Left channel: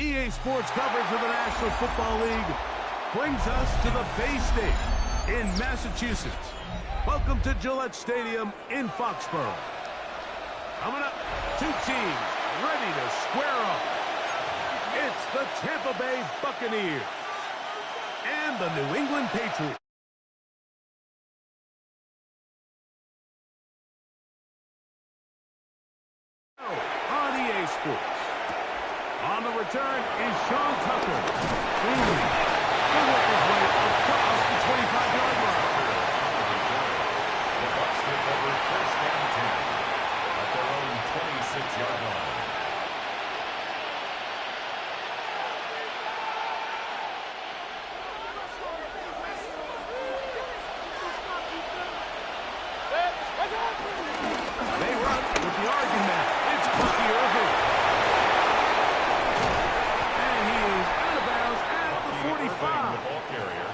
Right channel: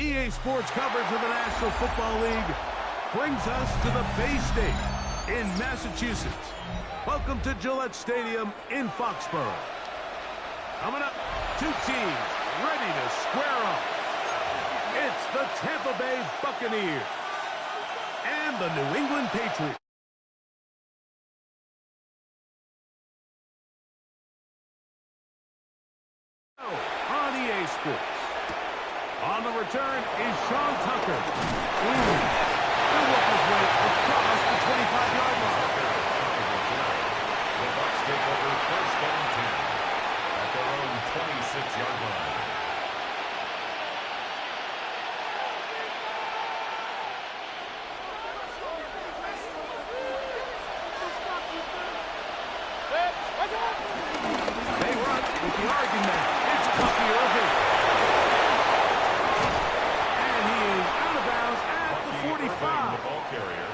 EA Sports coverage of the National Football League brings us to the Bay State in Massachusetts. Welcome to Gillette Stadium in Foxborough. Coming up, two teams ready to square off. It's the Tampa Bay Buccaneers and the New England Patriots. On EA Sports. On the return is Sean Tucker. He'll work his way across the 25-yard line. The Bucs take over first and 10 at their own 26-yard line. They run with the Oregon man. It's Bucky Irving. And he is out of bounds at the 45. The ball carrier.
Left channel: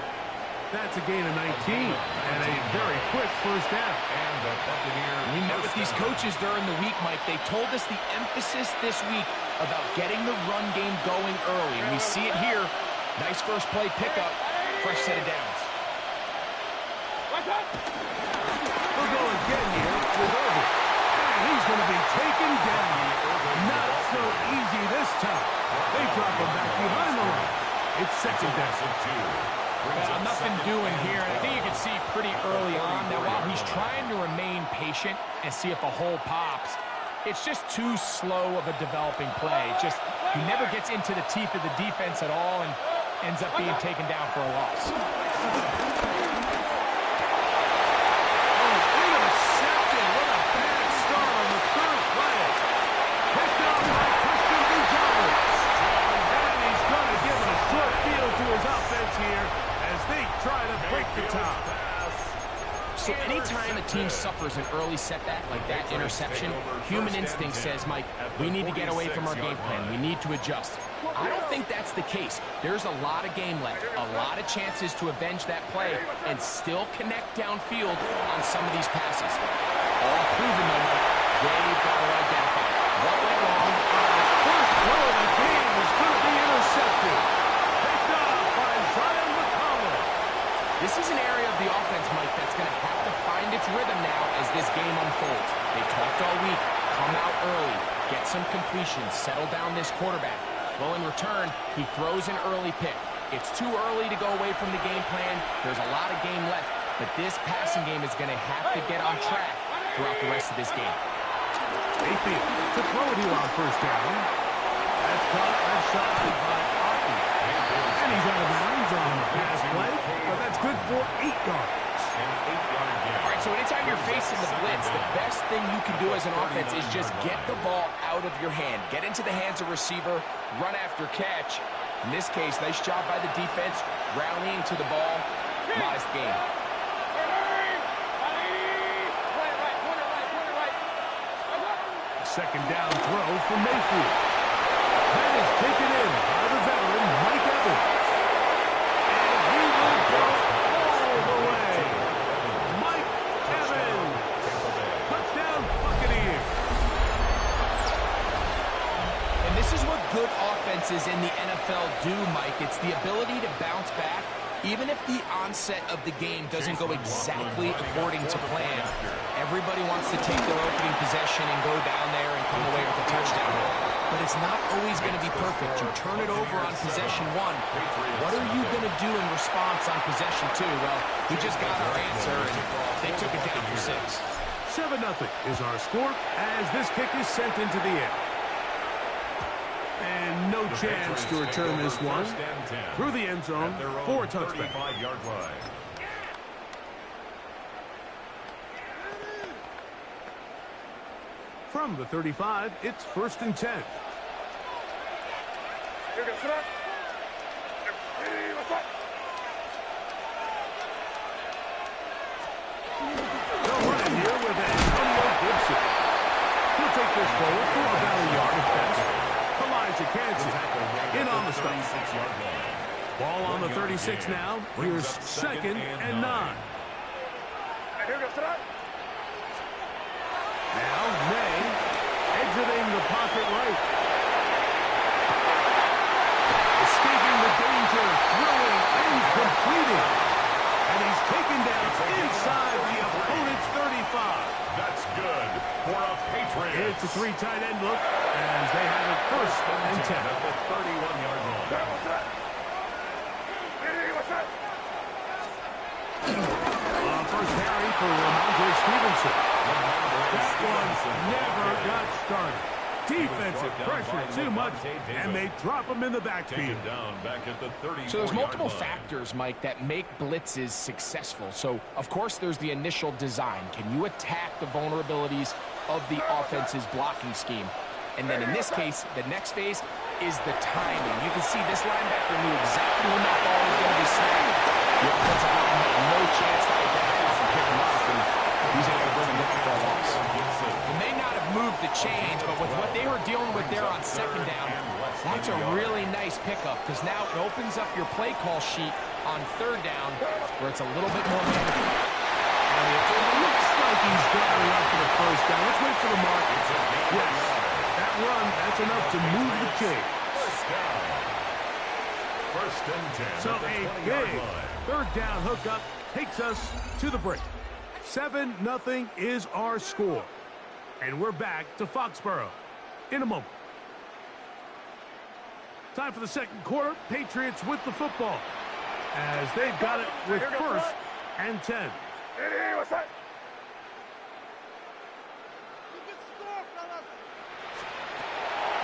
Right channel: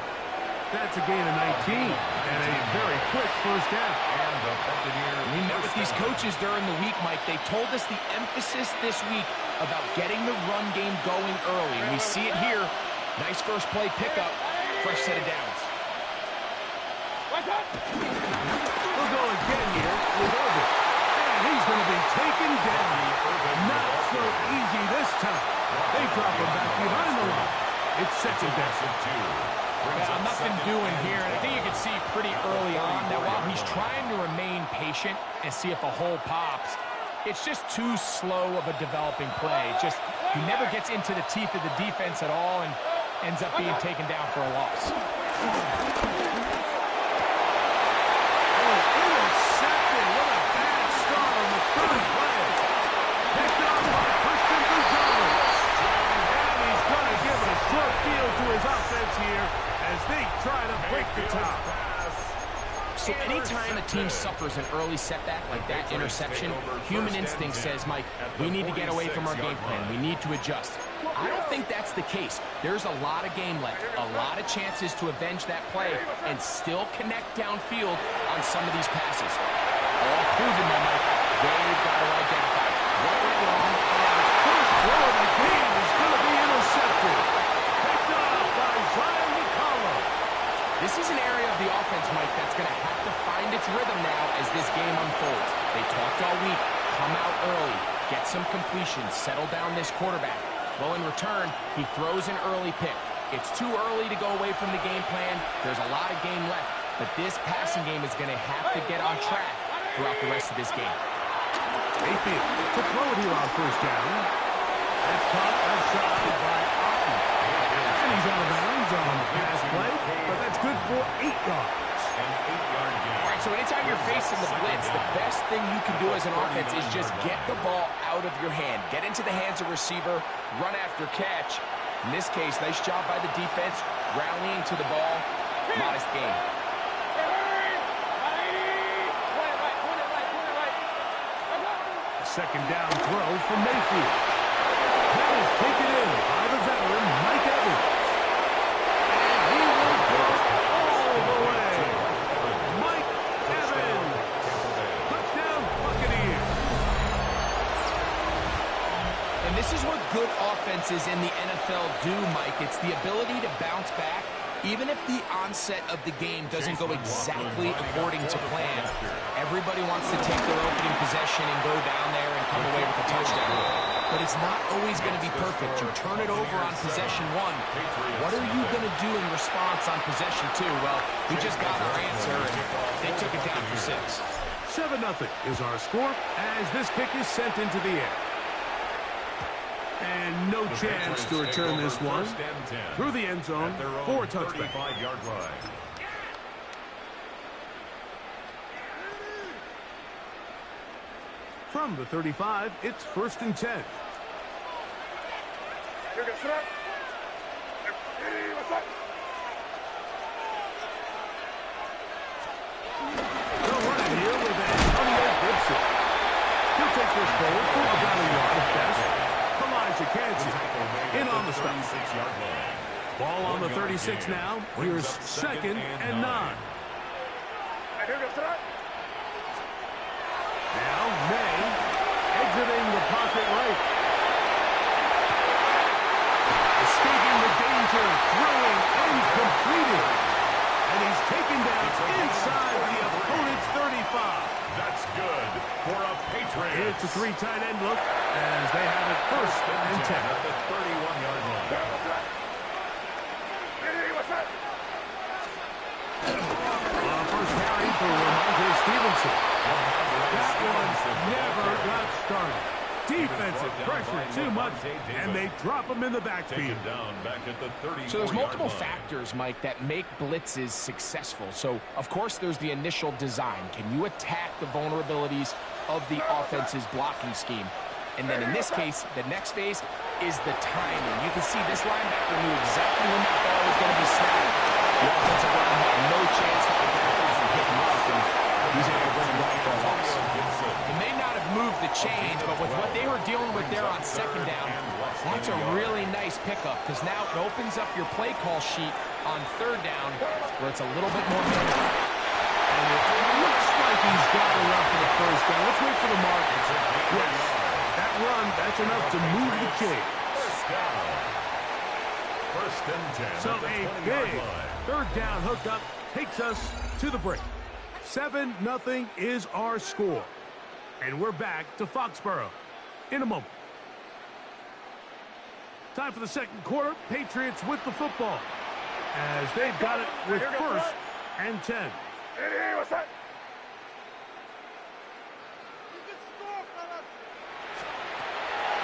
That's a gain of 19 and a very quick first down. And the Buccaneers. We met with these coaches during the week, Mike. They told us the emphasis this week about getting the run game going early. And we see it here. Nice first play pickup. Fresh set of downs. We'll go again here with Irving. And he's going to be taken down. Not so easy this time. They drop him back behind the line. It's second down. Well, nothing doing here, and I think you can see pretty early on that while he's trying to remain patient and see if a hole pops, it's just too slow of a developing play. Just he never gets into the teeth of the defense at all and ends up being taken down for a loss. Intercepted. What a bad start on the third play. Picked up by Christian Gonzalez. And he's going to give it a short field to his offense here as they try to break the top. So anytime a team suffers an early setback like that interception, human instinct says, Mike, we need to get away from our game plan. We need to adjust. I don't think that's the case. There's a lot of game left, a lot of chances to avenge that play and still connect downfield on some of these passes. All proven, though, Mike, they've got to identify what went wrong. First throw of the game is going to be intercepted. Picked off by Zion McCollum. This is an area of the offense, Mike, that's going to have to find its rhythm now as this game unfolds. They talked all week, come out early, get some completions, settle down this quarterback. Well, in return, he throws an early pick. It's too early to go away from the game plan. There's a lot of game left, but this passing game is going to have to get on track throughout the rest of this game. Mayfield to throw it here on first down. That's caught left side by Otten. And he's out of bounds on the pass play, but that's good for 8 yards. An 8-yard gain. All right, so anytime you're facing the blitz, the best thing you can do as an offense is just get the ball out of your hand. Get into the hands of receiver, run after catch. In this case, nice job by the defense, rallying to the ball. Modest gain. Second down throw for Mayfield. That is taken in by the veteran, Mike Evans. And he will go all the way. Mike Evans. Touchdown, Buccaneers. And this is what good offenses in the NFL do, Mike. It's the ability to bounce back, even if the onset of the game doesn't go exactly according to plan. Everybody wants to take their opening possession and go down there and come away with a touchdown. But it's not always going to be perfect. You turn it over on possession 1. What are you going to do in response on possession 2? Well, we just got our answer, and they took it down for 6. 7-0 is our score as this kick is sent into the air. And no chance to return this one through the end zone for a touchback. From the 35, it's 1st and 10. They'll run it here with Antonio Gibson. He'll take this forward for about a yard at best. Elijah Kansas in on the stop. Ball on the 36 now. Here's 2nd and 9. Now May exiting the pocket right. escaping the danger, throwing and completing. And he's taken down inside the opponent's 35. That's good for a Patriot. It's a three tight end look as they have it first and 10 at the 31-yard line. First carry for Ramondre Stevenson. That one never got started. Defensive pressure too much, and they drop him in the backfield. So there's multiple factors, Mike, that make blitzes successful. So, of course, there's the initial design. Can you attack the vulnerabilities of the offense's blocking scheme? And then in this case, the next phase is the timing. You can see this linebacker knew exactly when that ball was going to be snapped. The offensive line had no chance to identify and pick him up, and he's able to bring him down for a loss. It may not have moved the chains, but with what they were dealing with there on second down, that's a really nice pickup because now it opens up your play call sheet on third down where it's a little bit more manual. And it looks like he's got enough for the first down. Let's wait for the mark. Yes, that run, that's enough to move the chains. First down. First and 10 So at the a 20-yard big line. third down hookup takes us to the break. 7-0 is our score. And we're back to Foxborough in a moment. Time for the second quarter. Patriots with the football as they've got it with first and 10.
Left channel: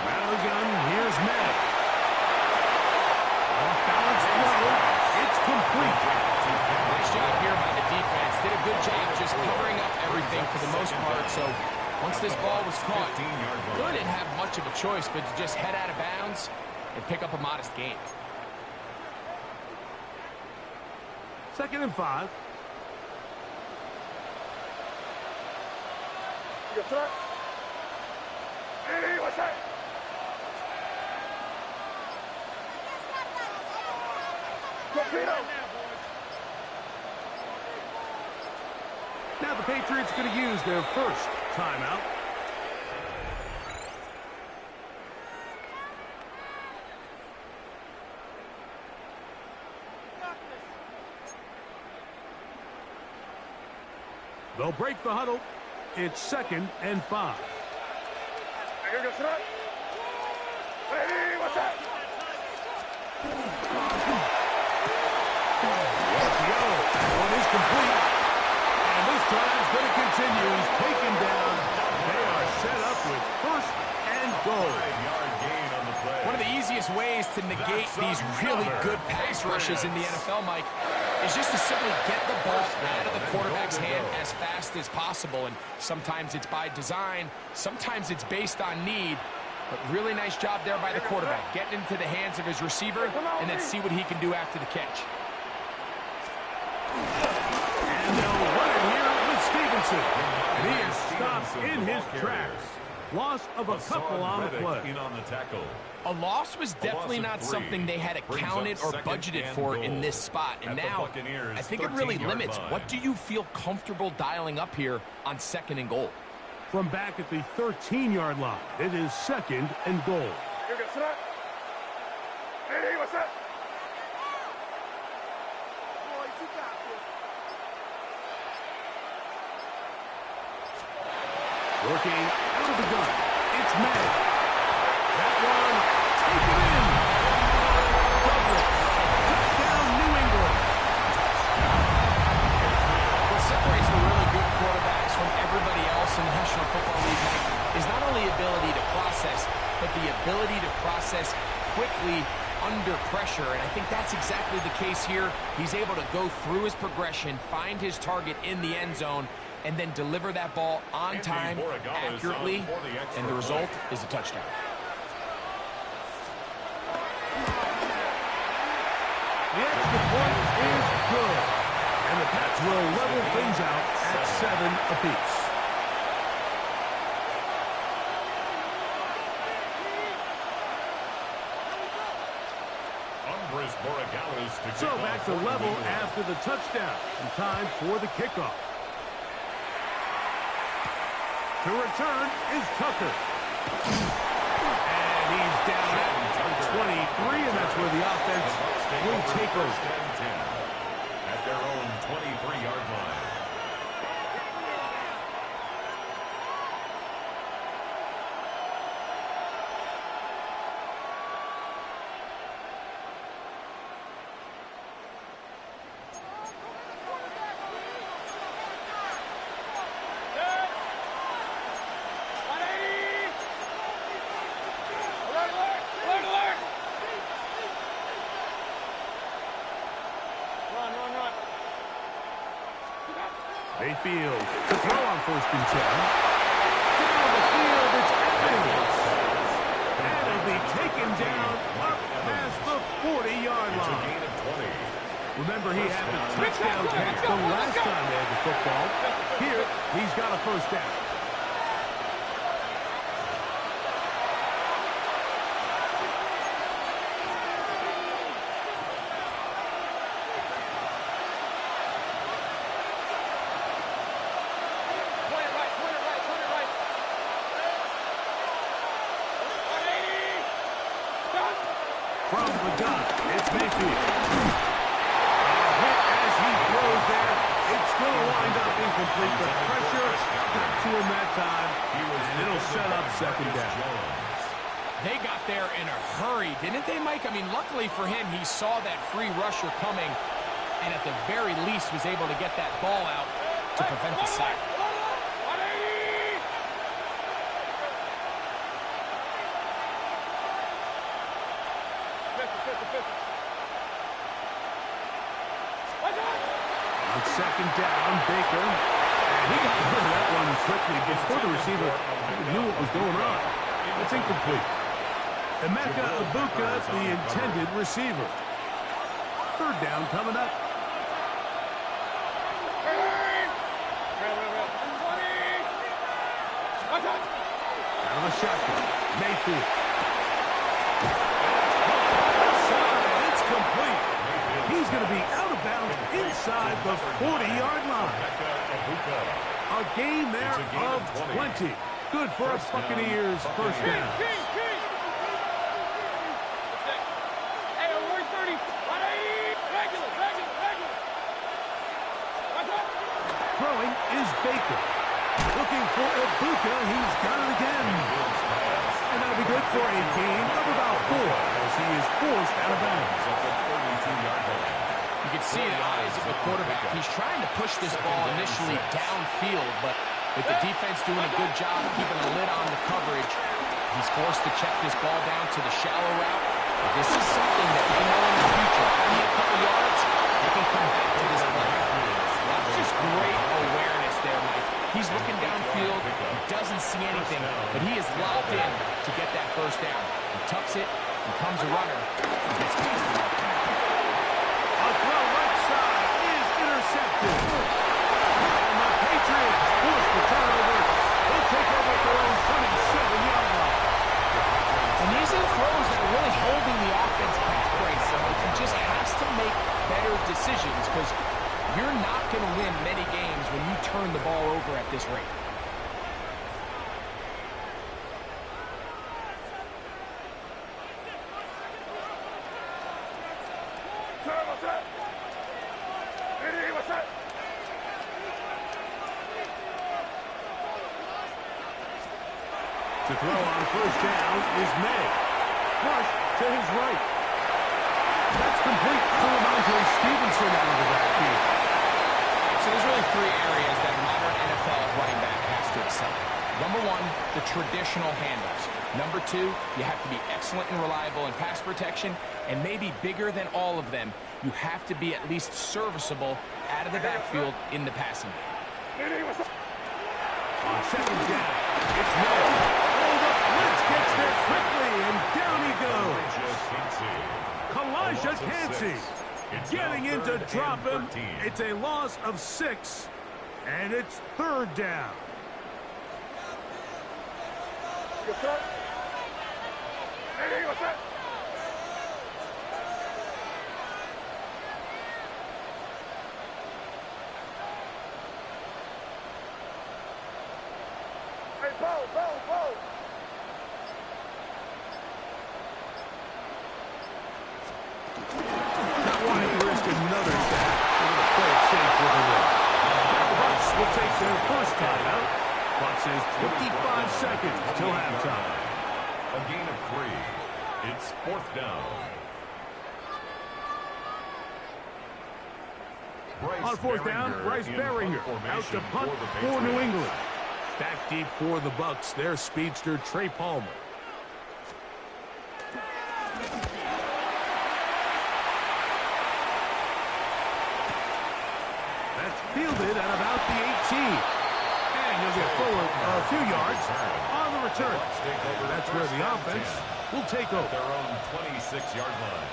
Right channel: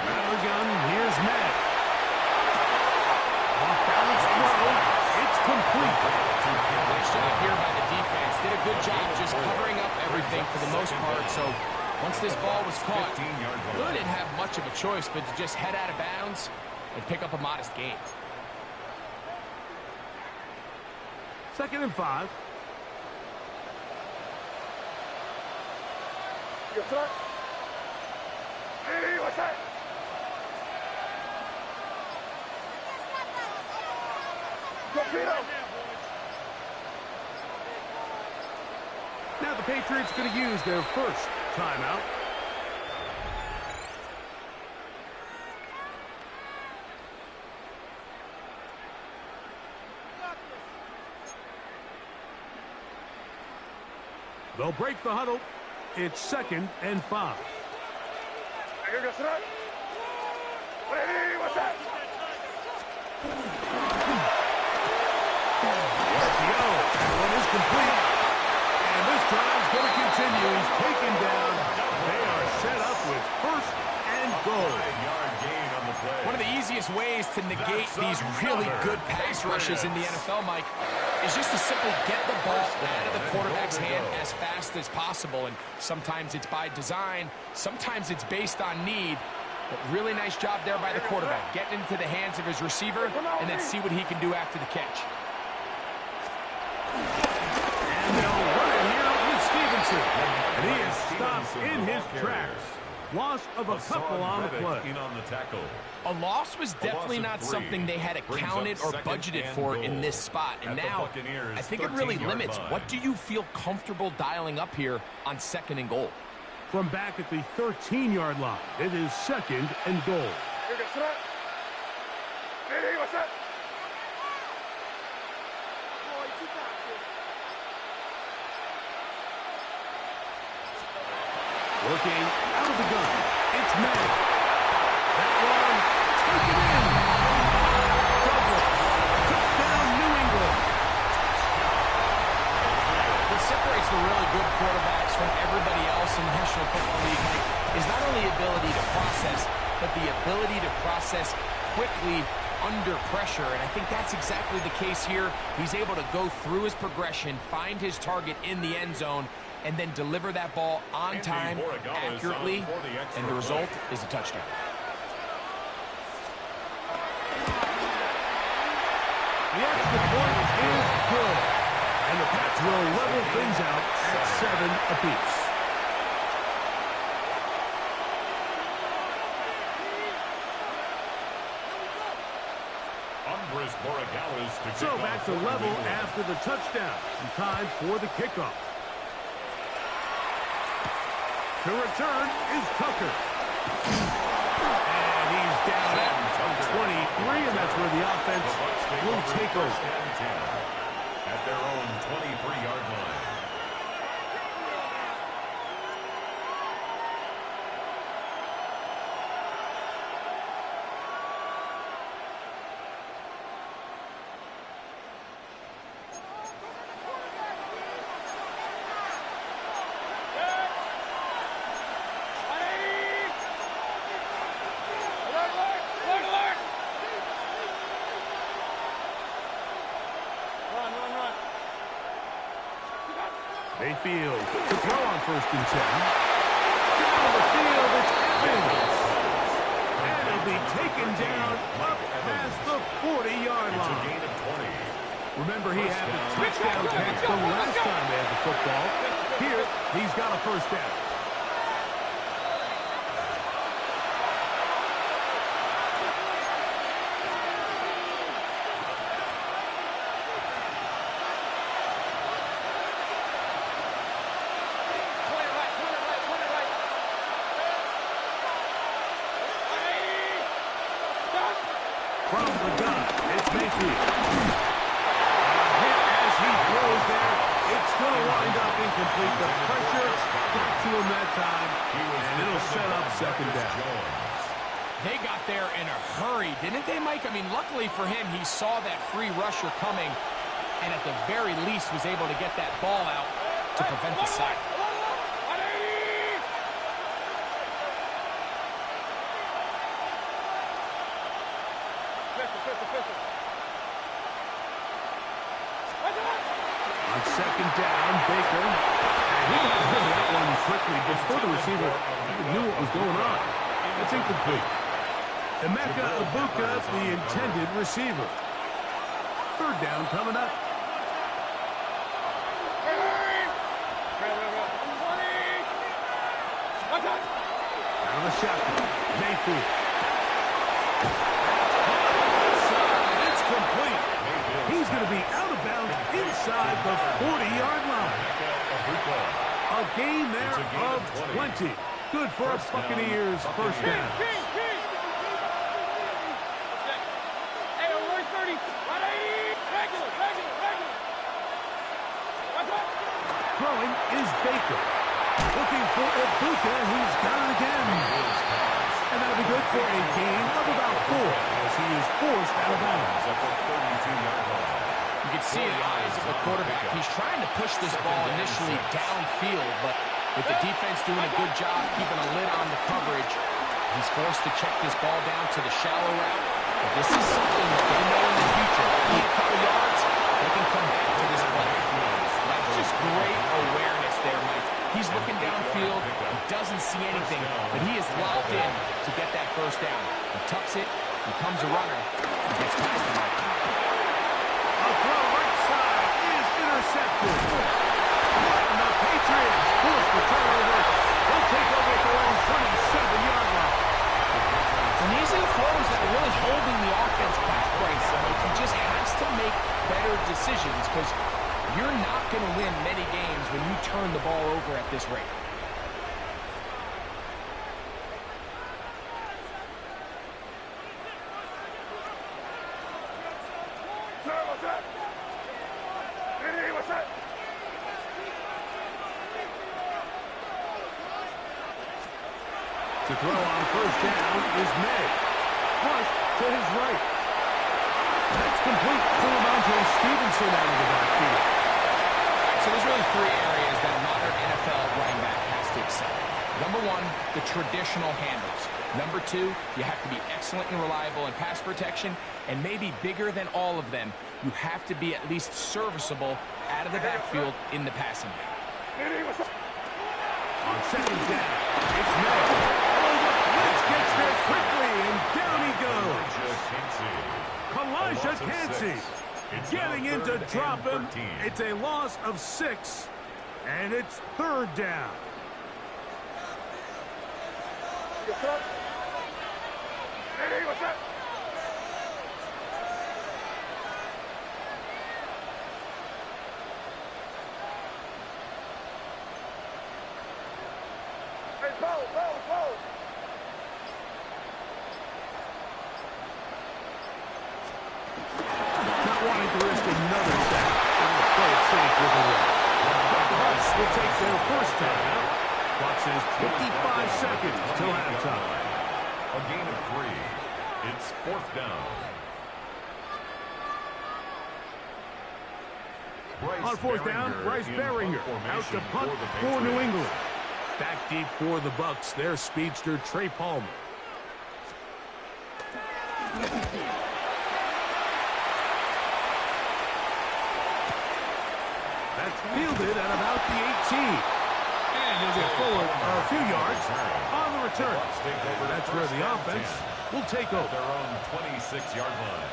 Out of the gun, here's May. Off-balance throw. It's complete. Nice job here by the defense. Did a good job just covering up everything for the most part. So once this ball was caught, really didn't have much of a choice but to just head out of bounds and pick up a modest gain. 2nd and 5. Now the Patriots going to use their first timeout. They'll break the huddle. It's 2nd and 5. RPO. That one is complete. And this drive's going to continue. He's taken down. They are set up with first and goal. One of the easiest ways to negate these really good pass rushes in the NFL, Mike, is just to simply get the ball out of the quarterback's hand as fast as possible. And sometimes it's by design, sometimes it's based on need. But really nice job there by the quarterback, getting into the hands of his receiver and then see what he can do after the catch. And they'll run it here with Stevenson. And he is stopped in his tracks. Loss of a couple on the play. A loss was definitely not something they had accounted or budgeted for in this spot. And now, I think it really limits. What do you feel comfortable dialing up here on 2nd and goal? From back at the 13-yard line, it is 2nd and goal. Working out of the gun, it's May. That one, taken in. Douglas, touchdown, New England. What separates the really good quarterbacks from everybody else in the National Football League, Mike, is not only ability to process, but the ability to process quickly under pressure. And I think that's exactly the case here. He's able to go through his progression, find his target in the end zone, and then deliver that ball on time, accurately, and the result is a touchdown. The extra point is good. And the Pats will level things out at 7 apiece. So back to level after the touchdown. And time for the kickoff. To return is Tucker. And he's down at the 28. and that's where the offense will take over. First and 10 at their own 23-yard line. Mayfield to throw on 1st and 10. Down the field, it's Evans. And he'll be taken down up past the 40-yard line. It's a gain of 20. Remember, he had the touchdown catch the last time they had the football. Here, he's got a 1st down. From the gun, it's Mayfield. A hit as he throws there. It's going to wind up incomplete. The pressure got to him that time, and it'll set up 2nd down. They got there in a hurry, didn't they, Mike? I mean, luckily for him, he saw that free rusher coming, and at the very least was able to get that ball out to prevent the sack. On 2nd down, Baker. And he got rid of that one quickly before the receiver even knew what was going on. That's incomplete. Emeka Ibuka, the intended receiver. 3rd down coming up. Out of the shotgun, Mayfield. It's complete. He's going to be out of bounds inside the 40-yard line. A gain there of 20. Good for a Buccaneers 1st down. Throwing is Baker. Looking for Ibuka. He's got it again. And that'll be good for a gain of about 4 as he is forced out of bounds. At the 32-yard line. You can see the eyes of the quarterback. He's trying to push this ball initially downfield, but with the defense doing a good job keeping a lid on the coverage, he's forced to check this ball down to the shallow route. But this is something that they know in the future. If they need a couple yards, they can come back to this play. That's just great awareness there, Mike. He's looking downfield. He doesn't see anything, but he is locked in to get that 1st down. He tucks it, becomes a runner, and gets past the mark. A throw right side is intercepted. And the Patriots force the turnover. They'll take over at their own 27-yard line. And these are the throws that are really holding the offense back right now. Like, he just has to make better decisions because you're not going to win many games when you turn the ball over at this rate. To throw on 1st down is May. Flush to his right. That's complete to Ramondre Stevenson out of the backfield. So there's really 3 areas that a modern NFL running back has to excel in. Number 1, the traditional handoffs. Number 2, you have to be excellent and reliable in pass protection. And maybe bigger than all of them, you have to be at least serviceable out of the backfield in the passing game. On 2nd down, it's May. Oh, the blitz gets there quickly, and down he goes. Kalijah Kancey getting in to drop him. It's a loss of 6, and it's 3rd down. risk another sack. They're going to play it safe with a run. The Bucs will take their first timeout. Bucs is 55 seconds till halftime. A gain of 3. It's 4th down. On 4th down, Bryce Baringer out to punt for New England. Back deep for the Bucs, their speedster Trey Palmer. That's fielded at about the 18. And he'll get forward a few yards on the return. That's where the offense will take over. Their own 26-yard line.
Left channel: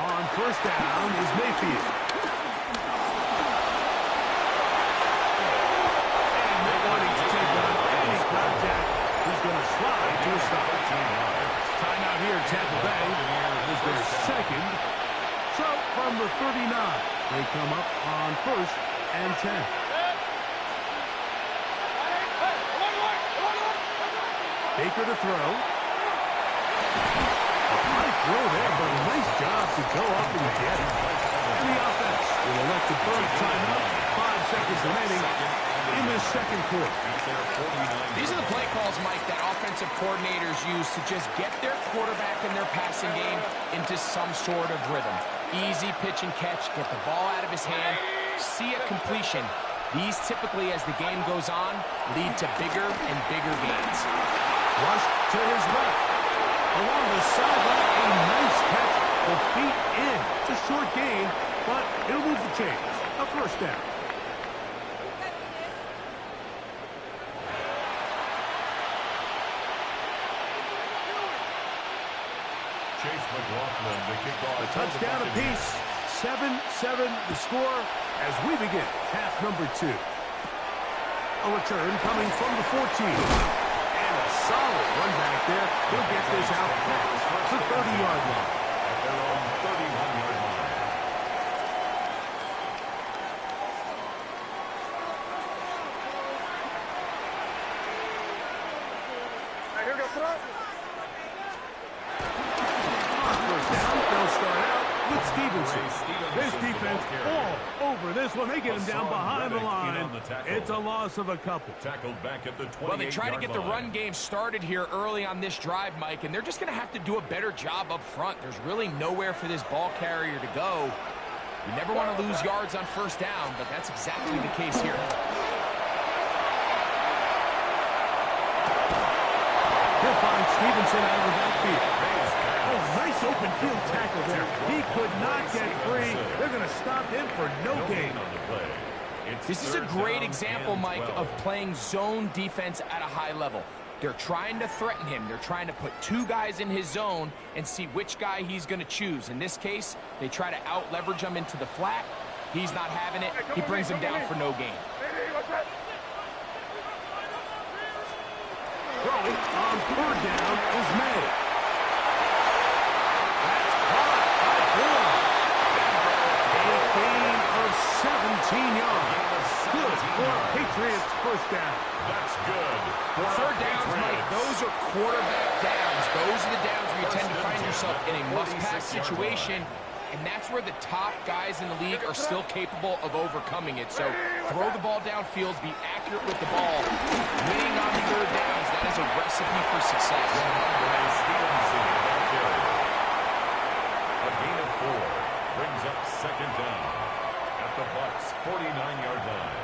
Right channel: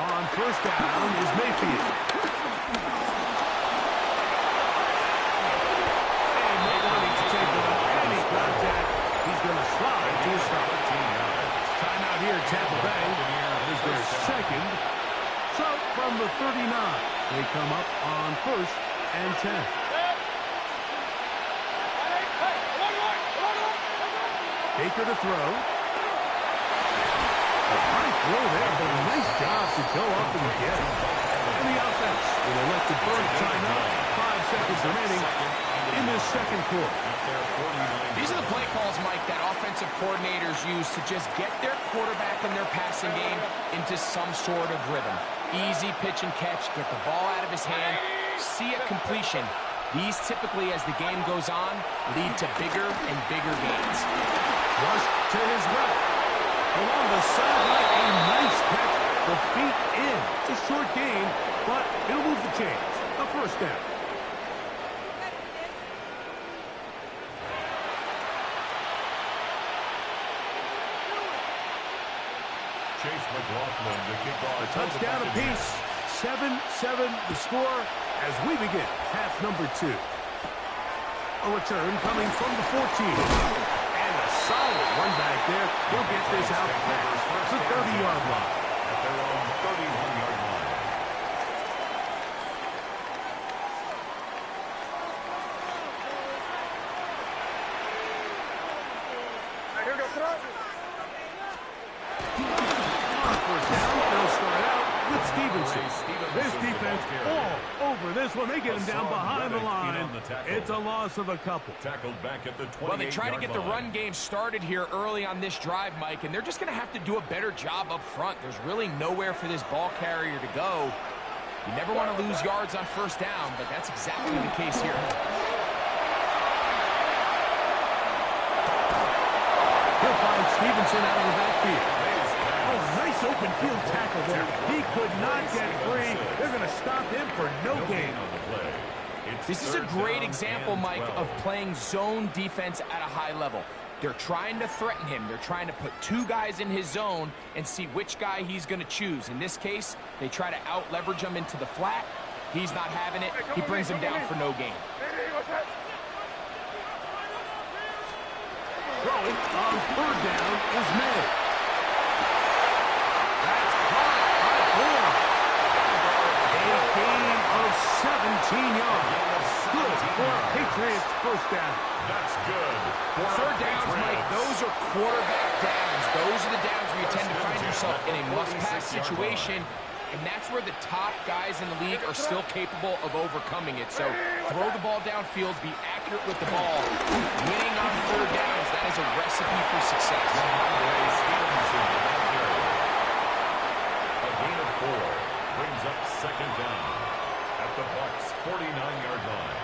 On first down is Mayfield. And not wanting to take on any contact, he's going to slide to a stop. 13 yards. Timeout here at Tampa Bay. That is their second. So from the 39, they come up on 1st and 10. Baker to throw. A high throw there, but a nice job to go up and get it. And the offense will elect to burn timeout. 5 seconds remaining in this second quarter. These are the play calls, Mike, that offensive coordinators use to just get their quarterback and their passing game into some sort of rhythm. Easy pitch and catch, get the ball out of his hand, see a completion. These typically, as the game goes on, lead to bigger and bigger gains. Rush to his left. Along the sideline, a nice catch. The feet in. It's a short gain, but it'll move the chains. A first down. Chase McLaughlin to kick off. A touchdown apiece. 7-7 the score as we begin half number 2. A return coming from the 14. A solid run back there. He'll get this out past the 30-yard line. At their own 31-yard line. On first down, they'll start out with Stevenson. This defense all over this one. They get him down behind the line. It's a loss of a couple. Tackled back at the 28-yard line. Well, they try to get the run game started here early on this drive, Mike, and they're just going to have to do a better job up front. There's really nowhere for this ball carrier to go. You never want to lose yards on first down, but that's exactly the case here. He'll find Stevenson out of the backfield. Oh, nice open field tackle there. He could not get free. They're going to stop him for no gain on the play. This is a great example, Mike, of playing zone defense at a high level. They're trying to threaten him. They're trying to put 2 guys in his zone and see which guy he's going to choose. In this case, they try to out-leverage him into the flat. He's not having it. He brings him down for no gain. Throwing on 3rd down is May. That's caught by Bourne. A gain of 17 yards. Good for a Patriots first down. That's good. Third downs, Mike, those are quarterback downs. Those are the downs where you tend to find yourself in a must-pass situation, and that's where the top guys in the league are still capable of overcoming it. So throw the ball downfield, be accurate with the ball. Winning on 3rd downs, that is a recipe for success. Stevenson, the ball carrier. A gain of 4 brings up 2nd down at the Bucs' 49-yard line.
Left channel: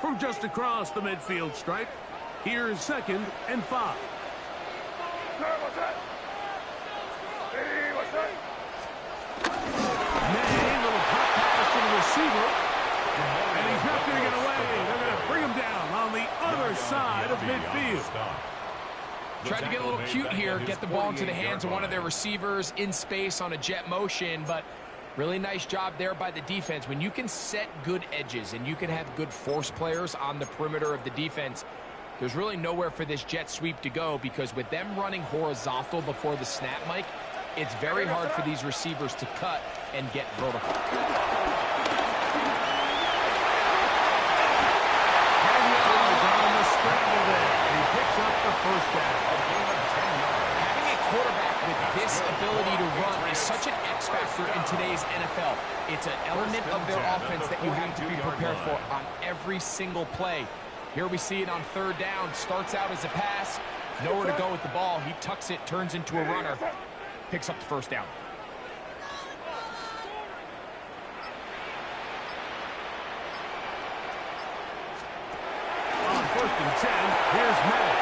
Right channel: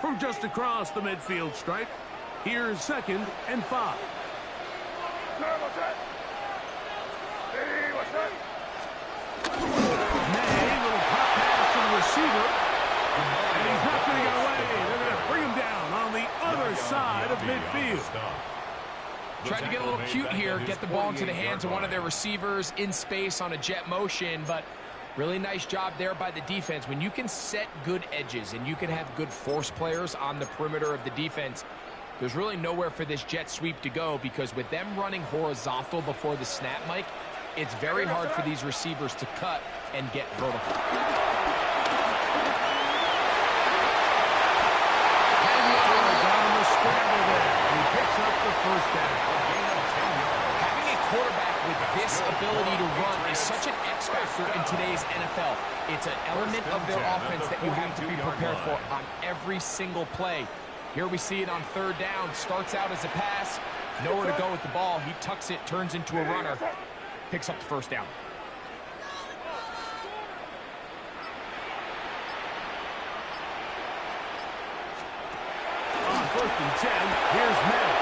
From just across the midfield stripe, here's 2nd and 5. May, little pop pass to the receiver. And he's not going to get away. They're going to bring him down on the other side of midfield. Tried to get a little cute here, get the ball into the hands of one of their receivers in space on a jet motion, but really nice job there by the defense. When you can set good edges and you can have good force players on the perimeter of the defense, There's really nowhere for this jet sweep to go because with them running horizontal before the snap, Mike, it's very hard for these receivers to cut and get vertical. On the scramble there, and he picks up the first down. A gain of 10 yards. Having a quarterback with this ability to run is such an X factor in today's NFL. It's an element of their offense that you have to be prepared for on every single play. Here we see it on third down. Starts out as a pass. Nowhere to go with the ball. He tucks it, turns into a runner. Picks up the first down. On 1st and 10, here's May.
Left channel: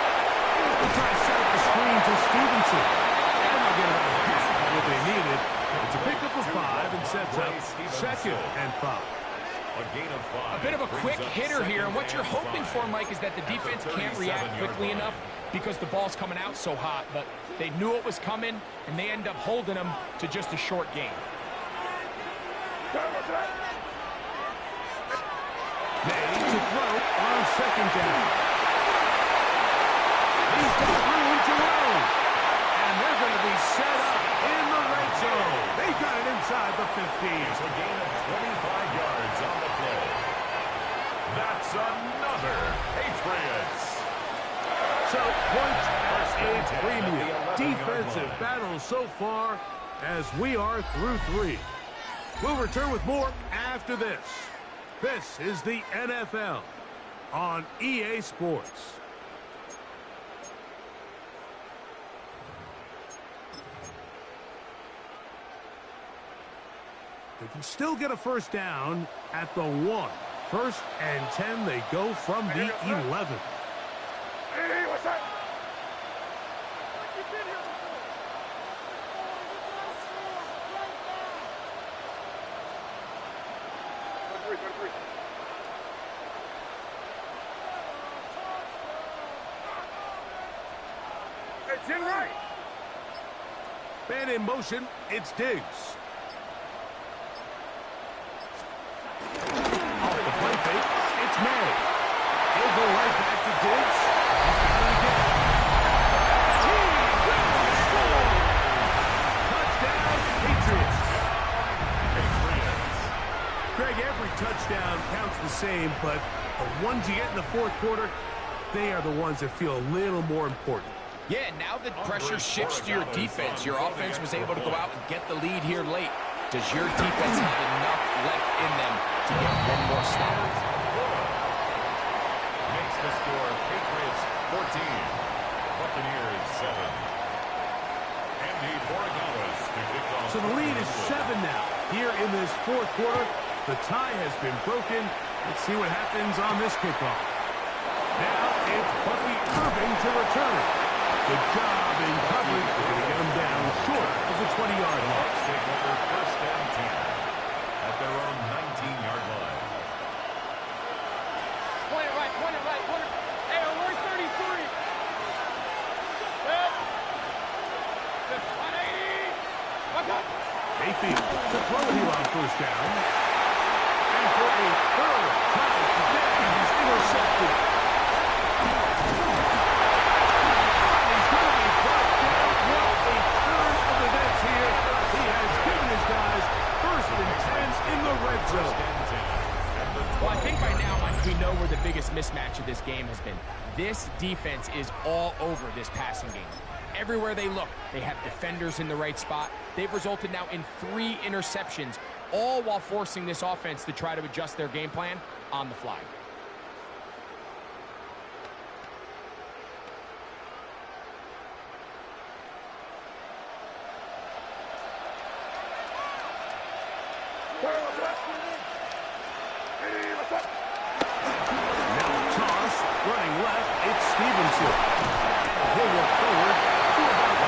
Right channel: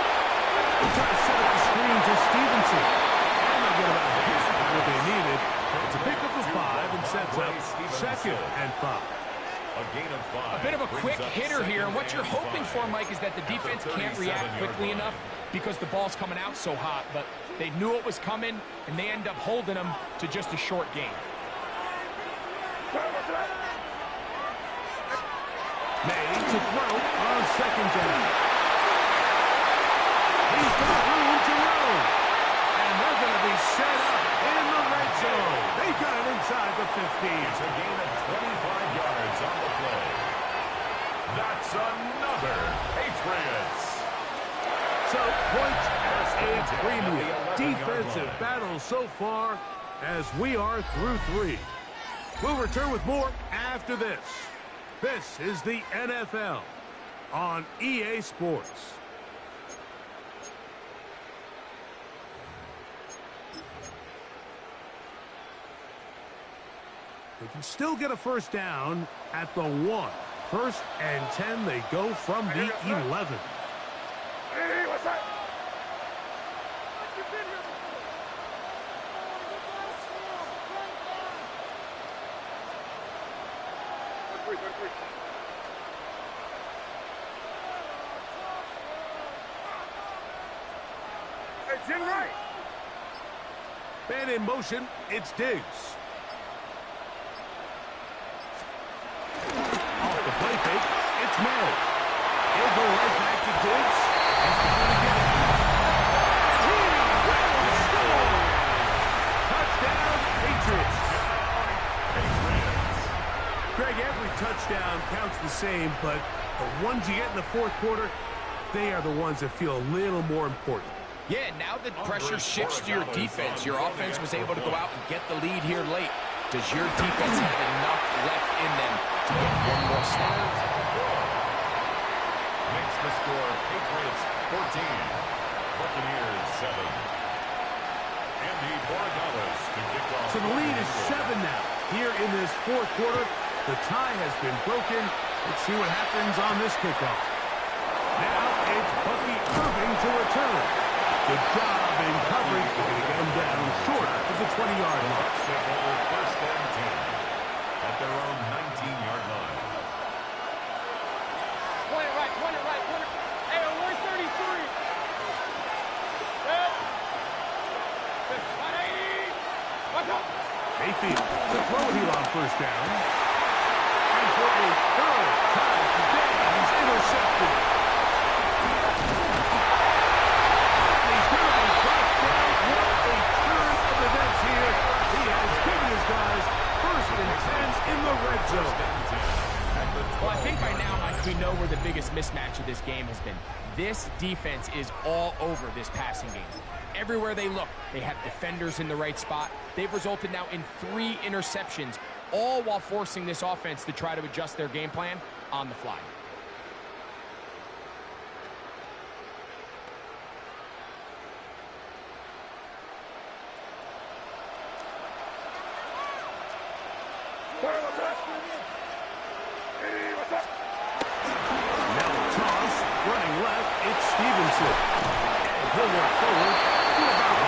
They'll try to set up the screen to Stevenson. And they'll get about half of what they needed. It's a pickup of 5 and sets up 2nd and 5. A gain of 5. A bit of a quick hitter here, and what you're hoping for, Mike, is that the defense can't react quickly enough because the ball's coming out so hot, but they knew it was coming, and they end up holding them to just a short gain. May to throw on 2nd down. He's got room to roam. And they're going to be set up in the red zone. They got it inside the 15. It's a gain of 25 yards on the play. That's another Patriots. So points at a premium. Defensive battle so far as we are through 3. We'll return with more after this. This is the NFL on EA Sports. They can still get a first down at the 1. 1st and 10, they go from the 11. Hey, what's that? It's in right. Man in motion, it's Diggs. Off the play fake, it's May. He'll go right back to Diggs. He's got it again. He will score! Touchdown, Patriots. Greg, every touchdown counts the same, but the ones you get in the 4th quarter, they are the ones that feel a little more important. Yeah, now that pressure shifts to your defense, your offense was able to go out and get the lead here late. Does your defense have enough left in them to get one more stop? Makes the score Patriots 14, Buccaneers 7. Andy Borregales to kick off. So the lead is 7 now. Here in this 4th quarter, the tie has been broken. Let's see what happens on this kickoff. Now it's Bucky Irving to return. Good job in coverage. They're going to get him down short of the 20-yard line. Take over 1st and 10 at their own 19-yard line. Point it right, point it right, point it. Hey, we're 33. Set. 180. What's up? Mayfield to throw it here on 1st down. And for a 3rd time today, he's intercepted. What a turn of events here. He has given his guys 1st and 10 in the red zone. Well, I think by now, Mike, we know where the biggest mismatch of this game has been. This defense is all over this passing game. Everywhere they look, they have defenders in the right spot. They've resulted now in 3 interceptions, all while forcing this offense to try to adjust their game plan on the fly. Now toss, running left, it's Stevenson. And he'll work forward to about the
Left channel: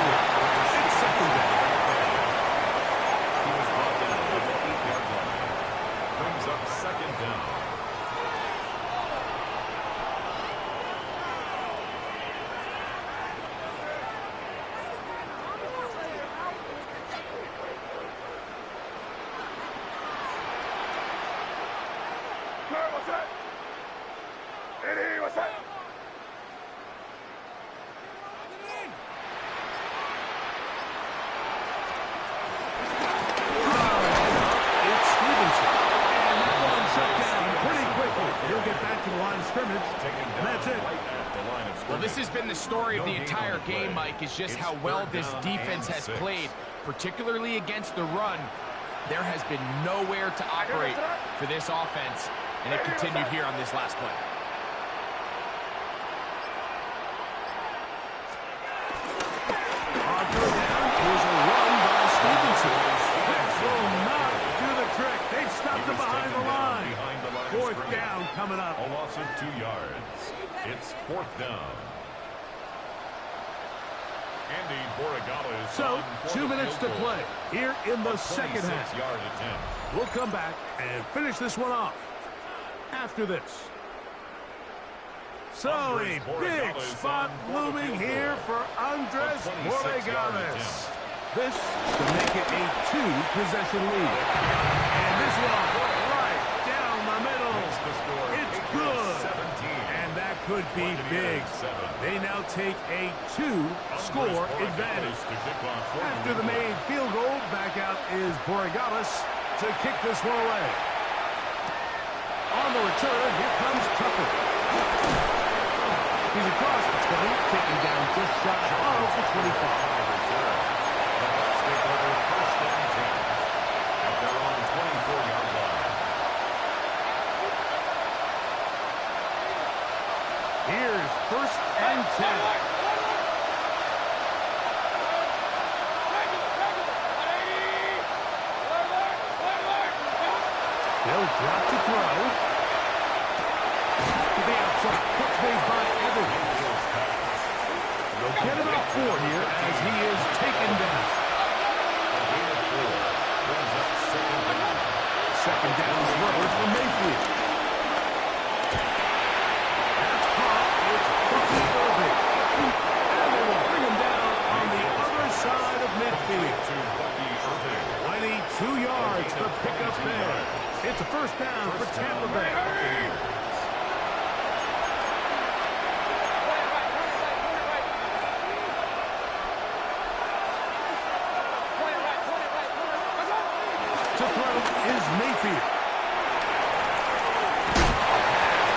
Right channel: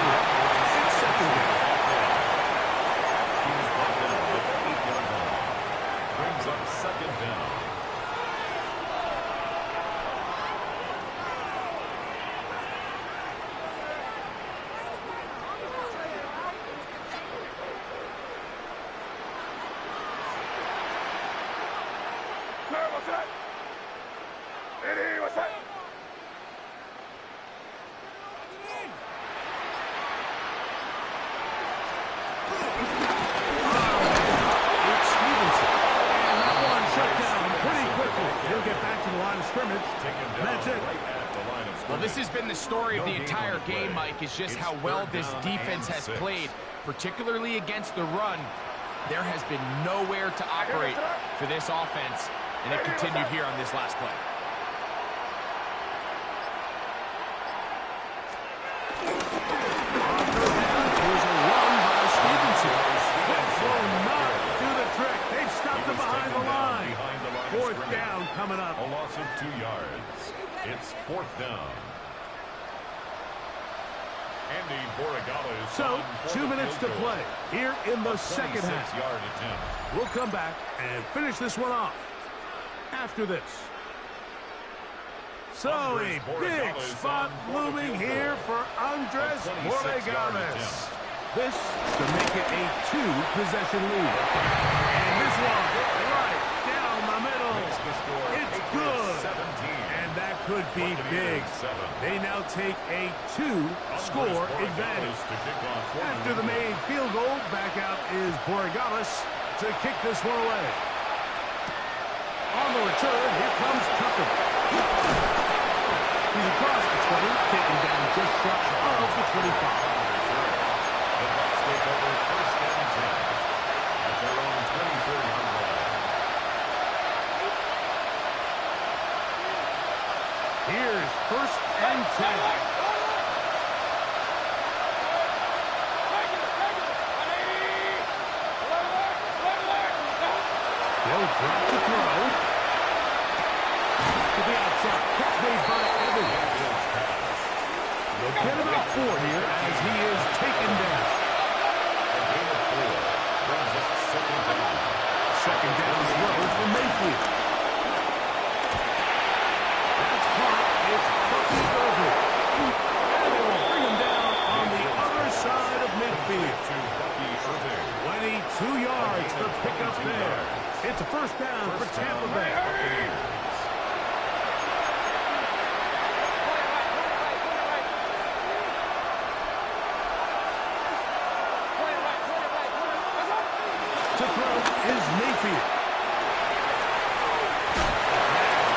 It's 2nd down. He was brought down at the 8-yard line. Brings up 2nd down. What's that? Eddie, what's that? quickly. He'll get back to the line of scrimmage. And that's it. Well, this has been the story of the entire game, Mike, is just how well this defense has played, particularly against the run. There has been nowhere to operate for this offense, and it continued here on this last play. On third down, here's a run by Stevenson. This will not do the trick. They've stopped him behind the line. Fourth down coming up. A loss of 2 yards. It's fourth down. Andy Borregales. So, 2 minutes to play here in the second half. Yard attempt. We'll come back and finish this one off after this. So, a big spot looming here for Andres Borregales. This to make it a 2-possession lead. And this one right down the middle. It's good. 17. And that could be big. They now take a 2-score advantage. After the made field goal, back out is Borregales to kick this one away. On the return, here comes Tucker. He's across the 20, taken down just shy of the 25. The Bucs take over first and 10 at their own 24-yard line. Here's first and 10. They'll drop to throw. To the outside. Catch made by Evans. They'll get about 4 here as he is taken down. A gain of 4 brings up second down. Second down is leveled for Mayfield. That's caught. It's Bucky Irving. And they will bring him down on the other side of midfield. To Bucky Irving. 22 yards for pickup there. It's a first down for Tampa Bay. To throw is Mayfield.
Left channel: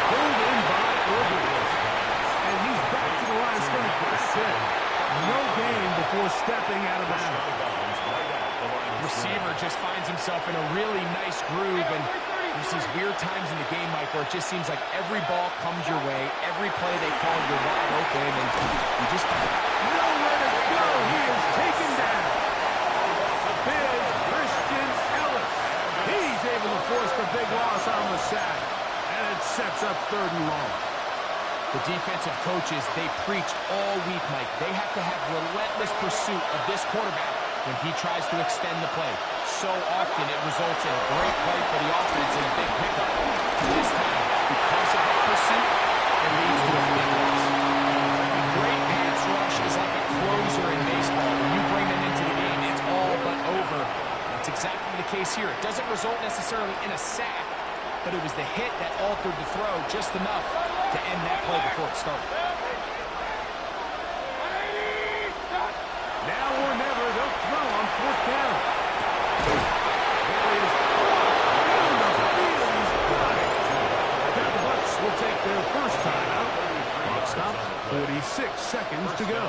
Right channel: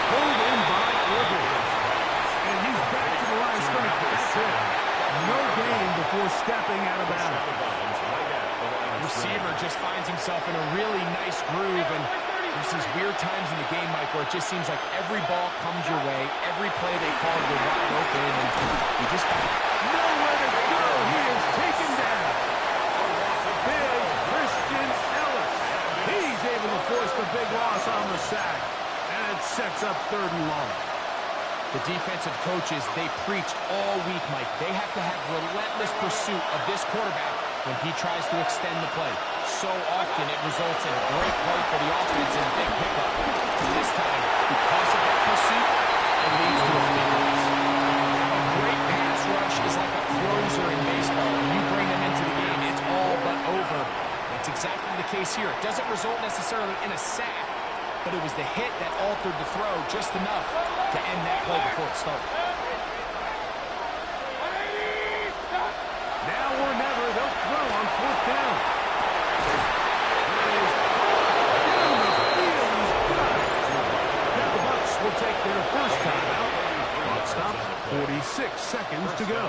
Pulled in by Irving. And he's back to the line of scrimmage, but that's it. No gain before stepping out of bounds. Receiver just finds himself in a really nice groove, and there's these weird times in the game, Mike, where it just seems like every ball comes your way, every play they call, you're wide open, and you just find nowhere to go. He is taken down. Big Christian Ellis. He's able to force the big loss on the sack, and it sets up third and long. The defensive coaches, they preached all week, Mike. They have to have relentless pursuit of this quarterback when he tries to extend the play. So often it results in a great play for the offense and a big pickup. This time, because of that pursuit, it leads to a big loss. A great pass rush is like a closer in baseball. When you bring them into the game, it's all but over. That's exactly the case here. It doesn't result necessarily in a sack, but it was the hit that altered the throw just enough to end that play before it started. Now or never, they'll throw on fourth down. There he is. Down the field, he's got it. Now the Bucs will take their first timeout. Clock stops, 46 seconds to go.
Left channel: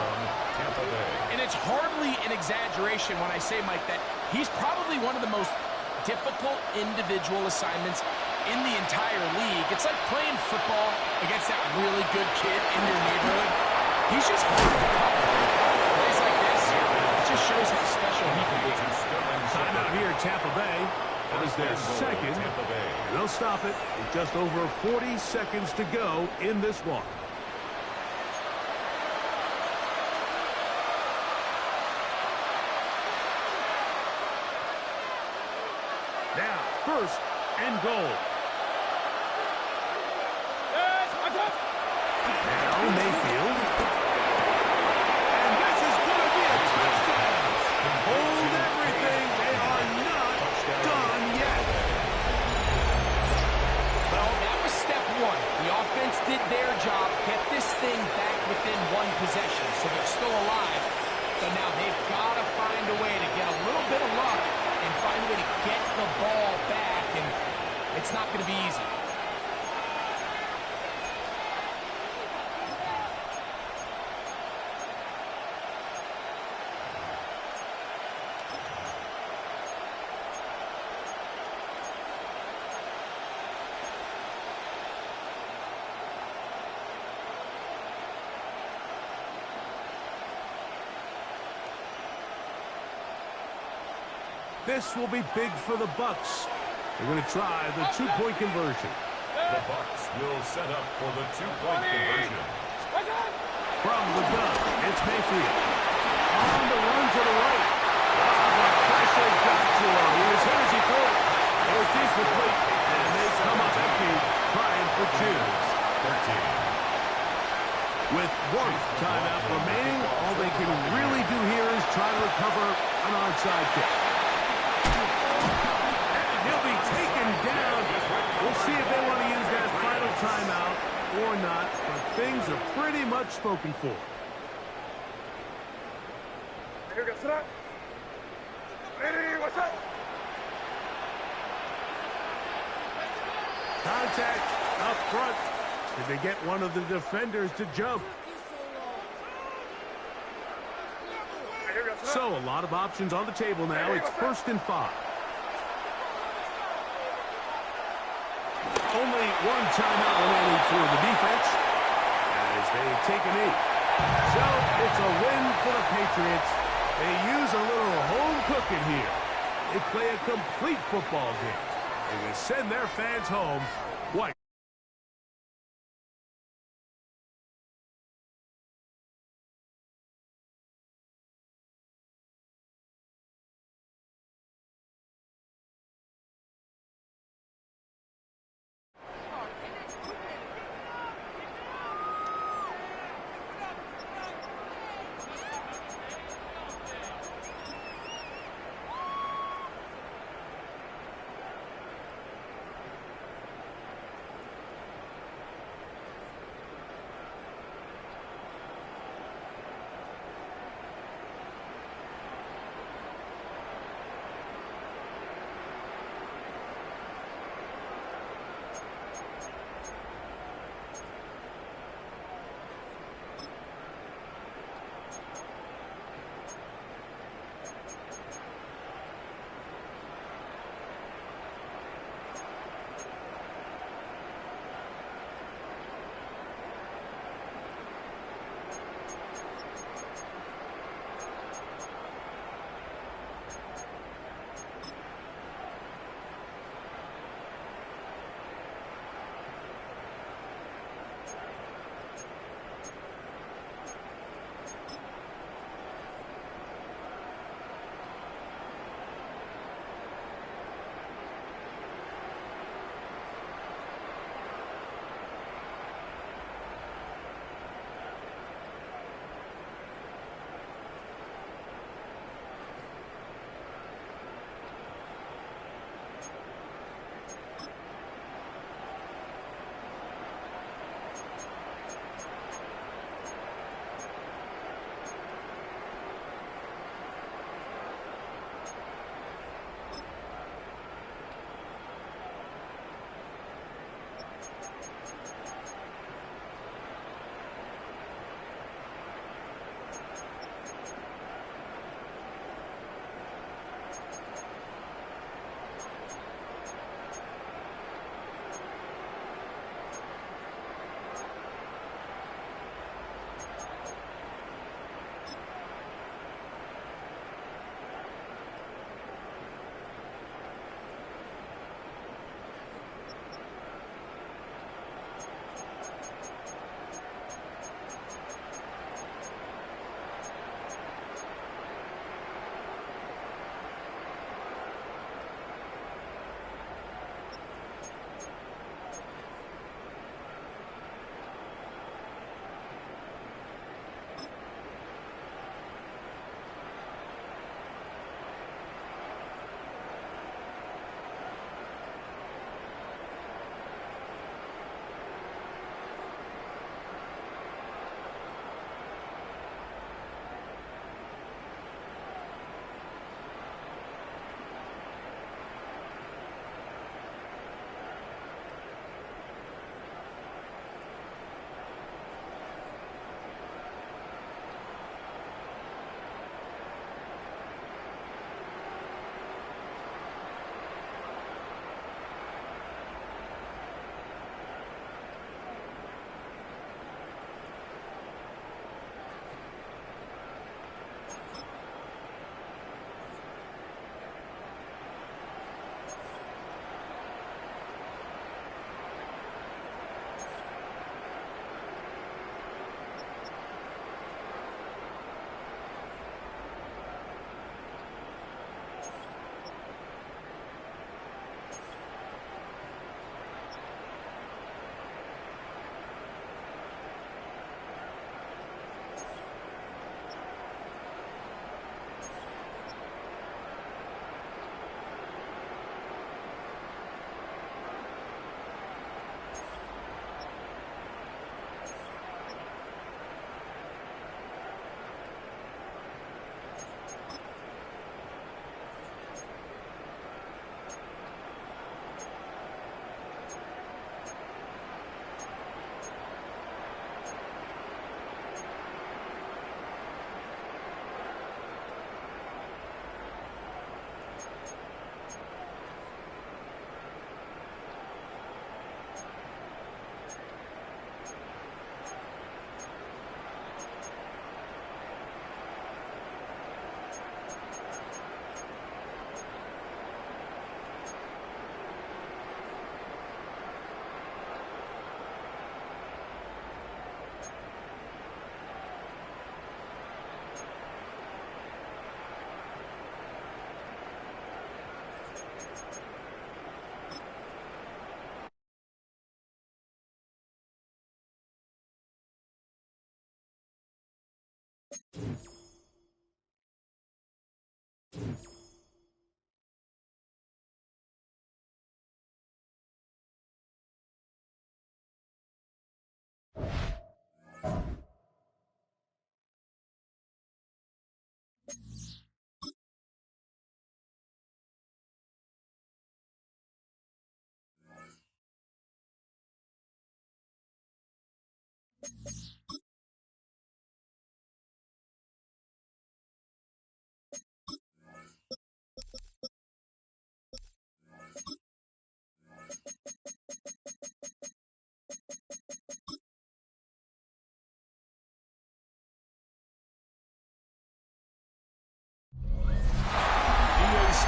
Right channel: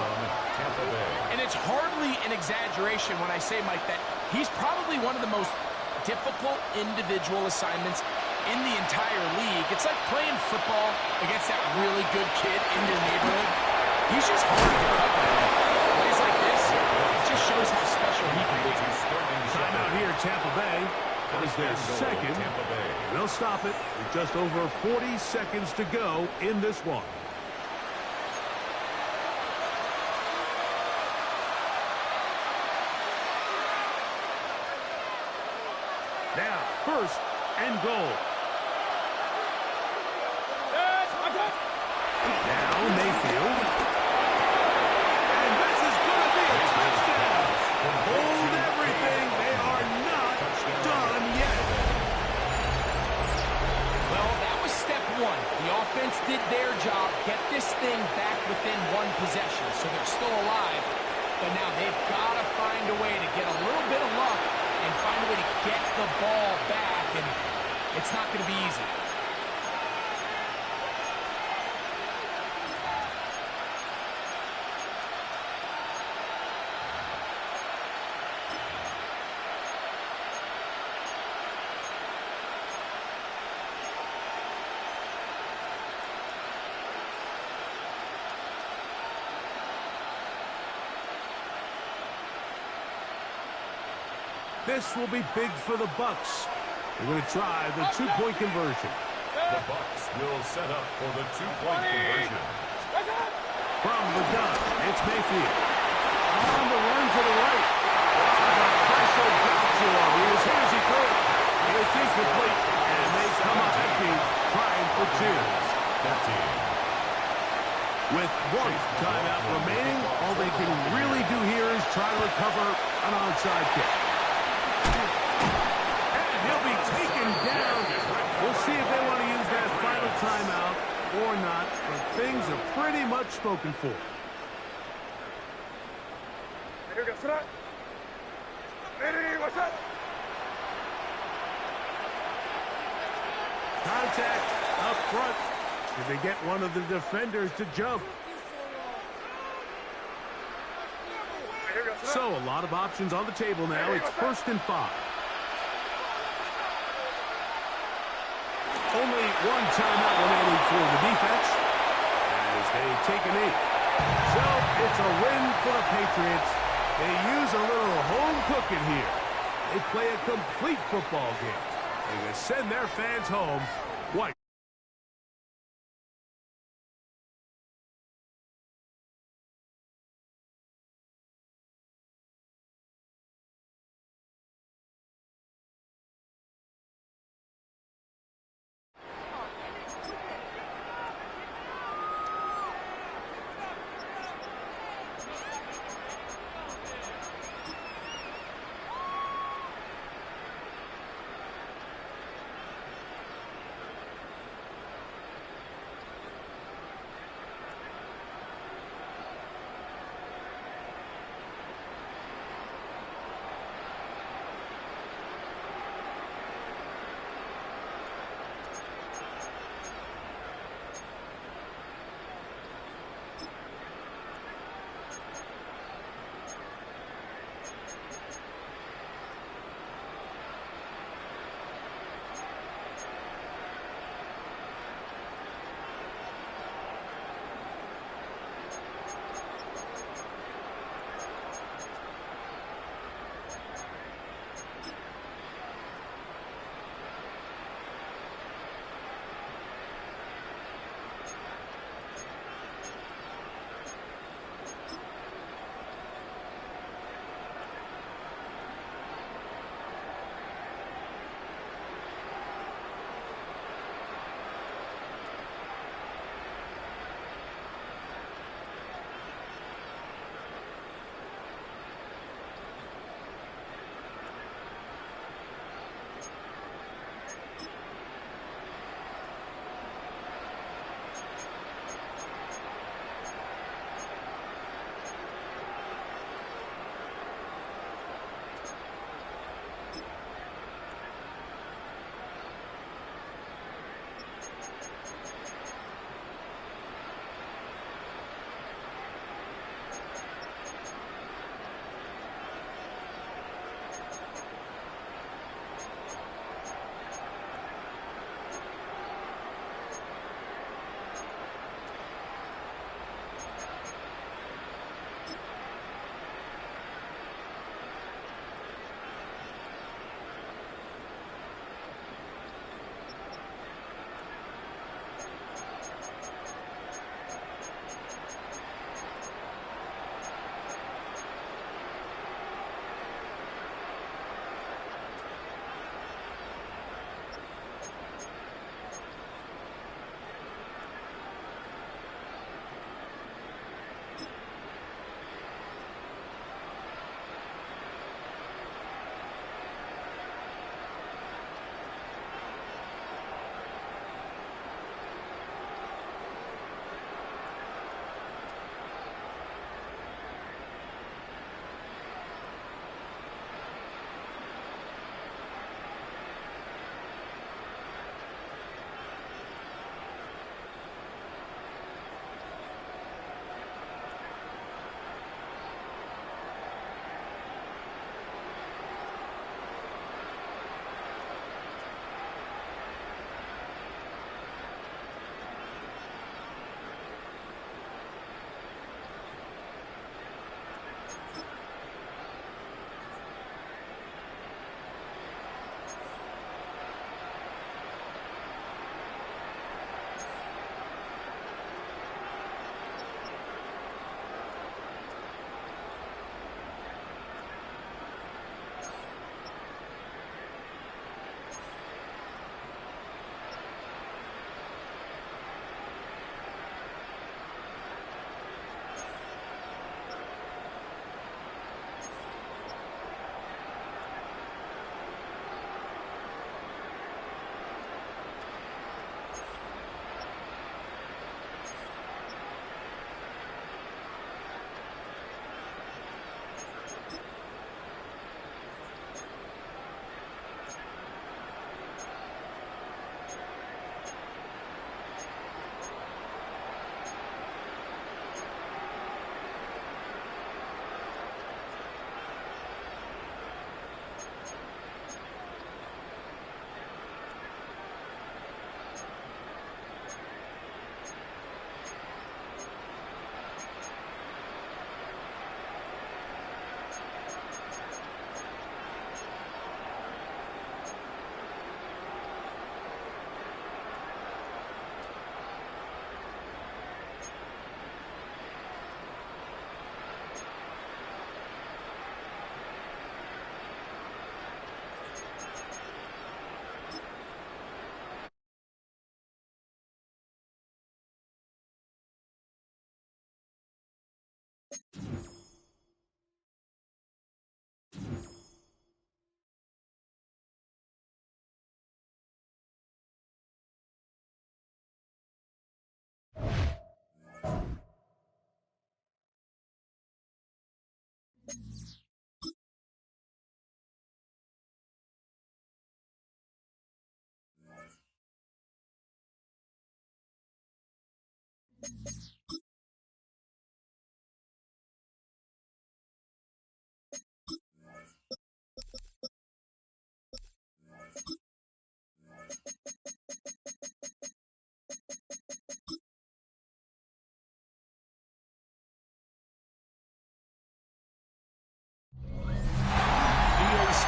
And it's hardly an exaggeration when I say, Mike, that he's probably one of the most difficult individual assignments in the entire league. It's like playing football against that really good kid in your neighborhood. He's just hard to cover. Plays like this, it just shows how special he can be. Timeout here, Tampa Bay. That is their second. They'll stop it with just over 40 seconds to go in this one. Now, first and goal. Now Mayfield. And this is going to be a touchdown. Hold everything. They are not done yet. Well, that was step one. The offense did their job, get this thing back within one possession, so they're still alive. But now they've got to find a way to get a little bit of luck and find a way to get the ball back, and it's not going to be easy. This will be big for the Bucks. They're going to try the two-point conversion. The Bucks will set up for the two-point conversion. From the gun, it's Mayfield. On the run to the right. The pressure got to him. He was here as he threw it. It's incomplete, and they come up empty, trying for two. 13. With one timeout remaining, all they can really do here is try to recover an onside kick. And he'll be taken down. We'll see if they want to use that final timeout or not, but things are pretty much spoken for. Contact up front. Did they get one of the defenders to jump? So a lot of options on the table now. It's 1st and 5. Only one timeout remaining for the defense as they take a knee. So it's a win for the Patriots. They use a little home cooking here. They play a complete football game. And they send their fans home quite.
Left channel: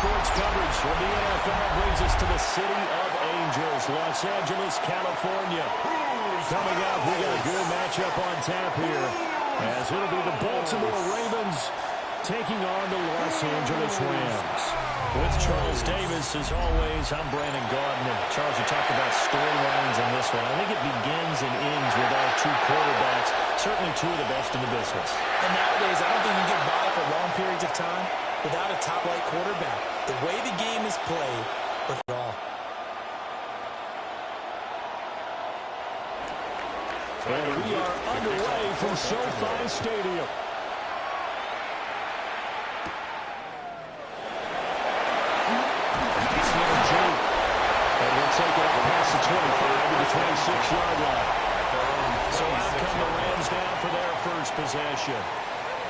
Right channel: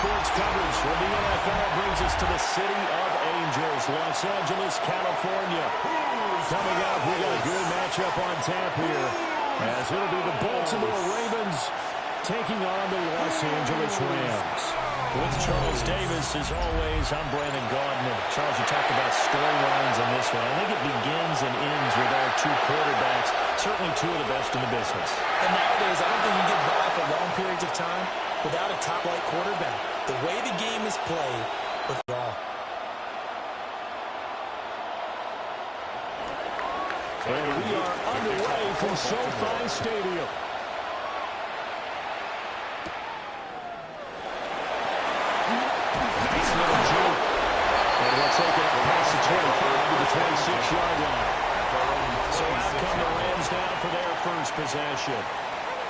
Sports coverage from the NFL brings us to the City of Angels, Los Angeles, California. Coming up, we got a good matchup on tap here, as it'll be the Baltimore Ravens taking on the Los Angeles Rams. With Charles Davis, as always, I'm Brandon Gaudin. And Charles, you talked about storylines in this one. I think it begins and ends with our two quarterbacks, certainly two of the best in the business. And nowadays, I don't think you can get by for long periods of time without a top-flight quarterback. The way the game is played, with it all. And we are underway from SoFi Stadium. Nice little juke. And we'll take it up past the 25 to the 26-yard line. So out come the Rams now for their first possession.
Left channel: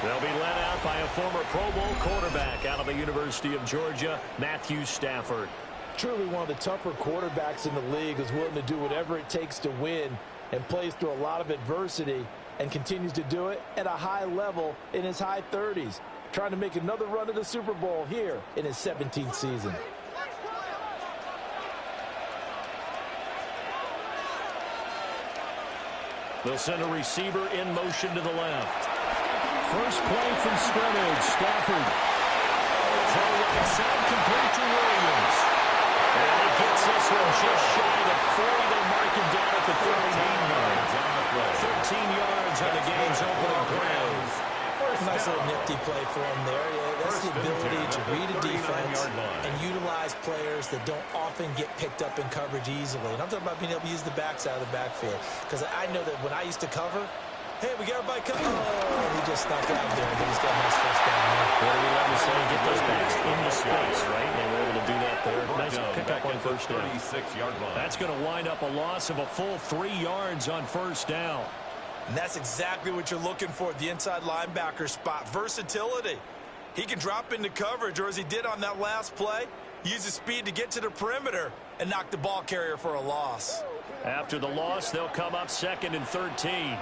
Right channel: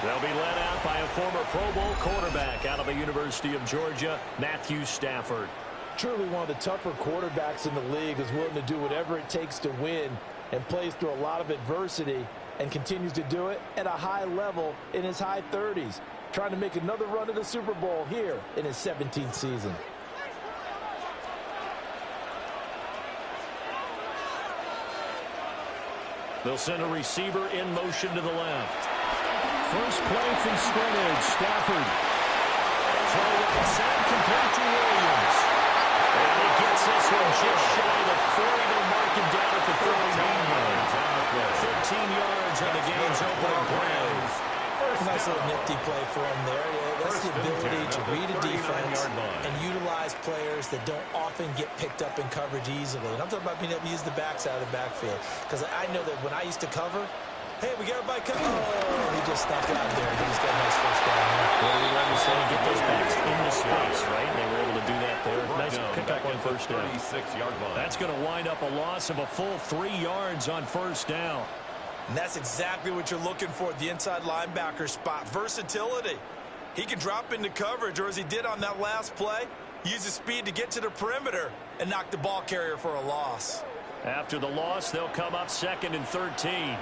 They'll be led out by a former Pro Bowl quarterback out of the University of Georgia, Matthew Stafford. Truly one of the tougher quarterbacks in the league, is willing to do whatever it takes to win and plays through a lot of adversity and continues to do it at a high level in his high 30s, trying to make another run to the Super Bowl here in his 17th season. They'll send a receiver in motion to the left. First play from scrimmage, Stafford. Throw right side, complete to Williams. And he gets this one just shy of 40. They'll mark him down at the 13 yards on the play. 13 yards on the game's opening play. Nice little nifty play for him there. Yeah, that's the ability to read a defense and utilize players that don't often get picked up in coverage easily. And I'm talking about being able to use the backs out of the backfield. Because I know that when I used to cover, hey, we got everybody covered. Oh, he just snuck out there, and he's got a nice first down there. What do we let him say? Get those backs into space, right? They were able to do that there. Nice pickup on first down. That's going to wind up a loss of a full 3 yards on first down. And that's exactly what you're looking for at the inside linebacker spot. Versatility. He can drop into coverage, or as he did on that last play, use his speed to get to the perimeter and knock the ball carrier for a loss. After the loss, they'll come up 2nd and 13.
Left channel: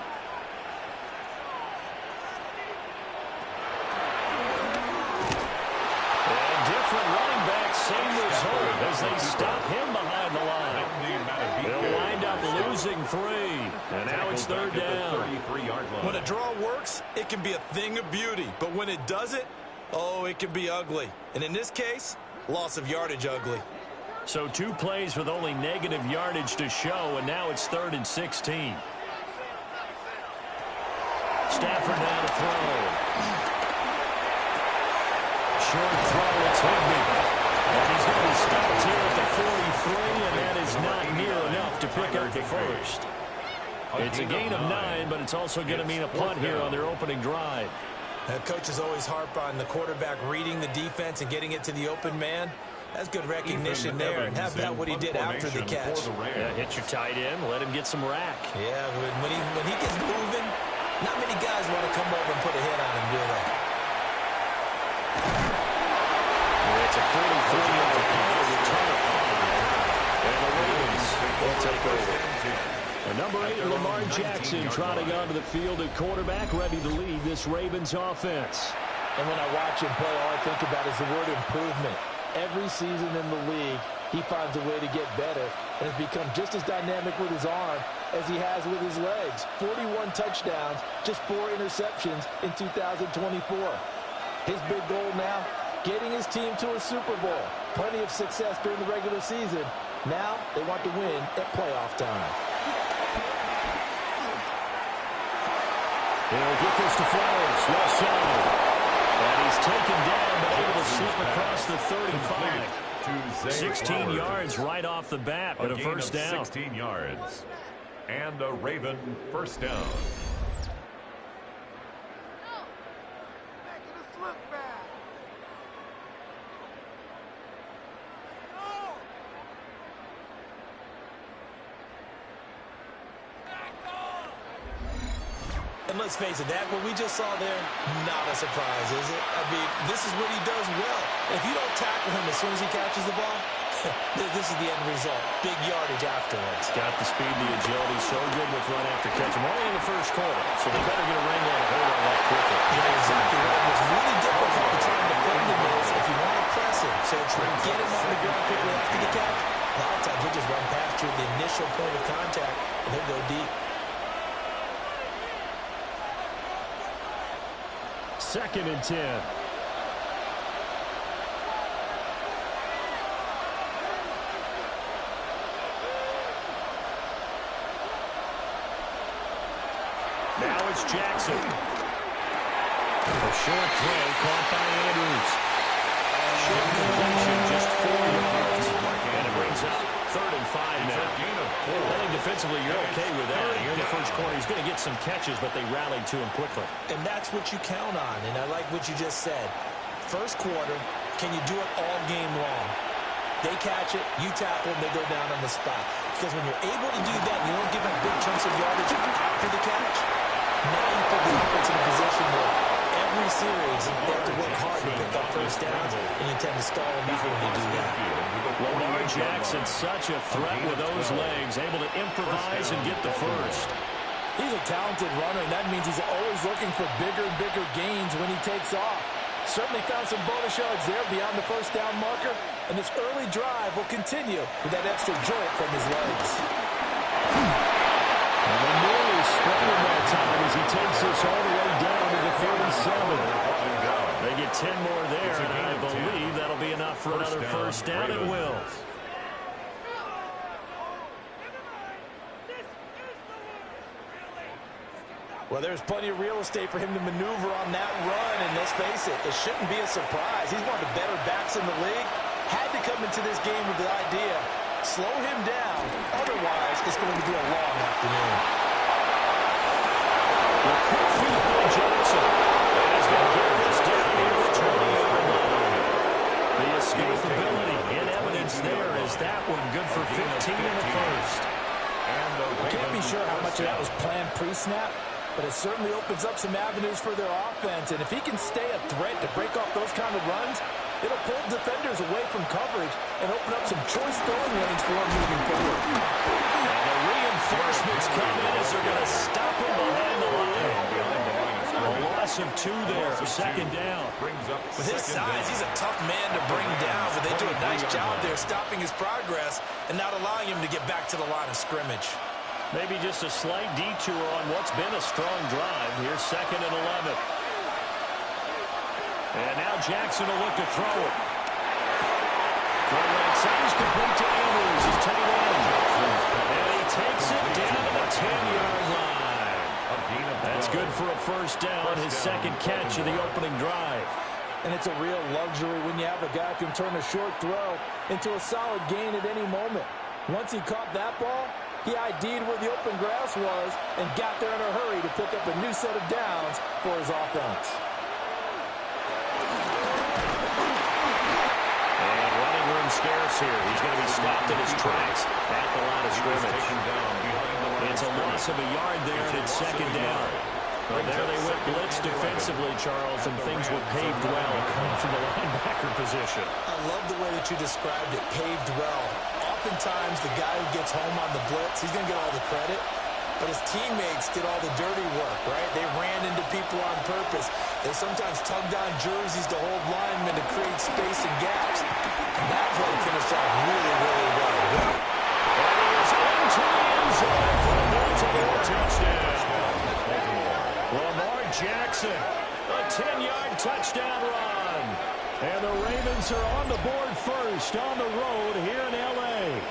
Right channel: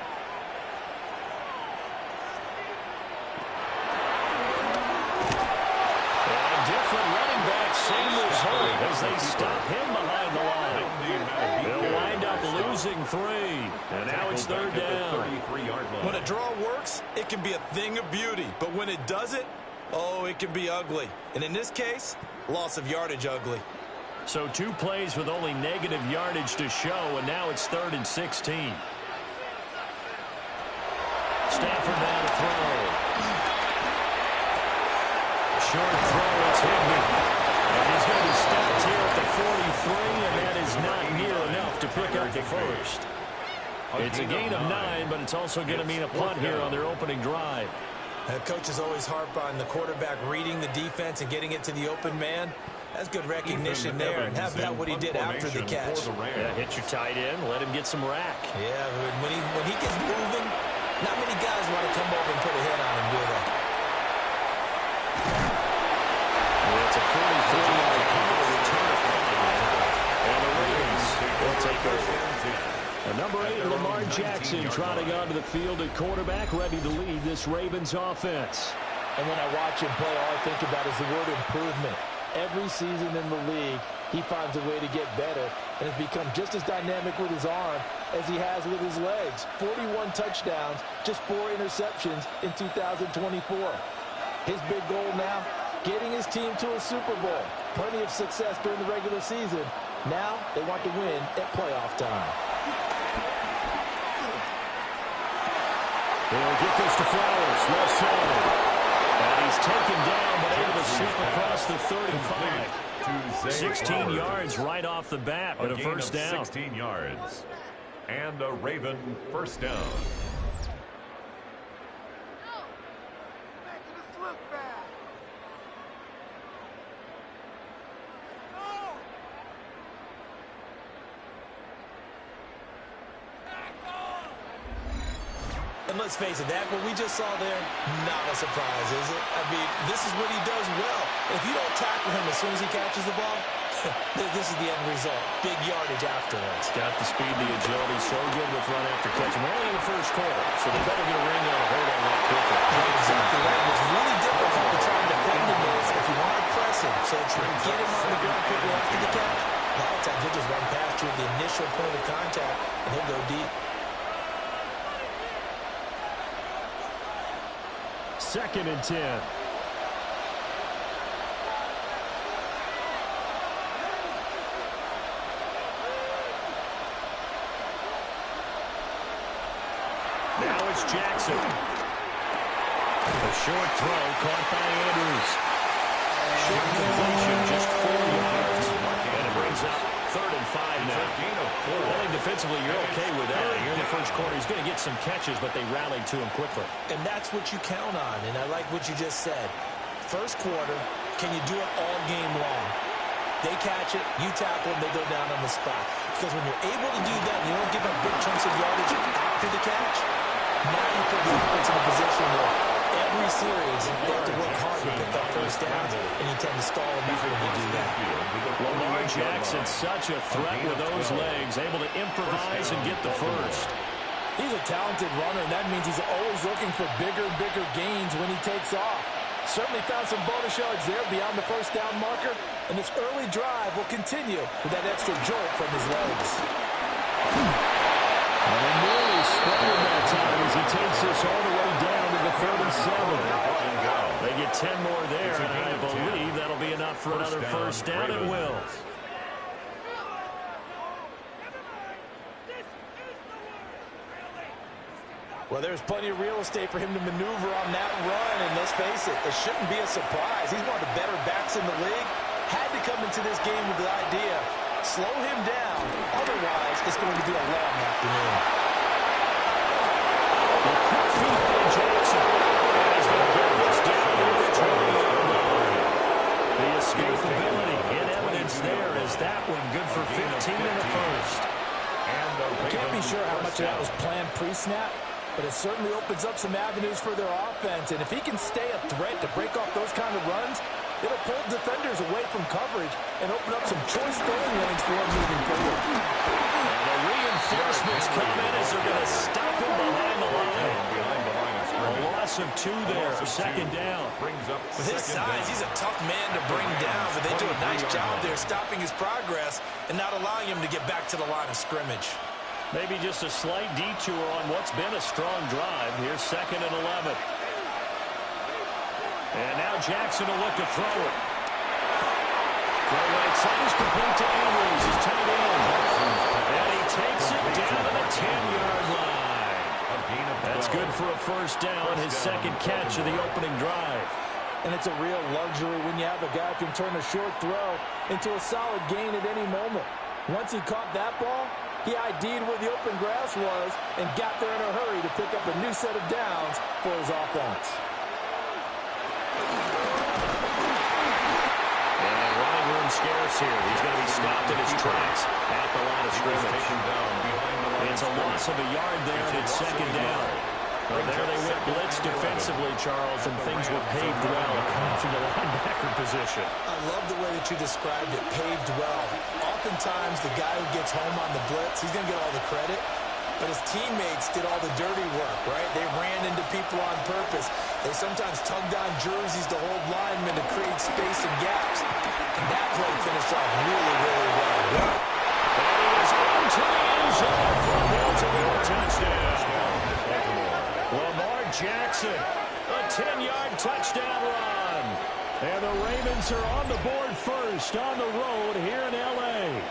Different running back, same result as they stop him behind the line. They'll wind up losing 3. And now it's 3rd down. When a draw works, it can be a thing of beauty. But when it doesn't, oh, it can be ugly. And in this case, loss of yardage ugly. So 2 plays with only negative yardage to show, and now it's 3rd and 16. Stafford now to throw. Short throw, it's Higbee. And he's going to be stopped here at the 43, and that is not near enough to pick up the first. It's a gain of 9, but it's also going to mean a punt here on their opening drive. Coaches always harp on the quarterback reading the defense and getting it to the open man. That's good recognition there, and have that what he did after the catch. Yeah, hit your tight end, let him get some rack. Yeah, when he gets moving, not many guys want to come over and put a hit on him, do they? It's a 43-yard punt, return of 5, and the Ravens will take over. Number 8, Lamar Jackson, trotting onto the field at quarterback, ready to lead this Ravens offense. And when I watch him play, all I think about is the word improvement. Every season in the league, he finds a way to get better and has become just as dynamic with his arm as he has with his legs. 41 touchdowns, just 4 interceptions in 2024. His big goal now, getting his team to a Super Bowl. Plenty of success during the regular season. Now they want to win at playoff time. He'll get this to Flowers, left side. And he's taken down, but able to slip across the 35. 16 yards right off the bat, but a first down. 16 yards. And a Raven first down. And let's face it, that what we just saw there, not a surprise, is it? I mean, this is what he does well. If you don't tackle him as soon as he catches the ball, this is the end result. Big yardage afterwards. Got the speed, the agility, so good with run after catch. We're only in the first quarter, so they better get a ring on a hold on that quickly. Yeah, exactly right. What's really difficult to try and defend him is if you want to press him, so that you get him on the ground quickly after the catch, a lot of times he'll just run past you at the initial point of contact, and he'll go deep. Second and 10. Now it's Jackson. A short throw caught by Andrews. Short completion, just 4 yards. And it brings up 3rd and 5 now. I think defensively you're okay with that. Here in the first quarter, he's going to get some catches, but they rallied to him quickly. And that's what you count on, and I like what you just said. First quarter, can you do it all game long? They catch it, you tackle them, they go down on the spot. Because when you're able to do that, and you don't give up big chunks of yardage after the catch, now you put the offense in a position where every series they have to work hard to pick up first downs, and you tend to stall them out when you do that. Lamar Jackson, such a threat with those legs, able to improvise and get the first. He's a talented runner, and that means he's always looking for bigger and bigger gains when he takes off. Certainly found some bonus yards there beyond the first down marker, and this early drive will continue with that extra jolt from his legs. And they nearly spread him that time as he takes this all the way down to the 37. They get 10 more there, and I believe that'll be enough for another first down. It will. Well, there's plenty of real estate for him to maneuver on that run, and let's face it, it shouldn't be a surprise. He's one of the better backs in the league. Had to come into this game with the idea, slow him down, otherwise it's going to be a long afternoon. The quick feet by Jackson, and he's going to get this down here at the 20-yard line. The escapability in evidence there is that one good for 15 in the first. I can't be sure how much of that was planned pre-snap, but it certainly opens up some avenues for their offense. And if he can stay a threat to break off those kind of runs, it'll pull defenders away from coverage and open up some choice throwing lanes for him moving forward. And the reinforcements come in as they're going to stop him behind the line. A loss of 2 there, second down. With his size, he's a tough man to bring down, but they do a nice job there stopping his progress and not allowing him to get back to the line of scrimmage. Maybe just a slight detour on what's been a strong drive. Here's 2nd and 11. And now Jackson will look to throw it. Throw right side is complete to Andrews, his tight end. And he takes it down to the 10-yard line. That's good for a first down, his second catch of the opening drive. And it's a real luxury when you have a guy who can turn a short throw into a solid gain at any moment. Once he caught that ball, he ID'd where the open grass was and got there in a hurry to pick up a new set of downs for his offense. And running room scarce here. He's going to be stopped in his tracks at the line of scrimmage. It's a loss of a yard there, and it's second down. Well, there they went blitz defensively, Charles, and things were paved well coming from the linebacker position. I love the way that you described it, paved well. Oftentimes, the guy who gets home on the blitz, he's going to get all the credit, but his teammates did all the dirty work, right? They ran into people on purpose. They sometimes tugged on jerseys to hold linemen to create space and gaps. And that play finished off really, really well. And he is into the end zone for a Baltimore touchdown. Lamar Jackson, a 10-yard touchdown run. And the Ravens are on the board first on the road here in L.A.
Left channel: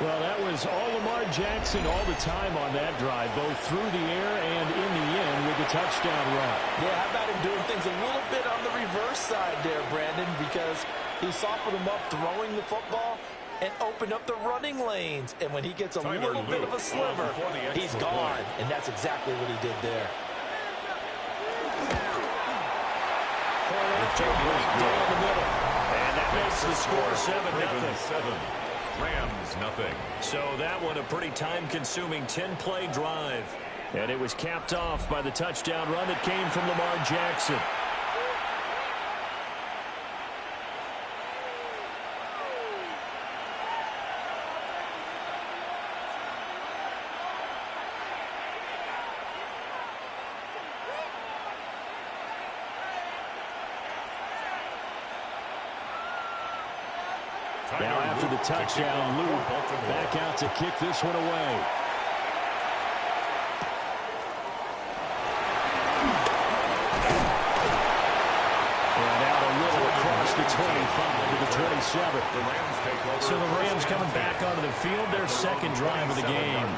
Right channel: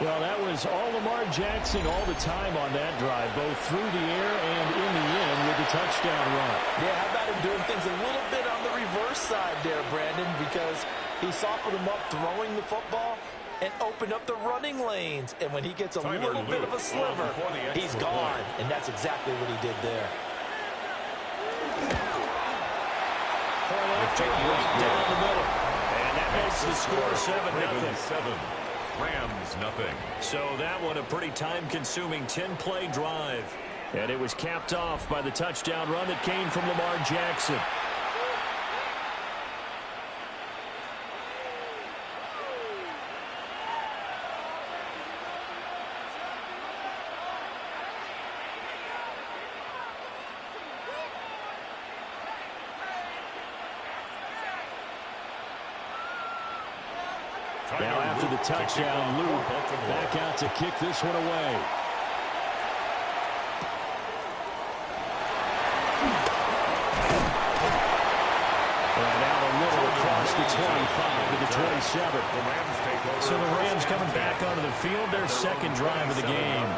Well, that was all Lamar Jackson all the time on that drive, both through the air and in the end with the touchdown run. Yeah, how about him doing things a little bit on the reverse side there, Brandon, because he softened him up throwing the football and opened up the running lanes. And when he gets a little bit of a sliver, he's gone. And that's exactly what he did there. Point after right down the middle. And that makes the score 7-0. 7, Rams nothing. So that one a pretty time-consuming 10-play drive. And it was capped off by the touchdown run that came from Lamar Jackson. Now after the touchdown, Luke back out to kick this one away. And out a little across the 25 to the 27. So the Rams coming back onto the field, their second drive of the game.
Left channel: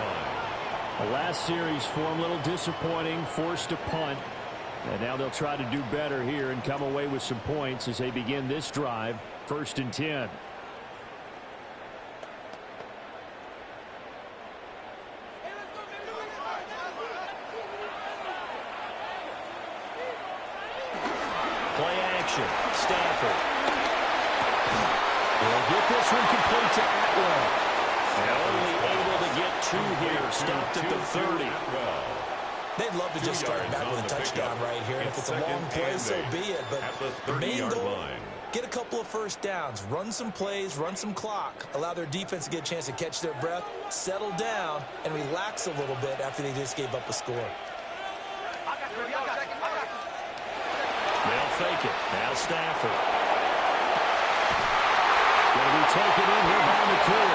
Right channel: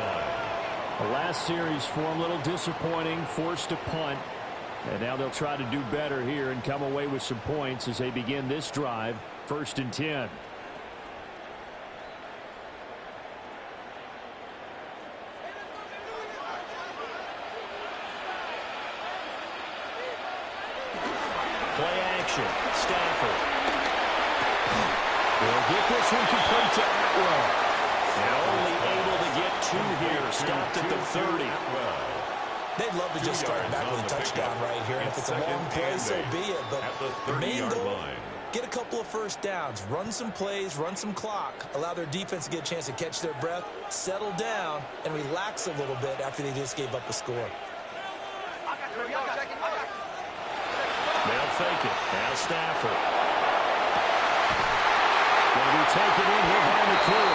The last series for them, a little disappointing, forced to punt. And now they'll try to do better here and come away with some points as they begin this drive, 1st and 10. Play action. Stafford. He'll get this one complete to Atwell. And only able to get 2 here. Stopped at the 30. They'd love to just start back with a touchdown right here. And if it's a long play, so be it. But the main goal, get a couple of first downs, run some plays, run some clock, allow their defense to get a chance to catch their breath, settle down, and relax a little bit after they just gave up a score. They'll fake it. Now Stafford. Going to be taken in here by McCool.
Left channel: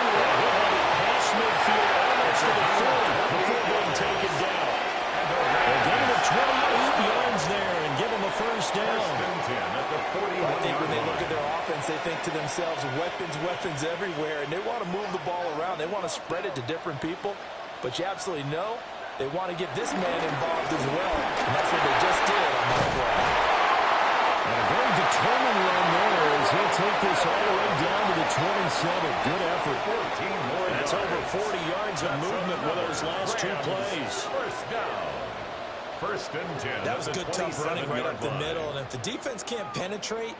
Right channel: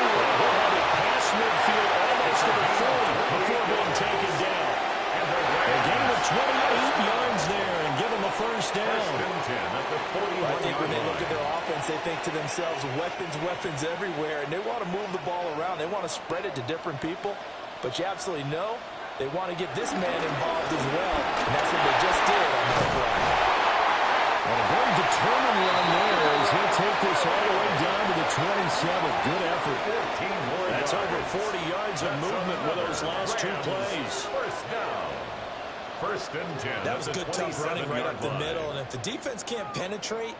And he'll have it past midfield almost to the 40 before being taken down. A gain of 28 yards there and give them a first down. I think when they look at their offense, they think to themselves, weapons, weapons everywhere, and they want to move the ball around. They want to spread it to different people, but you absolutely know they want to get this man involved as well, and that's what they just did on that play. And a very determined run there as he'll take this all the way down to the 27. Good effort. 14 more That's yards. over 40 yards of movement with those last 2 plays. First down. 1st and 10. That was good, tough running right up the middle, and if the defense can't penetrate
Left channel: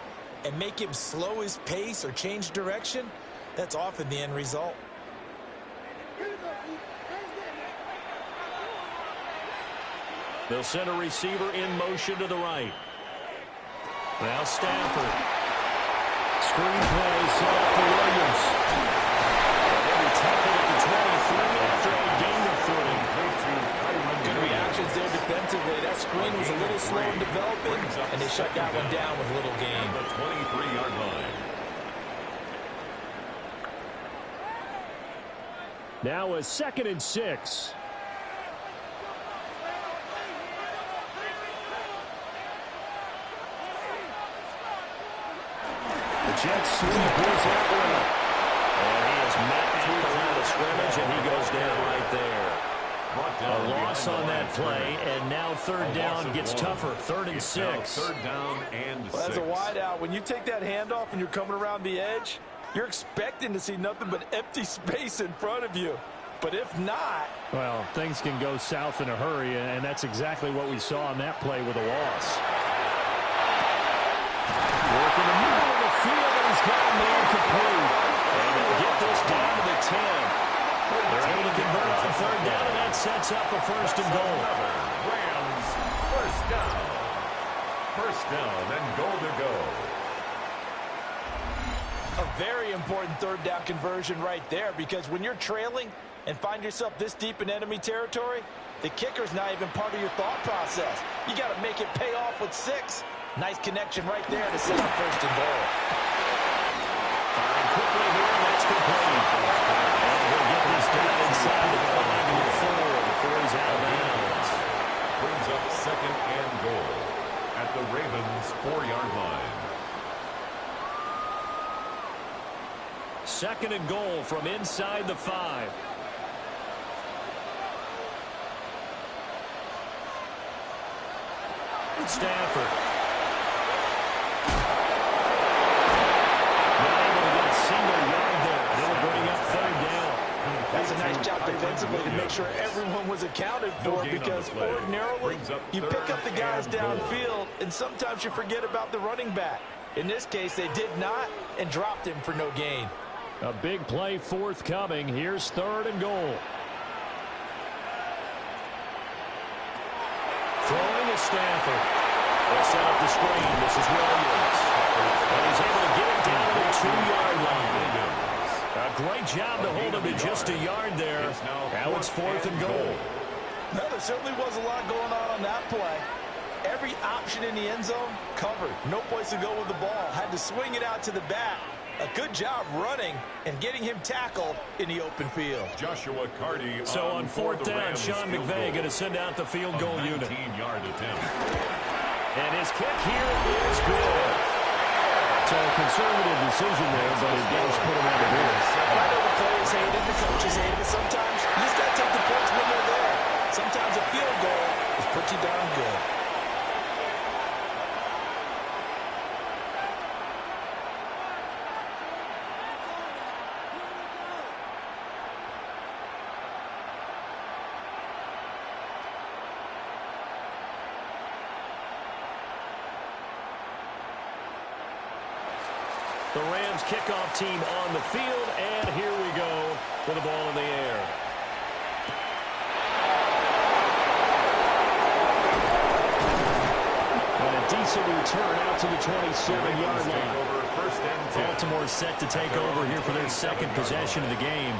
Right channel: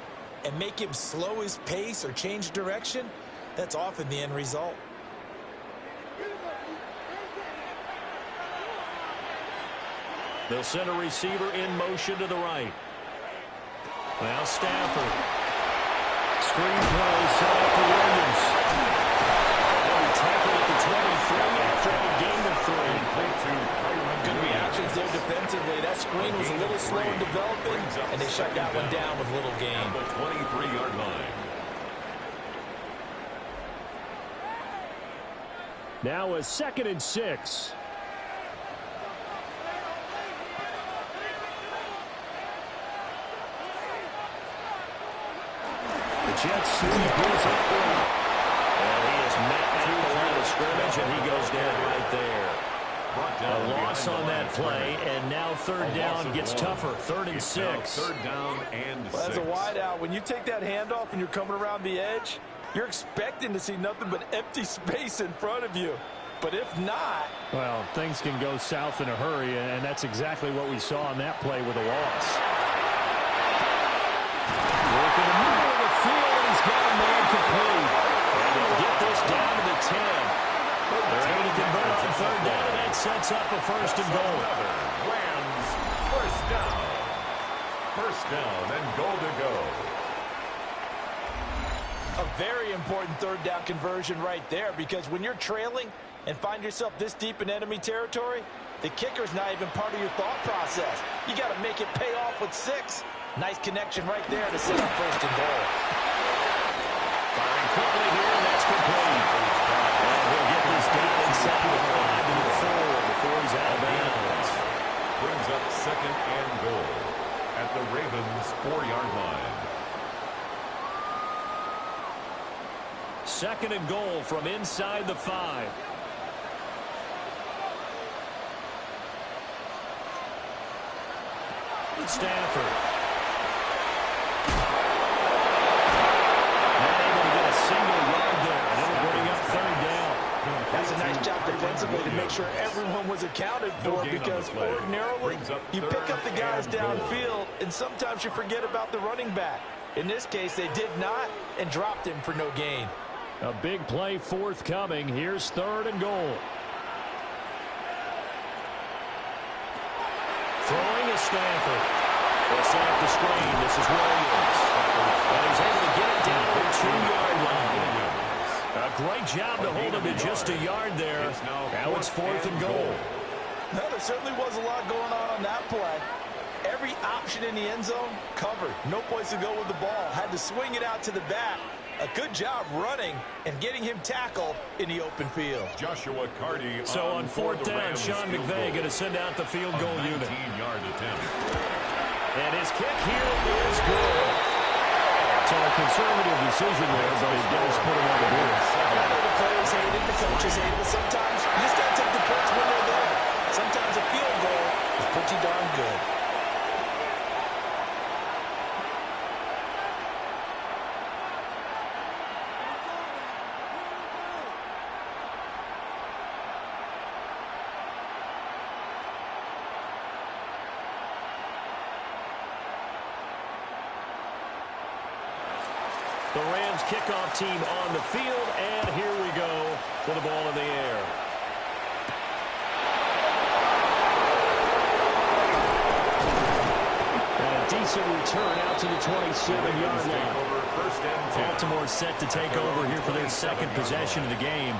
and make him slow his pace or change direction, that's often the end result. They'll send a receiver in motion to the right. Now Stafford. Screen play set up for Williams. And they'll be tackled at the 23 after a gain of 3. Good reactions there defensively. That screen was a little slow in developing, and they shut that one down with little gain. At the 23-yard line. Now a 2nd and 6. The Jets sweep is Atwell. And he is met at the line of scrimmage, and he goes down right there. A loss on that play, and now 3rd down gets tougher. 3rd and 6. 3rd down and 6. Well, as a wideout, when you take that handoff and you're coming around the edge, you're expecting to see nothing but empty space in front of you. But if not... Well, things can go south in a hurry, and that's exactly what we saw on that play with a loss. Work in the middle of the field, and he's got a man complete. And they'll get this down to the 10. They're able to convert on 3rd down, and that sets up a 1st and goal. Rams, 1st down. 1st down and goal to go. A very important 3rd down conversion right there, because when you're trailing and find yourself this deep in enemy territory, the kicker's not even part of your thought process. You got to make it pay off with 6. Nice connection right there to set up 1st and goal. Firing quickly here, and that's complete. And he'll get this down inside the 5 to the 4 before he's out of bounds. Brings up 2nd and goal at the Ravens' 4-yard line. Second and goal from inside the 5. Stafford. Not able to get a single yard there, and it'll bring up third down. That's a nice job defensively to make sure everyone was accounted for, because ordinarily you pick up the guys downfield and sometimes you forget about the running back. In this case, they did not and dropped him for no gain. A big play forthcoming. Here's third and goal. Throwing is Stafford. They'll set up the screen. This is Williams. And he's able to get it down to the 2-yard line. A great job to hold him to just a yard there. Now it's fourth and goal. Well, there certainly was a lot going on that play. Every option in the end zone covered. No place to go with the ball. Had to swing it out to the back. A good job running and getting him tackled in the open field. Joshua Carty. So on fourth down, Sean McVay going to send out the field goal unit. 19-yard attempt. And his kick here is good. So a conservative decision there, but it does put him on the board. And I know the players hate it, the coaches hate it, but sometimes you just got to take the points when they're there. Sometimes a field goal is pretty darn good. The Rams kickoff team on the field, and here we go with the ball in the air. And a decent return out to the 27-yard line. Baltimore set to take over here for their second possession of the game.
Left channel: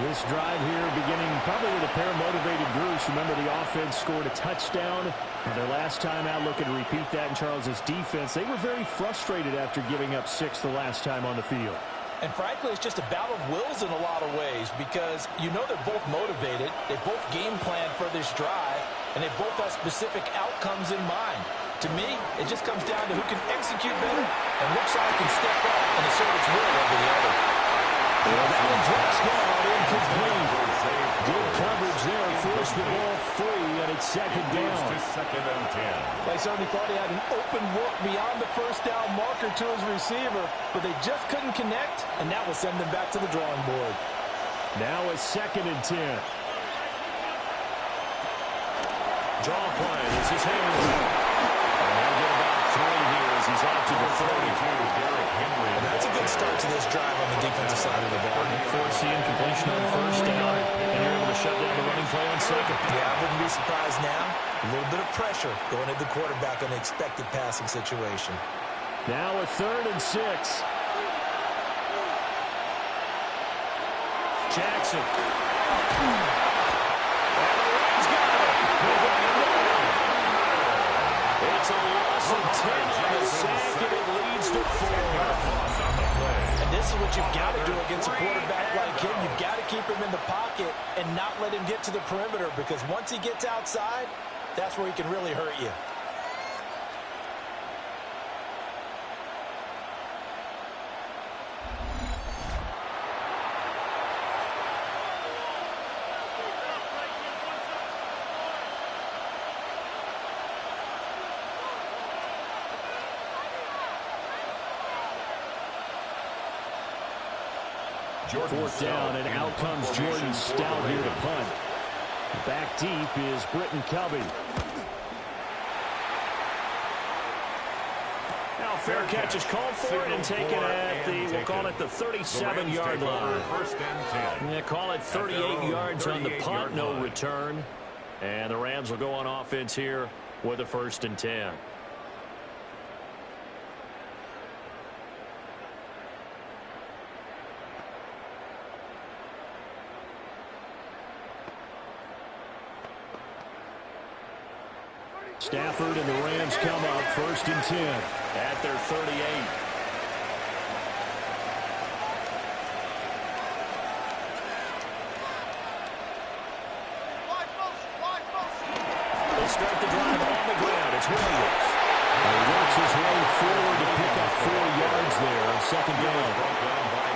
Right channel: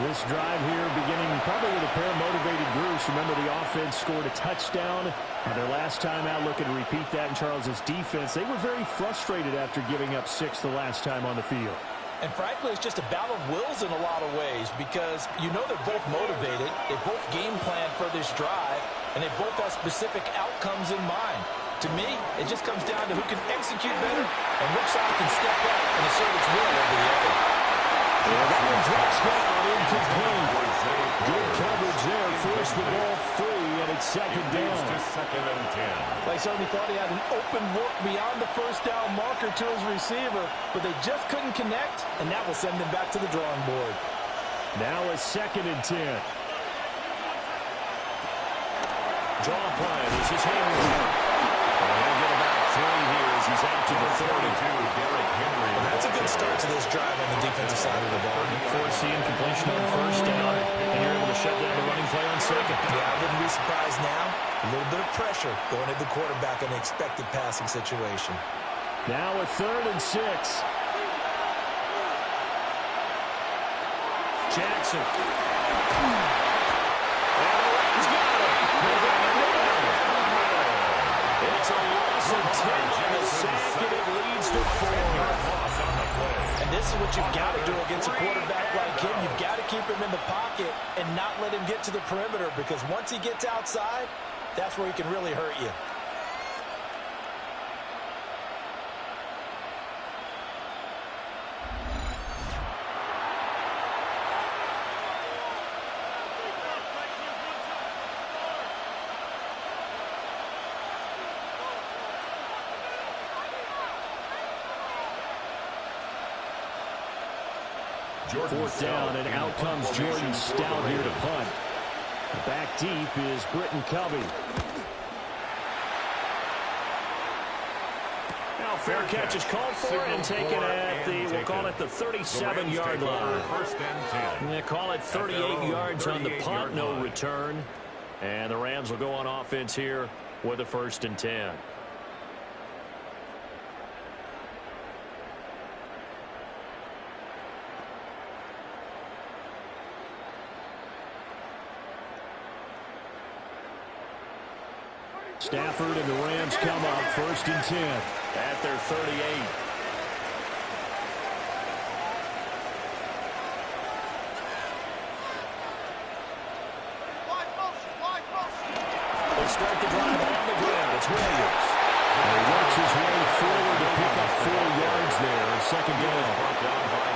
This drive here beginning probably with a pair of motivated groups. Remember, the offense scored a touchdown. Their last time out, looking to repeat that in Charles's defense. They were very frustrated after giving up 6 the last time on the field. And frankly, it's just a battle of wills in a lot of ways, because you know they're both motivated. They both game plan for this drive, and they both have specific outcomes in mind. To me, it just comes down to who can execute better and which side can step up and assert its will over the other. Well, that one drops down, incomplete. Good coverage there, forced the ball free, and it's second down. To second and 10. They certainly thought he had an open look beyond the first down marker to his receiver, but they just couldn't connect, and that will send them back to the drawing board. Now it's second and 10. Draw play. This is Henry. And he'll get about 3 here as he's out to the 32. Derrick Henry. Well, that's a good start to this drive on the defensive side of the ball. Forcing completion on first down, and you're able to shut down the running play on second. Yeah, I wouldn't be surprised now. A little bit of pressure going at the quarterback in an expected passing situation. Now a third and 6. Jackson. And the Rams got it. They got it down. It's a loss of 10 on the sack, and it leads to 4. And this is what you've got to do against a quarterback like him. You've got to keep him in the pocket and not let him get to the perimeter, because once he gets outside, that's where he can really hurt you. Fourth down, and out comes Jordan Stout here to punt. Back deep is Britton Covey. Now fair catch is called for and taken at the, we'll call it the 37-yard line. First and 10. Yeah, call it 38 yards on the punt, no return. And the Rams will go on offense here with a first and 10. Stafford and the Rams come up first and 10 at their 38. They start the drive on the ground. It's Williams. And he works his way forward to pick up 4 yards there on second down. Brought down by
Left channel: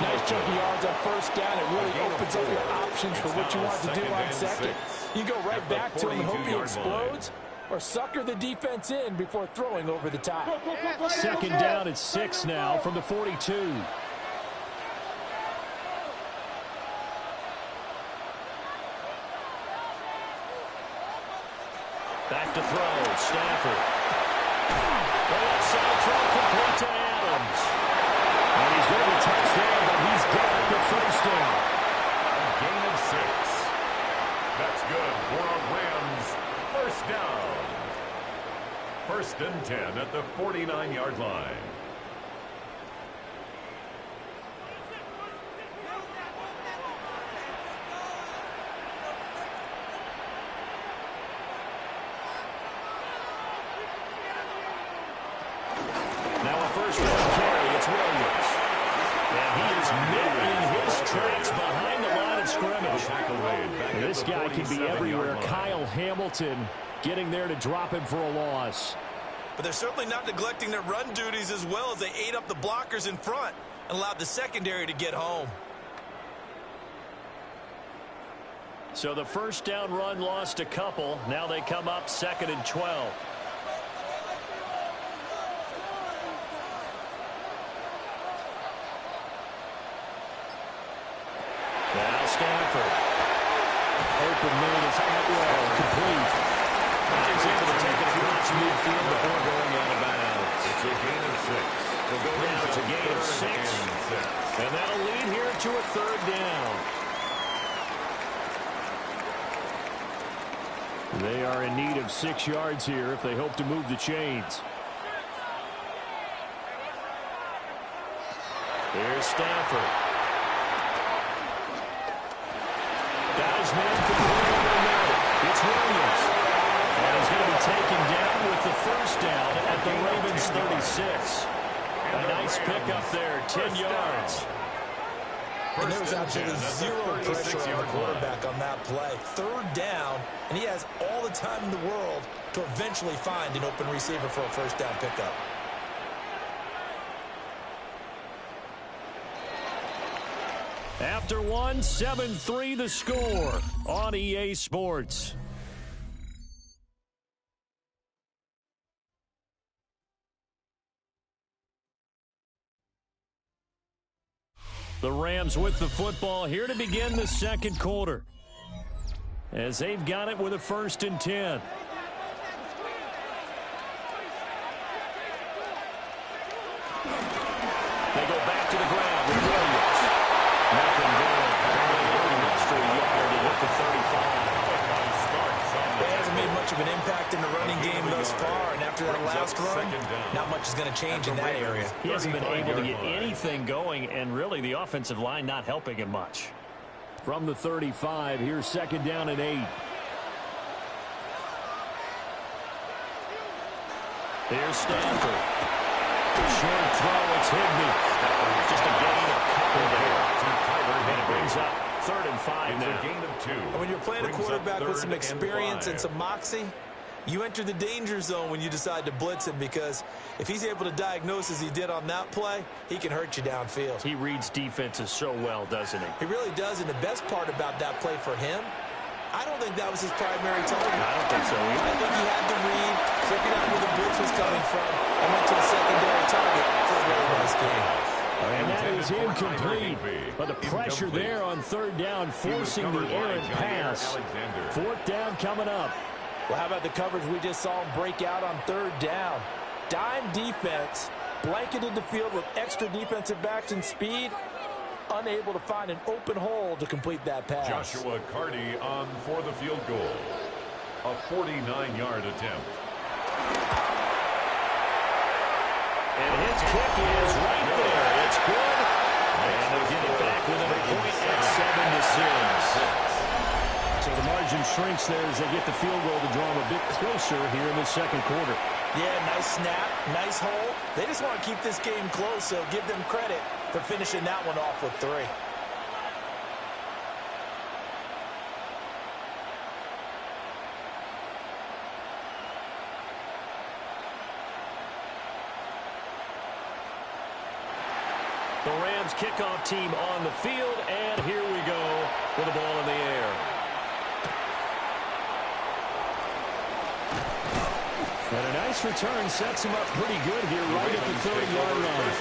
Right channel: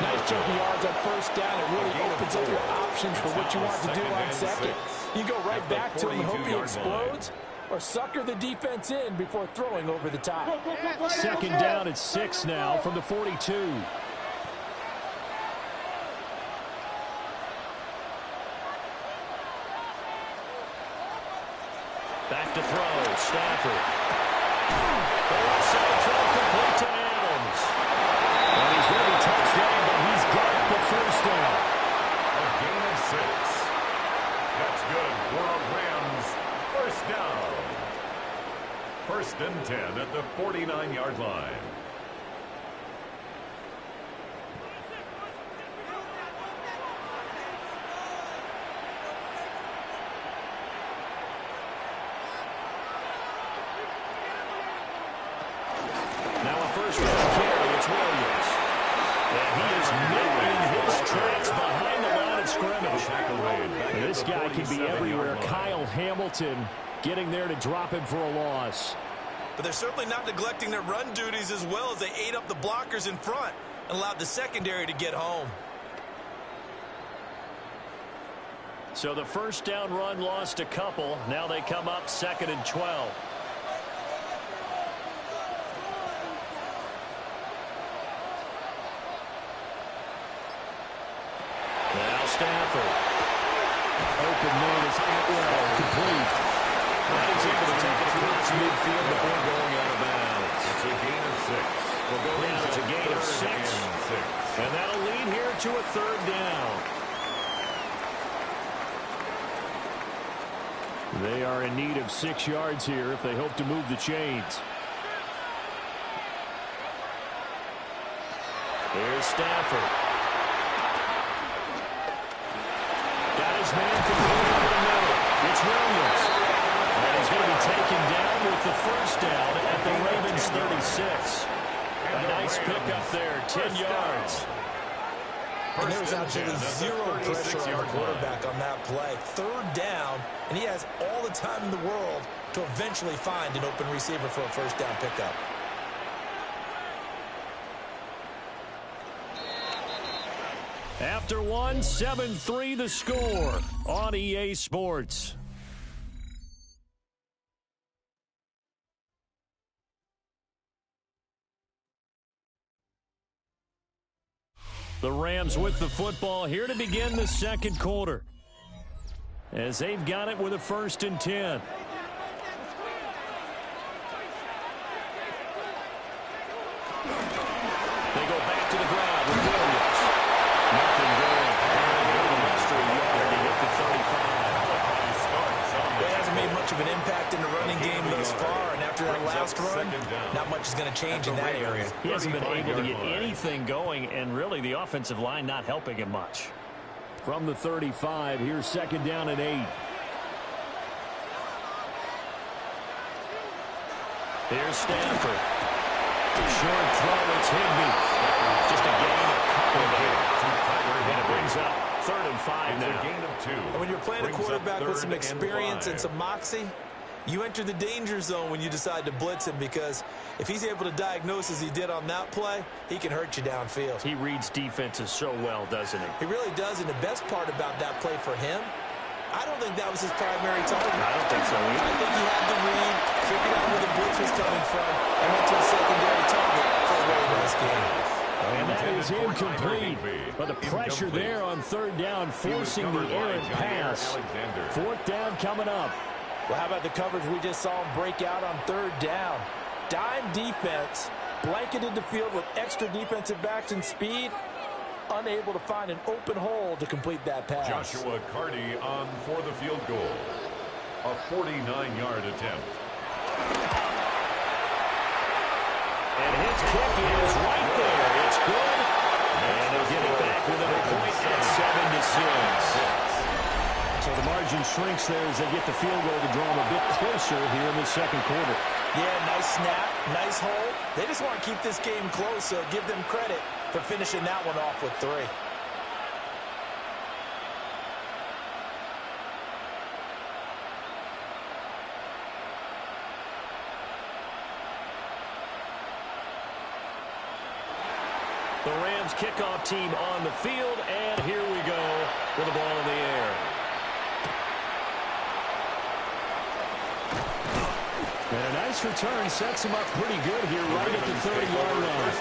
Nice chunky yards on first down. It really opens up your options for what you want to do on second. You go right back to him and hope he explodes, or sucker the defense in before throwing over the top. Second down at 6 now from the 42. Back to throw, Stafford. The left side throw complete to Adams. And he's going to be touchdown, but he's got the first down. A gain of 6. That's good for a Rams first down. 1st and 10 at the 49-yard line. Now a first down carry, it's Williams. And he is met in his tracks behind the line of scrimmage. And this guy can be everywhere. Kyle Hamilton getting there to drop him for a loss. But they're certainly not neglecting their run duties as well as they ate up the blockers in front and allowed the secondary to get home. So the first down run lost a couple. Now they come up 2nd and 12. Now Stafford. Open man is Atwell, complete. And he's able to take it across midfield before going out of bounds. It's a gain of 6. We'll go down. It's a gain of 6. And that'll lead here to a 3rd down. They are in need of 6 yards here if they hope to move the chains. Here's Stafford. Got his man complete over the middle. It's Williams. And he's going to be taken down with the first down at the Ravens 36. A nice pickup there, 10 yards. And there was absolutely zero pressure on the quarterback on that play. 3rd down, and he has all the time in the world to eventually find an open receiver for a first down pickup. After one, 7-3 the score on EA Sports. The Rams with the football here to begin the 2nd quarter, as they've got it with a 1st and 10. They go back to the ground with Williams. Nothing good. Barely less for a yard. He hit the 35. He hasn't made much of an impact in the running game thus far, and after that last run, not much is going to change in that area. He hasn't been able to get anything going, and really the offensive line not helping him much. From the 35, here's 2nd down and 8. Here's Stafford. Short throw, it's Higbee. Just a gain of a couple there. And it brings up 3rd and 5 now. It's a gain of 2. And when you're playing a quarterback with some experience and some moxie, you enter the danger zone when you decide to blitz him, because if he's able to diagnose as he did on that play, he can hurt you downfield. He reads defenses so well, doesn't he? He really does, and the best part about that play for him, I don't think that was his primary target. I don't think so either. I think he had the read, figured out where the blitz was coming from, and went to a secondary target for a really nice game. And that is incomplete. But the pressure there on 3rd down, forcing the errant pass. 4th down coming up. Well, how about the coverage we just saw him break out on 3rd down? Dime defense, blanketed the field with extra defensive backs and speed, unable to find an open hole to complete that pass. Joshua Carty on for the field goal. A 49-yard attempt. And his kick is right there. It's good. And they'll get it back within a point at 7-6. So the margin shrinks there as they get the field goal to draw them a bit closer here in the 2nd quarter. Yeah, nice snap, nice hole. They just want to keep this game close, so give them credit for finishing that one off with 3. The Rams kickoff team on the field, and here we go with the ball in the air. And a nice return sets him up pretty good here right at the 30-yard line.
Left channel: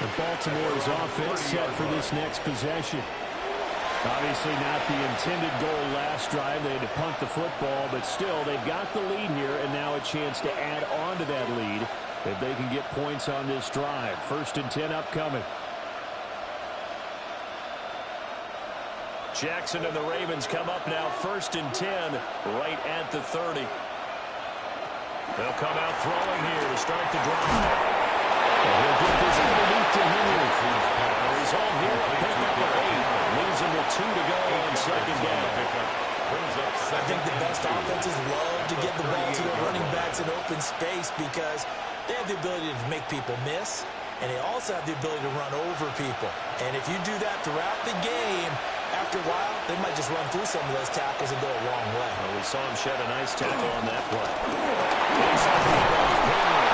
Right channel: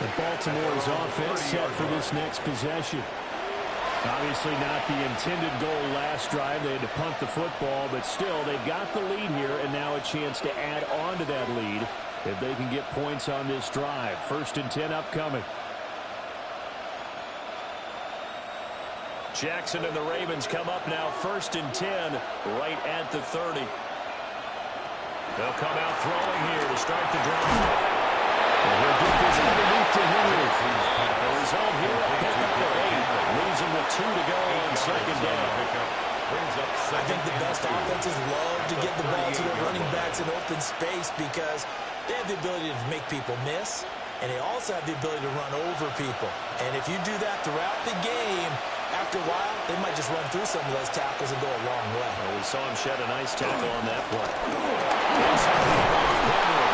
The Baltimore's offense set for this next possession. Obviously not the intended goal last drive. They had to punt the football, but still they've got the lead here, and now a chance to add on to that lead if they can get points on this drive. 1st and 10 upcoming. Jackson and the Ravens come up now 1st and 10 right at the 30. They'll come out throwing here to start the drive. And he'll get this underneath to Henry. The result here, a pickup of 8. Leaves him with 2 to go on 2nd down. I think the best offenses love to get the ball to their running backs in open space because they have the ability to make people miss, and they also have the ability to run over people. And if you do that throughout the game, after a while, they might just run through some of those tackles and go a long way. Well, we saw him shed a nice tackle on that play. Inside the Henry.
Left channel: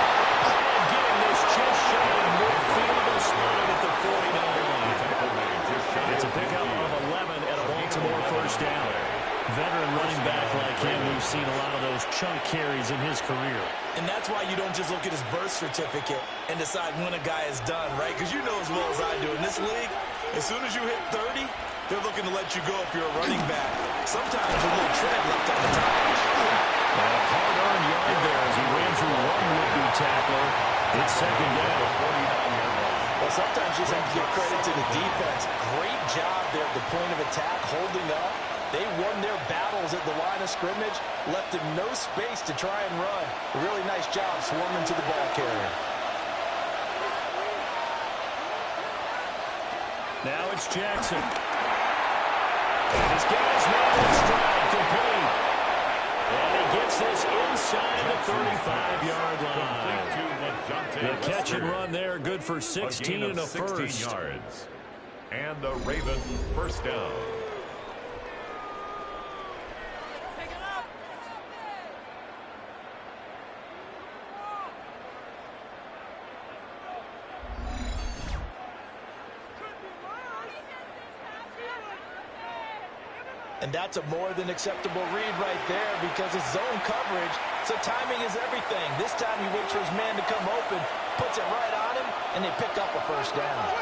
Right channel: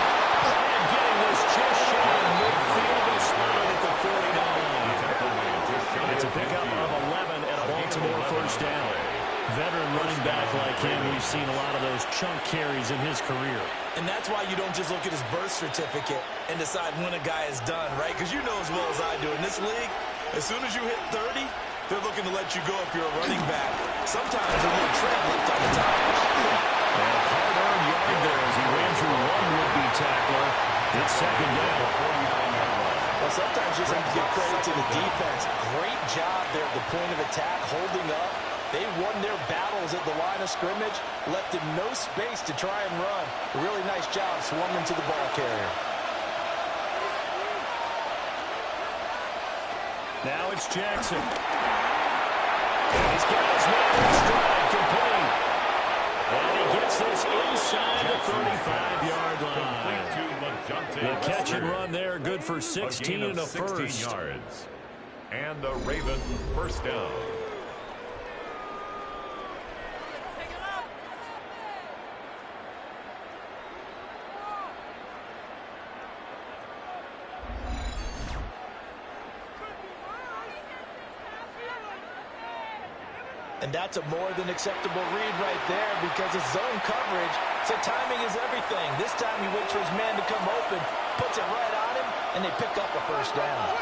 And getting this just shy of midfield, a spot at the 49. It's a pickup of 11 and a Baltimore 1st down. Veteran running back like him, we've seen a lot of those chunk carries in his career. And that's why you don't just look at his birth certificate and decide when a guy is done, right? Because you know as well as I do, in this league, as soon as you hit 30, they're looking to let you go if you're a running back. Sometimes a little tread left on the tires. And a hard-earned yard there as he ran through one would-be tackler. It's 2nd down. 49-yard line. Well, sometimes you just have to give credit to the defense. Great job there at the point of attack, holding up. They won their battles at the line of scrimmage, left him no space to try and run. A really nice job swarming to the ball carrier. Now it's Jackson. And he's got his man in stride, complete. And he gets this inside the 35-yard line. The catch and run there, good for 16 and a 1st. Yards. And the Ravens 1st down. And that's a more than acceptable read right there because it's zone coverage, so timing is everything. This time he waits for his man to come open, puts it right on him, and they pick up a 1st down.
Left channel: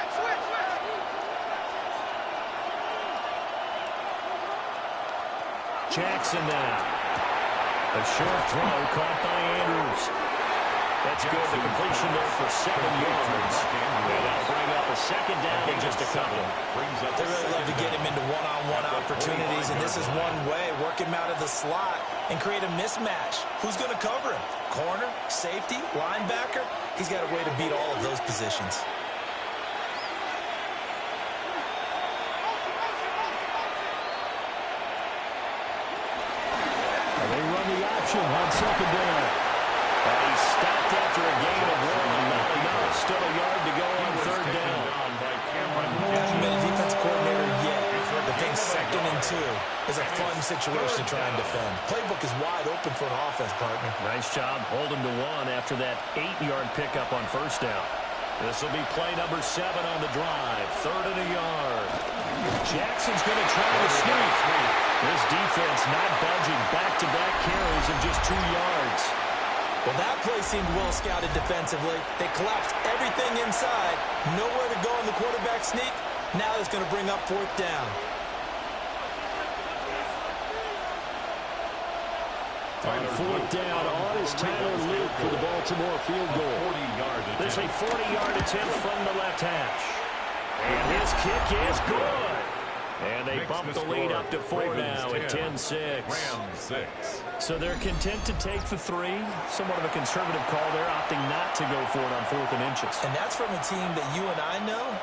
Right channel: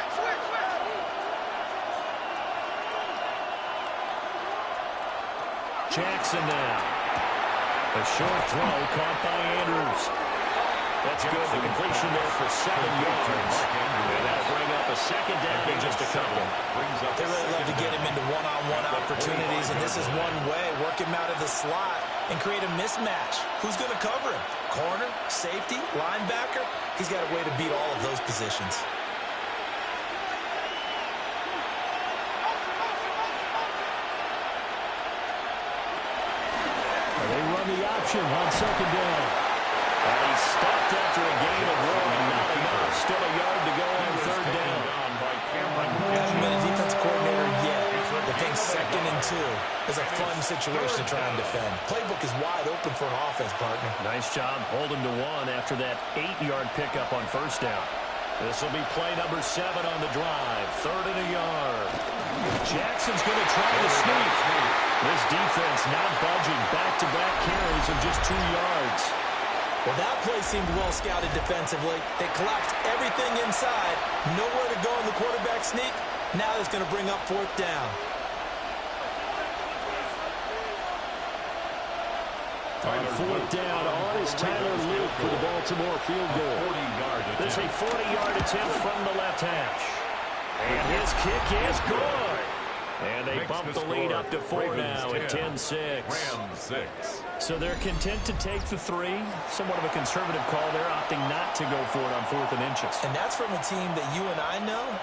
Jackson now. A short throw caught by Andrews. That's good. The completion there for 7 yards. And that'll bring up a 2nd down in just a couple. They really love to get him into one-on-one opportunities, and this is one way. Work him out of the slot and create a mismatch. Who's going to cover him? Corner, safety, linebacker? He's got a way to beat all of those positions. They run the option on 2nd down. And he stopped after a gain of 1. Not enough. Still a yard to go on 3rd down. Hasn't been a defense coordinator yet. The thing 2nd and 2 is a fun situation to try and defend. Playbook is wide open for an offense, partner. Nice job holding to 1 after that 8-yard pickup on 1st down. This will be play number 7 on the drive. 3rd and a yard. Jackson's going to try to sneak. This defense not budging. Back-to-back carries of just 2 yards. Well, that play seemed well scouted defensively. They collapsed everything inside. Nowhere to go in the quarterback sneak. Now it's going to bring up 4th down. On 4th down, on is Tyler Luke for the Baltimore field goal. There's a 40-yard attempt from the left hash. And his kick is good. And they bump the lead up to 4 now at 10-6. So they're content to take the 3. Somewhat of a conservative call there, opting not to go for it on 4th and inches. And that's from a team that you and I know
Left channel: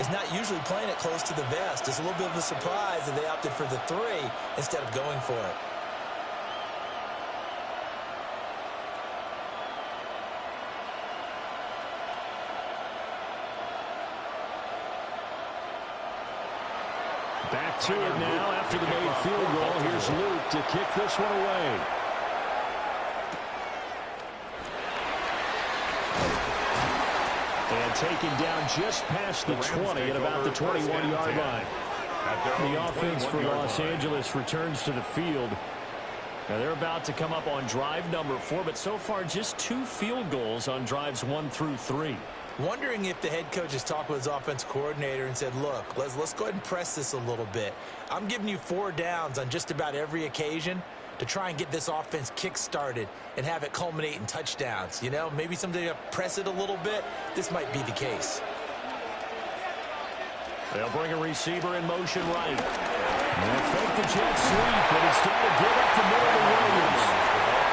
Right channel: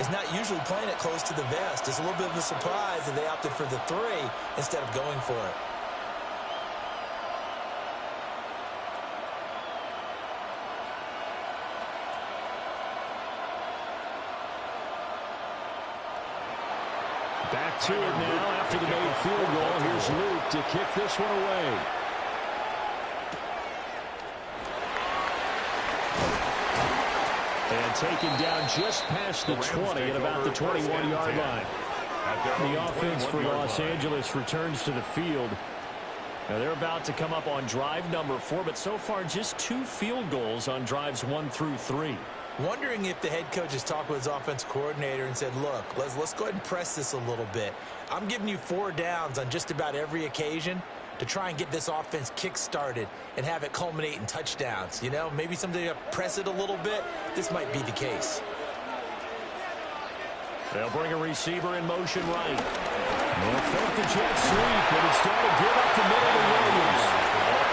is not usually playing it close to the vest. It's a little bit of a surprise that they opted for the 3 instead of going for it. Back to it now after the made field goal. Here's Luke to kick this one away. And taken down just past the 20 at about the 21-yard line. The offense for Los Angeles returns to the field. Now they're about to come up on drive number 4, but so far just 2 field goals on drives 1 through 3. Wondering if the head coach has talked with his offense coordinator and said, look, let's go ahead and press this a little bit. I'm giving you 4 downs on just about every occasion to try and get this offense kick-started and have it culminate in touchdowns. You know, maybe someday you press it a little bit. This might be the case. They'll bring a receiver in motion right. They'll fake the jet sweep, and instead of give up the middle to Williams.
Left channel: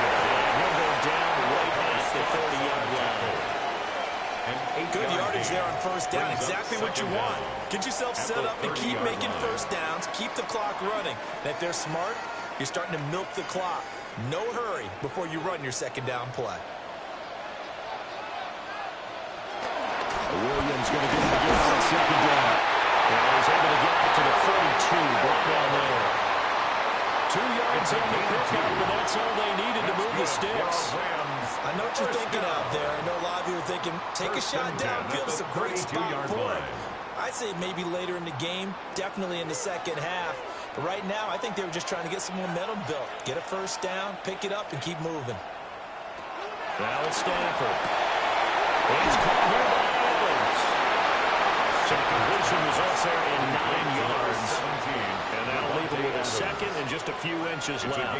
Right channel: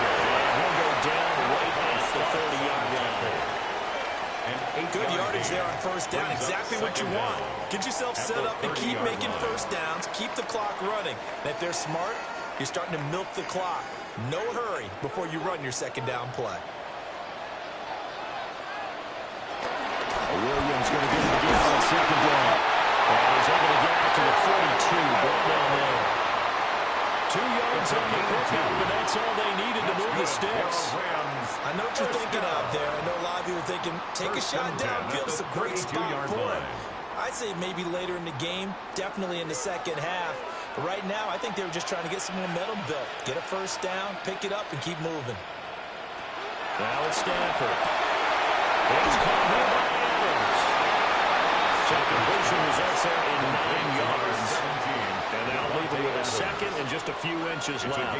And he'll go down right at the 30-yard line. Good yardage there on first down. Exactly what you want. Get yourself set up to keep making first downs, keep the clock running. And if they're smart, you're starting to milk the clock. No hurry before you run your second down play. Williams going to get him again on second down. And he's able to get out to the 42, brought down there. 2 yards on the pickup, and that's all they needed to move the sticks. I know what you're thinking out there. I know a lot of you are thinking, take a shot downfield. It's a great spot for it. I'd say maybe later in the game, definitely in the second half. But right now, I think they were just trying to get some momentum built. Get a first down, pick it up, and keep moving. Now it's Stafford. It's caught here by Adams. So the completion results there in 9 yards. And that'll leave him with a second and just a few inches left.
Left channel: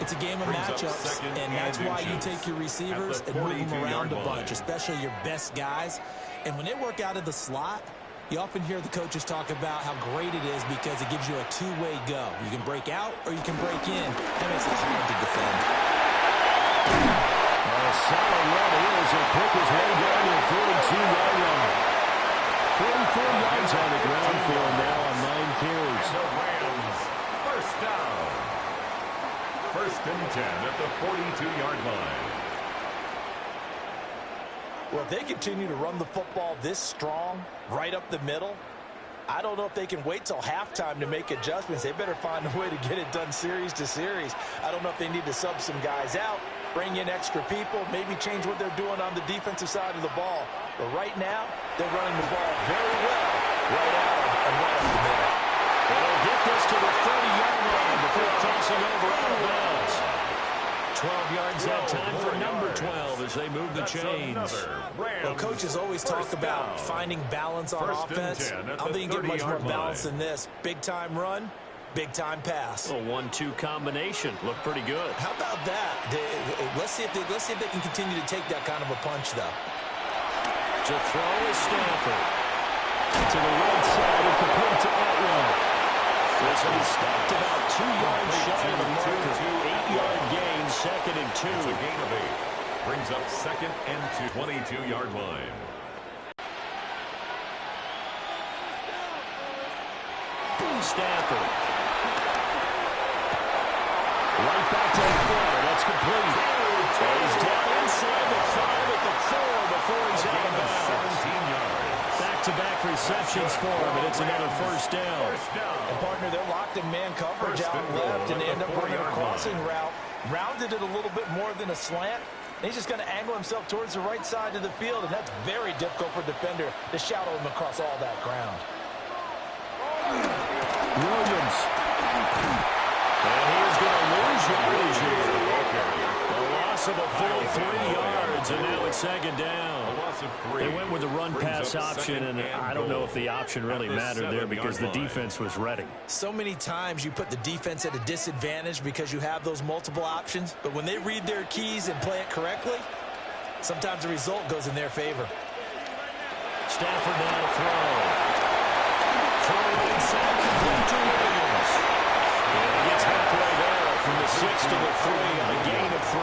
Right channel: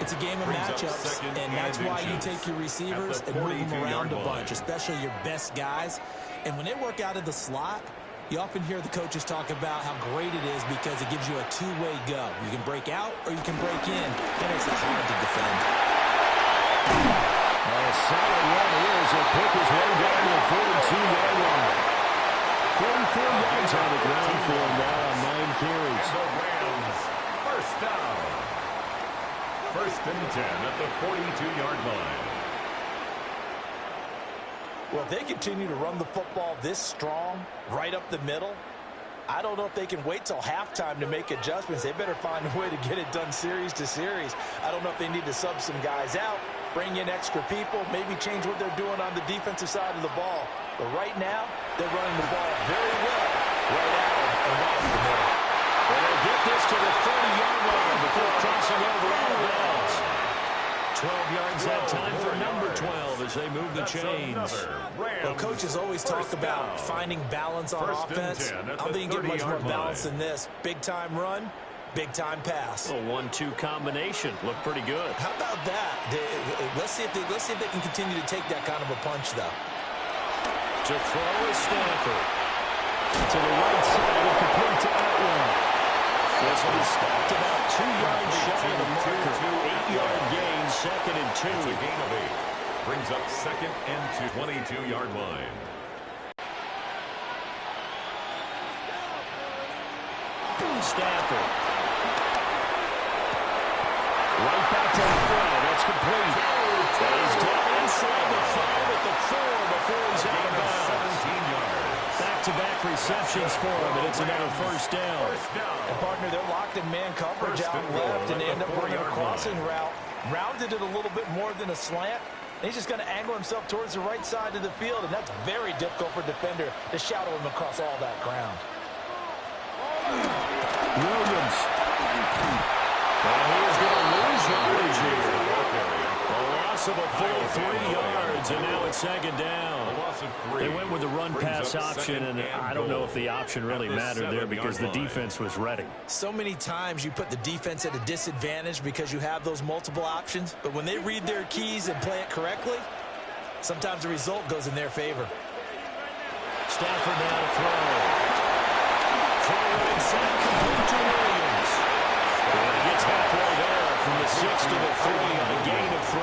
It's a game of matchups, and that's why you take your receivers and move them around a bunch, especially your best guys. And when they work out of the slot, you often hear the coaches talk about how great it is because it gives you a two-way go. You can break out or you can break in. That makes it hard to defend. A solid run is. He'll pick his way down to the 42-yard line. 44 yards on the ground for him now on 9 carries. And the Rams, first down. 1st and 10 at the 42-yard line. Well, if they continue to run the football this strong, right up the middle, I don't know if they can wait till halftime to make adjustments. They better find a way to get it done series to series. I don't know if they need to sub some guys out, bring in extra people, maybe change what they're doing on the defensive side of the ball. But right now, they're running the ball very well right at them and right up the middle. And they'll get this to the 30-yard line before crossing over out of bounds. 12 yards that time for number 12 as they move the chains. Well, coaches always talk about finding balance on offense. I don't think you get much more balance than this. Big-time run, big-time pass. A 1-2 combination. Looked pretty good. How about that? Let's see if they can continue to take that kind of a punch, though. To throw is Stafford. To the right side and complete to Atwell. This one stopped about 2 yards shy of the marker. 8-yard gain, 2nd and 2. It's a gain of 8. Brings up 2nd and 2. 22-yard line. Stafford. Right back to Atwell. That's complete. He's down inside the 5 at the 4 before he's out of bounds. 17 yards. Back-to-back receptions for him, and it's another first down. And, partner, they're locked in man coverage out left, and they end up running a crossing route. Rounded it a little bit more than a slant. And he's just going to angle himself towards the right side of the field, and that's very difficult for a defender to shadow him across all that ground. Williams. And he is going to lose yardage here. A loss of a full 3 yards, and now it's 2nd down. They went with the run-pass option, and I don't know if the option really mattered there because the defense was ready. So many times you put the defense at a disadvantage because you have those multiple options, but when they read their keys and play it correctly, sometimes the result goes in their favor. Stafford now to throw. Throw right side, complete to Williams. And he gets halfway there from the 6 to the 3 on a gain of 3.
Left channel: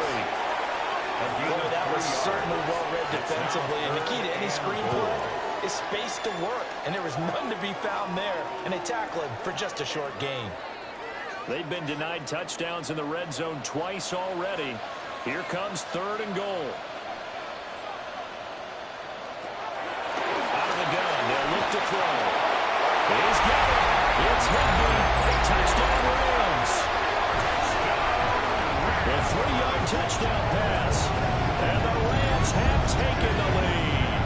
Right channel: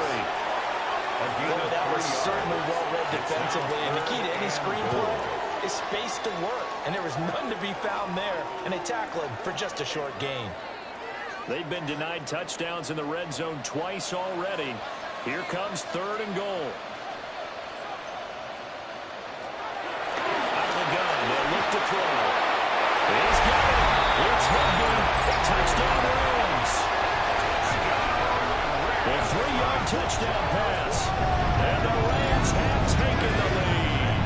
Well, that was certainly well-read defensively, and the key to any screenplay is space to work, and there was none to be found there, and they tackle him for just a short gain. They've been denied touchdowns in the red zone twice already. Here comes 3rd and goal. Out of the gun, they'll look to throw. He's got it. It's Higby. Touchdown Rams. A 3-yard touchdown pass. And the Rams have taken the lead.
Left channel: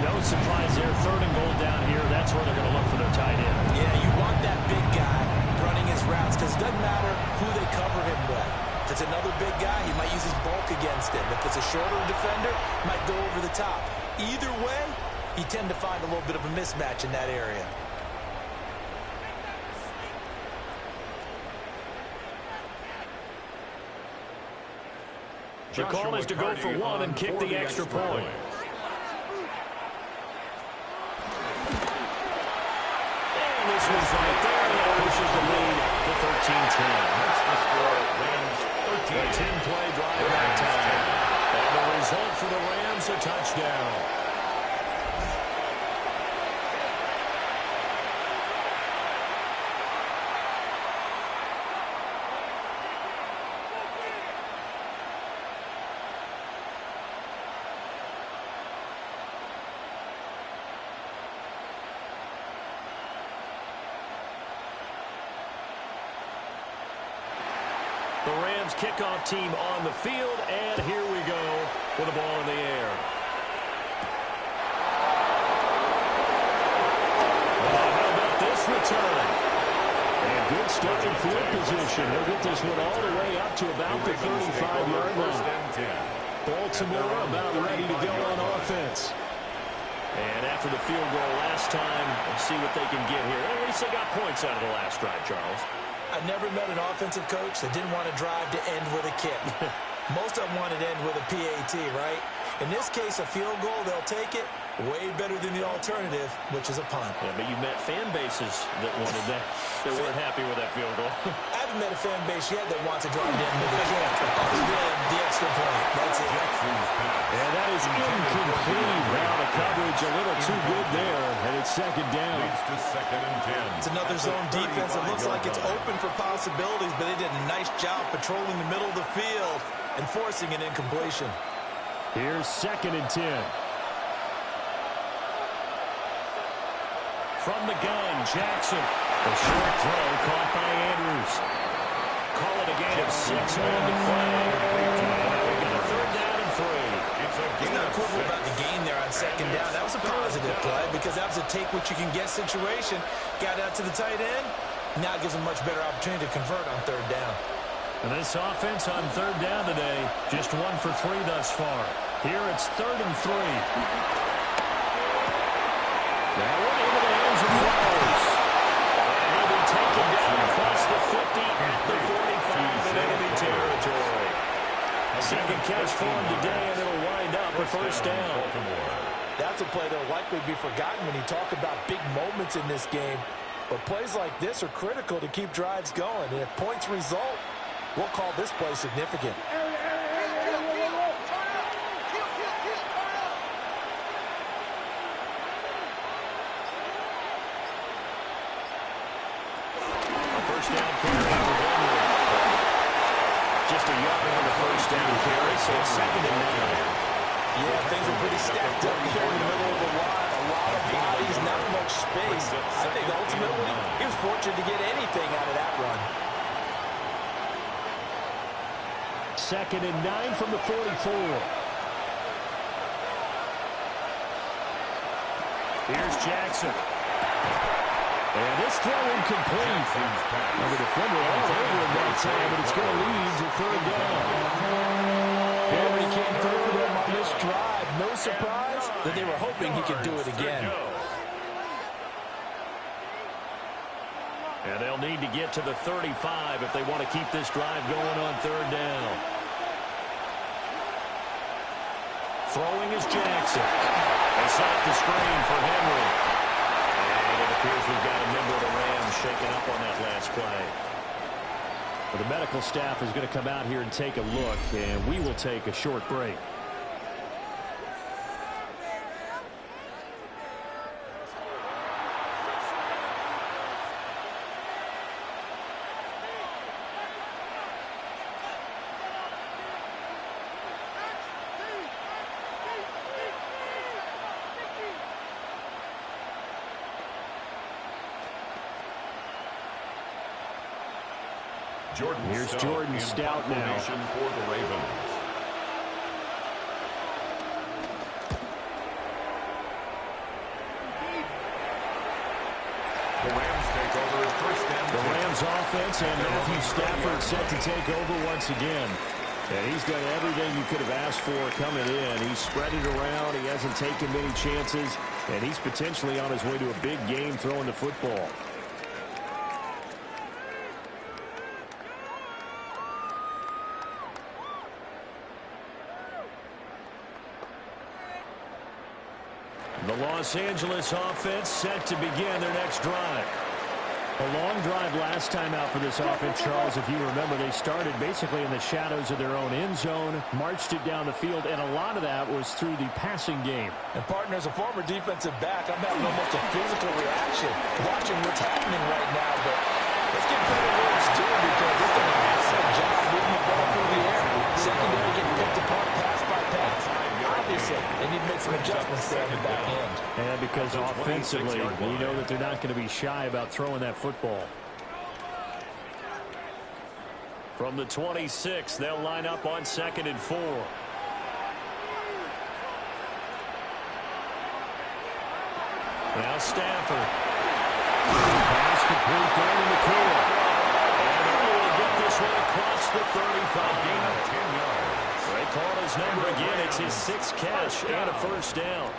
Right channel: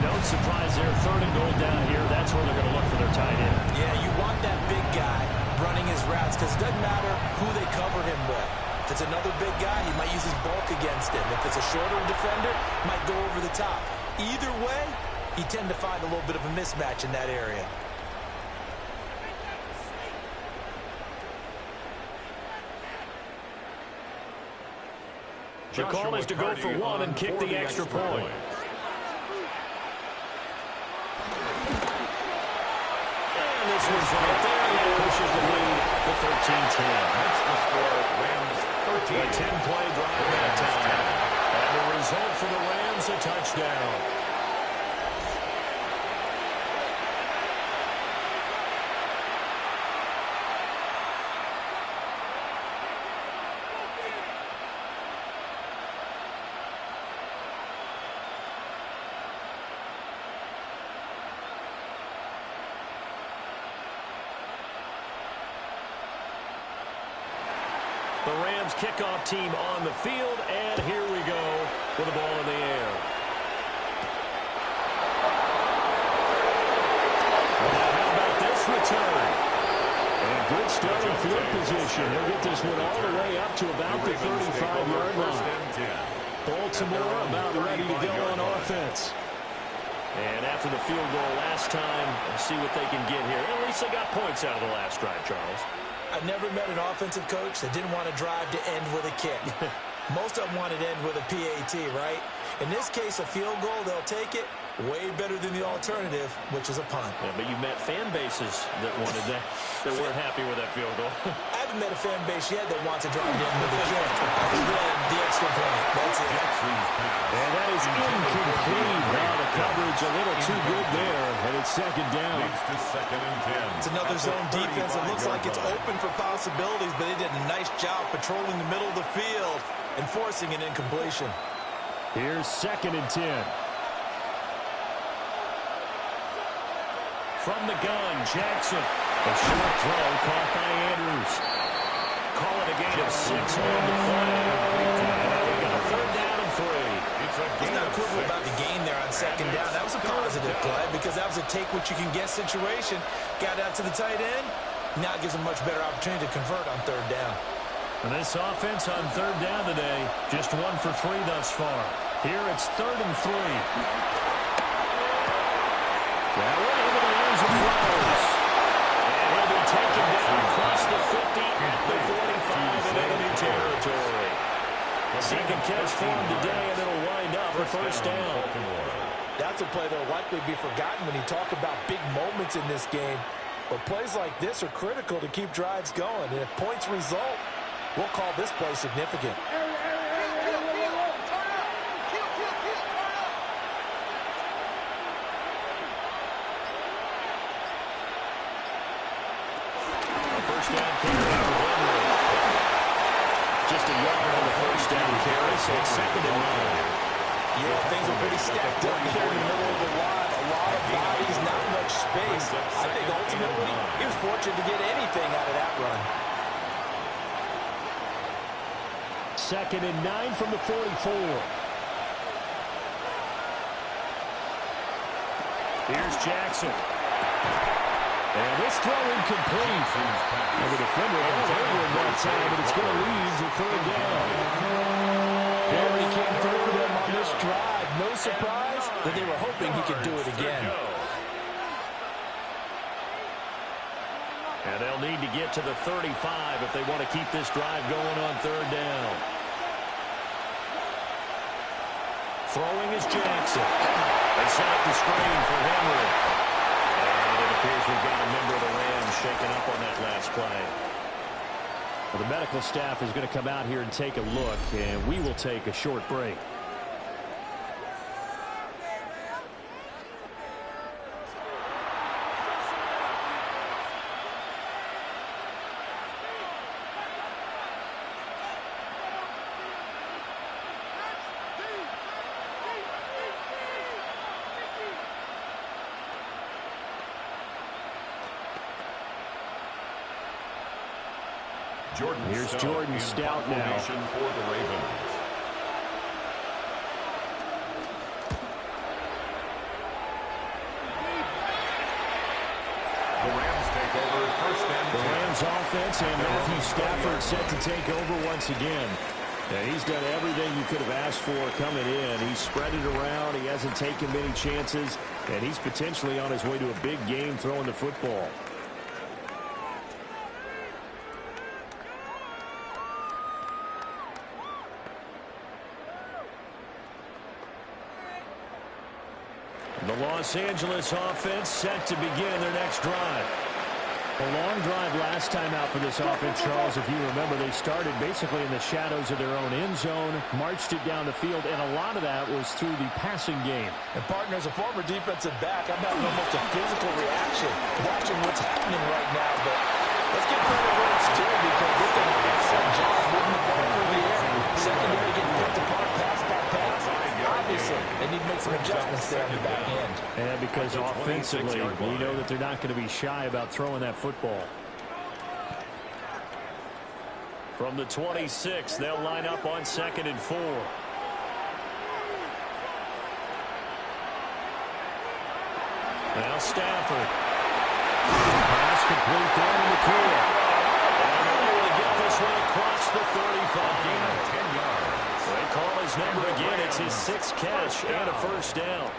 No surprise there. 3rd and goal down here. That's where they're going to look for their tight end. Yeah, you want that big guy running his routes because it doesn't matter who they cover him with. If it's another big guy, he might use his bulk against him. If it's a shorter defender, he might go over the top. Either way, you tend to find a little bit of a mismatch in that area. The call is to go for 1 and kick the extra point. And this one's right there. That pushes the lead to 13-10. That's the score. Rams 13. A 10-play drive that time. And the result for the Rams, a touchdown. The Rams kickoff team on the field, and here we go with the ball in the air. Now, how about this return? And good starting field position. He'll get this one all the way up to about the 35-yard line. Baltimore about ready to go on offense. And after the field goal last time, we'll see what they can get here. At least they got points out of the last drive, Charles. I've never met an offensive coach that didn't want to drive to end with a kick. Most of them want to end with a PAT, right? In this case, a field goal, they'll take it. Way better than the alternative, which is a punt. Yeah, but you met fan bases that wanted that, that weren't happy with that field goal. I haven't met a fan base yet that wants to drive to end with a kick, other than the extra point. That's it. And that is incomplete. Now the coverage a little too good there, and it's 2nd down. Leads to 2nd and 10. It's another zone defense. It looks like it's open for possibilities, but they did a nice job patrolling the middle of the field and forcing an incompletion. Here's 2nd and 10. From the gun, Jackson. A short throw caught by Andrews. Call it a gain of 6 on the play. And we got a 3rd down and 3. It's not quibble about the gain there on 2nd down. That was a positive play because that was a take-what-you-can-get situation. Got out to the tight end. Now it gives them much better opportunity to convert on 3rd down. And this offense on 3rd down today, just 1 for 3 thus far. Here it's 3rd and 3. That one into the hands of Flowers. And he'll be taken down across the 50 at the 45 in enemy territory. A 2nd catch for him today, and it'll wind up a 1st down. That's a play that'll likely be forgotten when you talk about big moments in this game. But plays like this are critical to keep drives going. And if points result, we'll call this play significant. First down carry for Henry. Just a yard on the 1st down carry, so it's 2nd and 9. Yeah, things are pretty stacked up here in the middle of the line. A lot of bodies, not much space. I think ultimately he was fortunate to get anything out of that run. 2nd and 9 from the 44. Here's Jackson. And this throw incomplete. And the defender all over him that time, but it's going to lead to 3rd down. Henry came through for them on this drive. No surprise that they were hoping he could do it again. And they'll need to get to the 35 if they want to keep this drive going on 3rd down. Throwing is Jackson. They set up the screen for Henry. And it appears we've got a member of the Rams shaken up on that last play. Well, the medical staff is going to come out here and take a look, and we will take a short break. Here's Jordan Stout now. For the Ravens. The Rams take over first and 10. The Rams offense and Matthew Stafford set to take over once again. And he's done everything you could have asked for coming in. He's spread it around. He hasn't taken many chances. And he's potentially on his way to a big game throwing the football. The Los Angeles offense set to begin their next drive. A long drive last time out for this offense, Charles. If you remember, they started basically in the shadows of their own end zone, marched it down the field, and a lot of that was through the passing game. And, partner, as a former defensive back, I'm having almost a physical reaction watching what's happening right now. But let's give credit where it's due because they've done an excellent job moving the ball through the air. Secondary getting picked apart pass by pass. Obviously, they need to make some adjustments there on the back end. And because offensively, we know that they're not going to be shy about throwing that football. From the 26, they'll line up on 2nd and 4. Now Stafford. Pass complete there to McCoy. And they're able to get this one across the 35. Gain of 10 yards. They call his number again. It's his 6th catch and a first down.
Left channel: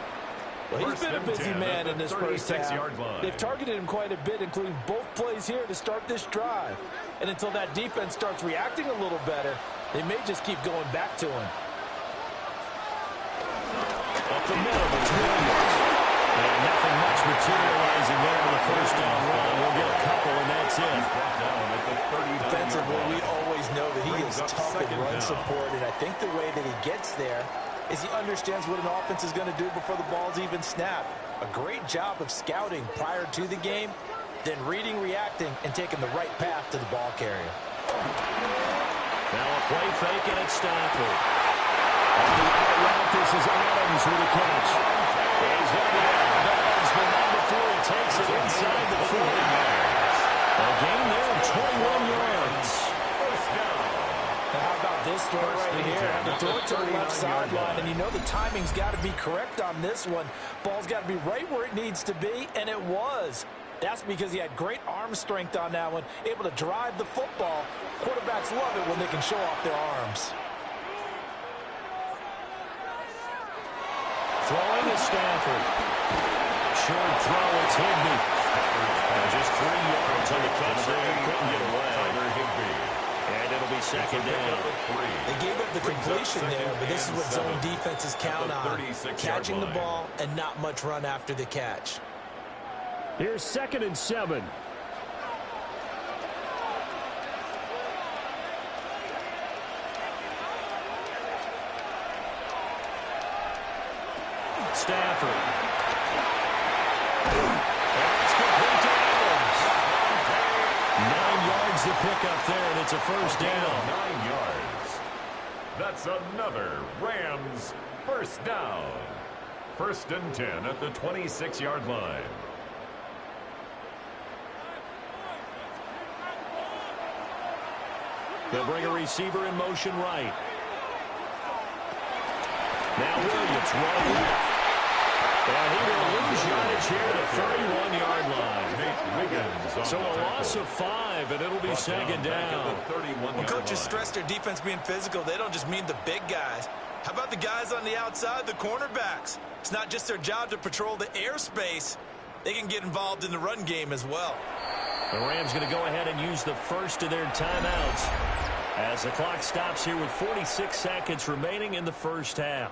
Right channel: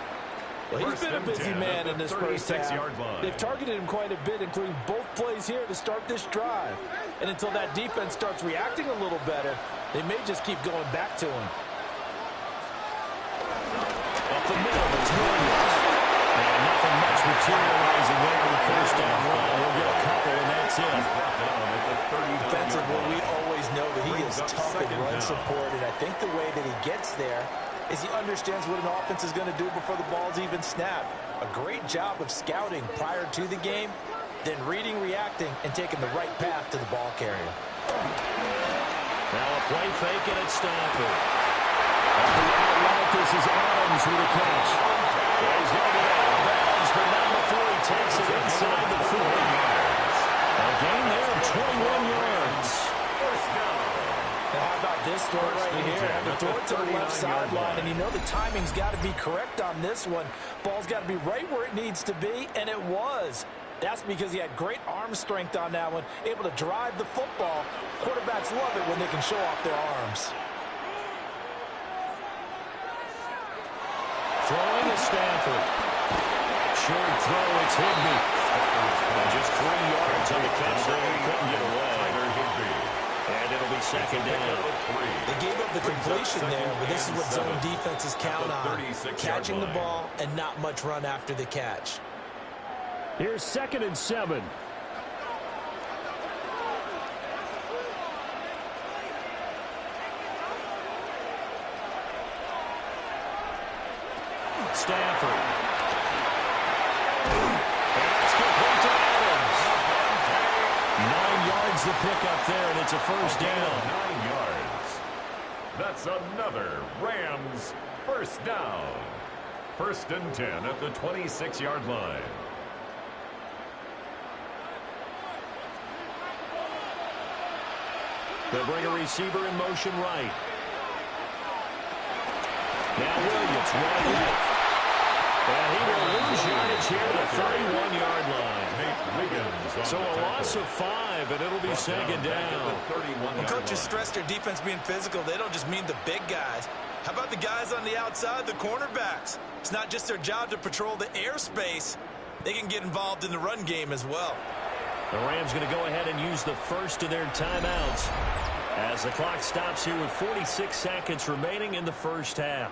Well, he's been a busy man in this first half. They've targeted him quite a bit, including both plays here to start this drive. And until that defense starts reacting a little better, they may just keep going back to him. Up the middle, it's Williams. And nothing much materializing there on the first down run. He'll get a couple, and that's it. He's brought down at the 39-yard Defensively, we line. always know that he is tough in run support, and I think the way that he gets there is he understands what an offense is going to do before the ball's even snapped. A great job of scouting prior to the game, then reading, reacting, and taking the right path to the ball carrier. Now a play fake, and it's Stafford. On the out route, this is Adams with a catch. He's going to be out of bounds, but not before he takes it inside the 40 yards. A gain there of 21 yards. First down. Now how about this throw right here? Had to throw it to the left sideline, and you know the timing's got to be correct on this one. Ball's got to be right where it needs to be, and it was. That's because he had great arm strength on that one, able to drive the football. Quarterbacks love it when they can show off their arms. Throwing is Stafford. Short throw, it's Higbee. Just 3 yards on the catch there. He couldn't get away. And it'll be second down. They gave up the completion there, but this is what zone defenses count on. Catching the ball and not much run after the catch. Here's 2nd and 7. Stafford. And that's complete to Adams. 9 yards to pick up there, and it's a first down. 9 yards. That's another Rams first down. 1st and 10 at the 26-yard line. They'll bring a receiver in motion right. Now Williams running left. And he will lose yardage here to the 31-yard line. So a loss of 5, and it'll be second down. When coaches stress their defense being physical, they don't just mean the big guys. How about the guys on the outside, the cornerbacks? It's not just their job to patrol the airspace. They can get involved in the run game as well. The Rams going to go ahead and use the first of their timeouts as the clock stops here with 46 seconds remaining in the first half.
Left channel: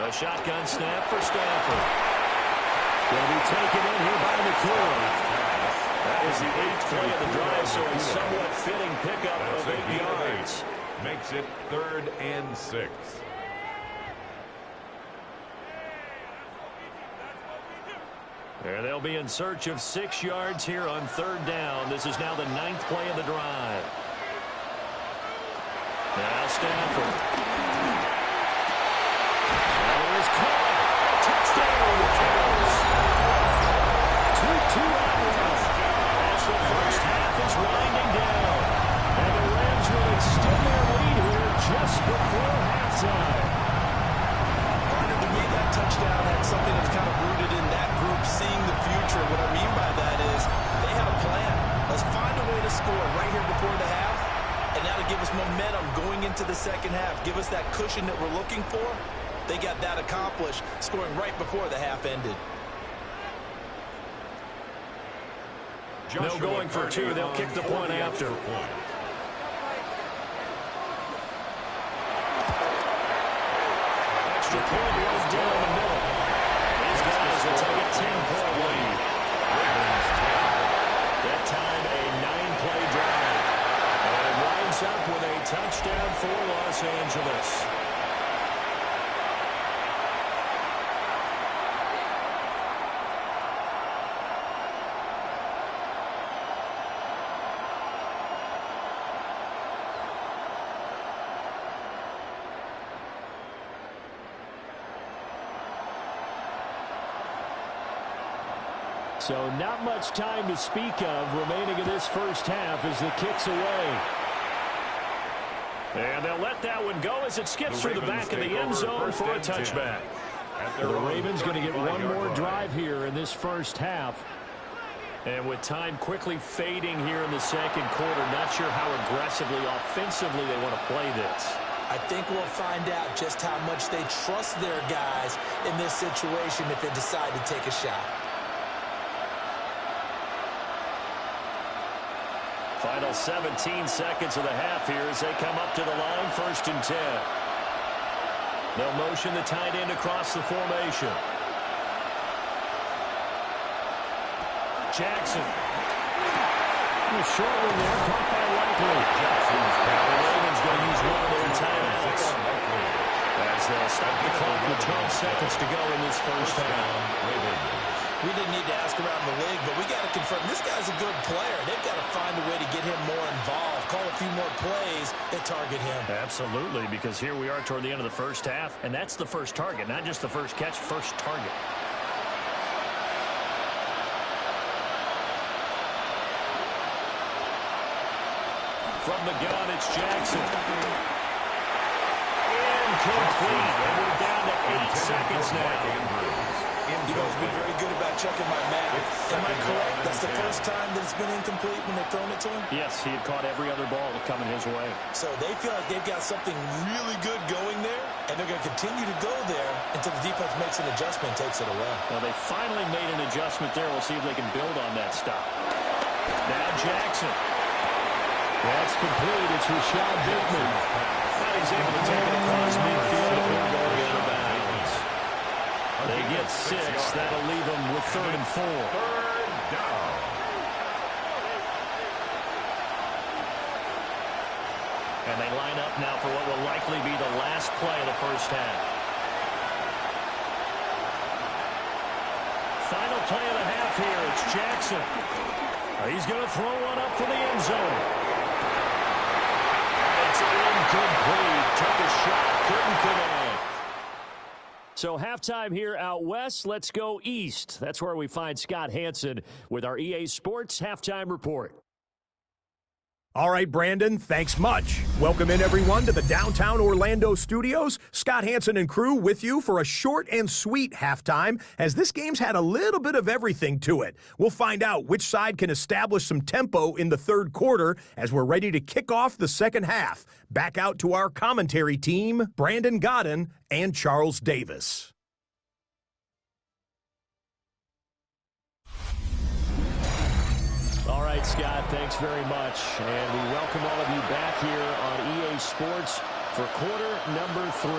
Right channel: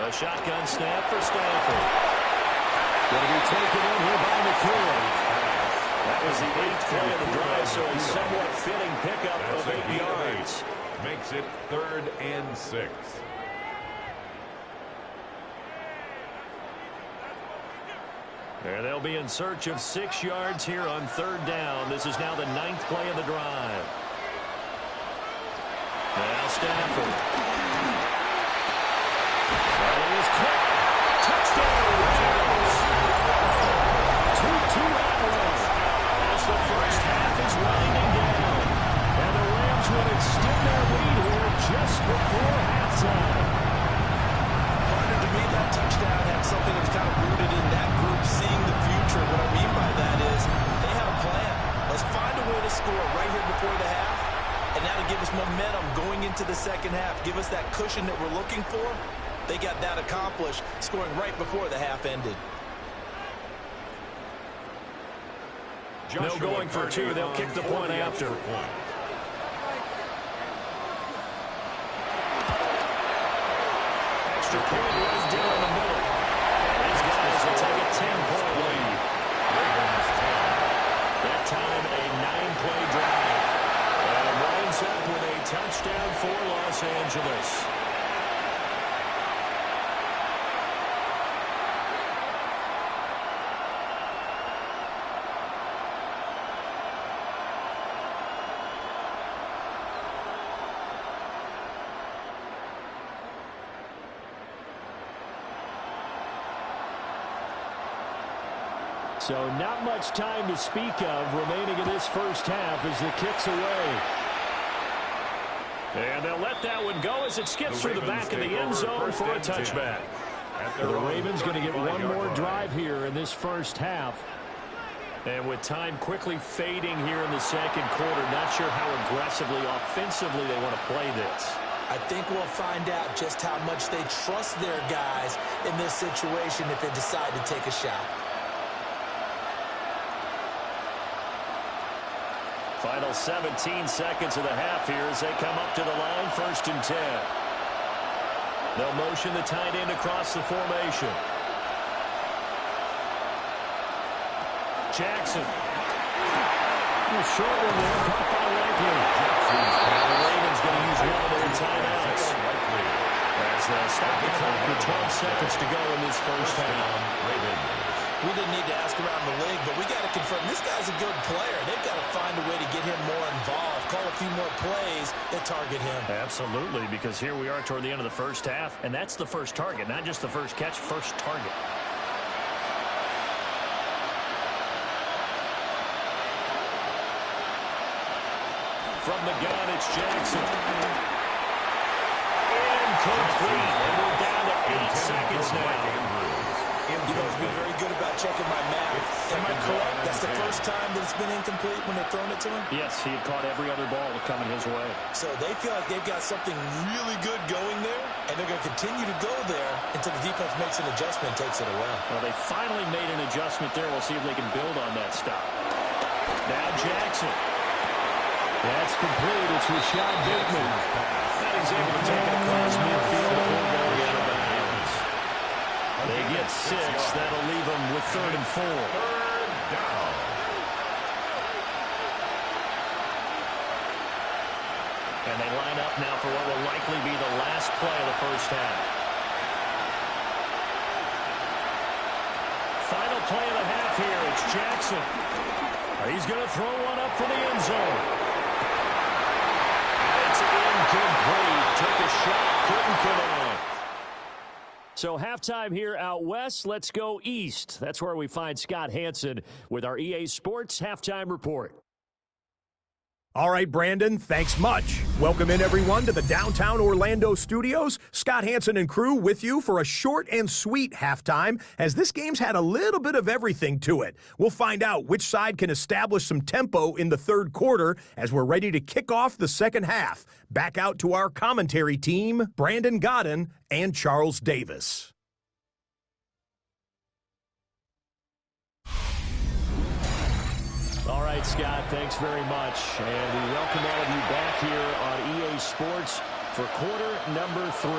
A shotgun snap for Stafford. Going to be taken in here by McCoy. That was the 8th play of the drive, so a somewhat fitting pickup of 8 yards. Makes it 3rd and 6. There they'll be in search of 6 yards here on 3rd down. This is now the 9th play of the drive. Now Stafford. That is caught. Touchdown, Rams. 2-2 Admiral. As the first half is winding down. And the Rams will extend their lead here just before halftime. Partner, to me, that touchdown had something that was kind of rooted in that group seeing the future. What I mean by that is they had a plan. Let's find a way to score right here before the half. And now to give us momentum going into the second half. Give us that cushion that we're looking for. They got that accomplished, scoring right before the half ended. No going for two. They'll kick the point after. Extra point runs down the middle. And his guys will take a 10-point lead. Ravens 10. That time a 9-play drive. And it winds up with a touchdown for Los Angeles. So not much time to speak of remaining in this first half as the kick's away. And they'll let that one go as it skips through the back of the end zone for a touchback. The Ravens going to get one more drive here in this first half. And with time quickly fading here in the second quarter, not sure how aggressively, offensively they want to play this. I think we'll find out just how much they trust their guys in this situation if they decide to take a shot. Final 17 seconds of the half here as they come up to the line, 1st and 10. They'll motion the tight end across the formation. Jackson. A short one there, caught by Likely. The Ravens going to use one of their timeouts as they'll stop the clock with 12 seconds to go in this first half. We didn't need to ask around the league, but we got to confirm this guy's a good player. They've got to find a way to get him more involved, call a few more plays that target him. Absolutely, because here we are toward the end of the first half, and that's the first target, not just the first catch, first target. From the gun, it's Jackson. Incomplete, and we're down to 8 seconds now. You guys have been very good about checking my math. Am I correct? That's the first time that it's been incomplete when they've thrown it to him? Yes, he had caught every other ball coming his way. So they feel like they've got something really good going there, and they're going to continue to go there until the defense makes an adjustment and takes it away. Well, they finally made an adjustment there. We'll see if they can build on that stop. Now Jackson. That's complete. It's Rashad Bateman. Now he's able to take it across midfield before going out of bounds. They get 6. That'll leave them with 3rd and 4. 3rd down. And they line up now for what will likely be the last play of the first half. Final play of the half here. It's Jackson. He's going to throw one up for the end zone. And it's incomplete. Took a shot, couldn't connect. So halftime here out west. Let's go east. That's where we find Scott Hanson with our EA Sports Halftime Report. All right, Brandon, thanks much. Welcome in, everyone, to the downtown Orlando studios. Scott Hanson and crew with you for a short and sweet halftime, as this game's had a little bit of everything to it. We'll find out which side can establish some tempo in the third quarter as we're ready to kick off the second half. Back out to our commentary team, Brandon Godden and Charles Davis. All right, Scott, thanks very much. And we welcome all of you back here on EA Sports for quarter number 3.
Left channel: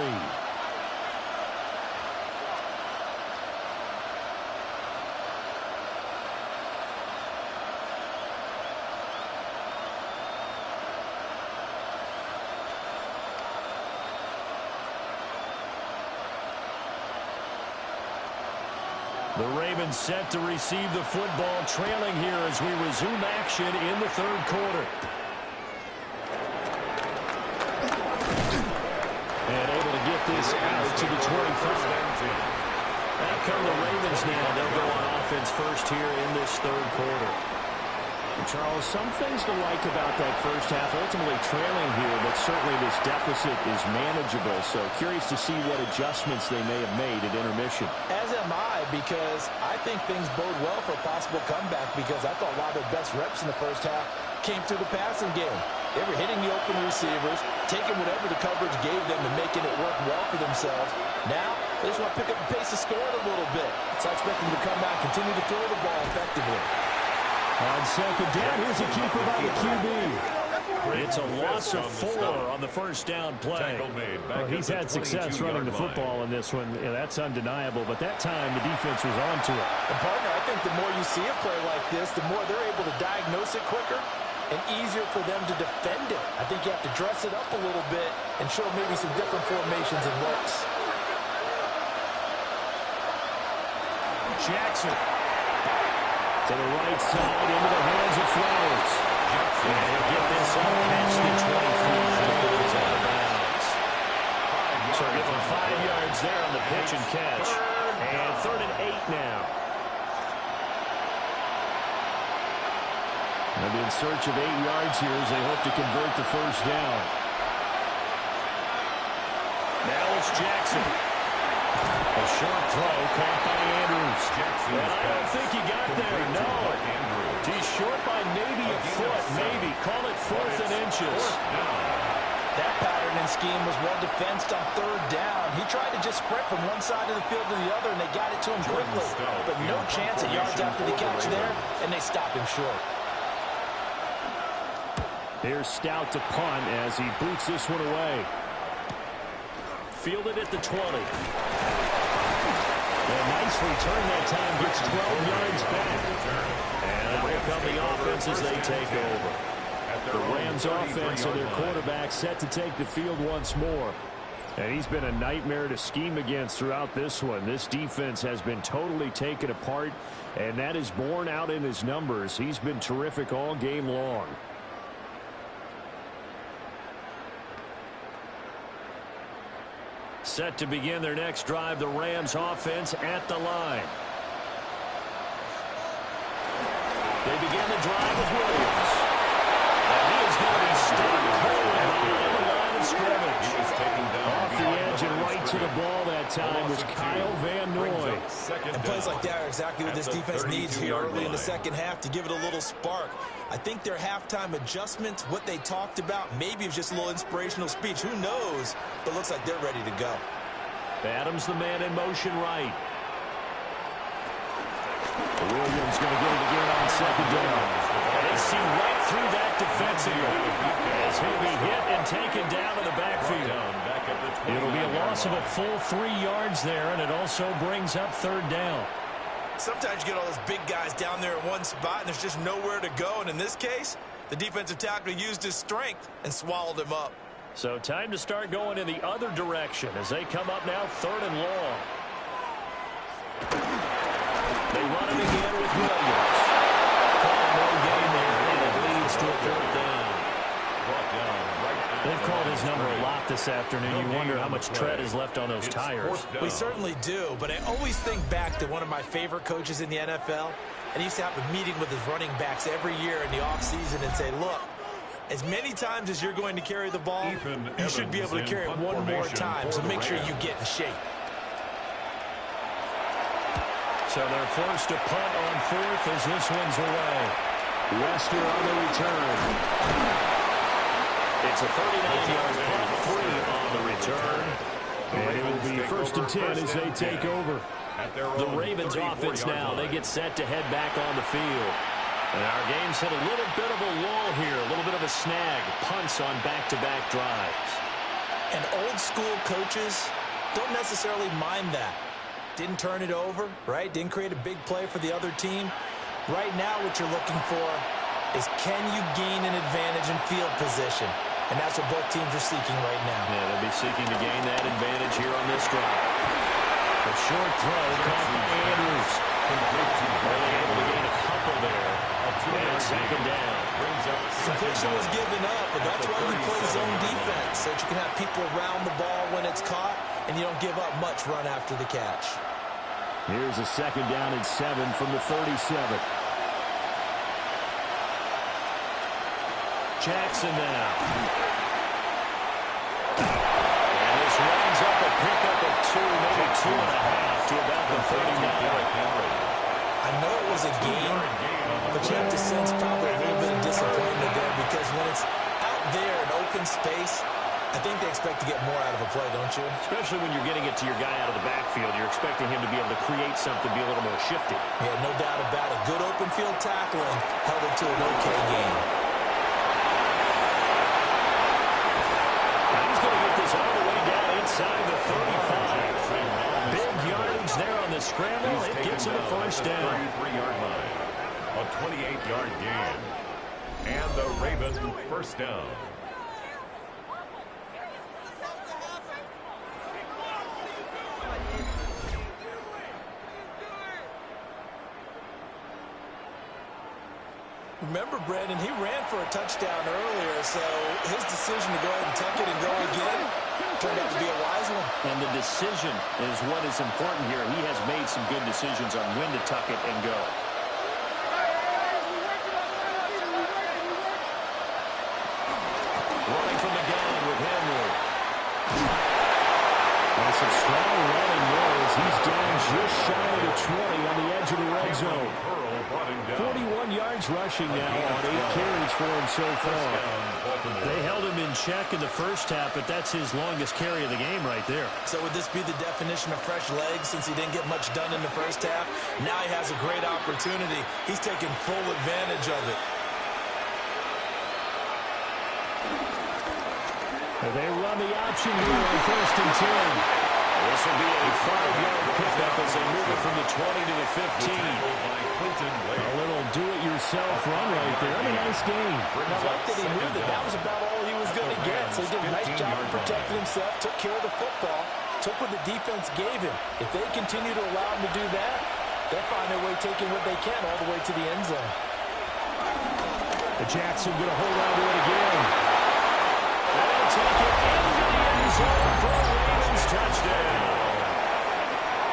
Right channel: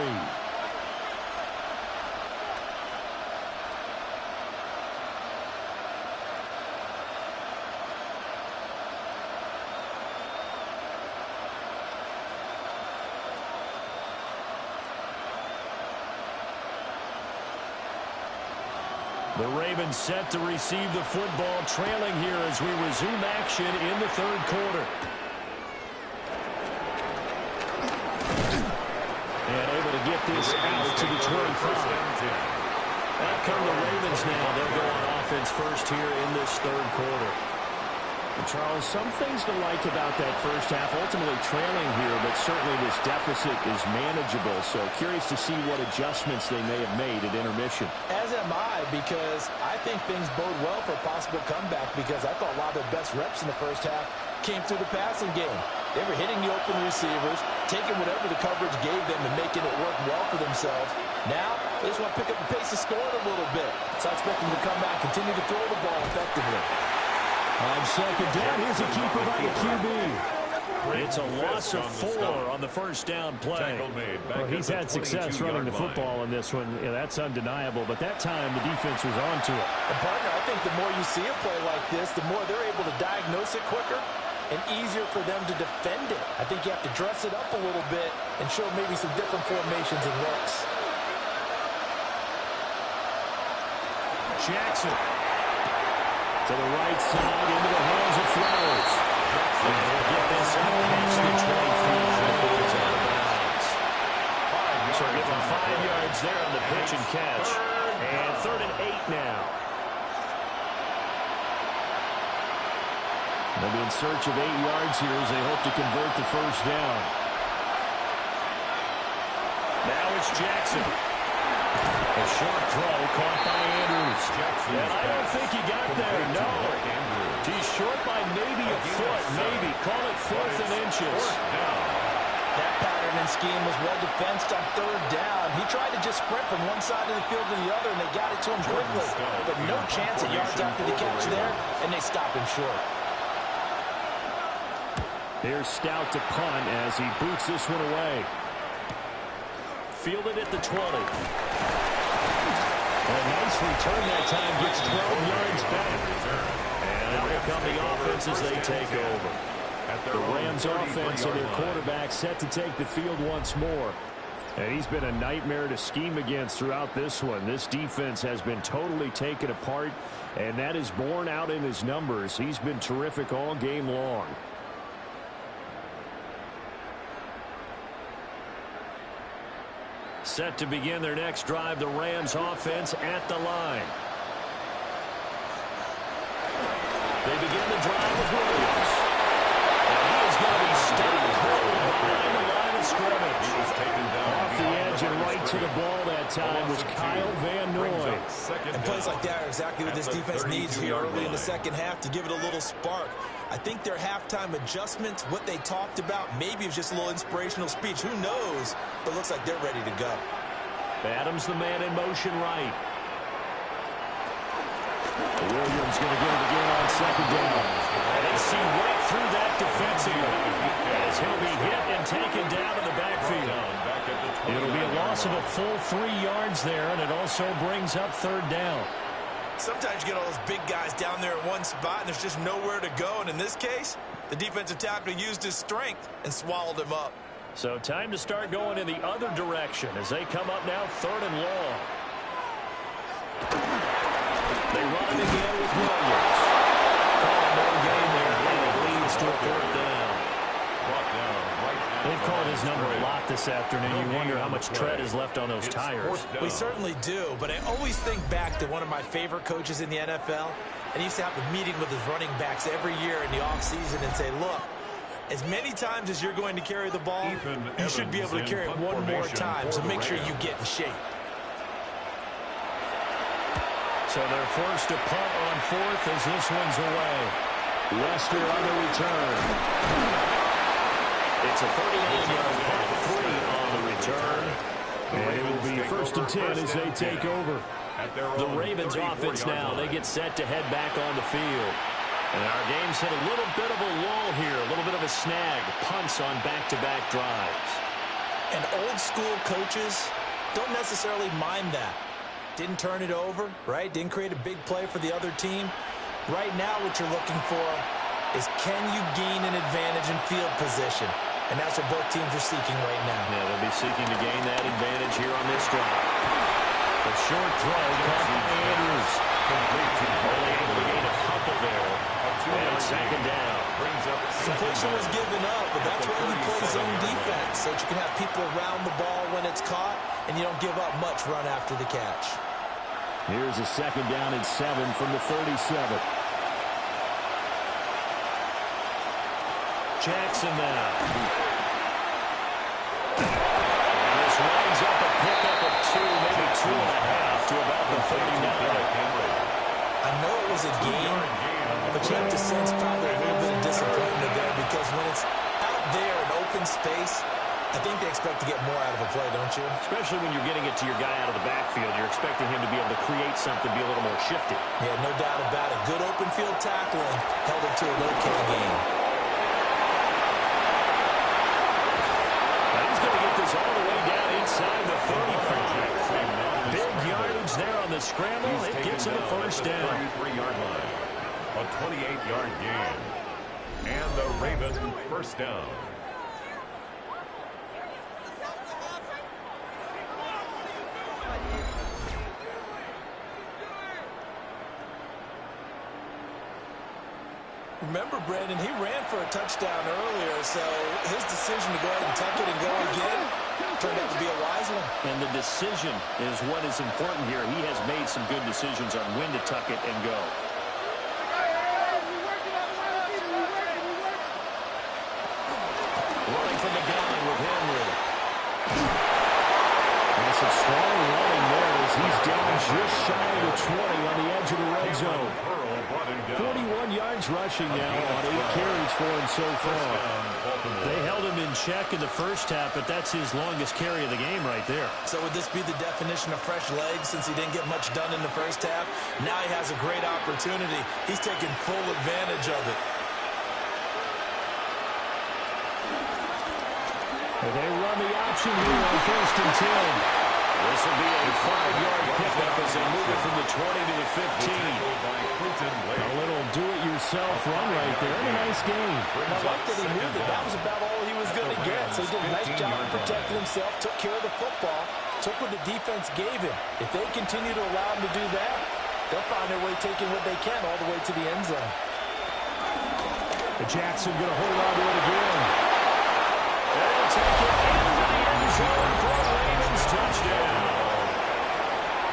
The Ravens set to receive the football, trailing here as we resume action in the third quarter. to get this out to the 25. Out come the Ravens now. They'll go on offense first here in this third quarter. And Charles, some things to like about that first half. Ultimately trailing here, but certainly this deficit is manageable. So curious to see what adjustments they may have made at intermission. As am I, because I think things bode well for a possible comeback, because I thought a lot of their best reps in the first half came through the passing game. They were hitting the open receivers, taking whatever the coverage gave them and making it work well for themselves. Now, they just want to pick up the pace of scoring a little bit. So I expect them to come back, continue to throw the ball effectively. On second down, here's a keeper by the QB. It's a loss of 4 on the first down play. Well, he's had success running the football in this one. Yeah, that's undeniable, but that time the defense was onto it. And partner, I think the more you see a play like this, the more they're able to diagnose it quicker and easier for them to defend it. I think you have to dress it up a little bit and show maybe some different formations and looks. Jackson to the right side, into the hands of Flowers. And he'll get this up past the 25 before it's out of bounds. So give him 5 yards there on the pitch and catch. And 3rd and 8 now. They'll be in search of 8 yards here as they hope to convert the first down. Now it's Jackson. A short throw caught by Andrews. And I don't think he got there, no. He's short by maybe a foot, maybe. Call it 4th and inches. That pattern and scheme was well defensed on 3rd down. He tried to just sprint from one side of the field to the other, and they got it to him quickly. But no chance at yards after the catch there, and they stop him short. Here's Stout to punt as he boots this one away. Fielded at the 20. A nice return that time, gets 12 yards back. And here come the offense as they take over. The Rams offense and their quarterback set to take the field once more. And he's been a nightmare to scheme against throughout this one. This defense has been totally taken apart, and that is borne out in his numbers. He's been terrific all game long. Set to begin their next drive, the Rams offense at the line. They begin the drive with Williams. And he is going to be stopped cold behind the line of scrimmage. He was taken down off the edge and right to the ball that time was Kyle Van Noy. And plays like that are exactly what this defense needs here early in the second half to give it a little spark. I think their halftime adjustments, what they talked about, maybe it was just a little inspirational speech. Who knows? But it looks like they're ready to go. Adams the man in motion right. Williams going to get it again on second down. And they see right through that defensively as he'll be hit and taken down in the backfield. It'll be a loss of a full 3 yards there, and it also brings up 3rd down. Sometimes you get all those big guys down there in one spot, and there's just nowhere to go. And in this case, the defensive tackle used his strength and swallowed him up. So time to start going in the other direction as they come up now 3rd and long. They run it again with Williams. Calling no gain there, and it leads to a 4th down. They've called his number a lot this afternoon. You wonder how much tread is left on those tires. We certainly do, but I always think back to one of my favorite coaches in the NFL, and he used to have a meeting with his running backs every year in the offseason and say, look, as many times as you're going to carry the ball, you should be able to carry it one more time, so make sure you get in shape. So they're forced to punt on 4th as this one's away. Lester on the return. It's a 39-yard punt, 3 on the return. And it will be 1st and 10 as they take over. The Ravens offense now, they get set to head back on the field. And our game's hit a little bit of a lull here, a little bit of a snag. Punts on back-to-back drives. And old-school coaches don't necessarily mind that. Didn't turn it over, right? Didn't create a big play for the other team. Right now what you're looking for is can you gain an advantage in field position? And that's what both teams are seeking right now. Yeah, they'll be seeking to gain that advantage here on this drive. A short throw caught by Andrews. complete to Only able to gain a couple there. And second down. Brings up Completion was given up, but that's why you play zone defense, so that you can have people around the ball when it's caught, and you don't give up much run after the catch. Here's a second down and 7 from the 37. Jackson now. And this winds up a pickup of 2, maybe 2.5 to about the 39. I know it was a game, but you have to sense probably a little bit of disappointment there, because when it's out there in open space, I think they expect to get more out of a play, don't you? Especially when you're getting it to your guy out of the backfield. You're expecting him to be able to create something, be a little more shifty. Yeah, no doubt about it. Good open field tackling held it to an okay game. Now he's going to get this all the way down inside the 35. Big yardage there on the scramble. It gets him the first down. 33-yard line. A 28-yard gain. And the Ravens first down. Remember, Brandon, he ran for a touchdown earlier, so his decision to go ahead and tuck it and go again turned out to be a wise one. And the decision is what is important here. He has made some good decisions on when to tuck it and go. Running from the gun with Henry. And some strong running there as he's down just shy of the 20 on the edge of the red zone. 41 yards rushing now on 8 carries for him so far. They held him in check in the first half, but that's his longest carry of the game right there. So would this be the definition of fresh legs since he didn't get much done in the first half? Now he has a great opportunity. He's taking full advantage of it. They run the option here on 1st and 10. This will be a 5-yard pickup as they move it from the 20 to the 15. A little do-it-yourself run right there. And a nice game. I like that he knew that was about all he was going to get. So he did a nice job protecting himself, took care of the football, took what the defense gave him. If they continue to allow him to do that, they'll find their way taking what they can all the way to the end zone. Jackson going to hold on to it again. And they'll take it into the end zone for a Ravens touchdown.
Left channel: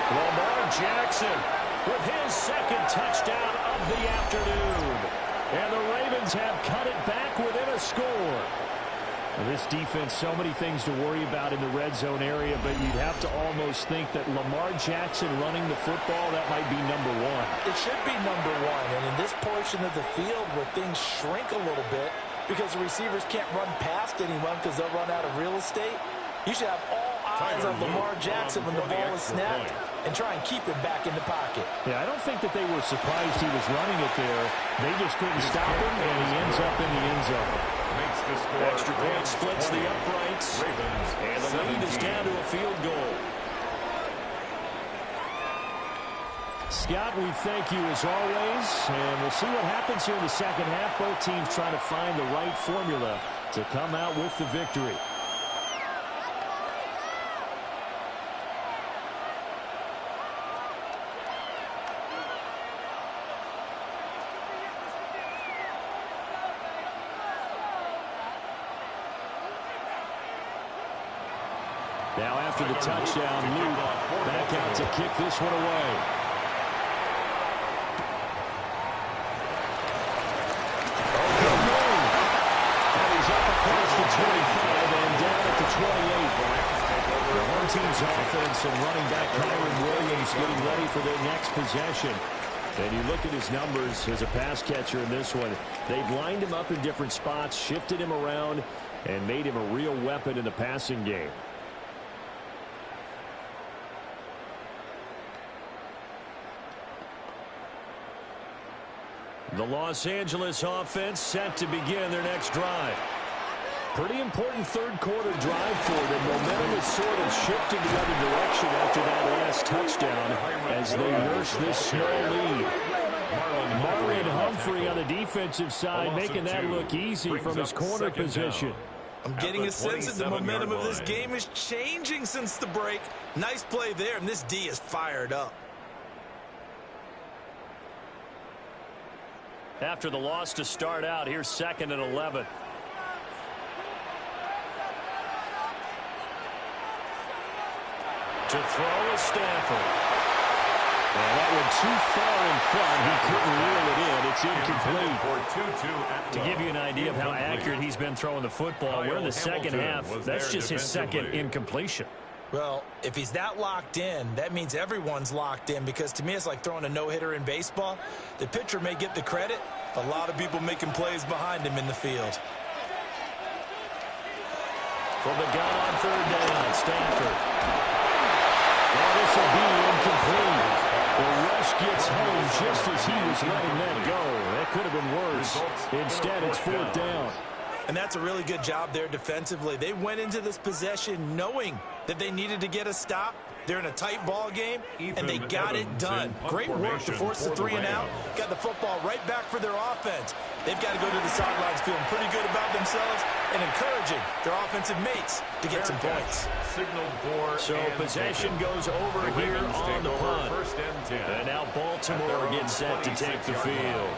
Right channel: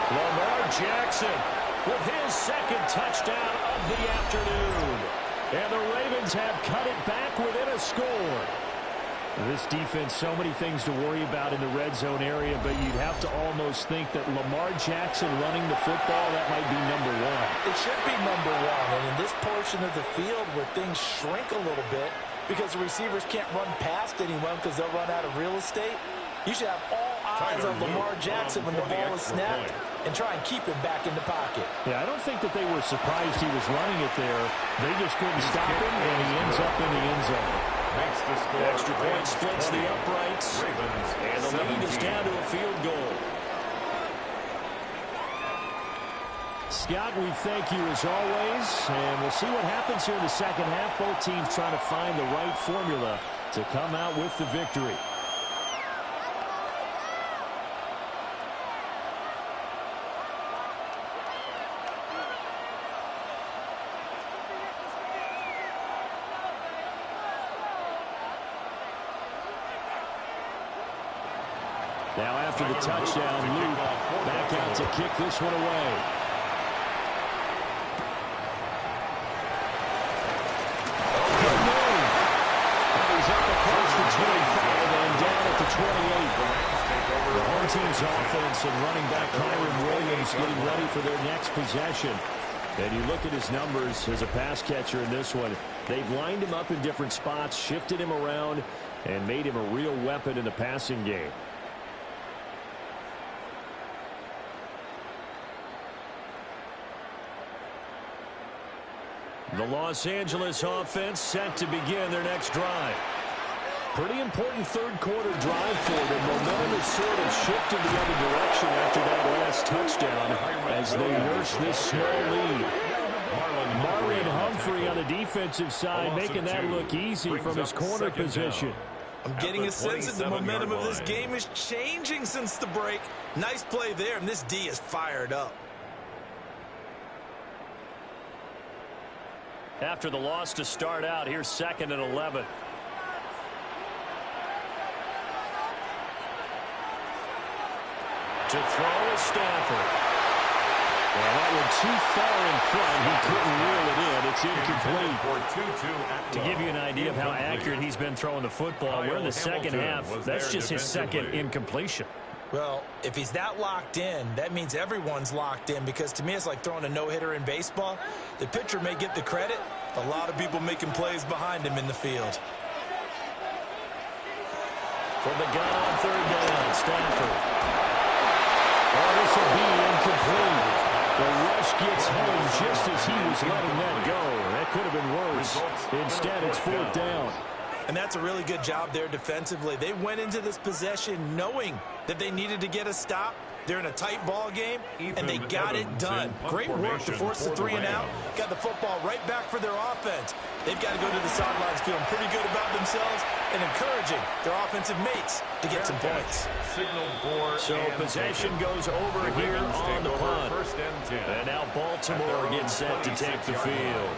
Lamar Jackson with his second touchdown of the afternoon. And the Ravens have cut it back within a score. This defense, so many things to worry about in the red zone area, but you'd have to almost think that Lamar Jackson running the football, that might be number one. It should be number one. And in this portion of the field where things shrink a little bit, because the receivers can't run past anyone because they'll run out of real estate, you should have all eyes on Lamar Jackson when the ball is snapped and try and keep him back in the pocket. Yeah, I don't think that they were surprised he was running it there. They just couldn't stop him, and he ends up in the end zone. Makes the score. Extra point splits the uprights, and the lead is down to a field goal. Scott, we thank you as always, and we'll see what happens here in the second half. Both teams trying to find the right formula to come out with the victory. Now after the touchdown, Luke back out to kick this one away. Oh, good move. And he's up across the 25 and down at the 28. The home team's offense and running back Kyron Williams getting ready for their next possession. And you look at his numbers as a pass catcher in this one. They've lined him up in different spots, shifted him around, and made him a real weapon in the passing game. The Los Angeles offense set to begin their next drive. Pretty important third quarter drive for them. Momentum has sort of shifted the other direction after that last touchdown as they nurse this small lead. Marlon Humphrey on the defensive side making that look easy from his corner position. I'm getting a sense that the momentum of this game is changing since the break. Nice play there, and this D is fired up. After the loss to start out, here's 2nd and 11. To throw is Stafford. And that one too far in front. He couldn't reel it in. It's incomplete. To give you an idea of how accurate he's been throwing the football, we're in the second half. That's just his second incompletion. Well, if he's that locked in, that means everyone's locked in, because to me it's like throwing a no-hitter in baseball. The pitcher may get the credit. A lot of people making plays behind him in the field. From the gun on 3rd down, Stafford. Oh, this will be incomplete. The rush gets home just as he was letting that go. That could have been worse. Instead, it's 4th down. And that's a really good job there defensively. They went into this possession knowing that they needed to get a stop. They're in a tight ball game, and they got it done. Great work to force the 3 and out. Got the football right back for their offense. They've got to go to the sidelines feeling pretty good about themselves and encouraging their offensive mates to get some points. So possession goes over here on the punt. And now Baltimore gets set to take the field.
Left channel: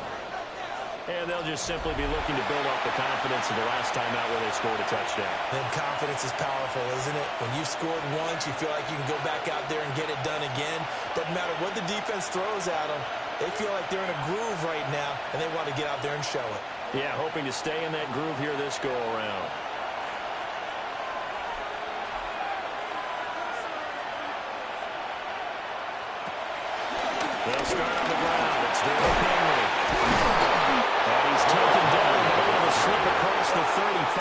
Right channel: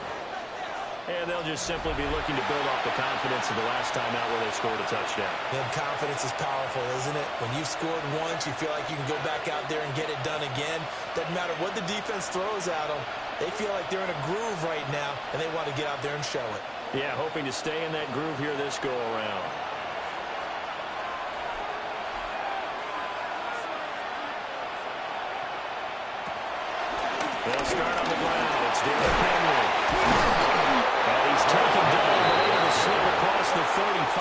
And they'll just simply be looking to build off the confidence of the last time out where they scored a touchdown. Then confidence is powerful, isn't it? When you've scored once, you feel like you can go back out there and get it done again. Doesn't matter what the defense throws at them. They feel like they're in a groove right now, and they want to get out there and show it. Yeah, hoping to stay in that groove here this go-around. They'll start on the ground. It's Derrick Henry. And he's taken down, but able to slip across the 35.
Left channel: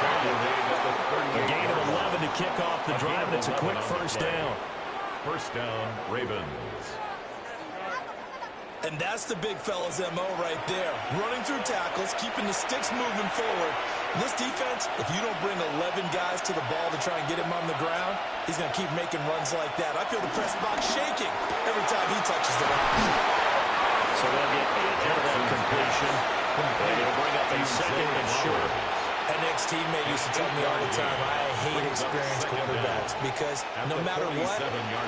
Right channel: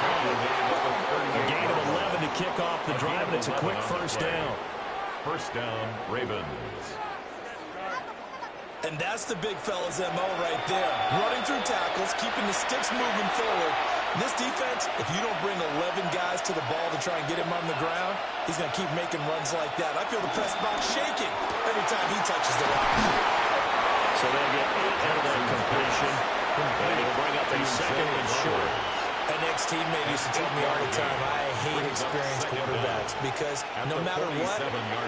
A gain of 11 to kick off the drive, and it's a quick 1st down. 1st down, Ravens. And that's the big fella's MO right there. Running through tackles, keeping the sticks moving forward. This defense, if you don't bring 11 guys to the ball to try and get him on the ground, he's going to keep making runs like that. I feel the press box shaking every time he touches the rock. So they'll get 8 out of that completion. And he'll bring up a 2nd and short. An ex-teammate used to tell me all the time, I hate experienced quarterbacks because no matter what,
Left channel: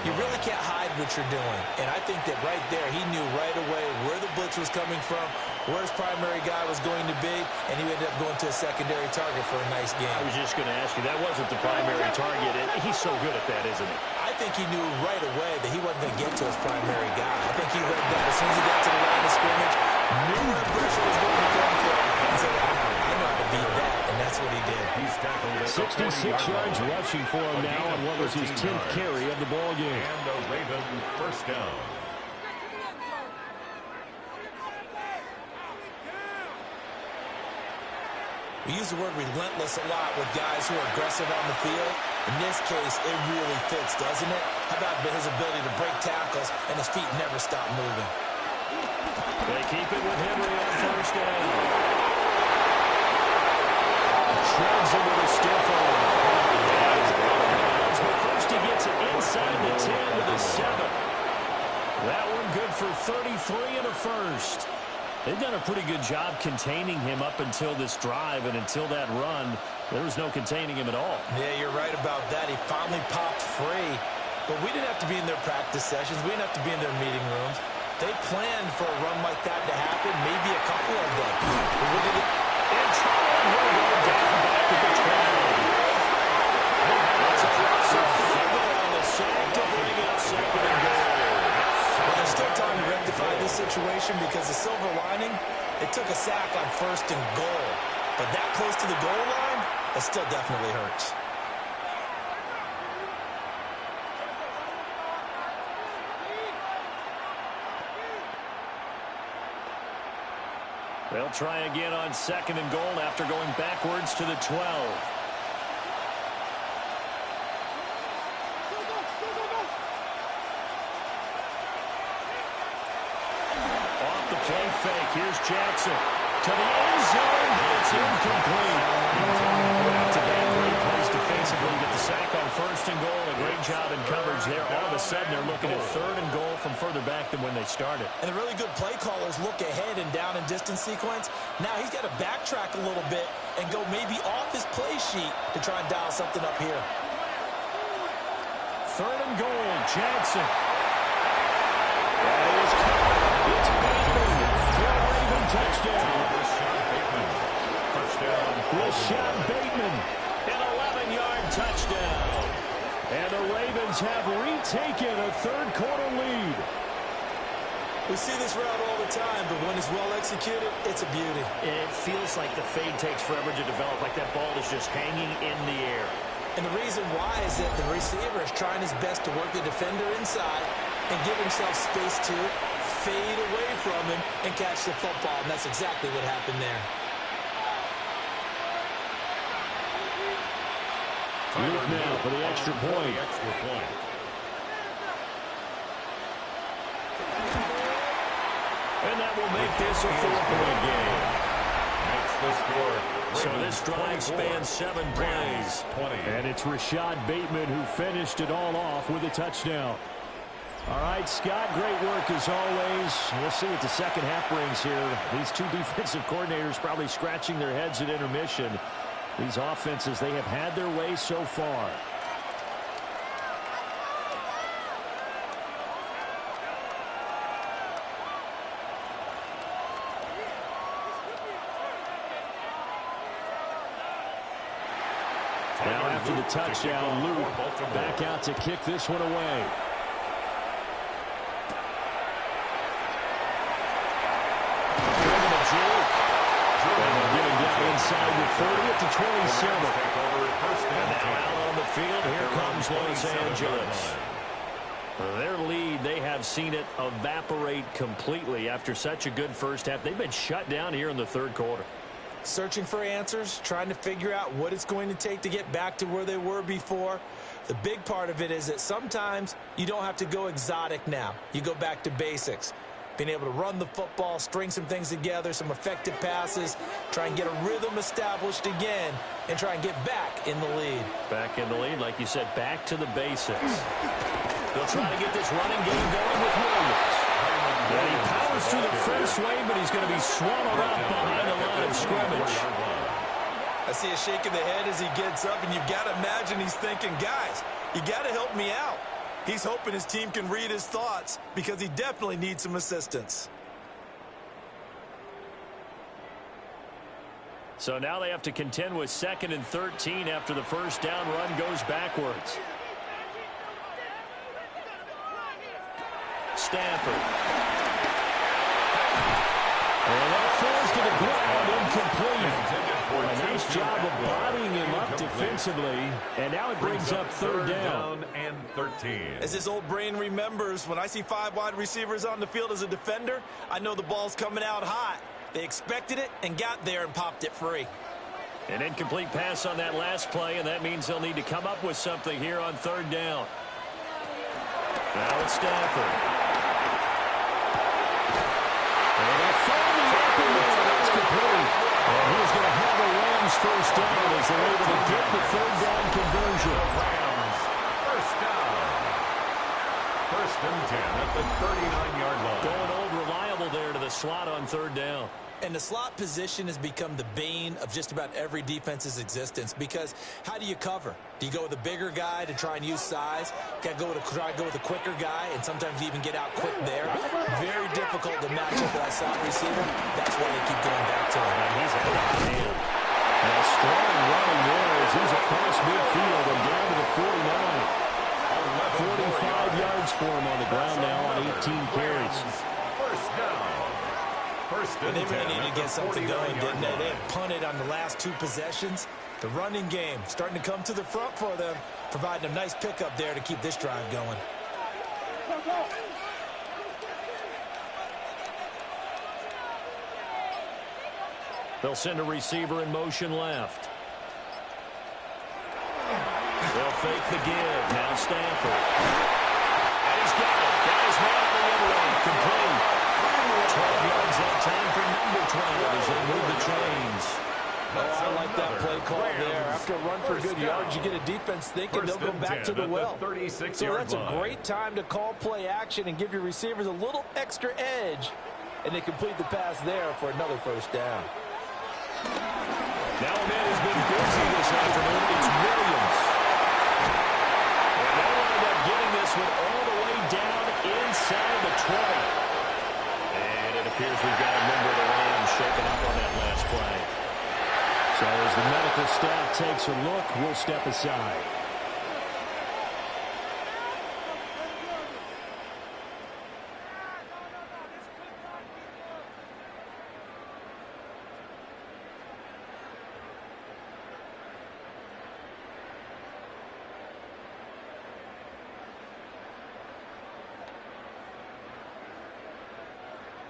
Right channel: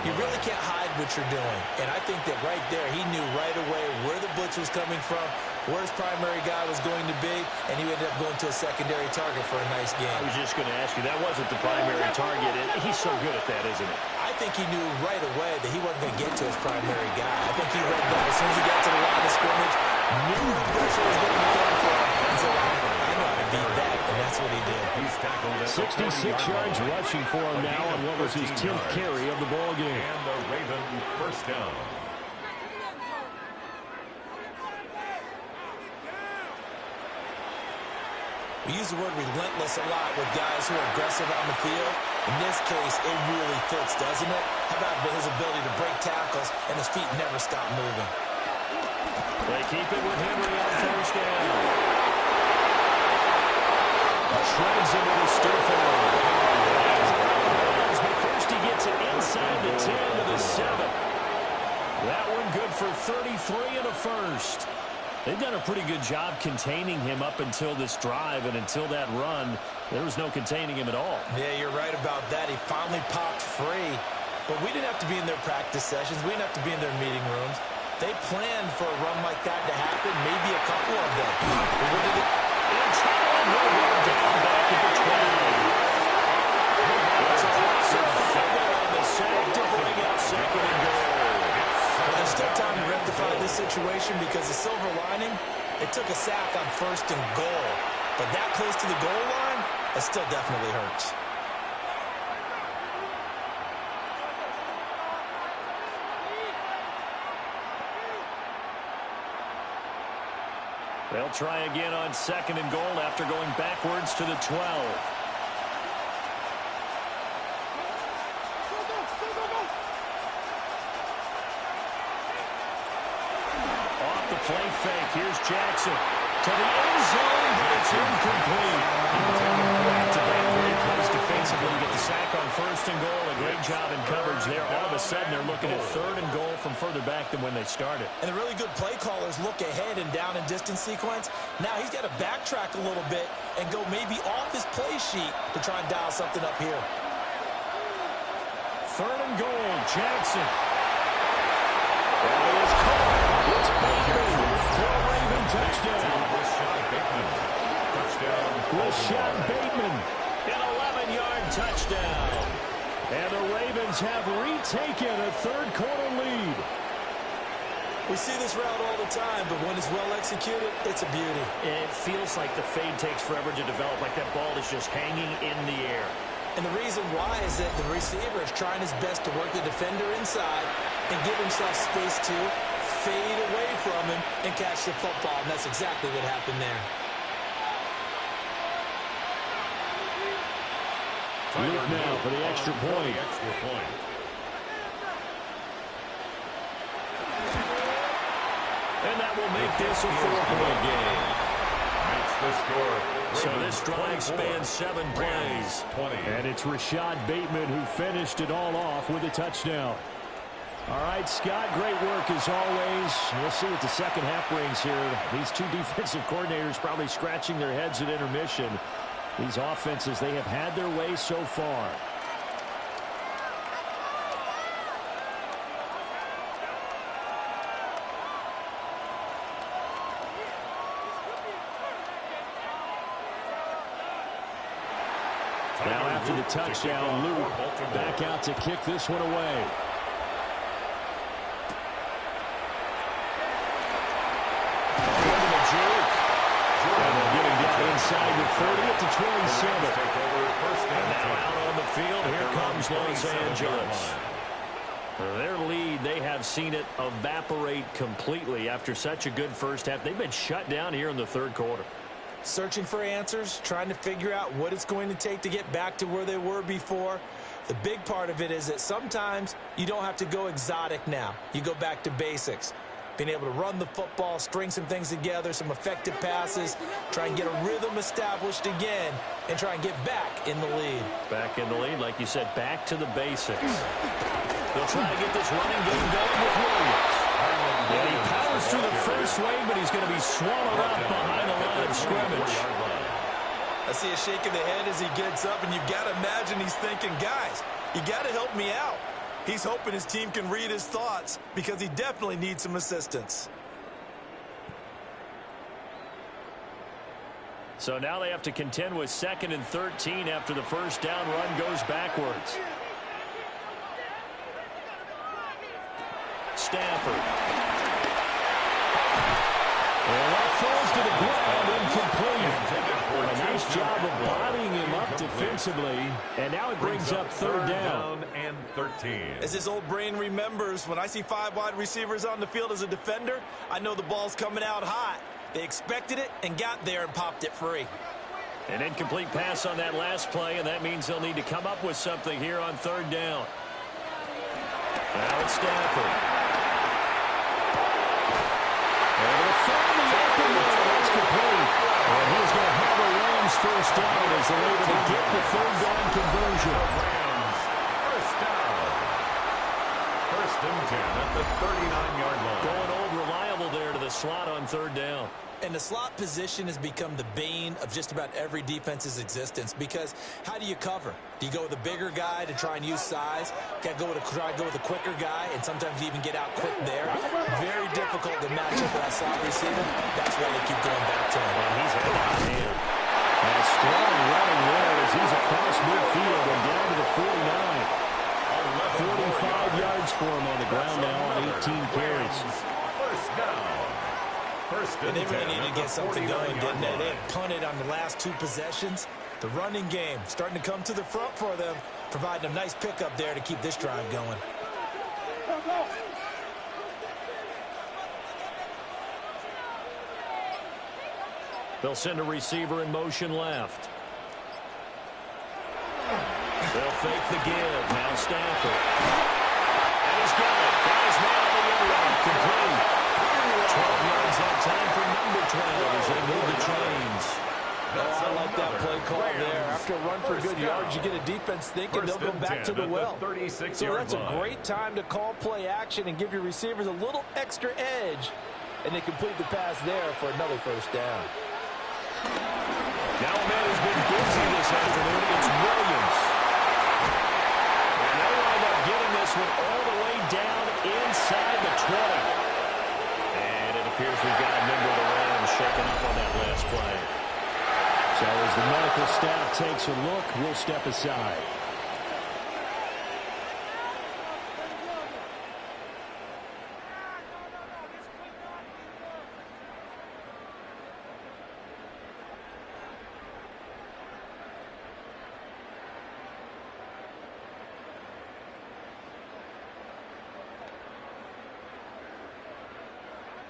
you really can't hide what you're doing. And I think that right there, he knew right away where the blitz was coming from, where his primary guy was going to be, and he ended up going to a secondary target for a nice game. I was just going to ask you, that wasn't the primary target. He's so good at that, isn't he? I think he knew right away that he wasn't going to get to his primary guy. I think he read that as soon as he got to the line of scrimmage, knew where the pressure was going to come from, and said, I know how to beat that, and that's what he did. He's tackled at 66 yards rushing for him now on what was his 10th carry of the ball game. And a Raven 1st down. We use the word relentless a lot with guys who are aggressive on the field. In this case, it really fits, doesn't it? How about his ability to break tackles and his feet never stop moving? They keep it with Henry on 1st down. Treads him with a stiff arm. But first he gets it inside the 10 to the 7. That one good for 33 and a 1st. They've done a pretty good job containing him up until this drive, and until that run, there was no containing him at all. Yeah, you're right about that. He finally popped free. But we didn't have to be in their practice sessions. We didn't have to be in their meeting rooms. They planned for a run like that to happen, maybe a couple of them. But what did it... In trouble, and he'll go down back at the 12. It's a loss of 5 on the sack to bring up 2nd and goal. Well, there's still time to rectify this situation because the silver lining, it took a sack on 1st and goal. But that close to the goal line, it still definitely hurts. They'll try again on 2nd and goal after going backwards to the 12. Off the play fake. Here's Jackson to the end zone, but it's incomplete. Back-to-back great plays defensively to get the sack on 1st and goal. A great job in coverage there. All of a sudden, they're looking at 3rd and goal from further back than when they started. And the really good play callers look ahead and down and distance sequence. Now he's got to backtrack a little bit and go maybe off his play sheet to try and dial something up here. 3rd and goal, Jackson. That is caught. It's Bateman for a Raven touchdown. Rashad Bateman, an 11-yard touchdown. And the Ravens have retaken a third-quarter lead. We see this route all the time, but when it's well executed, it's a beauty. It feels like the fade takes forever to develop, like that ball is just hanging in the air. And the reason why is that the receiver is trying his best to work the defender inside and give himself space to fade away from him and catch the football, and that's exactly what happened there. Luke now for the extra point. And that will make this a 4-point game. Makes the score. So this drive spans 7 plays. 20. And it's Rashad Bateman who finished it all off with a touchdown. All right, Scott, great work as always. We'll see what the second half brings here. These two defensive coordinators probably scratching their heads at intermission. These offenses, they have had their way so far. Now after the touchdown, Luke back out to kick this one away. Into the juke. And they'll get him down inside the 30 at the 27. And now out on the field, here comes Los Angeles. Their lead, they have seen it evaporate completely after such a good first half. They've been shut down here in the third quarter. Searching for answers, trying to figure out what it's going to take to get back to where they were before. The big part of it is that sometimes you don't have to go exotic now. You go back to basics. Being able to run the football, string some things together, some effective passes, try and get a rhythm established again, and try and get back in the lead. Back in the lead, like you said, back to the basics. They'll try to get this running game going with Williams. And he powers through the first wave, but he's going to be swallowed up behind the line of scrimmage. I see a shake of the head as he gets up, and you've got to imagine he's thinking, guys, you got to help me out. He's hoping his team can read his thoughts because he definitely needs some assistance. So now they have to contend with 2nd and 13 after the first down run goes backwards. Stafford. And that falls to the ground, incomplete. A nice job of bodying him up defensively. And now it brings up third down. And 13. As his old brain remembers, when I see 5 wide receivers on the field as a defender, I know the ball's coming out hot. They expected it and got there and popped it free. An incomplete pass on that last play, and that means they'll need to come up with something here on third down. Now it's Stafford. And they'll find the open man. That's complete. And he's going to have a Rams first down as they're able to get the third down conversion. Rams first down. 1st and 10 at the 39-yard line. Going old reliable there to the slot on third down. And the slot position has become the bane of just about every defense's existence because how do you cover? Do you go with a bigger guy to try and use size? Got to try to go with a quicker guy, and sometimes you even get out quick there. Very difficult to match up with that slot receiver. That's why they keep going back to him. And he's had the hot hand. And a strong running there as he's across midfield and down to the 49. 45 yards for him on the ground now on 18 carries. First down. And they really needed to get something going, didn't they? They had punted on the last 2 possessions. The running game starting to come to the front for them, providing a nice pickup there to keep this drive going. They'll send a receiver in motion left. They'll fake the give. Now Stafford. And he's got it. Got his man on the end line. Complete. 12 yards that time for number 12 as they move the chains. Oh, I like that play call there. After a run for good yards, you get a defense thinking they'll go back to the well. So that's a great time to call play action and give your receivers a little extra edge. And they complete the pass there for another first down. Now a man who's been busy this afternoon. It's Williams. And they'll wind up getting this this one all the way down inside the 20. And it appears we've got a member of the Rams shaken up on that last play. So as the medical staff takes a look, we'll step aside.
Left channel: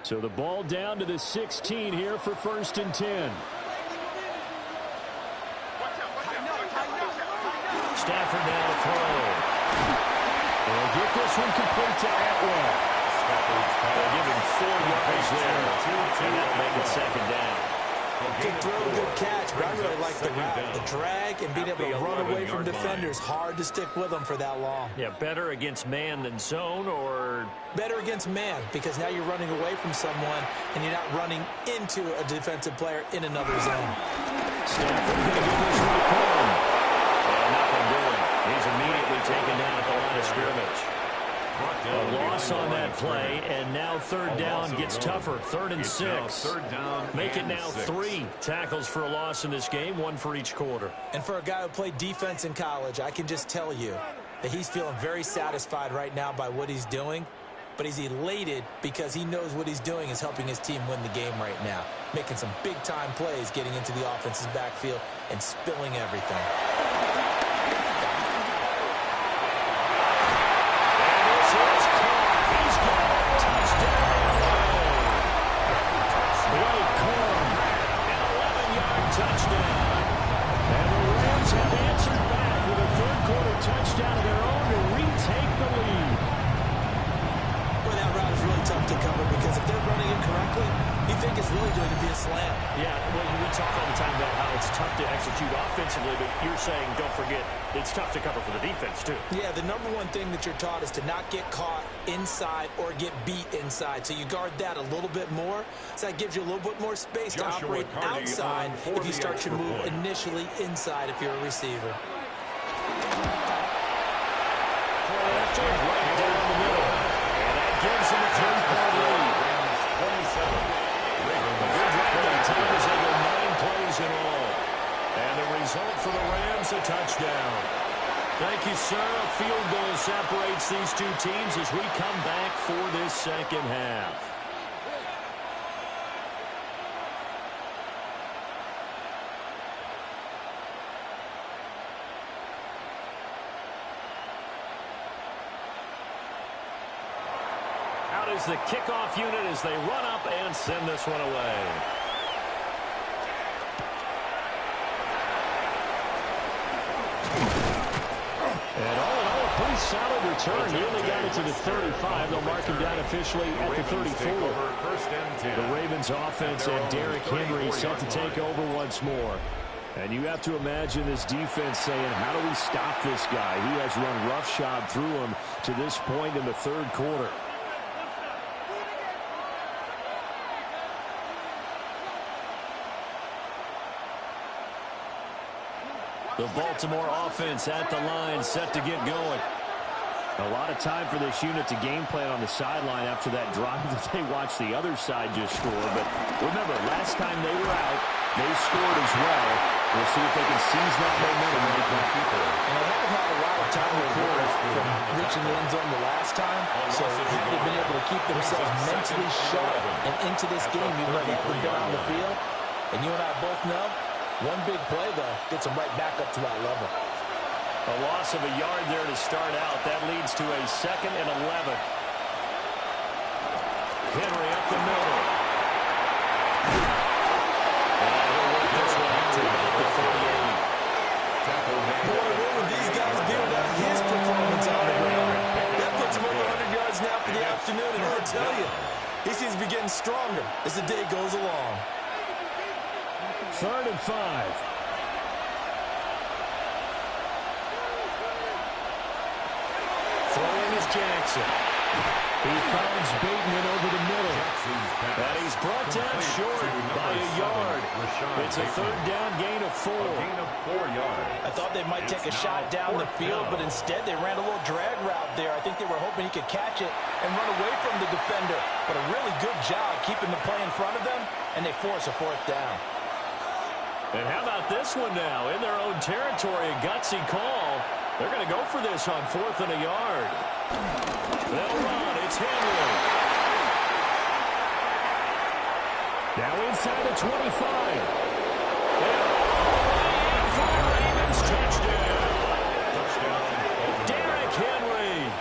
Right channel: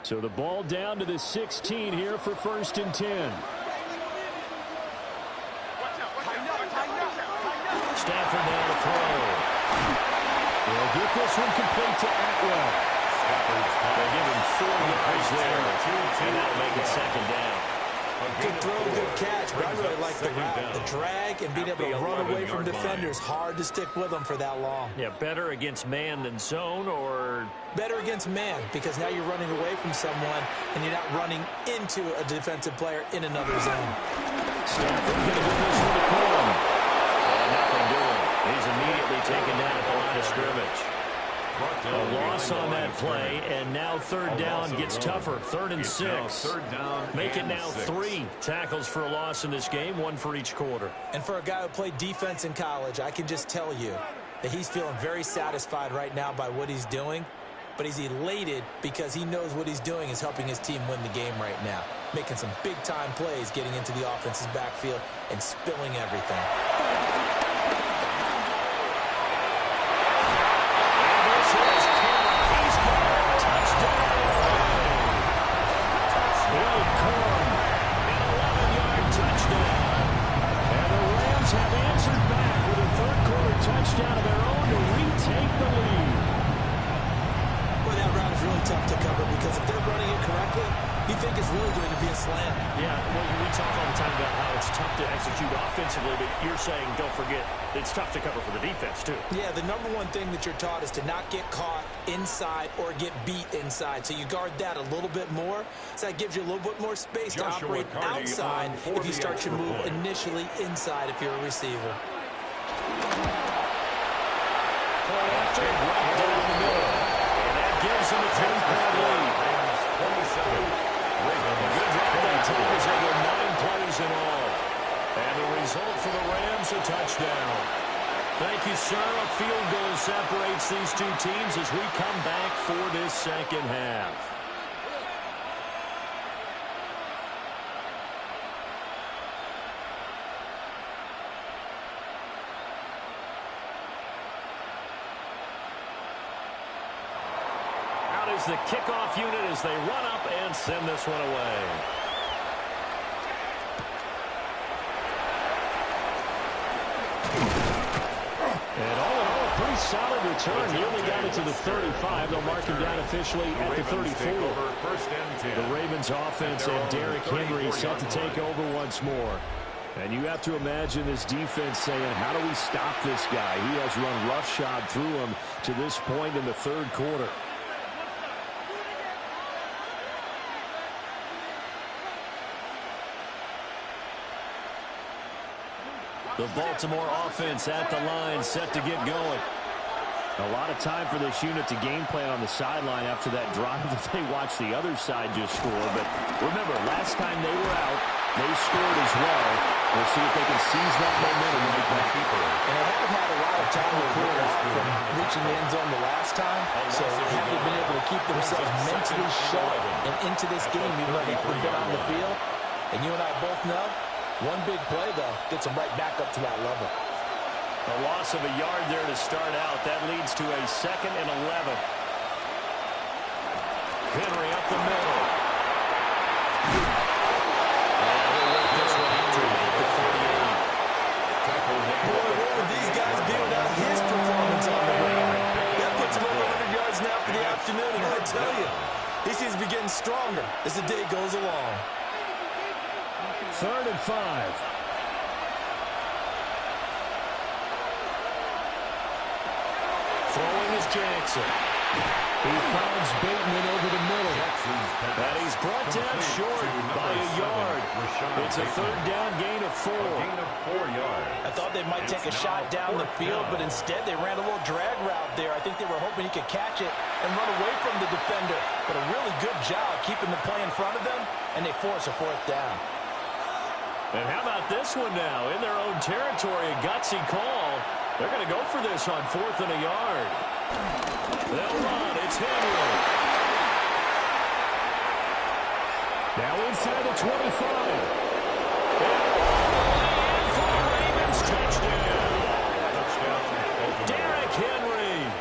So the ball down to the 16 here for 1st and 10. Stafford now to throw. They'll get this one complete to Atwell. They'll give him 4 yards there, and that'll make it 2nd down. Good throw, good catch, but I really like the route. The drag and being able to run away from defenders, hard to stick with them for that long. Yeah, better against man than zone, or? Better against man, because now you're running away from someone, and you're not running into a defensive player in another zone. Stafford going to give this one to Corum. And nothing doing. He's immediately taken down at the line of scrimmage. A loss on that play, and now 3rd down gets tougher. 3rd and 6. Make it now 3 tackles for a loss in this game, 1 for each quarter. And for a guy who played defense in college, I can just tell you that he's feeling very satisfied right now by what he's doing, but he's elated because he knows what he's doing is helping his team win the game right now, making some big-time plays, getting into the offense's backfield and spilling everything. Touchdown. And the Rams have answered back with a 3rd quarter touchdown of their own to retake the lead. Boy, that route is really tough to cover because if they're running it correctly, you think it's really going to be a slam. Yeah, well, we talk all the time about how it's tough to execute offensively, but you're saying, don't forget, it's tough to cover for the defense, too. Yeah, the #1 thing that you're taught is to not get caught inside or get beat inside. So you guard that a little bit more. So that gives you a little bit more space to operate outside if you start your move initially inside if you're a receiver. Play after, right down the middle. And that gives them a 10-point lead. Rams 27. A good drive by time as they go 9 plays in all. And the result for the Rams, a touchdown. Thank you, sir. A field goal separates these two teams as we come back for this 2nd half. Out is the kickoff unit as they run up and send this one away. And all in all, a pretty solid return. Nearly got it to the 35. They'll mark him down officially at the 34. The Ravens offense and Derrick Henry set to take over once more. And you have to imagine this defense saying, how do we stop this guy? He has run roughshod through him to this point in the 3rd quarter. The Baltimore offense at the line, set to get going. A lot of time for this unit to game plan on the sideline after that drive that they watched the other side just score. But remember, last time they were out, they scored as well. We'll see if they can seize that momentum right back. And they haven't had a lot of time to score from reaching the end zone the last time. So haven't been able to keep themselves mentally sharp and into this game, even though they haven't been on the field. And you and I both know, one big play, though, gets them right back up to that level. A loss of a yard there to start out. That leads to a 2nd and 11. Henry up the middle. And he'll work this one out to the 48. Boy, what would these guys be without his performance on the ground? That puts him over 100 yards now for the afternoon, and I tell you, he seems to be getting stronger as the day goes along. 3rd and 5. Throwing is Jackson. He finds Bateman over the middle. And he's brought down short by a yard. It's a third down gain of 4. A gain of 4 yards. I thought they might take a shot down the field, but instead they ran a little drag route there. I think they were hoping he could catch it and run away from the defender. But a really good job keeping the play in front of them, and they force a 4th down. And how about this one now? In their own territory, a gutsy call. They're going to go for this on 4th and a yard. They'll run. It's Henry. Now inside the 25. And all the way in for the Ravens touchdown. Derrick Henry,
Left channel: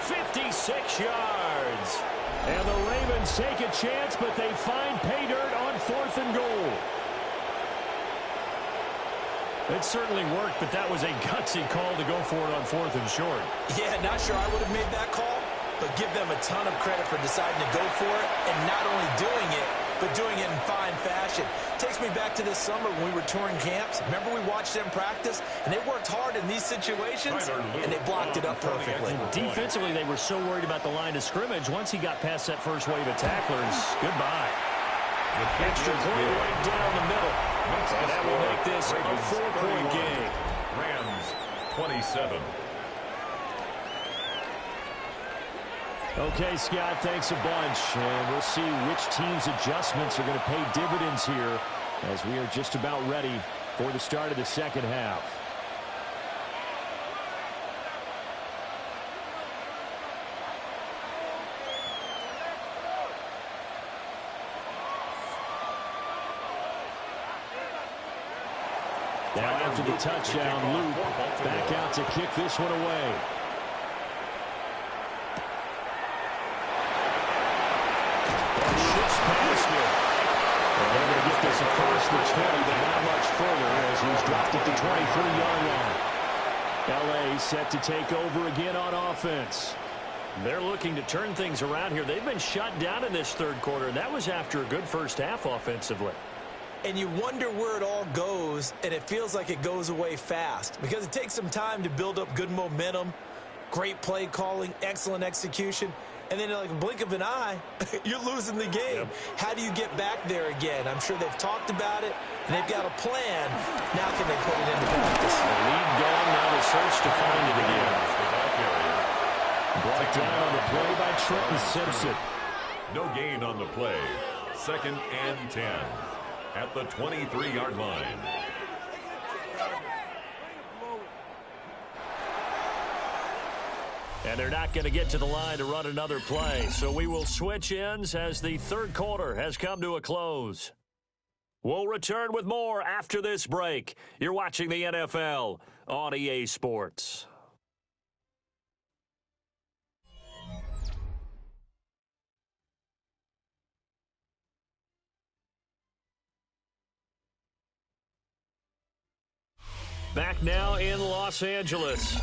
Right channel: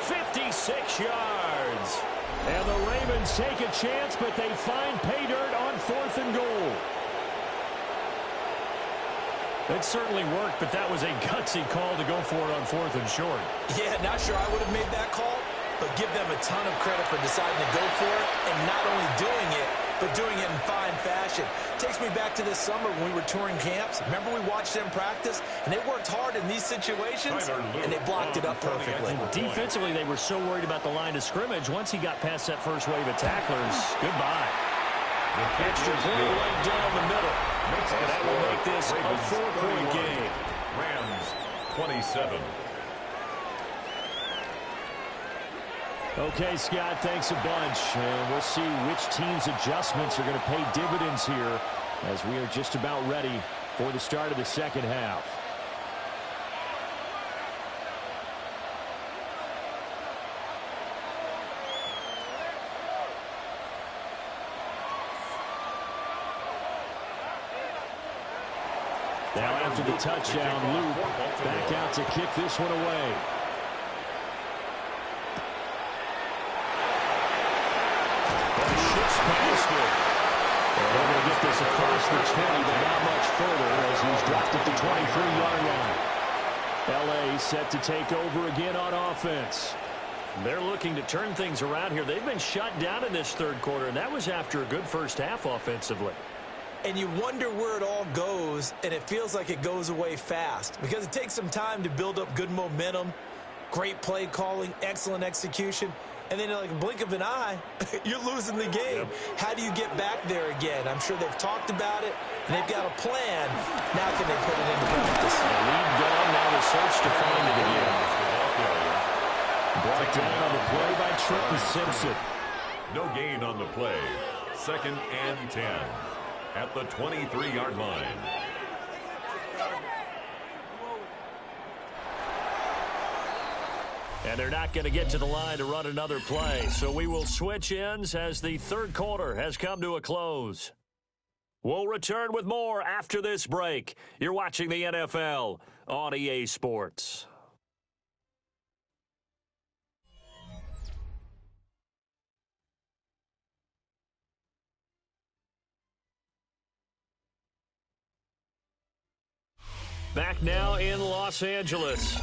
56 yards. And the Ravens take a chance, but they find pay dirt on 4th and goal. It certainly worked, but that was a gutsy call to go for it on 4th and short. Yeah, not sure I would have made that call, but give them a ton of credit for deciding to go for it and not only doing it, but doing it in fine fashion. Takes me back to this summer when we were touring camps. Remember we watched them practice, and they worked hard in these situations, and they blocked it up perfectly. Defensively, they were so worried about the line of scrimmage. Once he got past that first wave of tacklers, goodbye. Extra point right down the middle. And that will make this a 4-point game. Rams 27. Okay, Scott, thanks a bunch. And we'll see which team's adjustments are going to pay dividends here as we are just about ready for the start of the second half. Now after the touchdown, Luke back out to kick this one away. Shifts past it. They're going to get this across the 20, but not much further as he's dropped at the 23-yard line. L.A. set to take over again on offense. They're looking to turn things around here. They've been shut down in this third quarter, and that was after a good first half offensively. And you wonder where it all goes, and it feels like it goes away fast because it takes some time to build up good momentum, great play calling, excellent execution, and then like a blink of an eye, you're losing the game. Yep. How do you get back there again? I'm sure they've talked about it, and they've got a plan. Now can they put it into practice? The lead gone, now the search to find it again. Brought down on the play by Trenton Simpson. No gain on the play. 2nd and 10. At the 23-yard line. And they're not going to get to the line to run another play. So we will switch ends as the third quarter has come to a close. We'll return with more after this break. You're watching the NFL on EA Sports. Back now in Los Angeles.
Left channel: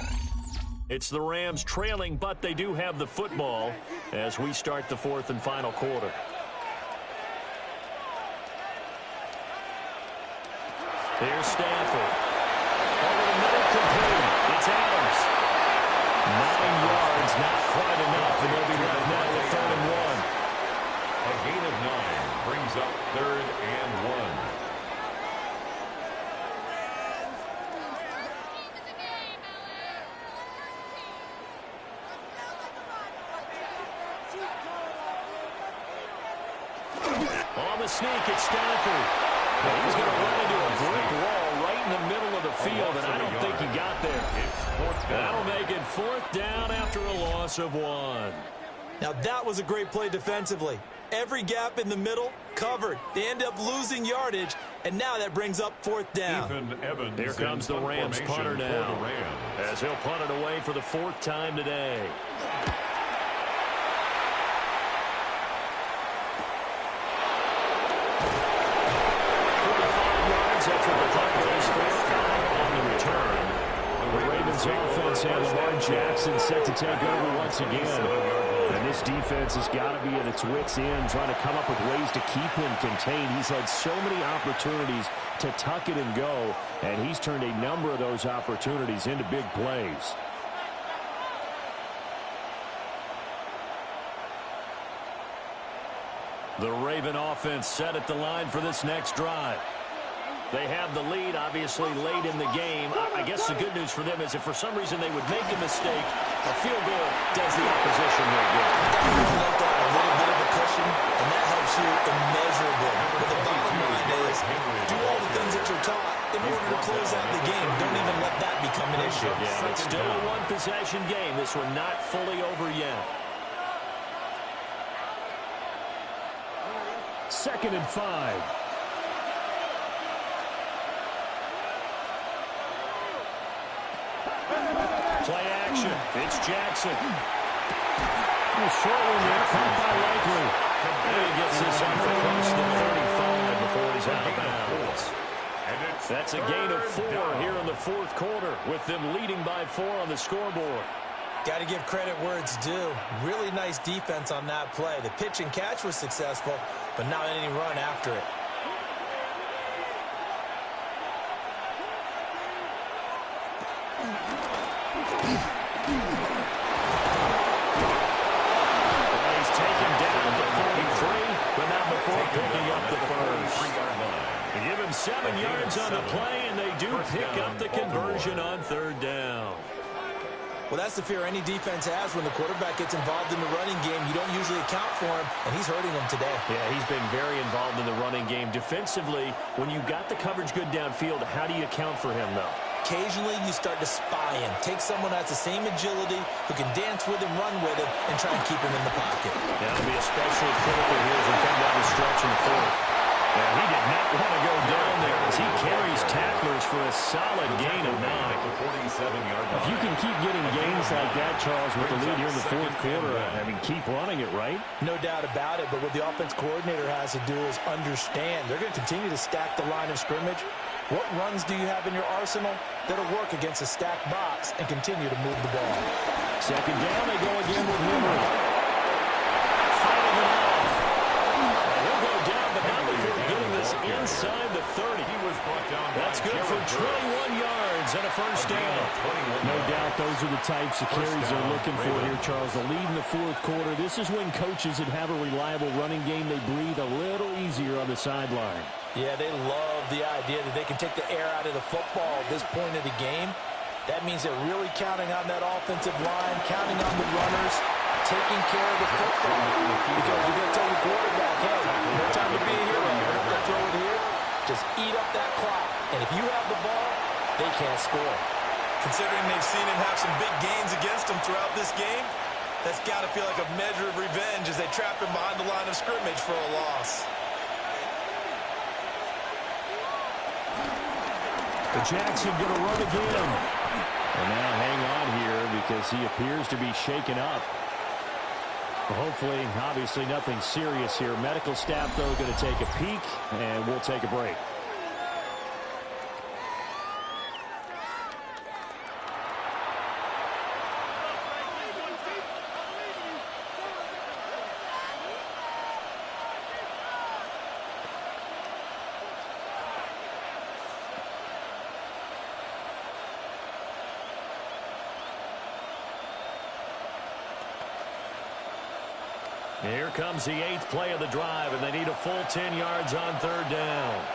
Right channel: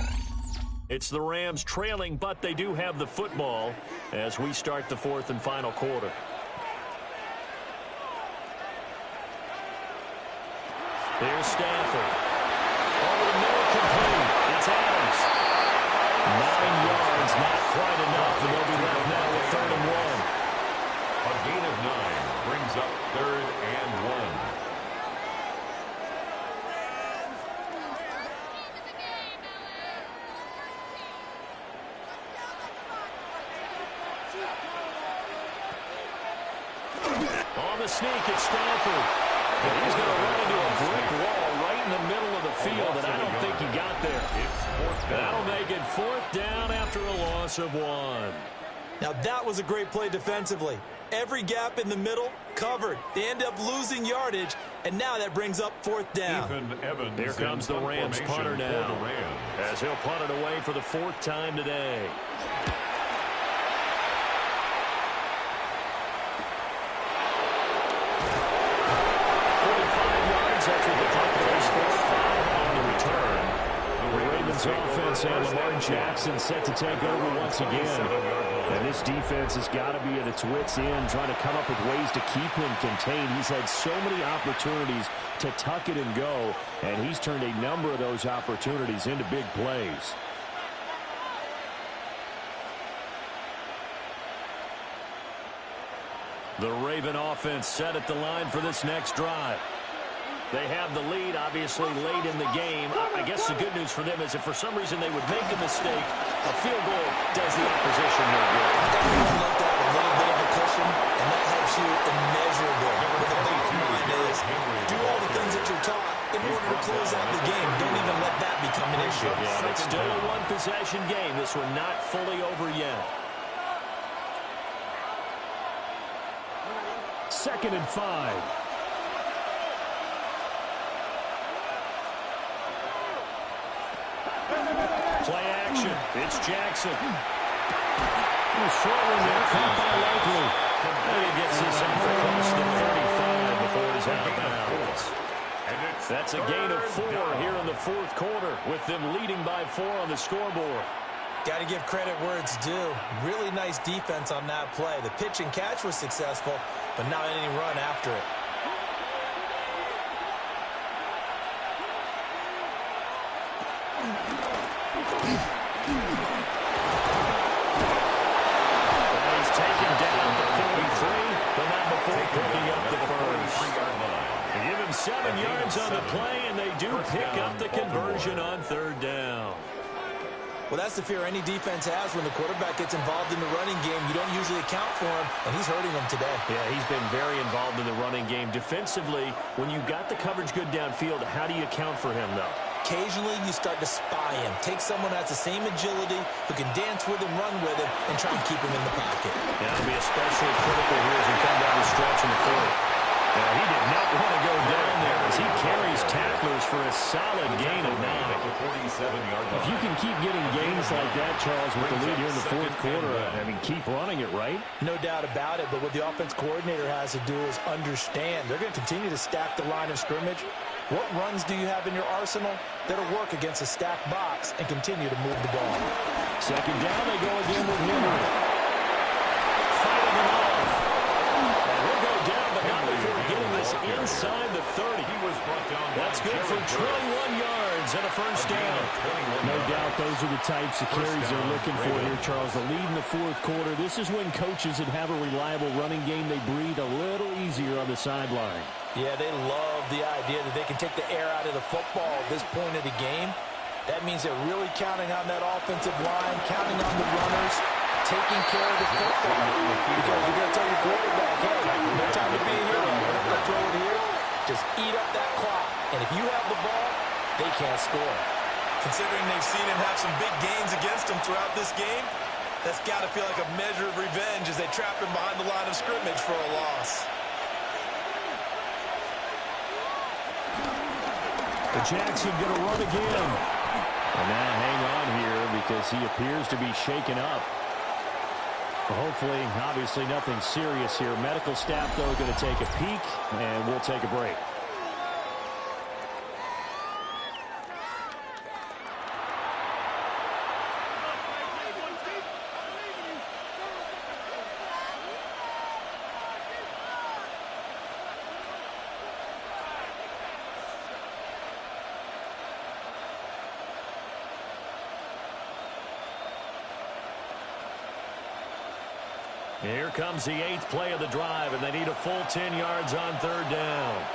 It's the Rams trailing, but they do have the football as we start the 4th and final quarter. Here's Stafford. Over the middle, complete. It's Adams. 9 yards, not quite enough, and they'll be left now with 3rd and 1. A gain of 9 brings up 3rd and 1. On the sneak, it's Stafford. And he's going to run into a brick wall right in the middle of the field, and I don't think he got there. That'll make it 4th down after a loss of 1. Now that was a great play defensively. Every gap in the middle covered. They end up losing yardage, and now that brings up 4th down. Here comes the Rams punter now, as he'll punt it away for the 4th time today. That's what the punt goes for. 5 on the return. The Ravens offense and Lamar Jackson set to take over once again. And this defense has got to be at its wits' end, trying to come up with ways to keep him contained. He's had so many opportunities to tuck it and go, and he's turned a number of those opportunities into big plays. The Raven offense set at the line for this next drive. They have the lead, obviously, late in the game. I guess the good news for them is if for some reason they would make a mistake, a field goal does the opposition no good. Everyone looked at a little bit of a cushion, and that helps you immeasurably. But the bottom line is, do all the things that you're taught in order to close out the game. Don't even let that become an issue. Yeah, it's still a one-possession game. This one not fully over yet. 2nd and 5. Play action. It's Jackson. A short one there, caught by Likely. And he gets this off across the 35 before he's out of bounds. That's a gain of 4 here in the 4th quarter, with them leading by 4 on the scoreboard. Got to give credit where it's due. Really nice defense on that play. The pitch and catch was successful, but not any run after it. And he's taken down at the 43, but not before picking up the first. They give him 7 yards on the play, and they do pick up the conversion on 3rd down. Well, that's the fear any defense has when the quarterback gets involved in the running game. You don't usually account for him, and he's hurting them today. Yeah, he's been very involved in the running game. Defensively, when you got the coverage good downfield, how do you account for him, though? Occasionally, you start to spy him. Take someone who has the same agility, who can dance with him, run with him, and try and keep him in the pocket. Yeah, it'll be especially critical here as we come down the stretch in the 4th. Yeah, he did not want to go down there as he carries tacklers for a solid gain of 9. If you can keep getting gains like that, Charles, with the lead here in the 4th quarter, I mean, keep running it, right? No doubt about it, but what the offense coordinator has to do is understand. They're going to continue to stack the line of scrimmage. What runs do you have in your arsenal that'll work against a stacked box and continue to move the ball? 2nd down, they go again with Henry. Fighting it off. And he'll go down, but not before getting this inside the 30. That's good for 21 yards and a first down. No doubt those are the types of carries they're looking for here, Charles. The lead in the 4th quarter. This is when coaches that have a reliable running game, they breathe a little easier on the sideline. Yeah, they love the idea that they can take the air out of the football at this point of the game. That means they're really counting on that offensive line, counting on the runners, taking care of the football. Because you're going to tell your quarterback, hey, no time to be a hero. We're not going to throw it here. Just eat up that clock. And if you have the ball, they can't score. Considering they've seen him have some big gains against them throughout this game, that's got to feel like a measure of revenge as they trap him behind the line of scrimmage for a loss. Jackson going to run again. Well, now hang on here because he appears to be shaken up. Well, hopefully, obviously nothing serious here. Medical staff, though, going to take a peek, and we'll take a break. Here comes the 8th play of the drive, and they need a full 10 yards on 3rd down.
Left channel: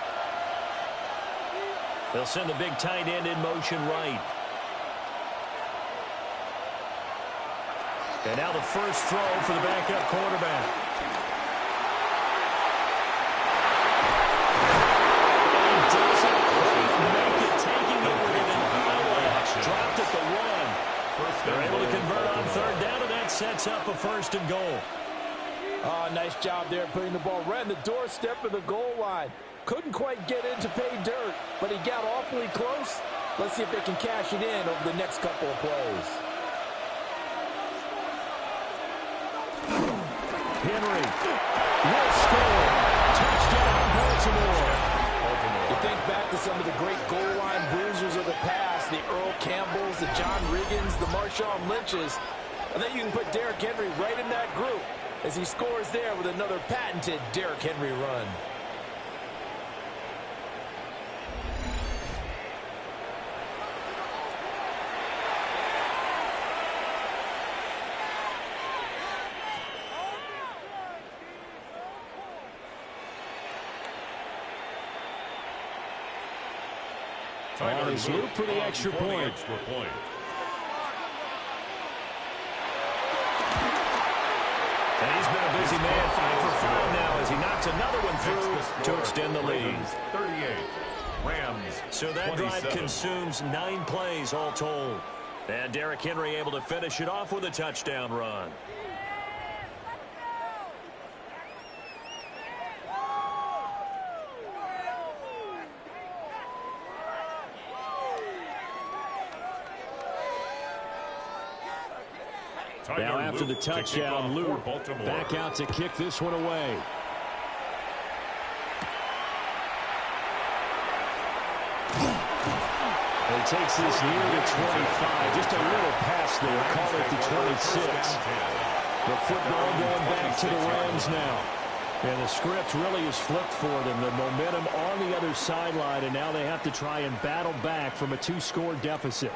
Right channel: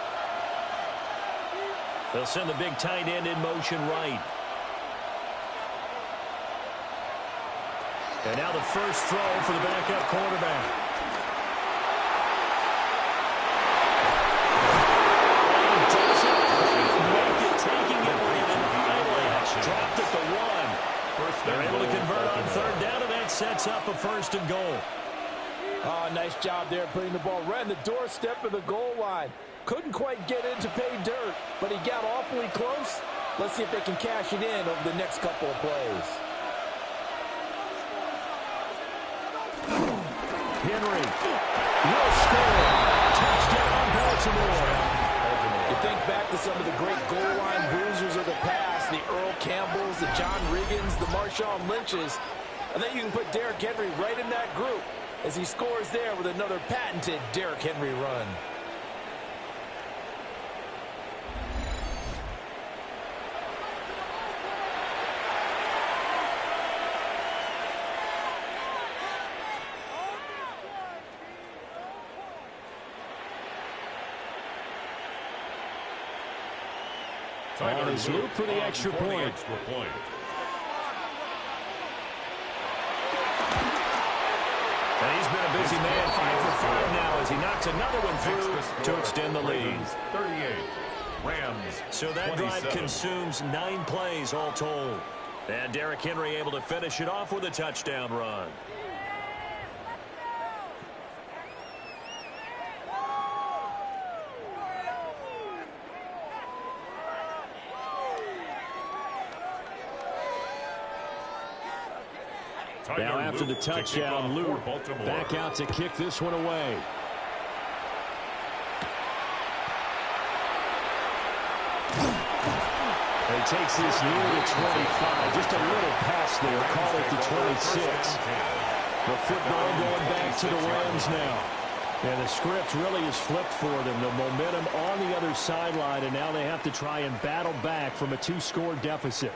They'll send the big tight end in motion right. And now the first throw for the backup quarterback. And he doesn't quite make it, taking it within an eyelash. Dropped at the 1. They're able to convert on 3rd down, and that sets up a 1st and goal. Oh, nice job there putting the ball right in the doorstep of the goal line. Couldn't quite get in to pay dirt, but he got awfully close. Let's see if they can cash it in over the next couple of plays. Henry will score. Touchdown, Baltimore. You think back to some of the great goal line bruisers of the past, the Earl Campbells, the John Riggins, the Marshawn Lynches. I think you can put Derrick Henry right in that group as he scores there with another patented Derrick Henry run. on his loop for the extra point. And he's been a busy man, 5 for 5 now as he knocks another one through to extend the lead. 38, Rams. So that 27. drive consumes 9 plays all told. And Derrick Henry able to finish it off with a touchdown run. Now after the touchdown, Luke back out to kick this one away. He takes this near the 25. Just a little pass there. Call it the 26. The football going back to the Rams now. And the script really is flipped for them. The momentum on the other sideline, and now they have to try and battle back from a 2-score deficit.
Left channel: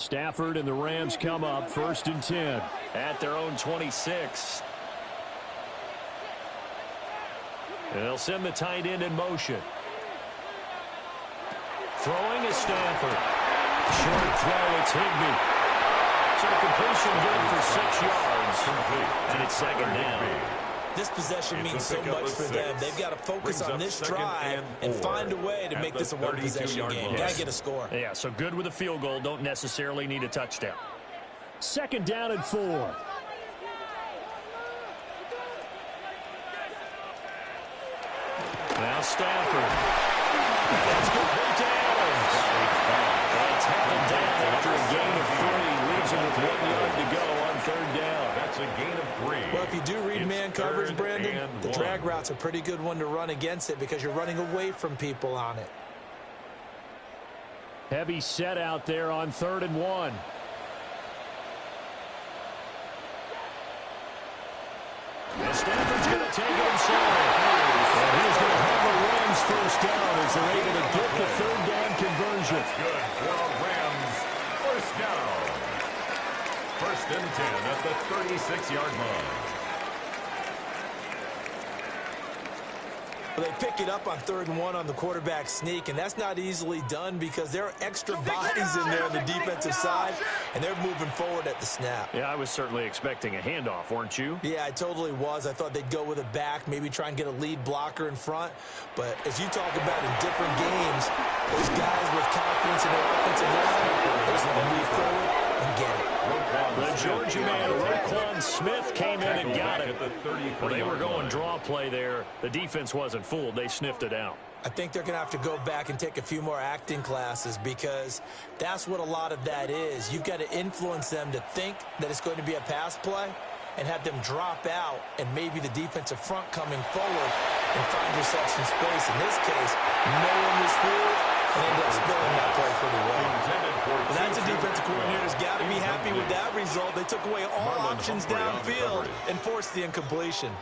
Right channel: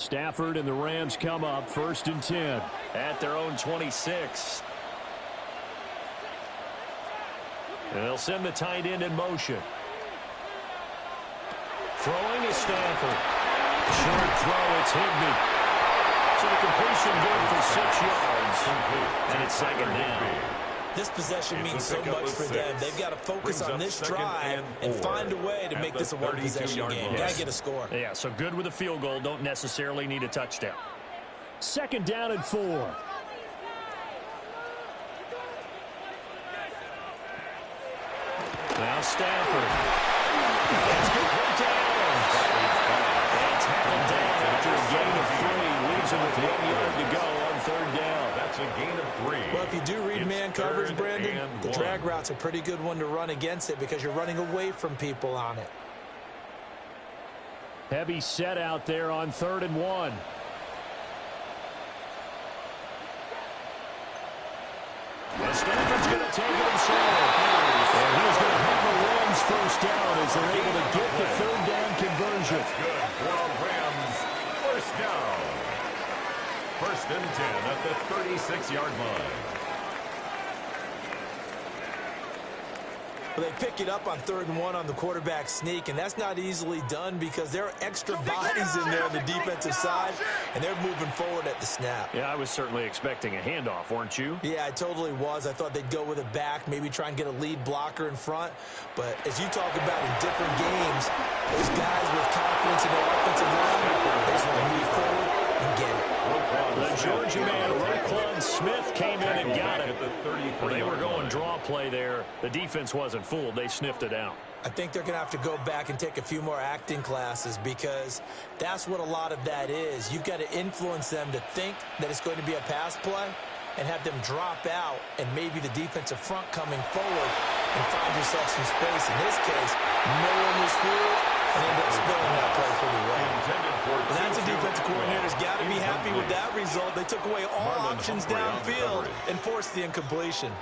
Stafford and the Rams come up 1st and 10 at their own 26. And they'll send the tight end in motion. Throwing is Stafford. Short throw, it's Higbee. So the completion good for 6 yards. And it's 2nd down. This possession means so much for them. They've got to focus on this drive and find a way to make this a one-possession game. Got to get a score. Yeah, so good with a field goal. Don't necessarily need a touchdown. 2nd down and 4. Now Stafford. That's complete to Adams. And tackled down after a gain of 3. Leaves him with 1 yard to go on 3rd down. That's a gain of 3. Well, if you do read man coverage, Brandon, the drag route's a pretty good one to run against it because you're running away from people on it. Heavy set out there on 3rd and 1. And Stafford's going to take it himself. And he's going to have a Rams 1st down as they're able to get the 3rd down conversion. That's good for a Rams 1st down. 1st and 10 at the 36-yard line. Well, they pick it up on 3rd and 1 on the quarterback sneak, and that's not easily done because there are extra bodies in there on the defensive side, and they're moving forward at the snap. Yeah, I was certainly expecting a handoff, weren't you? Yeah, I totally was. I thought they'd go with a back, maybe try and get a lead blocker in front. But as you talk about in different games, those guys with confidence in their offensive line, they just want to move forward and get it. The Georgia man, Roquan Smith, came in and got it. Well, they were going draw play there. The defense wasn't fooled. They sniffed it out. I think they're going to have to go back and take a few more acting classes because that's what a lot of that is. You've got to influence them to think that it's going to be a pass play and have them drop out and maybe the defensive front coming forward and find yourself some space. In this case, no one was fooled and ended up spilling that play pretty well. But that's a defensive coordinator's got to be happy with that result. They took away all options downfield and forced the incompletion.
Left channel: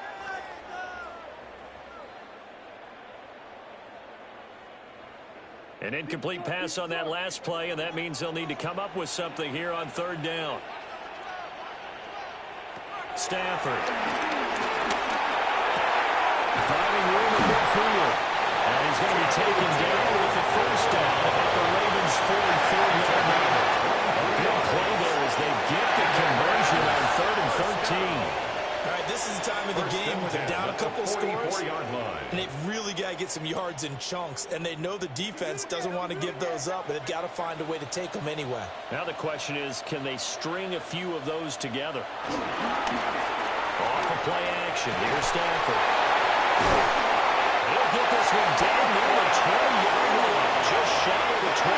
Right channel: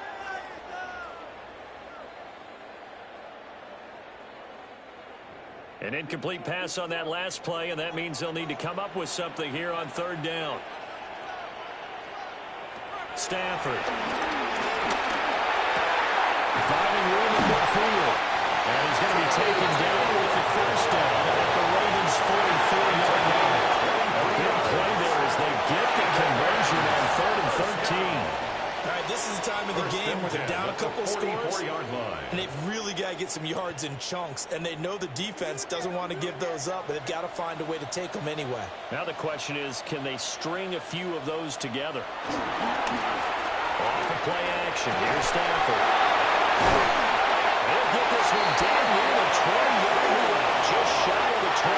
An incomplete pass on that last play, and that means they'll need to come up with something here on 3rd down. Stafford. Finding room in midfield. And he's going to be taken down with the 1st down at the Ravens' 44-yard line. A big play there as they get the conversion on 3rd and 13. All right, this is the time of the game where they're down a couple scores, and they've really got to get some yards in chunks, and they know the defense doesn't want to give those up, but they've got to find a way to take them anyway. Now the question is, can they string a few of those together? Off of play action, here's Stafford. He'll get this one down near the 20-yard line, just shy of the 20.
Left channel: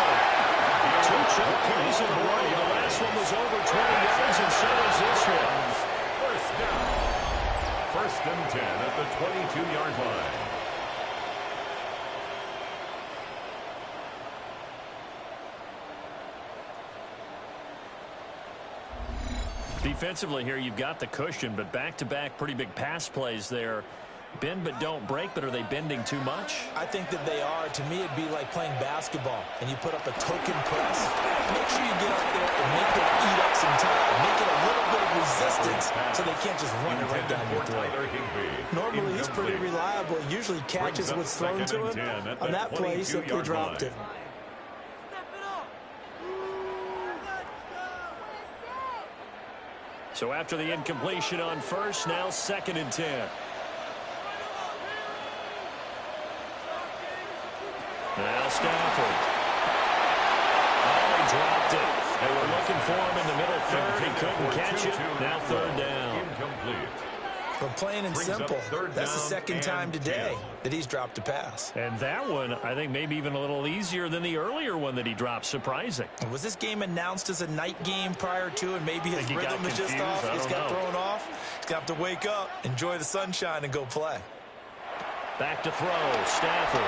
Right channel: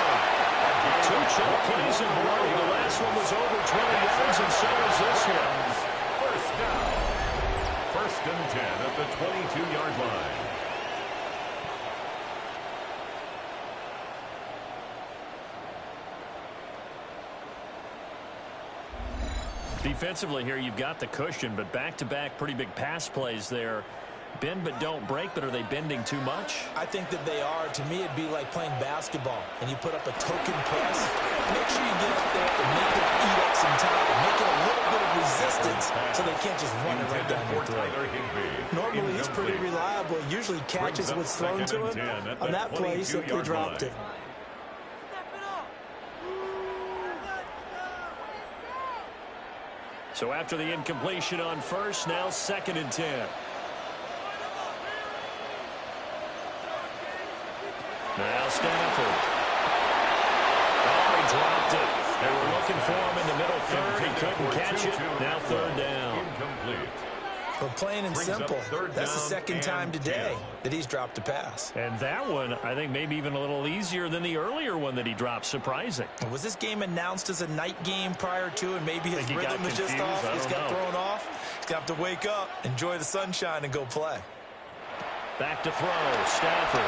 2 choke plays in a row. The last one was over 20 yards, and so is this one. 1st down. 1st and 10 at the 22-yard line. Defensively here, you've got the cushion, but back-to-back pretty big pass plays there. Bend but don't break, but are they bending too much? I think that they are. To me, it'd be like playing basketball, and you put up a token press. Make sure you get up there and make them eat up some time. Make it a little bit of resistance so they can't just run it right down your throat. Normally, he's pretty reliable. Usually catches what's thrown to him. On that play, he simply dropped it. So after the incompletion on first, now 2nd and 10. Now Stafford. Oh, he dropped it. They were looking for him in the middle third. He couldn't catch it. Now 3rd down. But plain and simple, that's the 2nd time today that he's dropped a pass. And that one, I think, maybe even a little easier than the earlier one that he dropped. Surprising. Was this game announced as a night game prior to, and maybe his rhythm is just off? He's got thrown off. He's going to have to wake up, enjoy the sunshine, and go play. Back to throw. Stafford.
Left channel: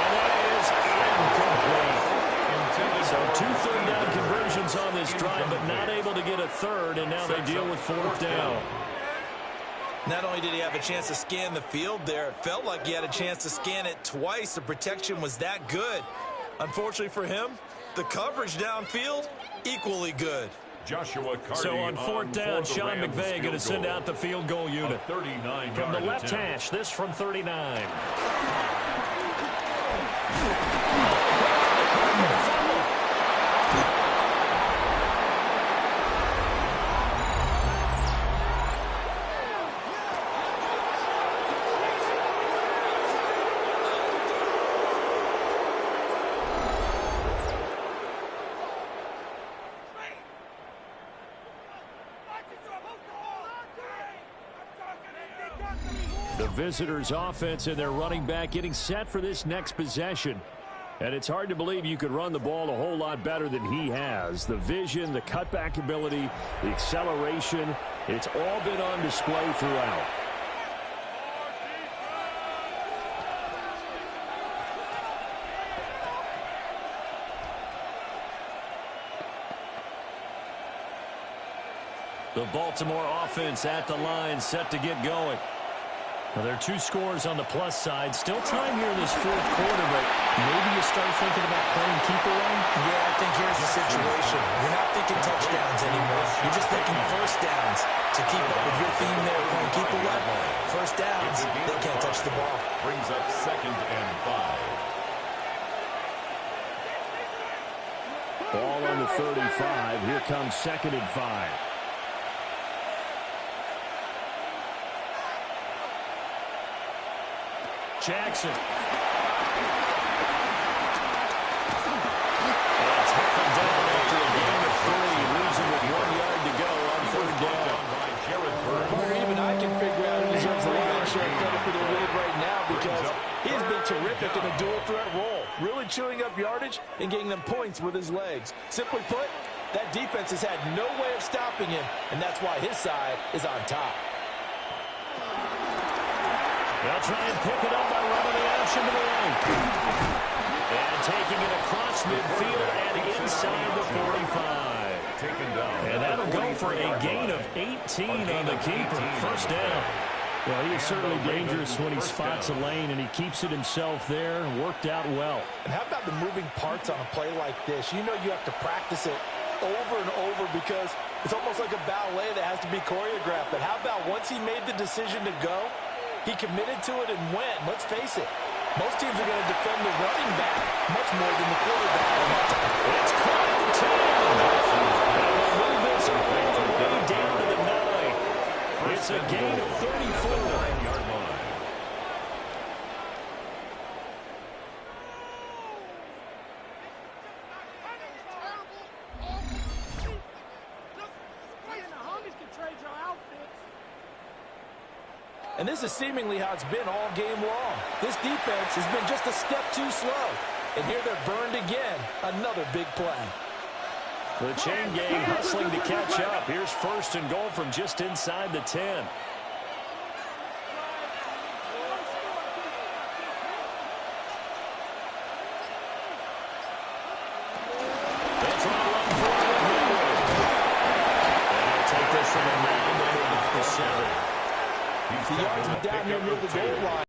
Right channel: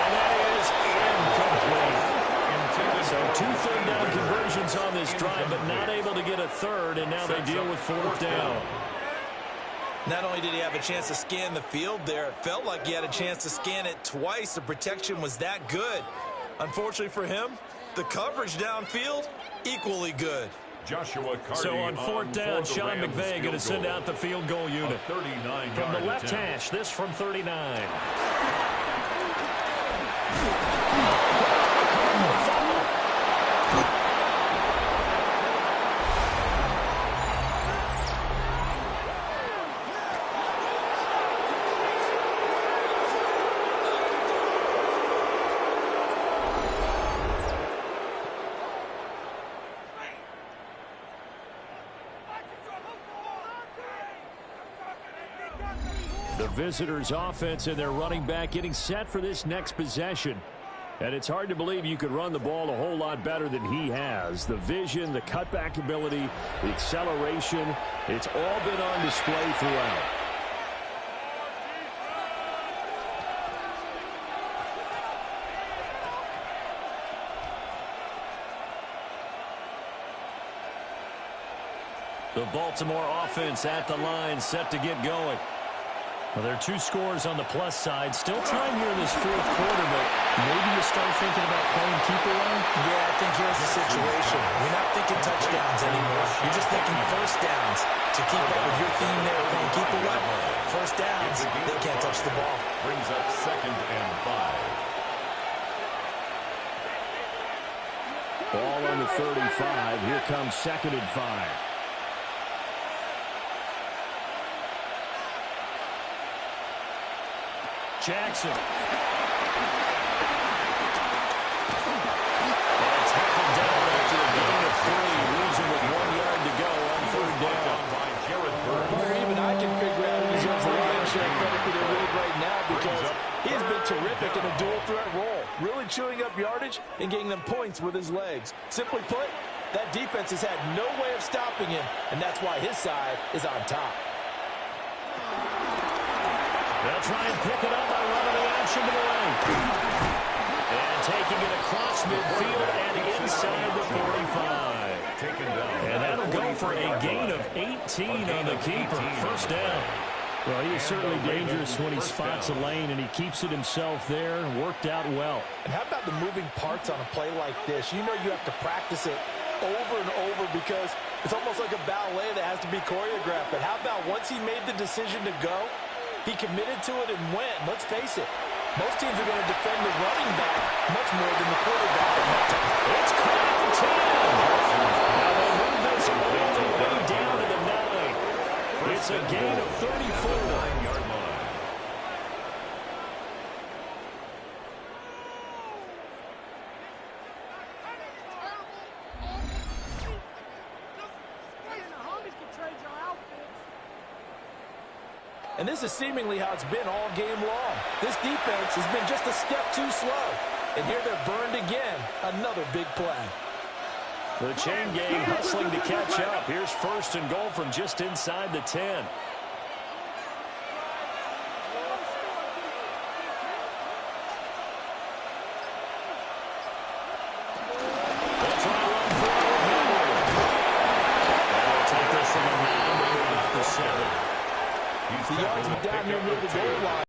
And that is incomplete. So 2 3rd down conversions on this drive, but not able to get a 3rd, and now they deal with 4th down. Not only did he have a chance to scan the field there, it felt like he had a chance to scan it twice. The protection was that good. Unfortunately for him, the coverage downfield, equally good. So on 4th down, Sean McVay going to send out the field goal unit. From the left hash, this from 39. The visitors' offense and their running back getting set for this next possession. And it's hard to believe you could run the ball a whole lot better than he has. The vision, the cutback ability, the acceleration, it's all been on display throughout. The Baltimore offense at the line, set to get going. Well, there are 2 scores on the plus side. Still time here in this 4th quarter, but maybe you start thinking about playing keep away? Yeah, I think here's the situation. You're not thinking touchdowns anymore. You're just thinking first downs. To keep up with your theme there, playing keep away. First downs, they can't touch the ball. Brings up 2nd and 5. Ball on the 35. Here comes 2nd and 5. Jackson. And tackled down after a gain of 3. Leaves him with 1 yard to go on 3rd down. Or even I can figure out who deserves the lion's share of credit for their lead right now, because he has been terrific in a dual threat role, really chewing up yardage and getting them points with his legs. Simply put, that defense has had no way of stopping him, and that's why his side is on top. They'll try and pick it up by running the option to the right. And taking it across midfield and inside the 45. And that'll go for a gain of 18 on the keeper. First down. Well, he is certainly dangerous when he spots a lane, and he keeps it himself there and worked out well. And how about the moving parts on a play like this? You know you have to practice it over and over because it's almost like a ballet that has to be choreographed. But how about once he made the decision to go, he committed to it and went. Let's face it, most teams are going to defend the running back much more than the quarterback on that time. It's caught at the 10. And they move this all the way down to the 9. It's a gain of 34. 9-yard line. And this is seemingly how it's been all game long. This defense has been just a step too slow. And here they're burned again. Another big play. The chain gang hustling to catch up. Here's 1st and goal from just inside the 10. They'll try to run forward with Henry. And they'll from a mound underneath the 7. The yards are down here near the goal line.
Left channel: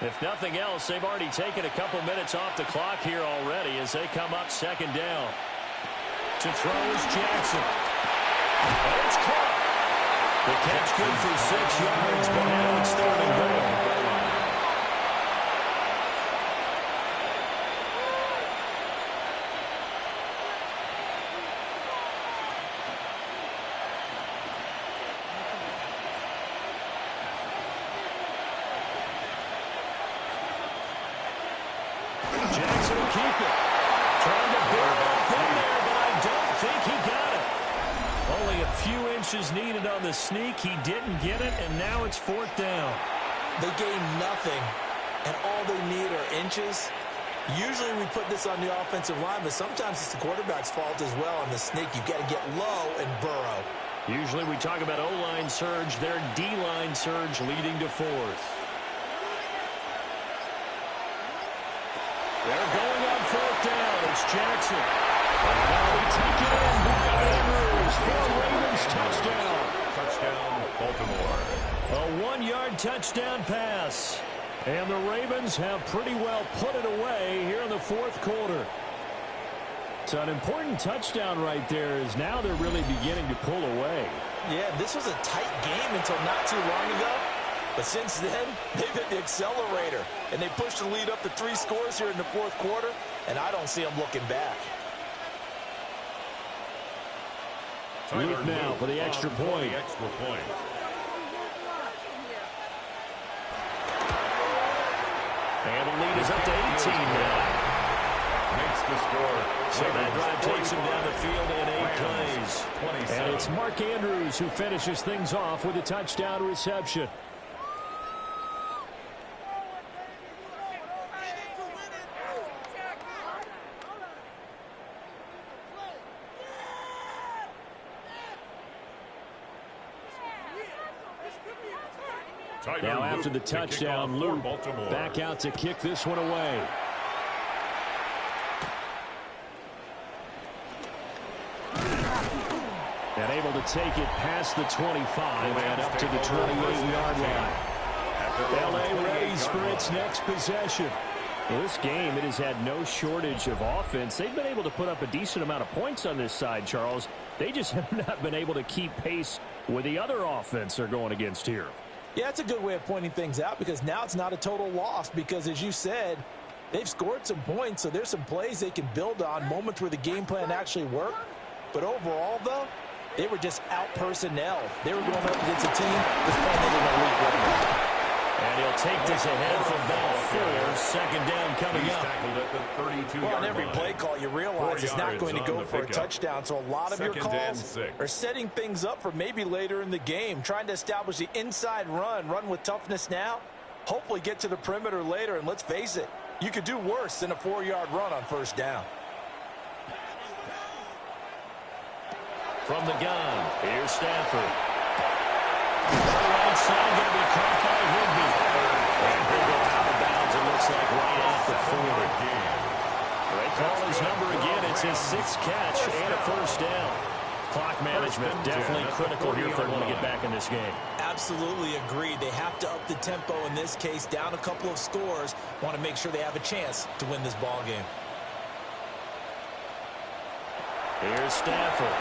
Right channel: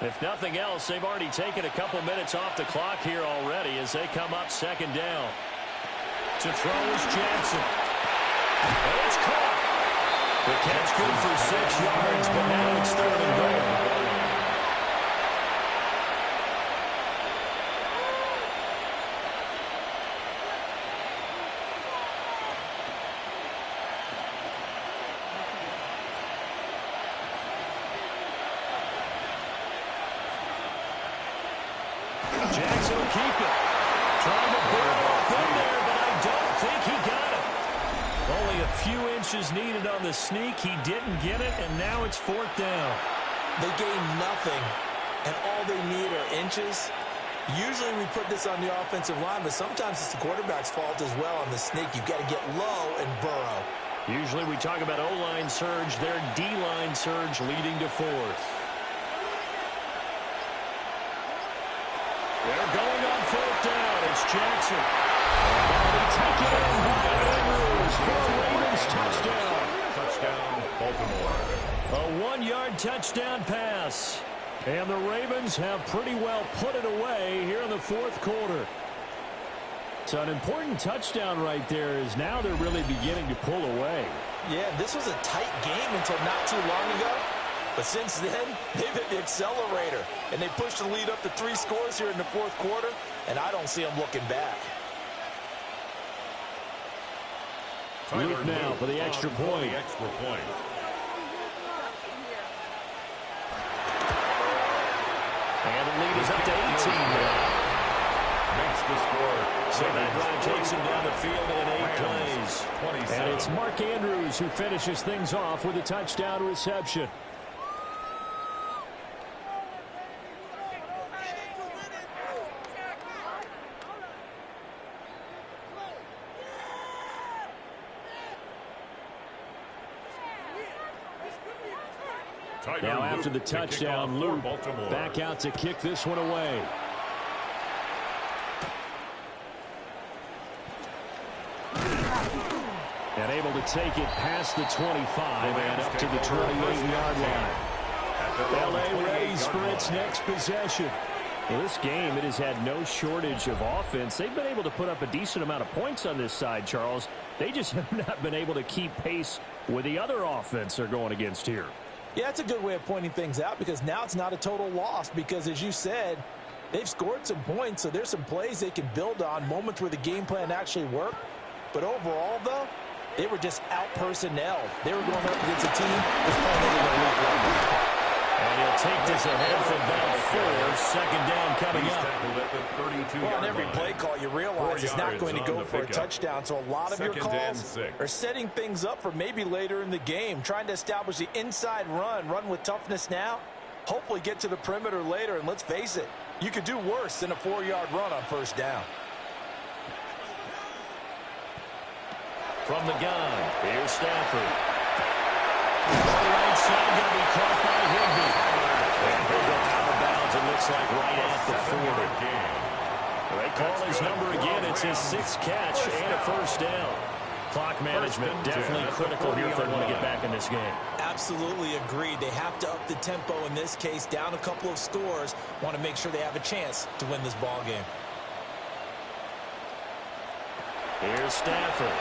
If nothing else, they've already taken a couple minutes off the clock here already as they come up 2nd down. To throw is Jackson. And it's caught. The catch good for 6 yards, but now it's 3rd and goal. Jackson will keep it. Trying to barrel up in there, but I don't think he got it. Only a few inches needed on the sneak. He didn't get it, and now it's 4th down. They gain nothing, and all they need are inches. Usually we put this on the offensive line, but sometimes it's the quarterback's fault as well on the sneak. You've got to get low and burrow. Usually we talk about O-line surge. Their D-line surge leading to 4th. They're going on 4th down. It's Jackson. And now they take it in by Andrews for a Ravens touchdown. Touchdown, Baltimore. A 1-yard touchdown pass. And the Ravens have pretty well put it away here in the 4th quarter. So an important touchdown right there is now they're really beginning to pull away. Yeah, this was a tight game until not too long ago. But since then, they've hit the accelerator, and they pushed the lead up to 3 scores here in the 4th quarter, and I don't see them looking back. Luke now for the extra point. And the lead is up to 18 now. Makes the score. So that drive takes him down the field in 8 plays. 27. And it's Mark Andrews who finishes things off with a touchdown reception. Now after the touchdown, Luke back out to kick this one away. And able to take it past the 25 and up to the 28-yard line. L.A. readies for its next possession. Well, this game, it has had no shortage of offense. They've been able to put up a decent amount of points on this side, Charles. They just have not been able to keep pace with the other offense they're going against here. Yeah, that's a good way of pointing things out because now it's not a total loss because, as you said, they've scored some points, so there's some plays they can build on, moments where the game plan actually worked. But overall, though, they were just out-personnelled. They were going up against a team that's playing at an elite level. And he'll take this ahead for about 4. 2nd down coming up. Tackled at the 32-yard Well, on every line. play call, you realize it's not going to go for a touchdown. So a lot of your 2nd and calls 6. are setting things up for maybe later in the game, trying to establish the inside run with toughness now, hopefully get to the perimeter later. And let's face it, you could do worse than a 4-yard run on 1st down. From the gun, here's Stafford. The right side going to be caught by Higbee. And he'll go out of bounds, it looks like right at the 40. They call his number again. It's his 6th catch and a 1st down. Clock management definitely critical here if they want to get back in this game. Absolutely agreed. They have to up the tempo in this case, down a couple of scores. Want to make sure they have a chance to win this ball game. Here's Stafford.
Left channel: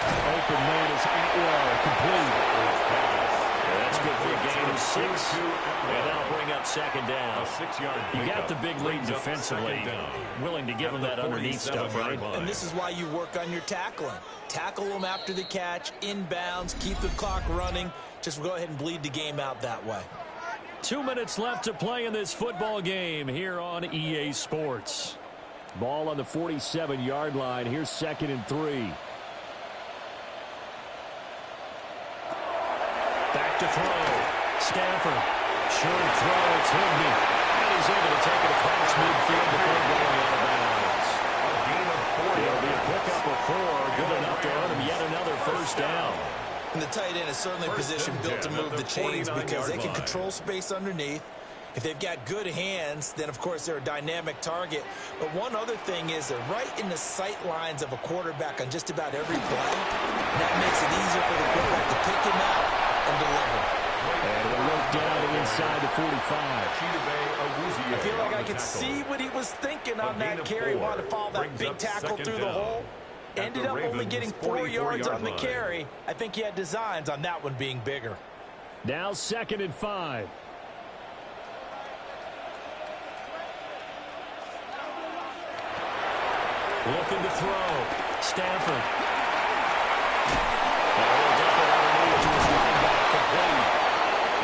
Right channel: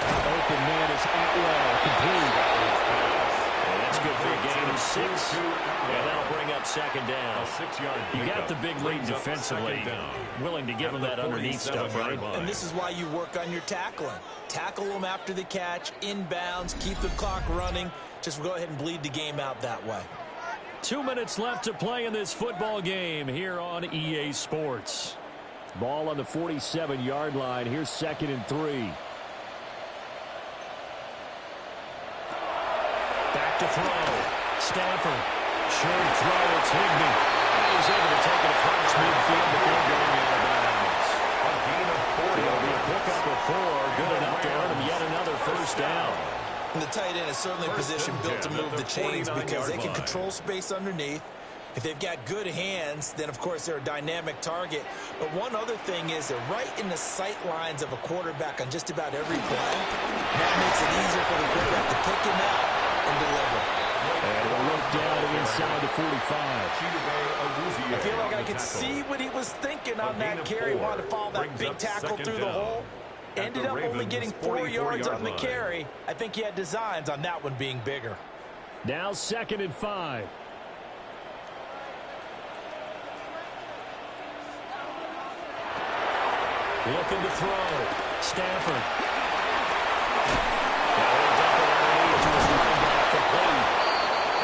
Open man is Atwell, complete. And that's good for a gain of 6. And that'll bring up 2nd down. 6-yard. You got the big lead defensively. Willing to give them that underneath stuff, right? And this is why you work on your tackling. Tackle them after the catch, inbounds, keep the clock running. Just go ahead and bleed the game out that way. 2 minutes left to play in this football game here on EA Sports. Ball on the 47-yard line. Here's 2nd and 3. Back to throw. Stafford. Short throw. It's Higbee. And he's able to take it across midfield before going out of bounds. A gain of 4 yards. It'll be a pickup of 4. Good enough to earn him yet another 1st down. And the tight end is certainly a position built to move the chains because they can control space underneath. If they've got good hands, then, of course, they're a dynamic target. But one other thing is they're right in the sight lines of a quarterback on just about every play. And that makes it easier for the quarterback to pick him out and deliver. And we'll look down inside the 45. I feel like I could see what he was thinking on that carry. Wanted to follow that big tackle through the hole. Ended up only getting 4 yards on the carry. I think he had designs on that one being bigger. Now 2nd and 5. Looking to throw. Stafford. Now he'll dump it underneath to his running back, complete.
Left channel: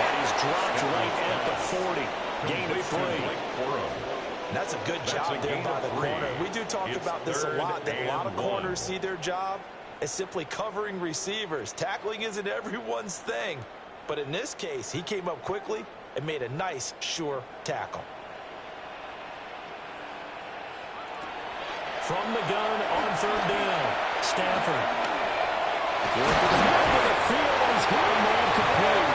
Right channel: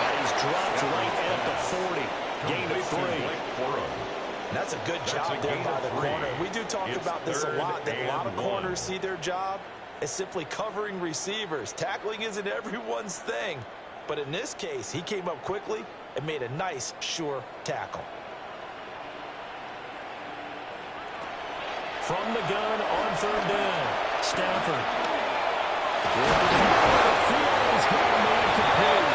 And he's dropped right at the 40. Gain of 3. That's a good job there by the corner. We do talk about this a lot, that a lot of corners see their job as simply covering receivers. Tackling isn't everyone's thing. But in this case, he came up quickly and made a nice, sure tackle. From the gun on 3rd down. Stafford. Working the middle of the field, and he's got a man complete.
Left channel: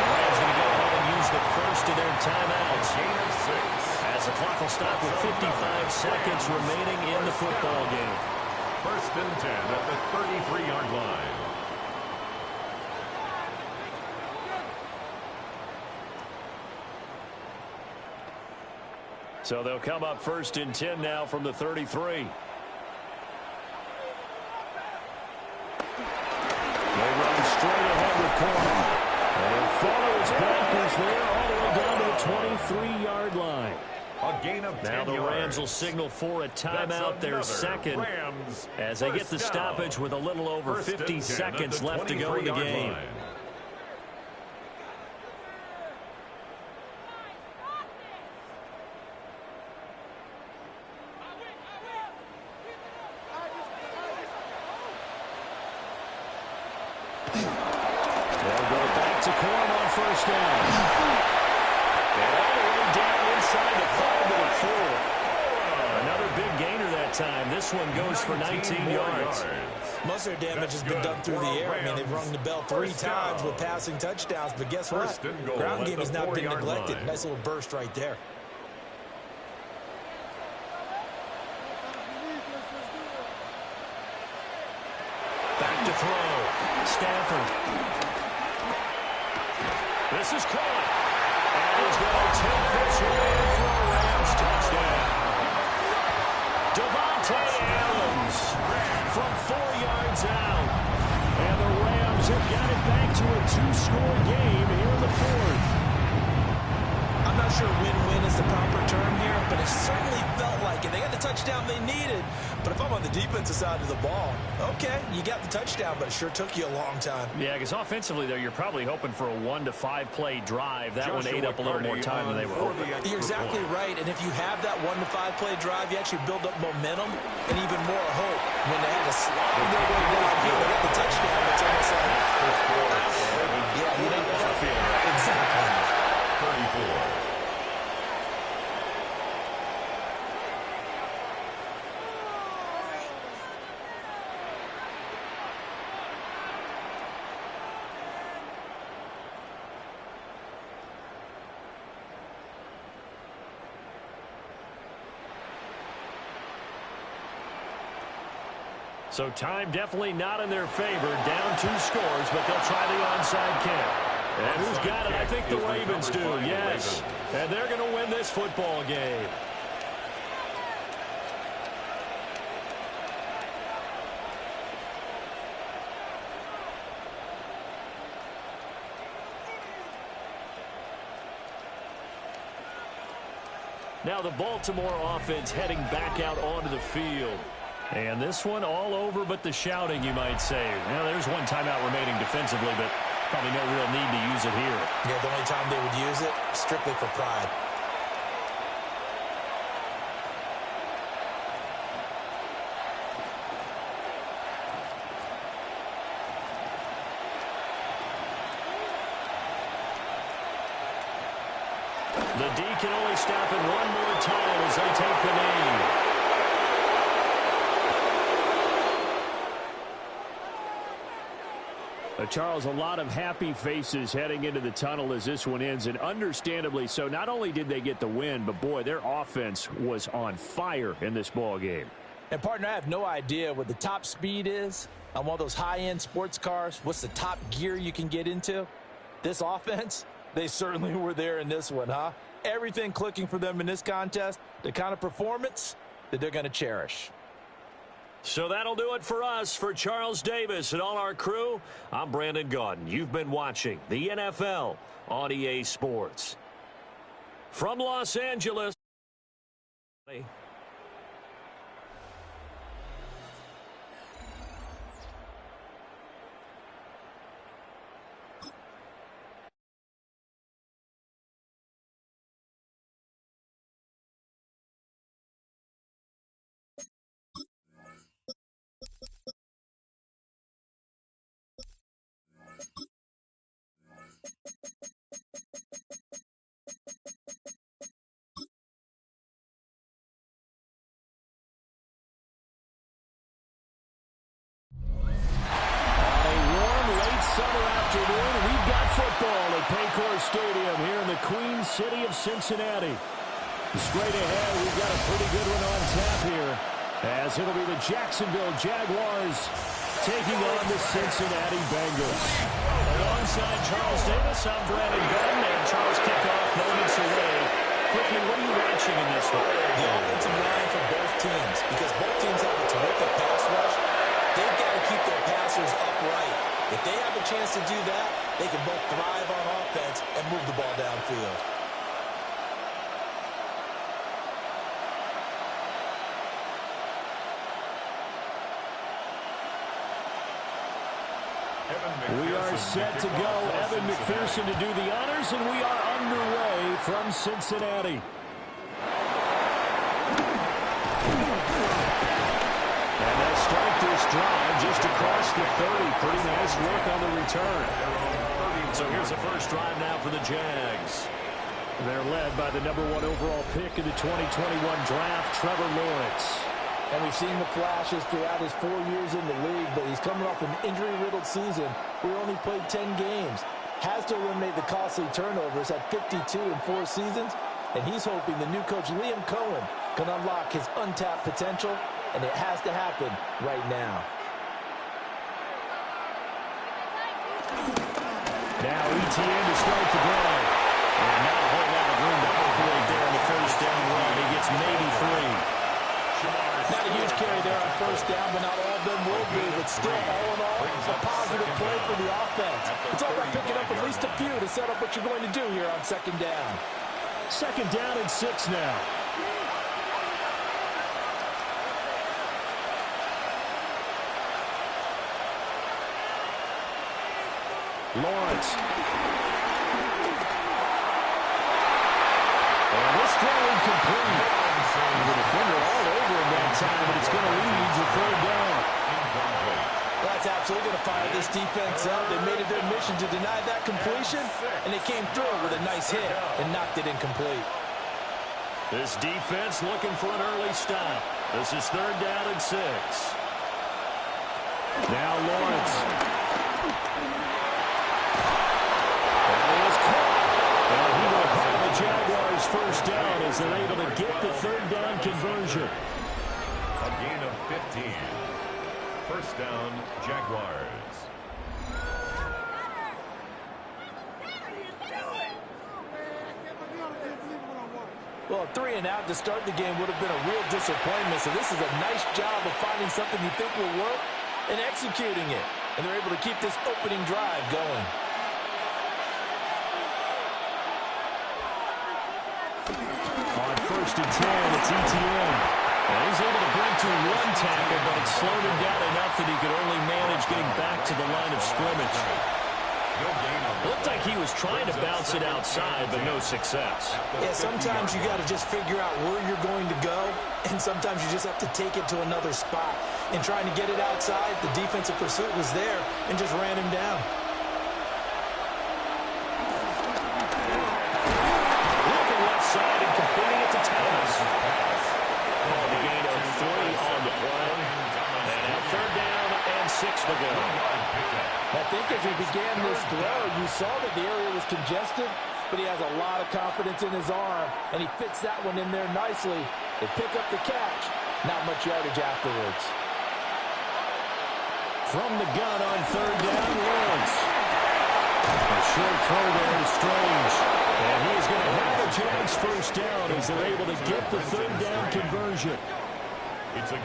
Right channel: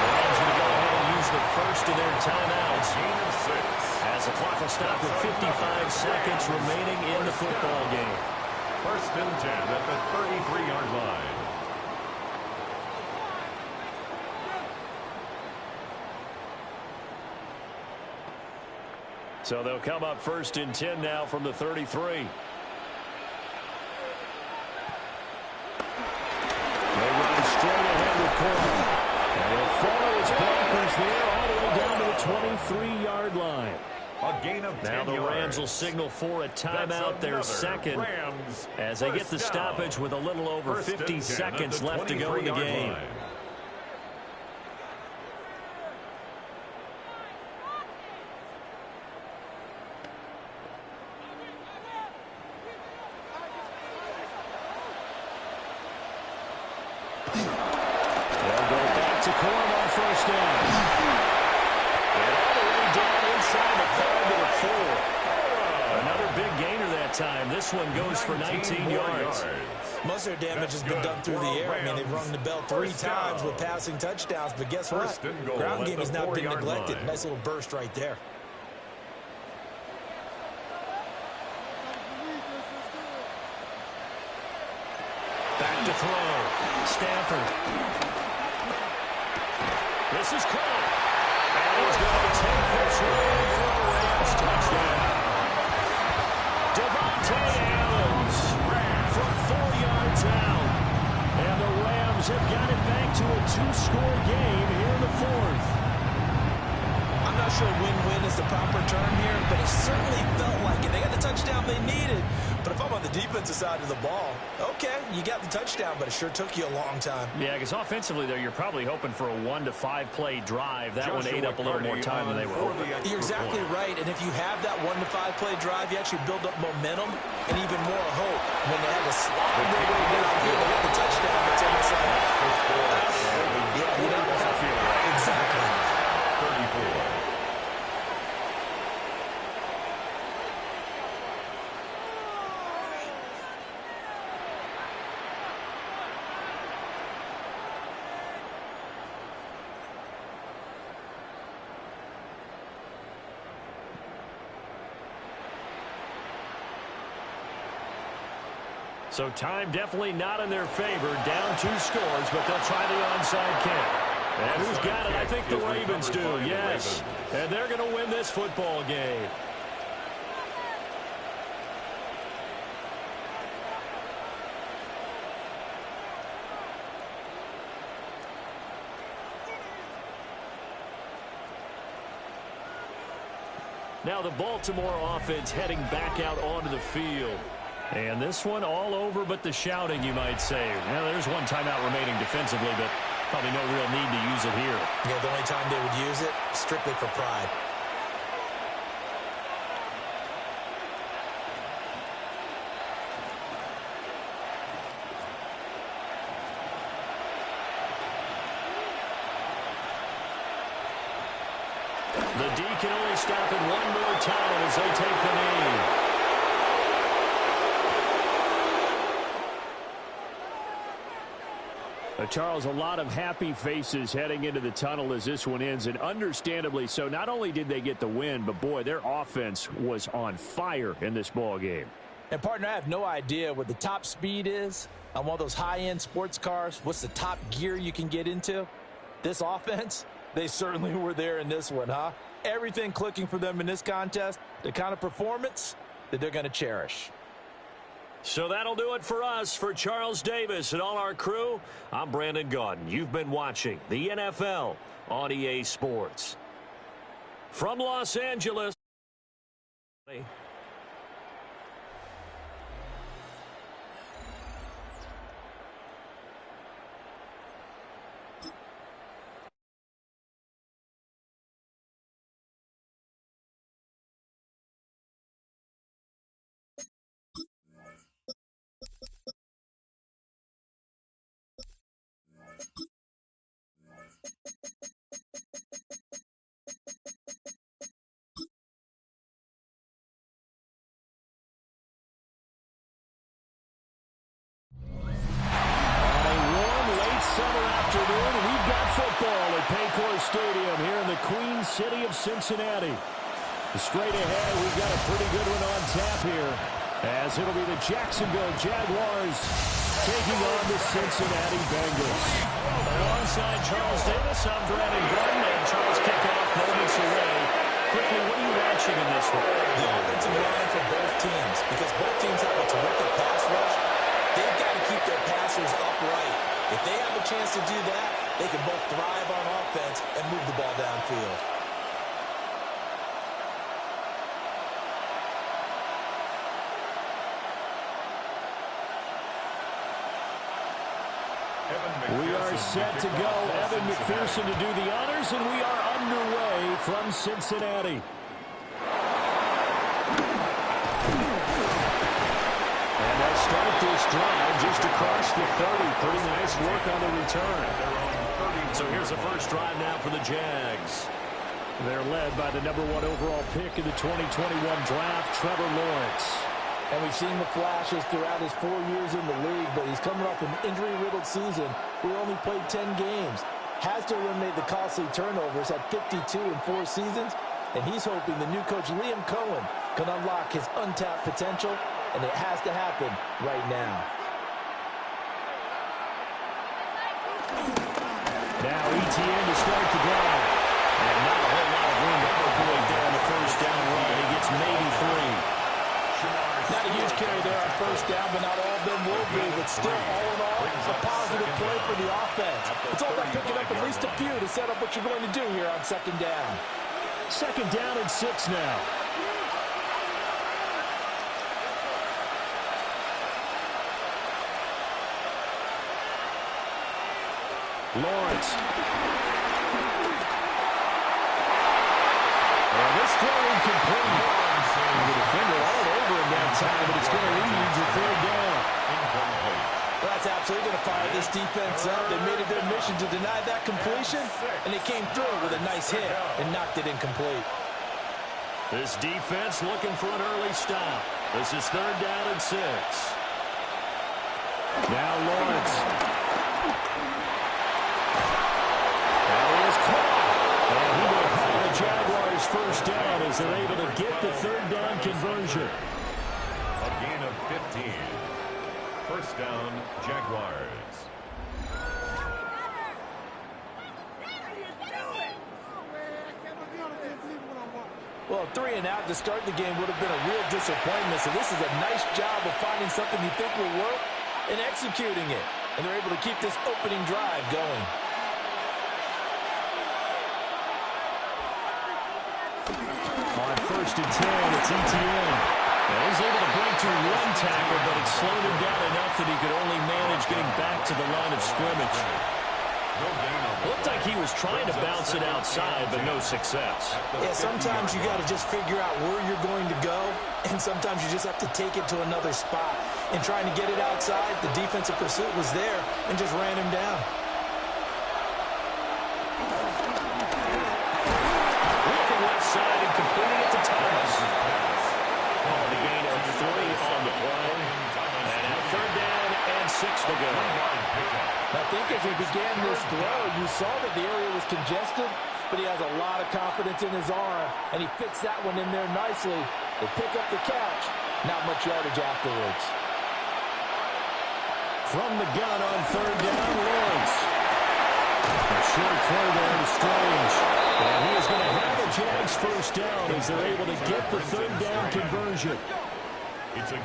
The Rams going to go ahead and use the first of their timeouts. Gain of 6. As the clock will stop with 55 seconds remaining in the football game. 1st and 10 at the 33-yard line. So they'll come up 1st and 10 now from the 33. They run straight ahead with Corn. And he'll follow his blockers there all the way down to the 23-yard line. A gain of 10 now the yards. Rams will signal for a timeout, their second, Rams as they get the down. stoppage with a little over 50 seconds left to go in the game. Line. They'll go back to Corm on 1st down. And all the way down inside the 5 to the 4. Another big gainer that time. This one goes for 19 yards. Most of their damage has been done through the air. I mean, they've rung the bell 3 times with passing touchdowns. But guess what? Ground game has not been neglected. Nice little burst right there. Back to throw. Stafford. This is caught. And he's going to take this one in for a Rams touchdown. Devontae Adams from 4 yards out. And the Rams have got it back to a 2-score game here in the 4th. I'm not sure win-win is the proper term here, but it certainly felt like it. They got the touchdown they needed. But if I'm on the defensive side of the ball, okay, you got the touchdown, but it sure took you a long time. Yeah, because offensively there, you're probably hoping for a 1 to 5 play drive. That one ate up a little more time than they were hoping. You're exactly right, and if you have that 1 to 5 play drive, you actually build up momentum and even more hope. When they had to slog their way downfield, they got the touchdown, it's almost like, yeah, you know, doesn't feel right. Exactly. 34. So time definitely not in their favor. Down 2 scores, but they'll try the onside kick. And who's got it? I think the Ravens do, yes. And they're going to win this football game. Now the Baltimore offense heading back out onto the field. And this one all over but the shouting, you might say. Now, there's one timeout remaining defensively, but probably no real need to use it here. Yeah, the only time they would use it, strictly for pride. The D can only stop it one more time as they take the knee. Charles, a lot of happy faces heading into the tunnel as this one ends, and understandably so. Not only did they get the win, but, boy, their offense was on fire in this ball game. And, partner, I have no idea what the top speed is on one of those high-end sports cars. What's the top gear you can get into? This offense, they certainly were there in this one, huh? Everything clicking for them in this contest, the kind of performance that they're going to cherish. So that'll do it for us. For Charles Davis and all our crew, I'm Brandon Gaudin. You've been watching the NFL on EA Sports. From Los Angeles. Summer afternoon, we've got football at Paycor Stadium here in the Queen City of Cincinnati. Straight ahead, we've got a pretty good one on tap here, as it'll be the Jacksonville Jaguars taking on the Cincinnati Bengals. Alongside Charles Davis, I'm Brandon Gaudin, and Charles kickoff moments away. Quickly, what are you watching in this one? The offensive line for both teams, because both teams have a terrific pass rush. They've got to keep their passers upright. If they have a chance to do that, they can both thrive on offense and move the ball downfield. We are set to go. Evan McPherson to do the honors, and we are underway from Cincinnati. And they'll start this drive just across the 30. Pretty nice work on the return. So here's the first drive now for the Jags. They're led by the #1 overall pick in the 2021 draft, Trevor Lawrence. And we've seen the flashes throughout his 4 years in the league, but he's coming off an injury-riddled season where he only played 10 games. Has to eliminate the costly turnovers at 52 in 4 seasons, and he's hoping the new coach Liam Cohen can unlock his untapped potential, and it has to happen right now. Now ETN to start the drive. And not a whole lot of room to operate there on the first down run. He gets maybe 3. Not a huge carry there on first down, but not all of them will be. But still, all in all, a positive play for the offense. It's all about picking up at least a few to set up what you're going to do here on second down. Second down and 6 now. Lawrence. And this throw incomplete. The defender all over him that time, but it's going to lead to third down. Well, that's absolutely going to fire this defense up. They made it their mission to deny that completion, and they came through with a nice hit and knocked it incomplete. This defense looking for an early stop. This is third down and 6. Now Lawrence. That is caught. And he will have the Jaguars first down as they're able to get the third down conversion. A gain of 15. First down, Jaguars. Well, 3 and out to start the game would have been a real disappointment. So this is a nice job of finding something you think will work and executing it. And they're able to keep this opening drive going. On first and 10, it's ETN. And he's able to break through 1 tackle, but it slowed him down enough that he could only manage getting back to the line of scrimmage. Looked like he was trying to bounce it outside, but no success. Yeah, sometimes you got to just figure out where you're going to go, and sometimes you just have to take it to another spot. And trying to get it outside, the defensive pursuit was there and just ran him down. Looking left side and completing it to Thomas. call the gain of 3 on the play. And now 3rd down and 6 to go. I think as he began this throw, you saw that the area was congested, but he has a lot of confidence in his arm, and he fits that one in there nicely. They pick up the catch. Not much yardage afterwards. From the gun on 3rd down, Lawrence. A short throw there to Strange. And he is going to have a Jags 1st down as they're able to get the 3rd down conversion.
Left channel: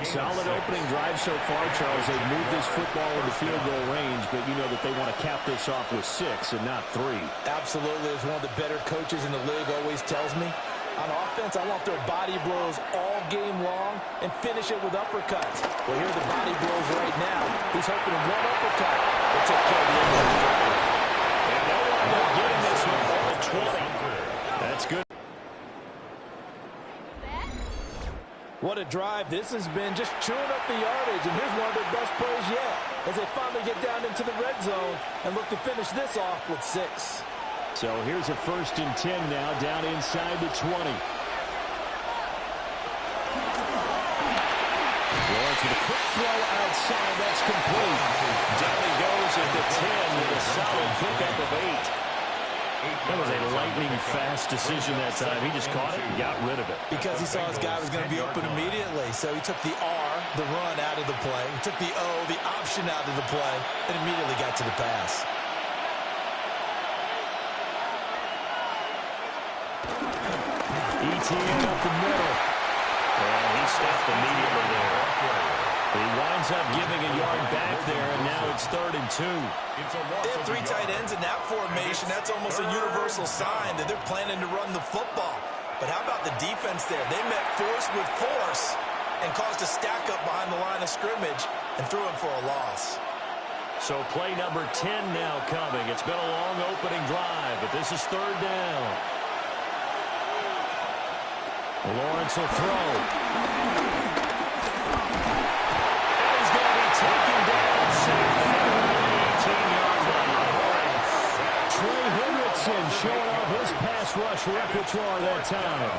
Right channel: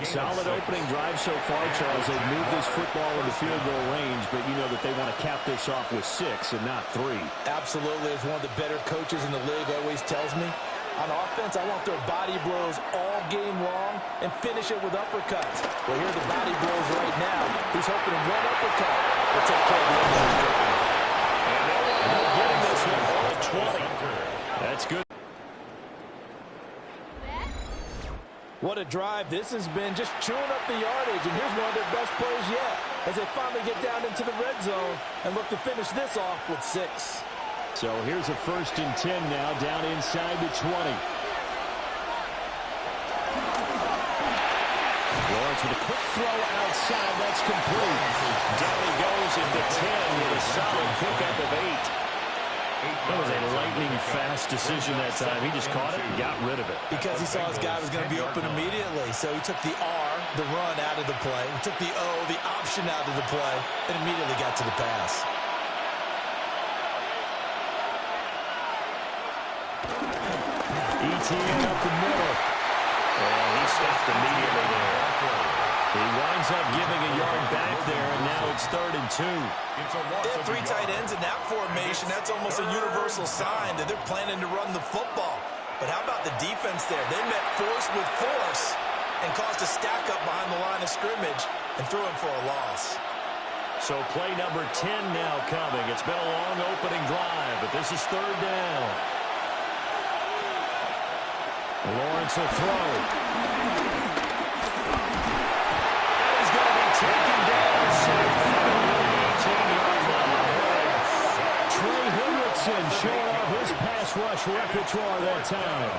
Solid opening drive so far, Charles. They've moved this football into field goal range, but you know that they want to cap this off with 6 and not 3. Absolutely. As one of the better coaches in the league always tells me, on offense, I want their body blows all game long and finish it with uppercuts. Well, here are the body blows right now. He's hoping one uppercut will take care of the end of the drive. And they'll wind up getting this one on the 20. That's good. What a drive this has been, just chewing up the yardage, and here's one of their best plays yet as they finally get down into the red zone and look to finish this off with 6. So here's a 1st and 10 now, down inside the 20. Lawrence with a quick throw outside, that's complete. Down he goes at the 10 with a solid pickup of 8. That was a lightning-fast decision that time. He just caught it and got rid of it. Because he saw his guy was going to be open immediately. So he took the R, the run, out of the play. He took the O, the option, out of the play, and immediately got to the pass. ETN up the middle. And he stopped immediately there. He winds up giving a yard back there, and now it's 3rd and 2. They have 3 tight ends in that formation. That's almost a universal sign that they're planning to run the football. But how about the defense there? They met force with force and caused a stack up behind the line of scrimmage and threw him for a loss. So play number 10 now coming. It's been a long opening drive, but this is 3rd down. Lawrence will throw. And he's going to be taken down. Sacked back around the 18-yard line. Trey Hendrickson showing off his pass rush repertoire that time.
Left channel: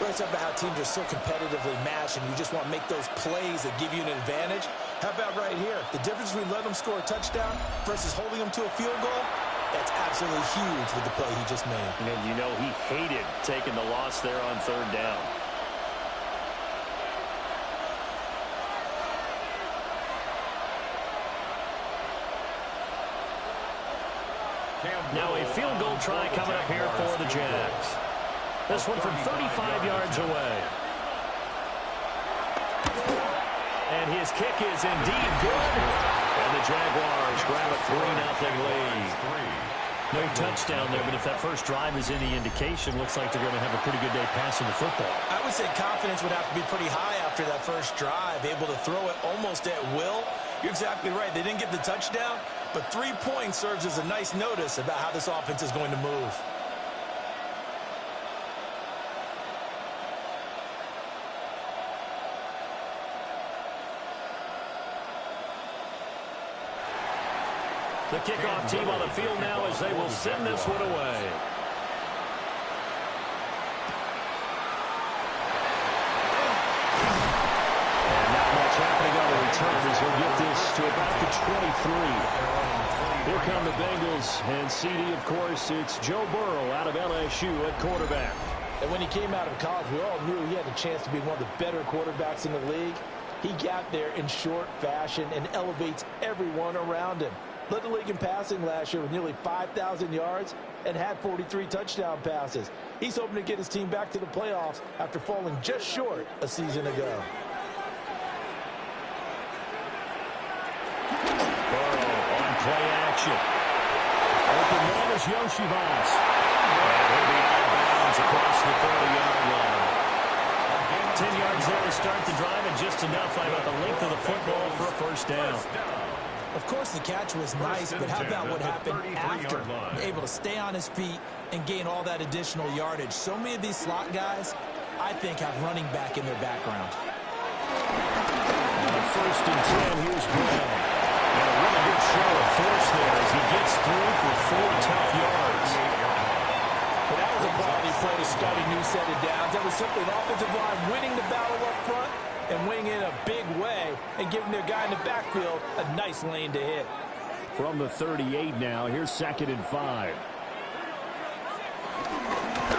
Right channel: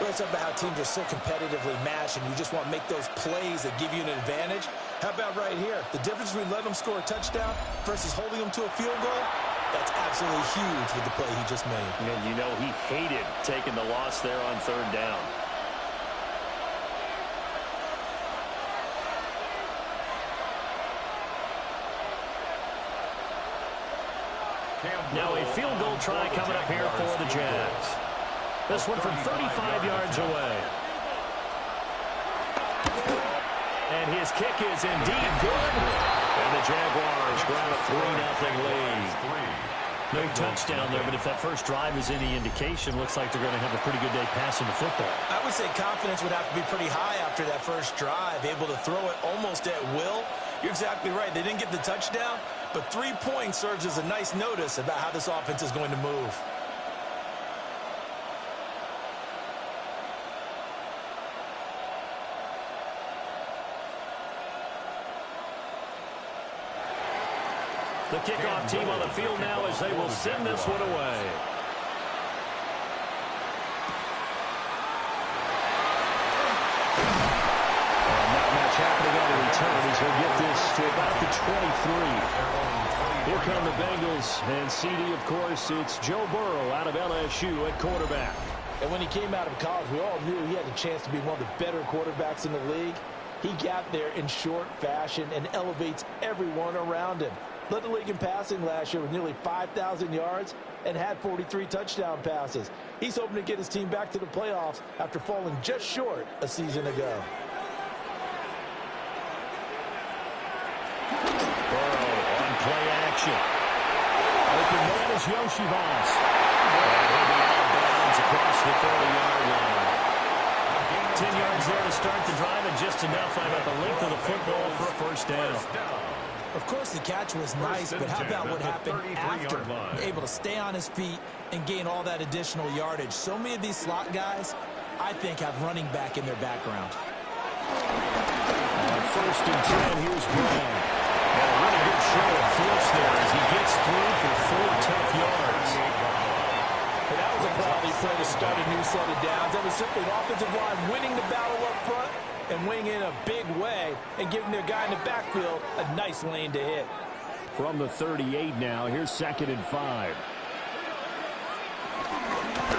It's about how teams are so competitively matched, and you just want to make those plays that give you an advantage. How about right here? The difference between letting them score a touchdown versus holding them to a field goal, that's absolutely huge with the play he just made. And you know he hated taking the loss there on 3rd down. Now a field goal try coming up here for the Jags. This one from 35 yards away. And his kick is indeed good. And the Jaguars grab a 3-0 lead. No touchdown there, but if that first drive is any indication, looks like they're going to have a pretty good day passing the football. I would say confidence would have to be pretty high after that first drive, able to throw it almost at will. You're exactly right. They didn't get the touchdown, but 3 points serves as a nice notice about how this offense is going to move. The kickoff team on the field now as they will send this one away. And not much happening on the return as he'll get this to about the 23. Here come the Bengals, and CD, of course, it's Joe Burrow out of LSU at quarterback. And when he came out of college, we all knew he had a chance to be one of the better quarterbacks in the league. He got there in short fashion and elevates everyone around him. Led the league in passing last year with nearly 5,000 yards and had 43 touchdown passes. He's hoping to get his team back to the playoffs after falling just short a season ago. Burrow on play action. Open man is Yoshivas. And he'll be out of bounds across the 30-yard line. 10 yards there to start the drive, and just enough by about the length of the football for a 1st down. Of course, the catch was nice, but how about what happened after? Able to stay on his feet and gain all that additional yardage. So many of these slot guys, I think, have running back in their background. On 1st and 10, here's Brown. And a really good show of force there as he gets through for 4 tough yards. And that was a quality play to start a new set of downs. That was simply an offensive line winning the battle up front and winning in a big way and giving their guy in the backfield a nice lane to hit. From the 38 now, here's 2nd and 5.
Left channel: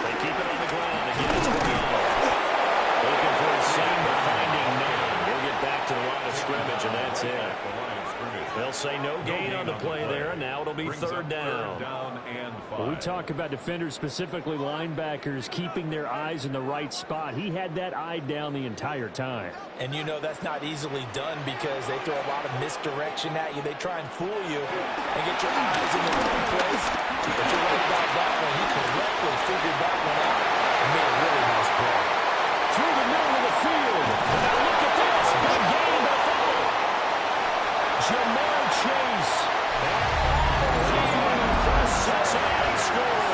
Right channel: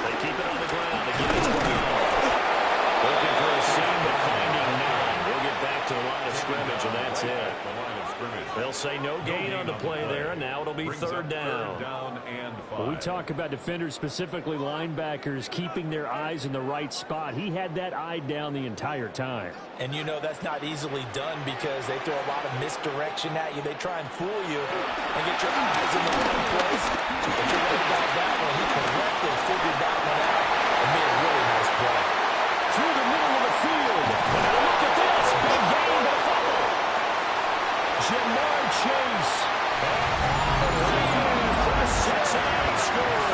They keep it on the ground. Again, it's Brown. Looking for a seam, but finding none. He'll get back to the line of scrimmage, and that's it. They'll say no gain on the play there, and now it'll be 3rd down. Well, we talk about defenders, specifically linebackers, keeping their eyes in the right spot. He had that eye down the entire time. And you know that's not easily done because they throw a lot of misdirection at you. They try and fool you and get your eyes in the wrong place. But you're right about that one. He correctly figured that one out and made a really nice play. Through the middle of the field. And now look at this. Big gain, but a fumble. Jamar Chase. And all the way in for a Cincinnati score.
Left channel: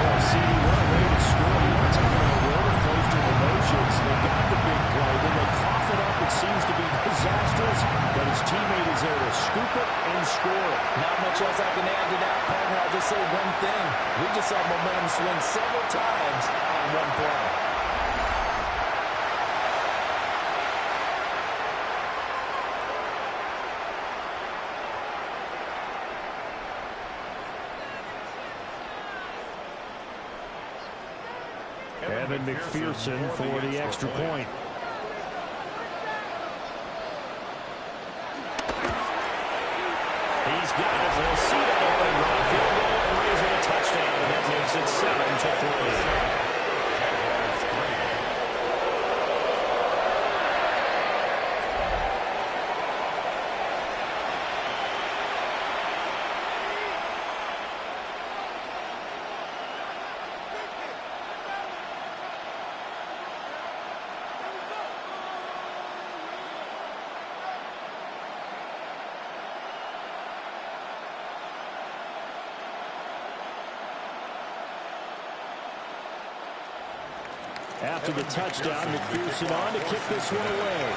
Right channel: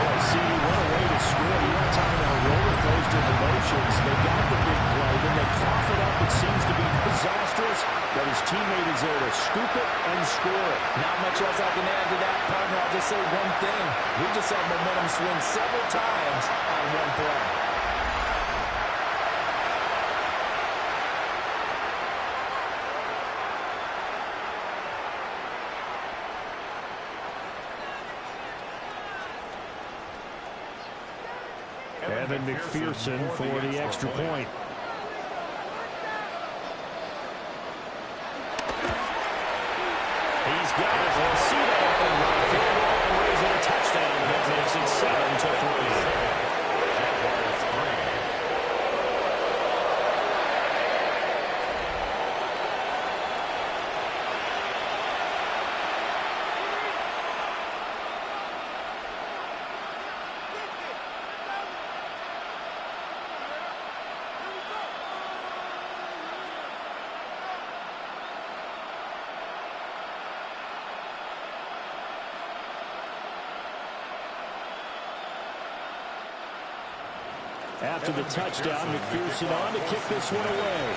Oh, CD, what a way to score. You want to talk about roller coaster emotions. They got the big play. Then they cough it up. It seems to be disastrous. But his teammate is there to scoop it and score it. Not much else I can add to that, partner. I'll just say one thing. We just saw momentum swing several times on one play. Evan McPherson for the extra point. He's got it. They'll see that open run. Field goal and raise it a touchdown, and that makes it 7-3. After the touchdown, McPherson on to kick this one away.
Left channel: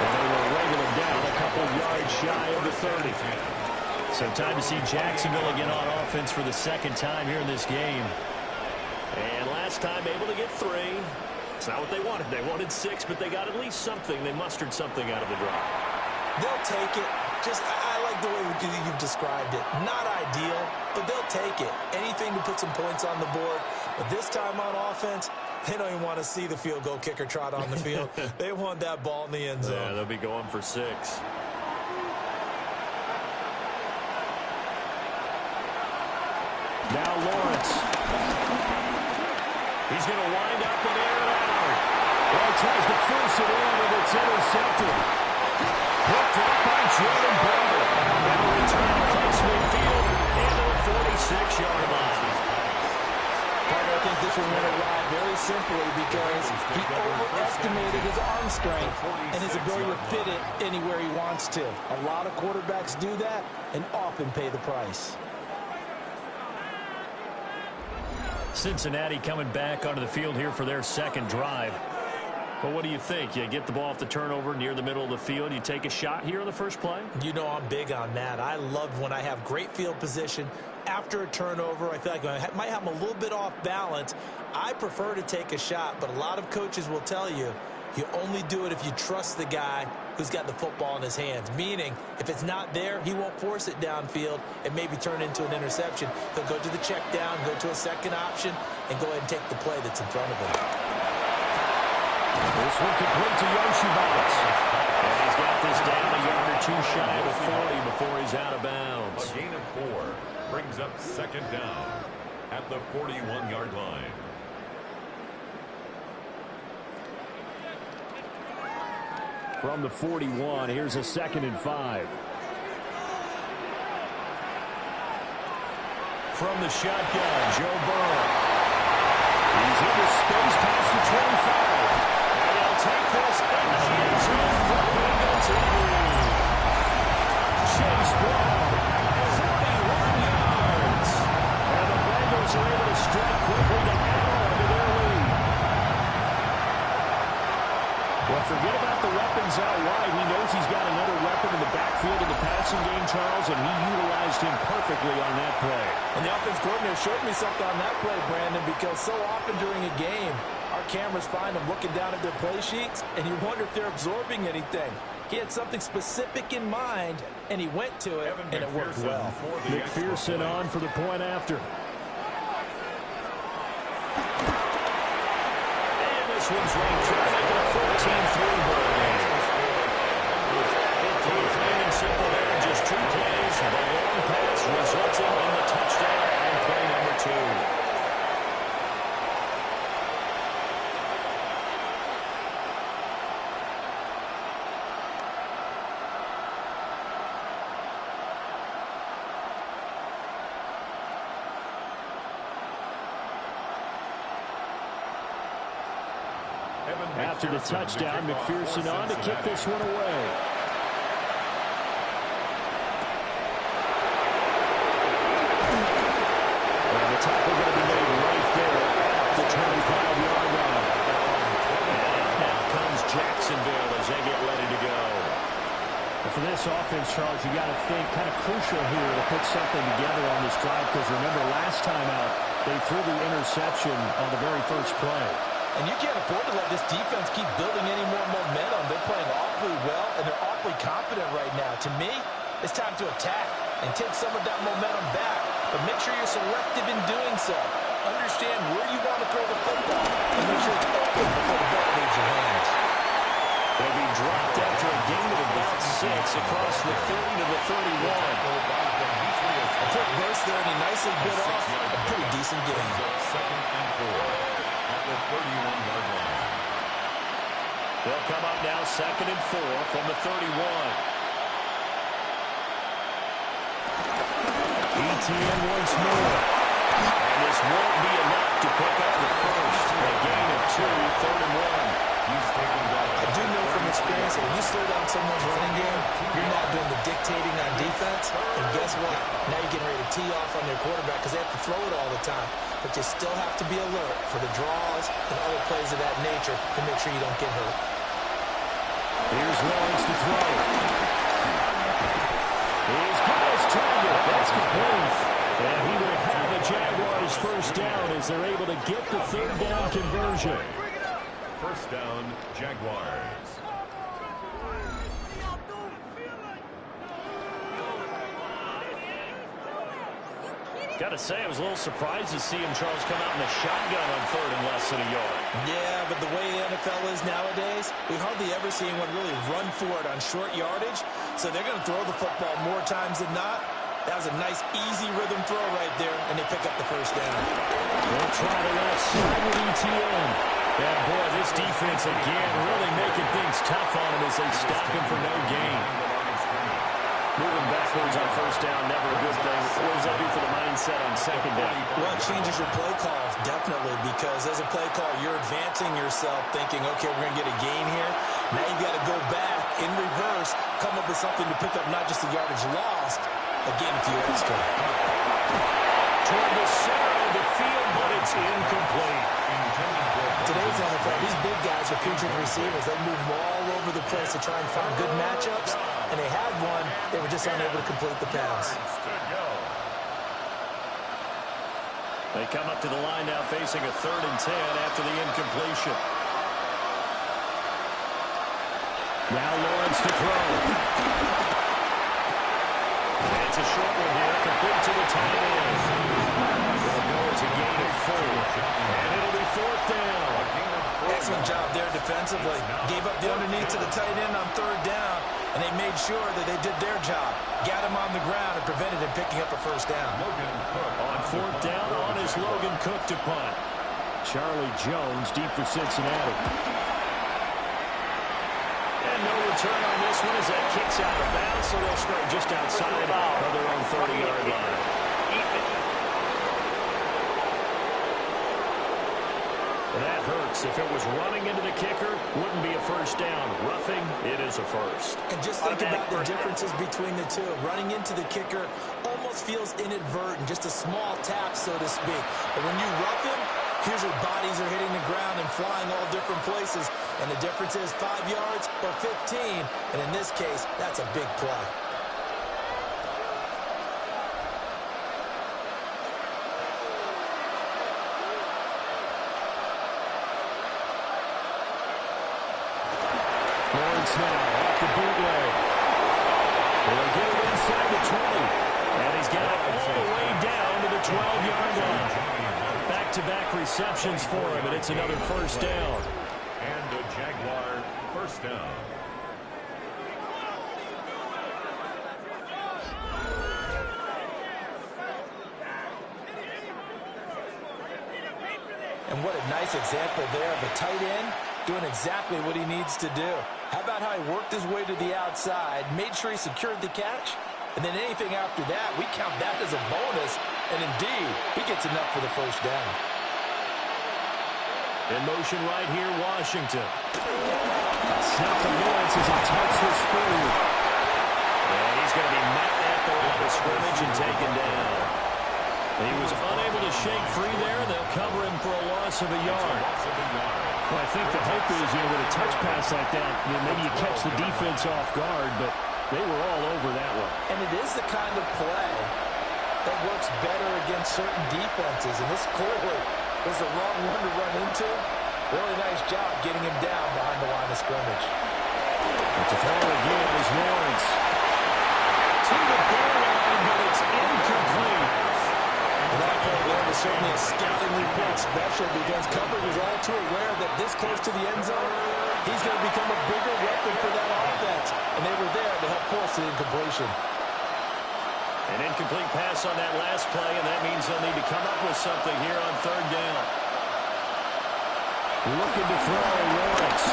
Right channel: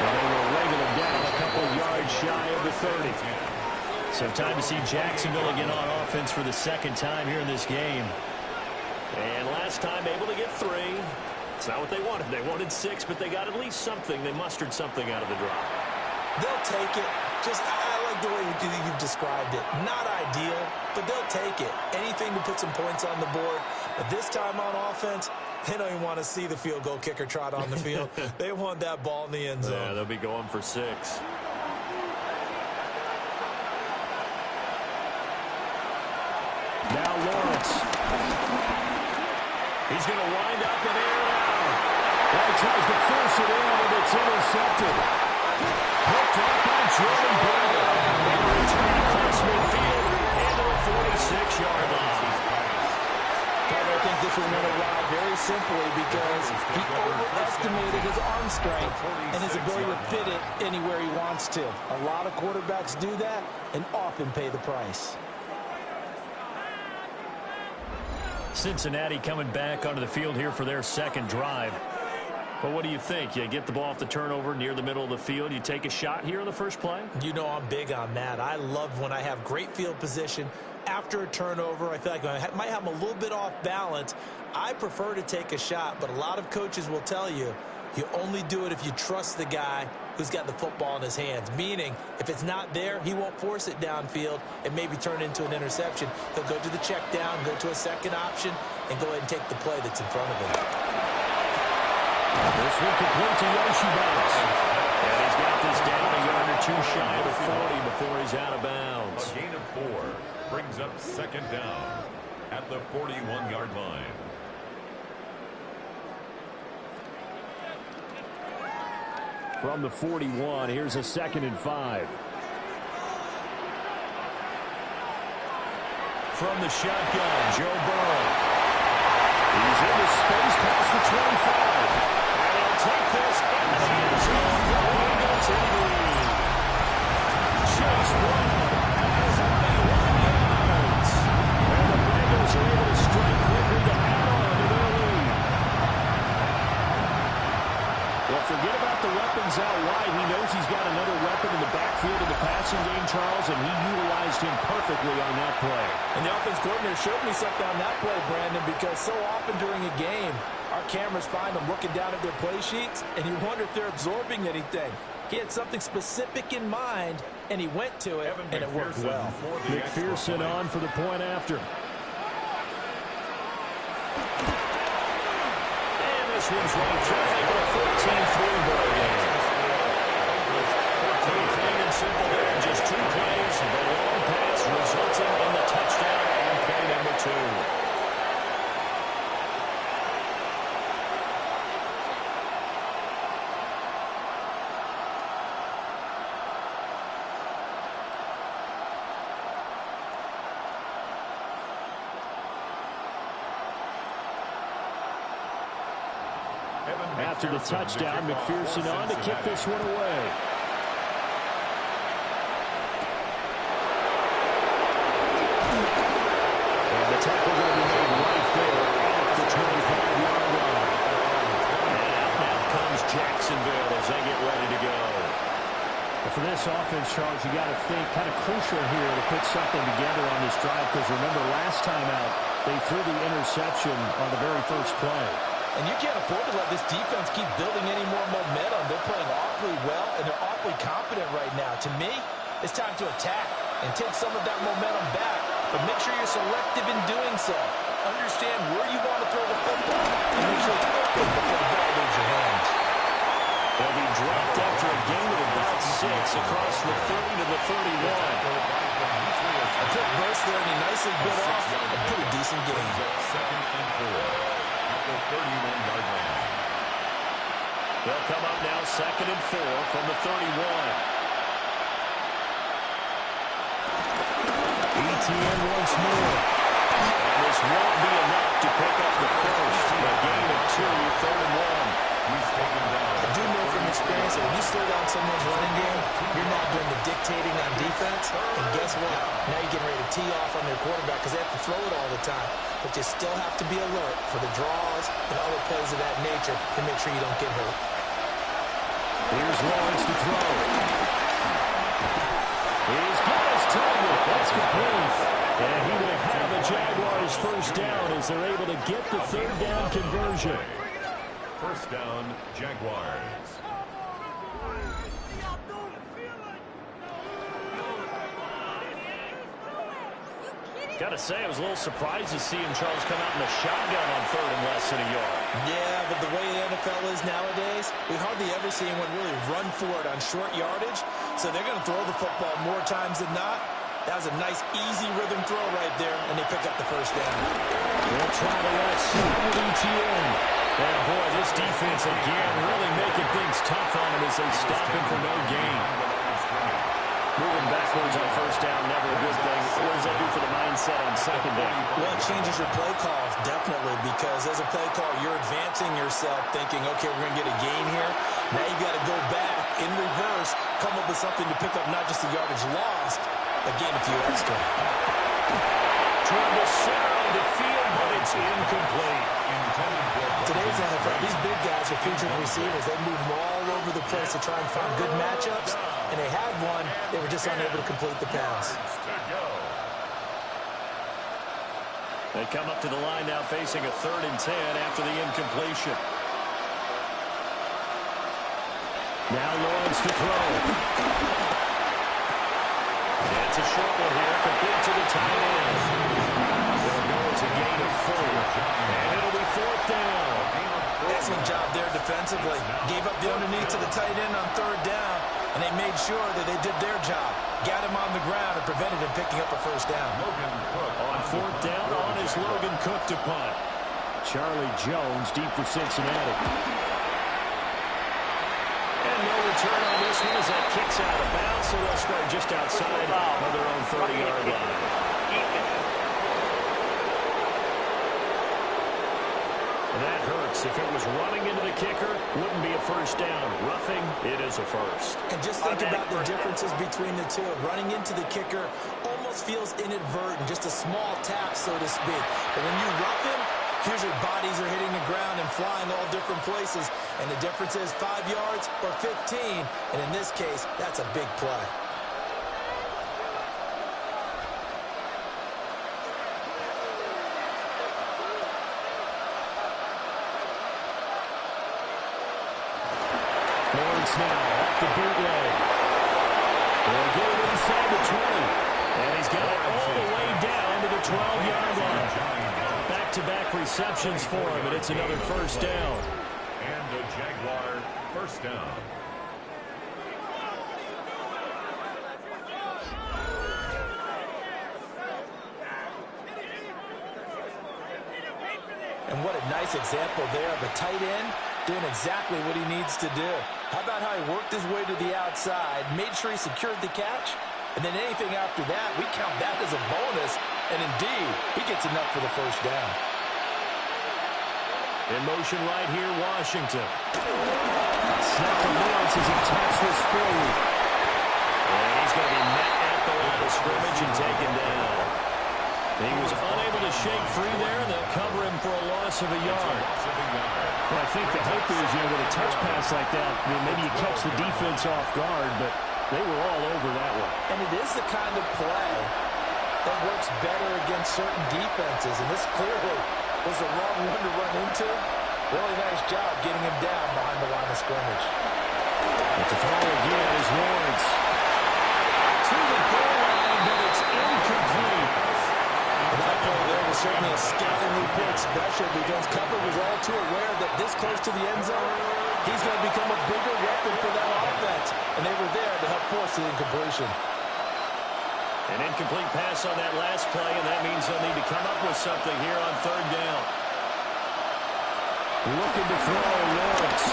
And they will wrangle him down a couple yards shy of the 30. So time to see Jacksonville again on offense for the 2nd time here in this game. And last time able to get 3. It's not what they wanted. They wanted 6, but they got at least something. They mustered something out of the drive. They'll take it. I like the way you've described it. Not ideal, but they'll take it. Anything to put some points on the board. But this time on offense, they don't even want to see the field goal kicker trot on the field. They want that ball in the end zone. Yeah, they'll be going for 6. Now Lawrence. He's going to wind up and air it out. Well, he tries to force it in, and it's intercepted. Hooked up by Jordan Bader. And a return across midfield into the 46-yard line. I think this one went awry very simply because he overestimated his arm strength and his ability to fit it anywhere he wants to. A lot of quarterbacks do that and often pay the price. Cincinnati coming back onto the field here for their 2nd drive. But what do you think? You get the ball off the turnover near the middle of the field. You take a shot here on the first play? You know I'm big on that. I love when I have great field position. After a turnover, I feel like I might have them a little bit off balance. I prefer to take a shot, but a lot of coaches will tell you, you only do it if you trust the guy who's got the football in his hands. Meaning, if it's not there, he won't force it downfield and maybe turn into an interception. He'll go to the check down, go to a second option, and go ahead and take the play that's in front of him. This one complete to Yoshibats. And he's got this down a yard or 2 shy of the 40 before he's out of bounds. A gain of 4 brings up 2nd down at the 41-yard line. From the 41, here's a 2nd and 5. From the shotgun, Joe Burrow. He's into space past the 25. And he'll take this into the end zone for Eagle TV. Chase Brown, 41 yards. And the Bengals are able to strike quickly to add on to their lead. Well, forget about the weapons out wide. He knows he's got another weapon in the backfield of the passing game, Charles, and he utilized him perfectly on that play. And the offense coordinator showed me something on that play, Brandon, because so often during a game, our cameras find them looking down at their play sheets, and you wonder if they're absorbing anything. He had something specific in mind, and he went to it, and it worked well. McPherson on for the point after. And this one's right through, making a 14-3 ball game. 14, clean and simple there, just 2 plays. The long pass resulting in the touchdown on play number 2. After the touchdown, McPherson on to kick this one away. And the tackle going to be made right there at the 25-yard line. And out now comes Jacksonville as they get ready to go. And for this offense, Charles, you got to think kind of crucial here to put something together on this drive, because remember last time out, they threw the interception on the very first play. And you can't afford to let this defense keep building any more momentum. They're playing awfully well, and they're awfully confident right now. To me, it's time to attack and take some of that momentum back. But make sure you're selective in doing so. Understand where you want to throw the football, and make sure it's open before the ball leaves your hands. They'll be dropped after a gain of about 6 across the 30 to the 31. A quick burst there, and he nicely bit off a pretty decent game. Second and 4. At the 31-yard line. They'll come up now 2nd and 4 from the 31. ETN once more. And this won't be enough to pick up the first. A gain of 2, 3rd and 1. He's taken down. I do know from experience that when you slow down someone's running game, you're not doing the dictating on defense. And guess what? Now you're getting ready to tee off on their quarterback because they have to throw it all the time. But you still have to be alert for the draws and other plays of that nature to make sure you don't get hurt. Here's Lawrence to throw. He's got his target. That's complete. And he will have a Jaguars first down as they're able to get the 3rd down conversion. First down, Jaguars. Got to say, I was a little surprised to see him, Charles, come out in the shotgun on 3rd and less than a yard. Yeah, but the way the NFL is nowadays, we hardly ever see anyone really run for it on short yardage. So they're going to throw the football more times than not. That was a nice, easy rhythm throw right there, and they pick up the first down. They'll try the left side with ETN. Yeah, boy, this defense again really making things tough on him as they stop him for no gain. Moving backwards on first down, never a good thing. What does that do for the mindset on 2nd down? Well, it changes your play calls, definitely, because as a play call, you're advancing yourself thinking, okay, we're going to get a gain here. Now you've got to go back in reverse, come up with something to pick up not just the yardage lost, but gain a few extra. Toward the center of the field, but it's incomplete. Today's NFL, these big guys are featured receivers. They move them all over the place to try and find good matchups, and they had one. They were just unable to complete the pass. They come up to the line now facing a 3rd and 10 after the incompletion. Now Lawrence to throw. It's a short one here, complete to the tight end. It'll go as a gain of 4, and it'll be 4th down. Excellent job there defensively. Gave up the underneath to the tight end on 3rd down, and they made sure that they did their job. Got him on the ground and prevented him picking up a first down. On 4th down, on is Logan Cook to punt. Charlie Jones deep for Cincinnati. And no return on this one as that kicks out of bounds, so they'll start just outside of their own 30-yard line. And that hurts. If it was running into the kicker, wouldn't be a first down. Roughing, it is a first. And just think about the differences between the two. Running into the kicker almost feels inadvertent, just a small tap, so to speak. But when you rough him, Usually bodies are hitting the ground and flying all different places, and the difference is 5 yards or 15, and in this case, that's a big play. Lawrence now off the bootleg. They'll get it inside the 20. And he's got it all the way down to the 12-yard line. Back-to-back receptions for him, and it's another first down. And a Jaguar first down. And what a nice example there of a tight end doing exactly what he needs to do. How about how he worked his way to the outside, made sure he secured the catch, and then anything after that, we count that as a bonus. And indeed, he gets enough for the first down. In motion right here, Washington. Snap to Lawrence as he taps this forward. And he's going to be met at the line of scrimmage and taken down. He was unable to shake free there. They'll cover him for a loss of a yard. Well, I think the hope is, with a touch pass like that, maybe you catch the defense off guard, but they were all over that one. And it is the kind of play that works better against certain defenses, and this clearly was the wrong one to run into. Really nice job getting him down behind the line of scrimmage. But the throw again is Lawrence. To the goal line, but it's incomplete. And that play there was certainly a scouting report special because coverage was all too aware that this close to the end zone, he's going to become a bigger weapon for that offense. And they were there to help force the incompletion. An incomplete pass on that last play, and that means they'll need to come up with something here on third down. Looking to throw, Lawrence.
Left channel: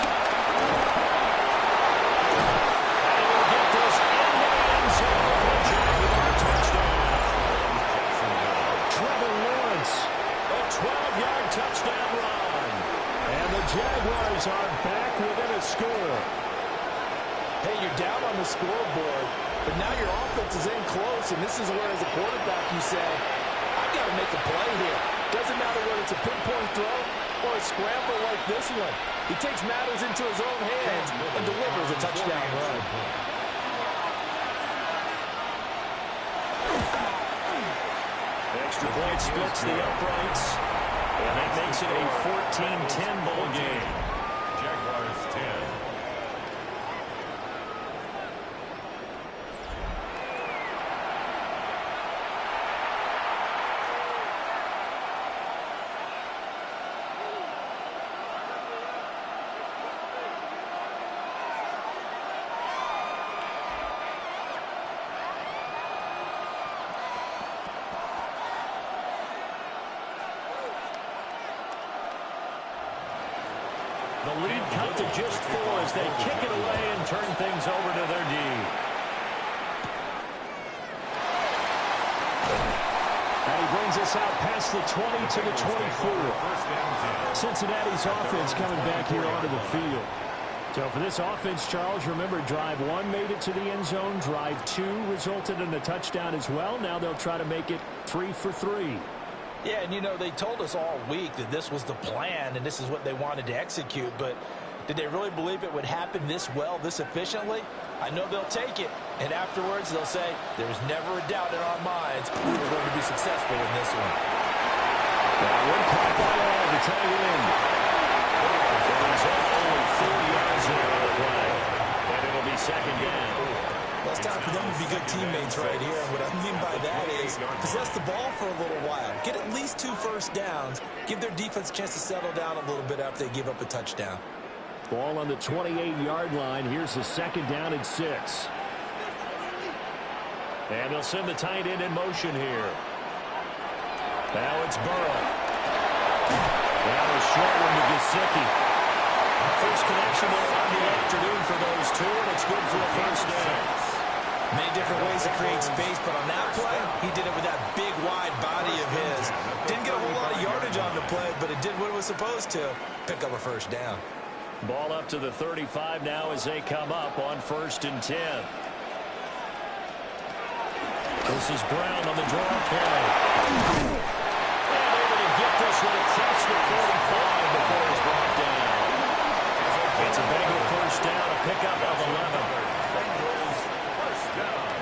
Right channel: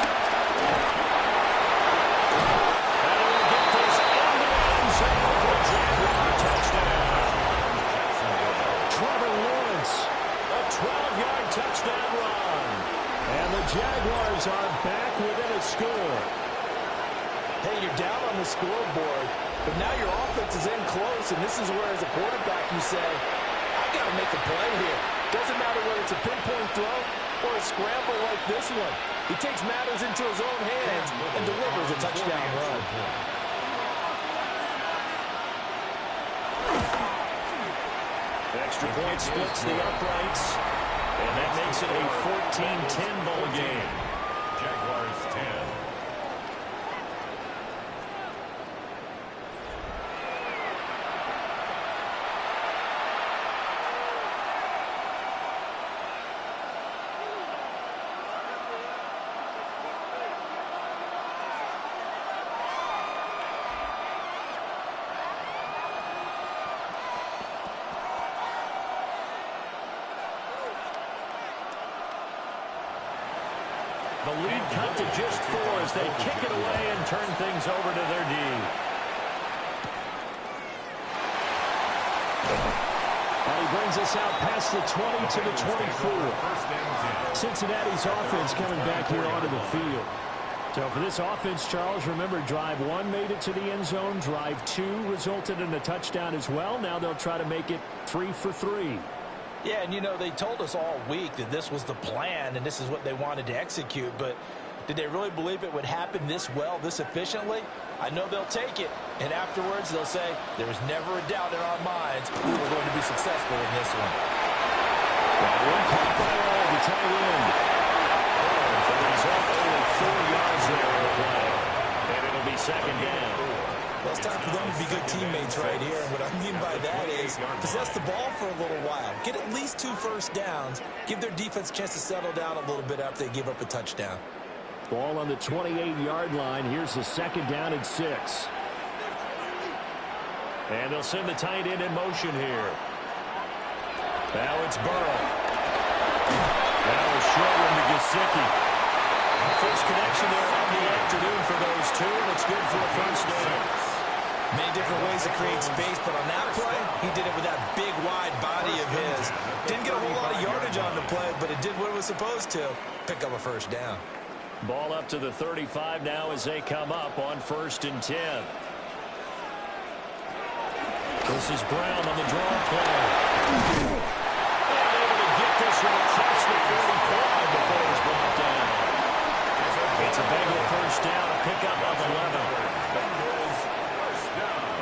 And he will get this into the end zone for a Jaguar touchdown. Trevor Lawrence, a 12-yard touchdown run. And the Jaguars are back within a score. Hey, you're down on the scoreboard, but now your offense is in close, and this is where, as a quarterback, you say, I've got to make a play here. Doesn't matter whether it's a pinpoint throw or a scramble like this one. He takes matters into his own hands and delivers a touchdown run. Extra point splits the uprights, and that makes it a 14-10 ball game. Jaguars 10. The lead cut to just 4 as they kick it away and turn things over to their D. And he brings us out past the 20 to the 24. Cincinnati's offense coming back here onto the field. So for this offense, Charles, remember, drive 1 made it to the end zone. Drive 2 resulted in a touchdown as well. Now they'll try to make it 3 for 3. Yeah, and they told us all week that this was the plan and this is what they wanted to execute, but did they really believe it would happen this well, this efficiently? I know they'll take it, and afterwards they'll say, there was never a doubt in our minds we were going to be successful in this one. That one caught by all, the tight end. The result, only 4 yards there on the play, and it'll be second down. Well, it's time for them to be good teammates right here. And what I mean by that is possess the ball for a little while. Get at least 2 first downs. Give their defense a chance to settle down a little bit after they give up a touchdown. Ball on the 28-yard line. Here's the second down and 6. And they'll send the tight end in motion here. Now it's Burrow. Now a short one to Gesicki. First connection there of the afternoon for those two, and it's good for a first down. Many different ways to create space, but on that play, he did it with that big, wide body of his. Didn't get a whole lot of yardage on the play, but it did what it was supposed to. Pick up a first down. Ball up to the 35 now as they come up on 1st and 10. This is Brown on the draw play. And able to get Cephas would have touched the 45 before it was brought down. It's a Bengal first down, a pickup of 11. Bengals first down.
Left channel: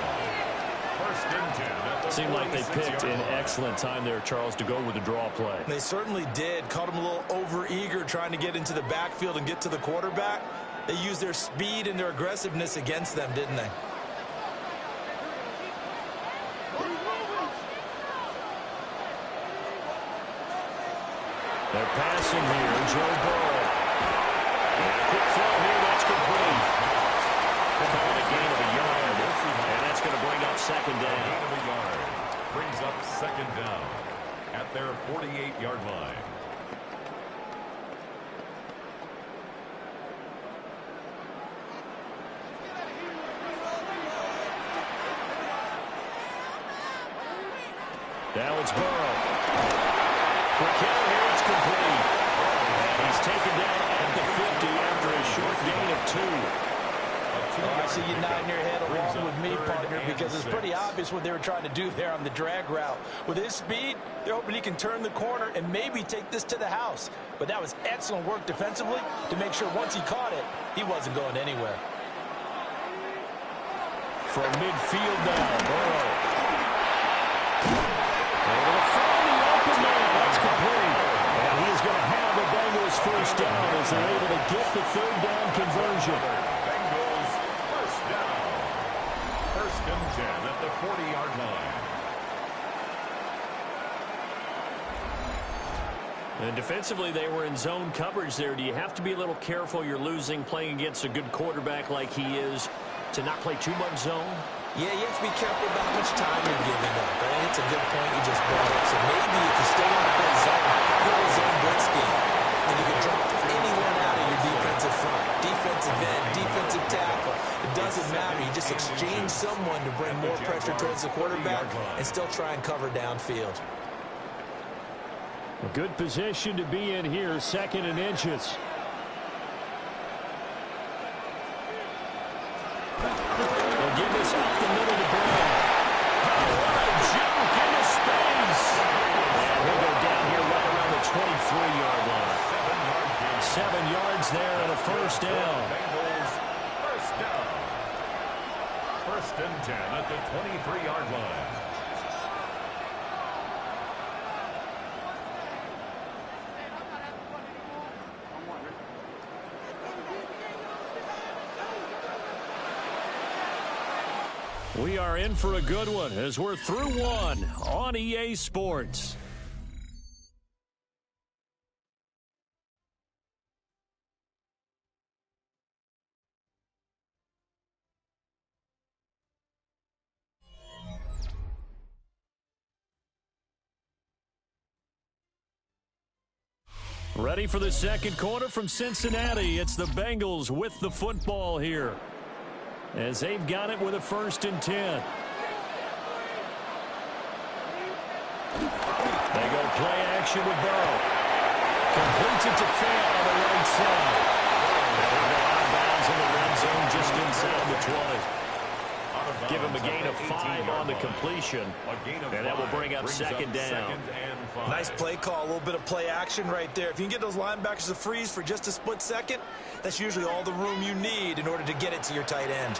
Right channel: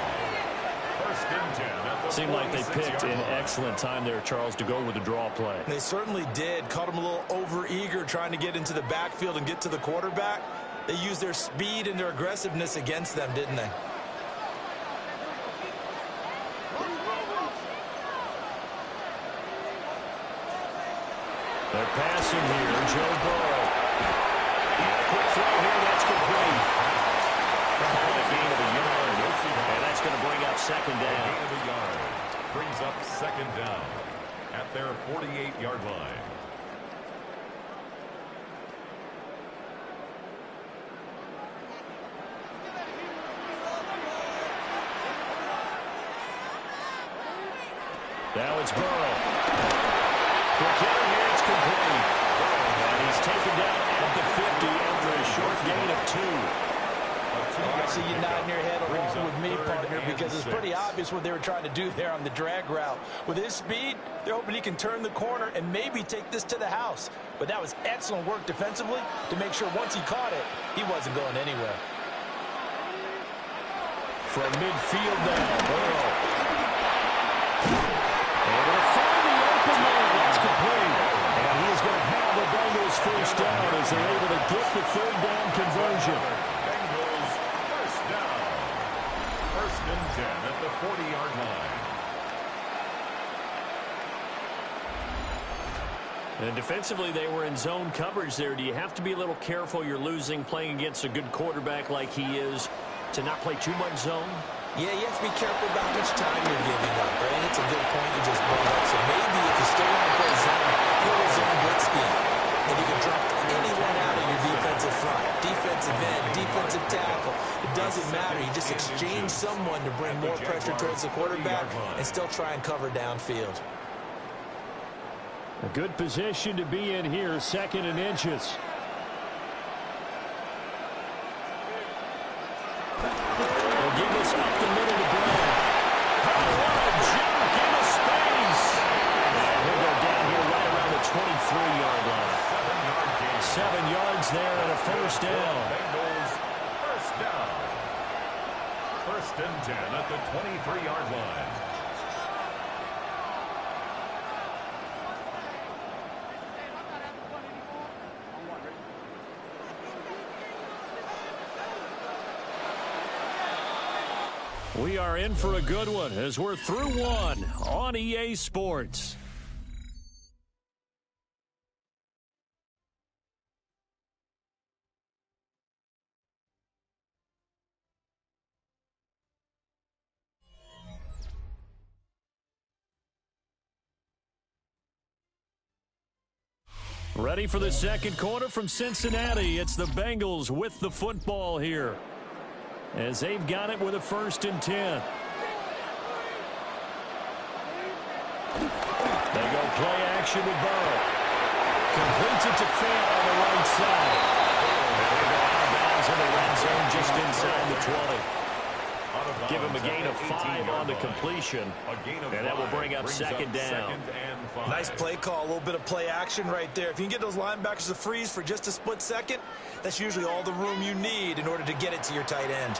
First and 10 at the Seemed like they picked an excellent time there, Charles, to go with the draw play. They certainly did. Caught them a little over-eager trying to get into the backfield and get to the quarterback. They used their speed and their aggressiveness against them, didn't they? They're passing here. Joe Burrow. And a quick throw here. That's complete. They're calling a gain of a yard. And that's going to bring up second down. A gain of a yard brings up second down at their 48-yard line. Now it's Burrow. Quick hitter here, it's complete. And he's taken down at the 50 after a short gain of 2. I see you nodding your head along with me, partner, because it's pretty obvious what they were trying to do there on the drag route. With his speed, they're hoping he can turn the corner and maybe take this to the house. But that was excellent work defensively to make sure once he caught it, he wasn't going anywhere. From midfield now, Burrow. Able to find the open man. That's complete. And he is going to have a Bengals first down as they're able to get the third down conversion. Bengals first down. First and 10 at the 40-yard line. And defensively, they were in zone coverage there. Do you have to be a little careful? You're losing playing against a good quarterback like he is to not play too much zone? Yeah, you have to be careful about how much time you're giving up. I think it's a good point you just brought up. So maybe if you still want to play zone, go to zone blitz scheme. And you can drop anyone out of your defensive front. Defensive end, defensive tackle. It doesn't matter. You just exchange someone to bring more pressure towards the quarterback and still try and cover downfield. A good position to be in here, second and inches. They'll give this up the middle to Brown. Oh, what a juke into space. And he'll go down here right around the 23-yard line. 7-yard gain. 7 yards there and a first down. Bengals first down. First and 10 at the 23-yard line. We are in for a good one as we're through one on EA Sports. Ready for the second quarter from Cincinnati. It's the Bengals with the football here, as they've got it with a first and 10. They go play action with Burrow. Completes it to Fant on the right side. And they go out of bounds in the red zone just inside the 20. Give him a gain of 5 on the completion. And that will bring up second down. Nice play call, a little bit of play action right there. If you can get those linebackers to freeze for just a split second, that's usually all the room you need in order to get it to your tight end.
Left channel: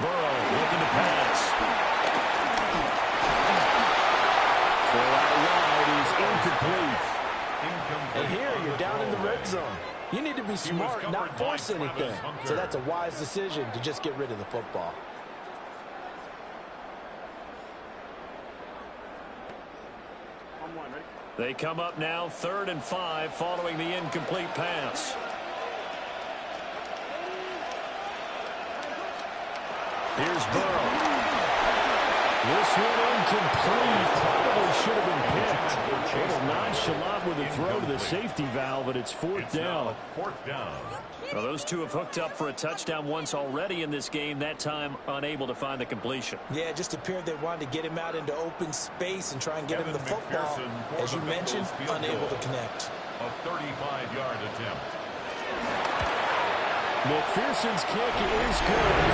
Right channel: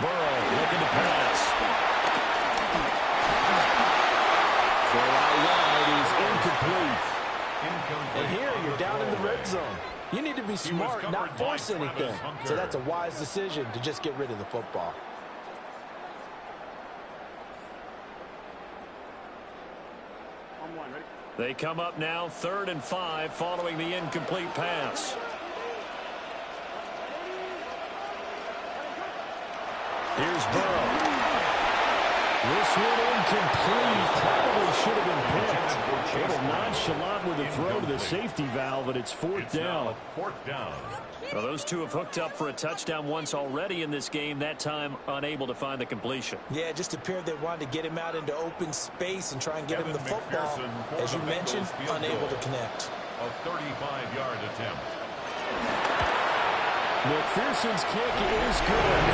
Burrow looking to pass. Throw out wide is incomplete. And here you're down in the red zone. You need to be smart, not force anything. So that's a wise decision to just get rid of the football. They come up now 3rd and 5 following the incomplete pass. Here's Burrow. This one incomplete. Probably should have been picked. A little nonchalant with the throw to the safety valve, and it's fourth down. Well, those two have hooked up for a touchdown once already in this game, that time unable to find the completion. Yeah, it just appeared they wanted to get him out into open space and try and get him the football. As you mentioned, unable to connect. A 35-yard attempt. McPherson's kick is good.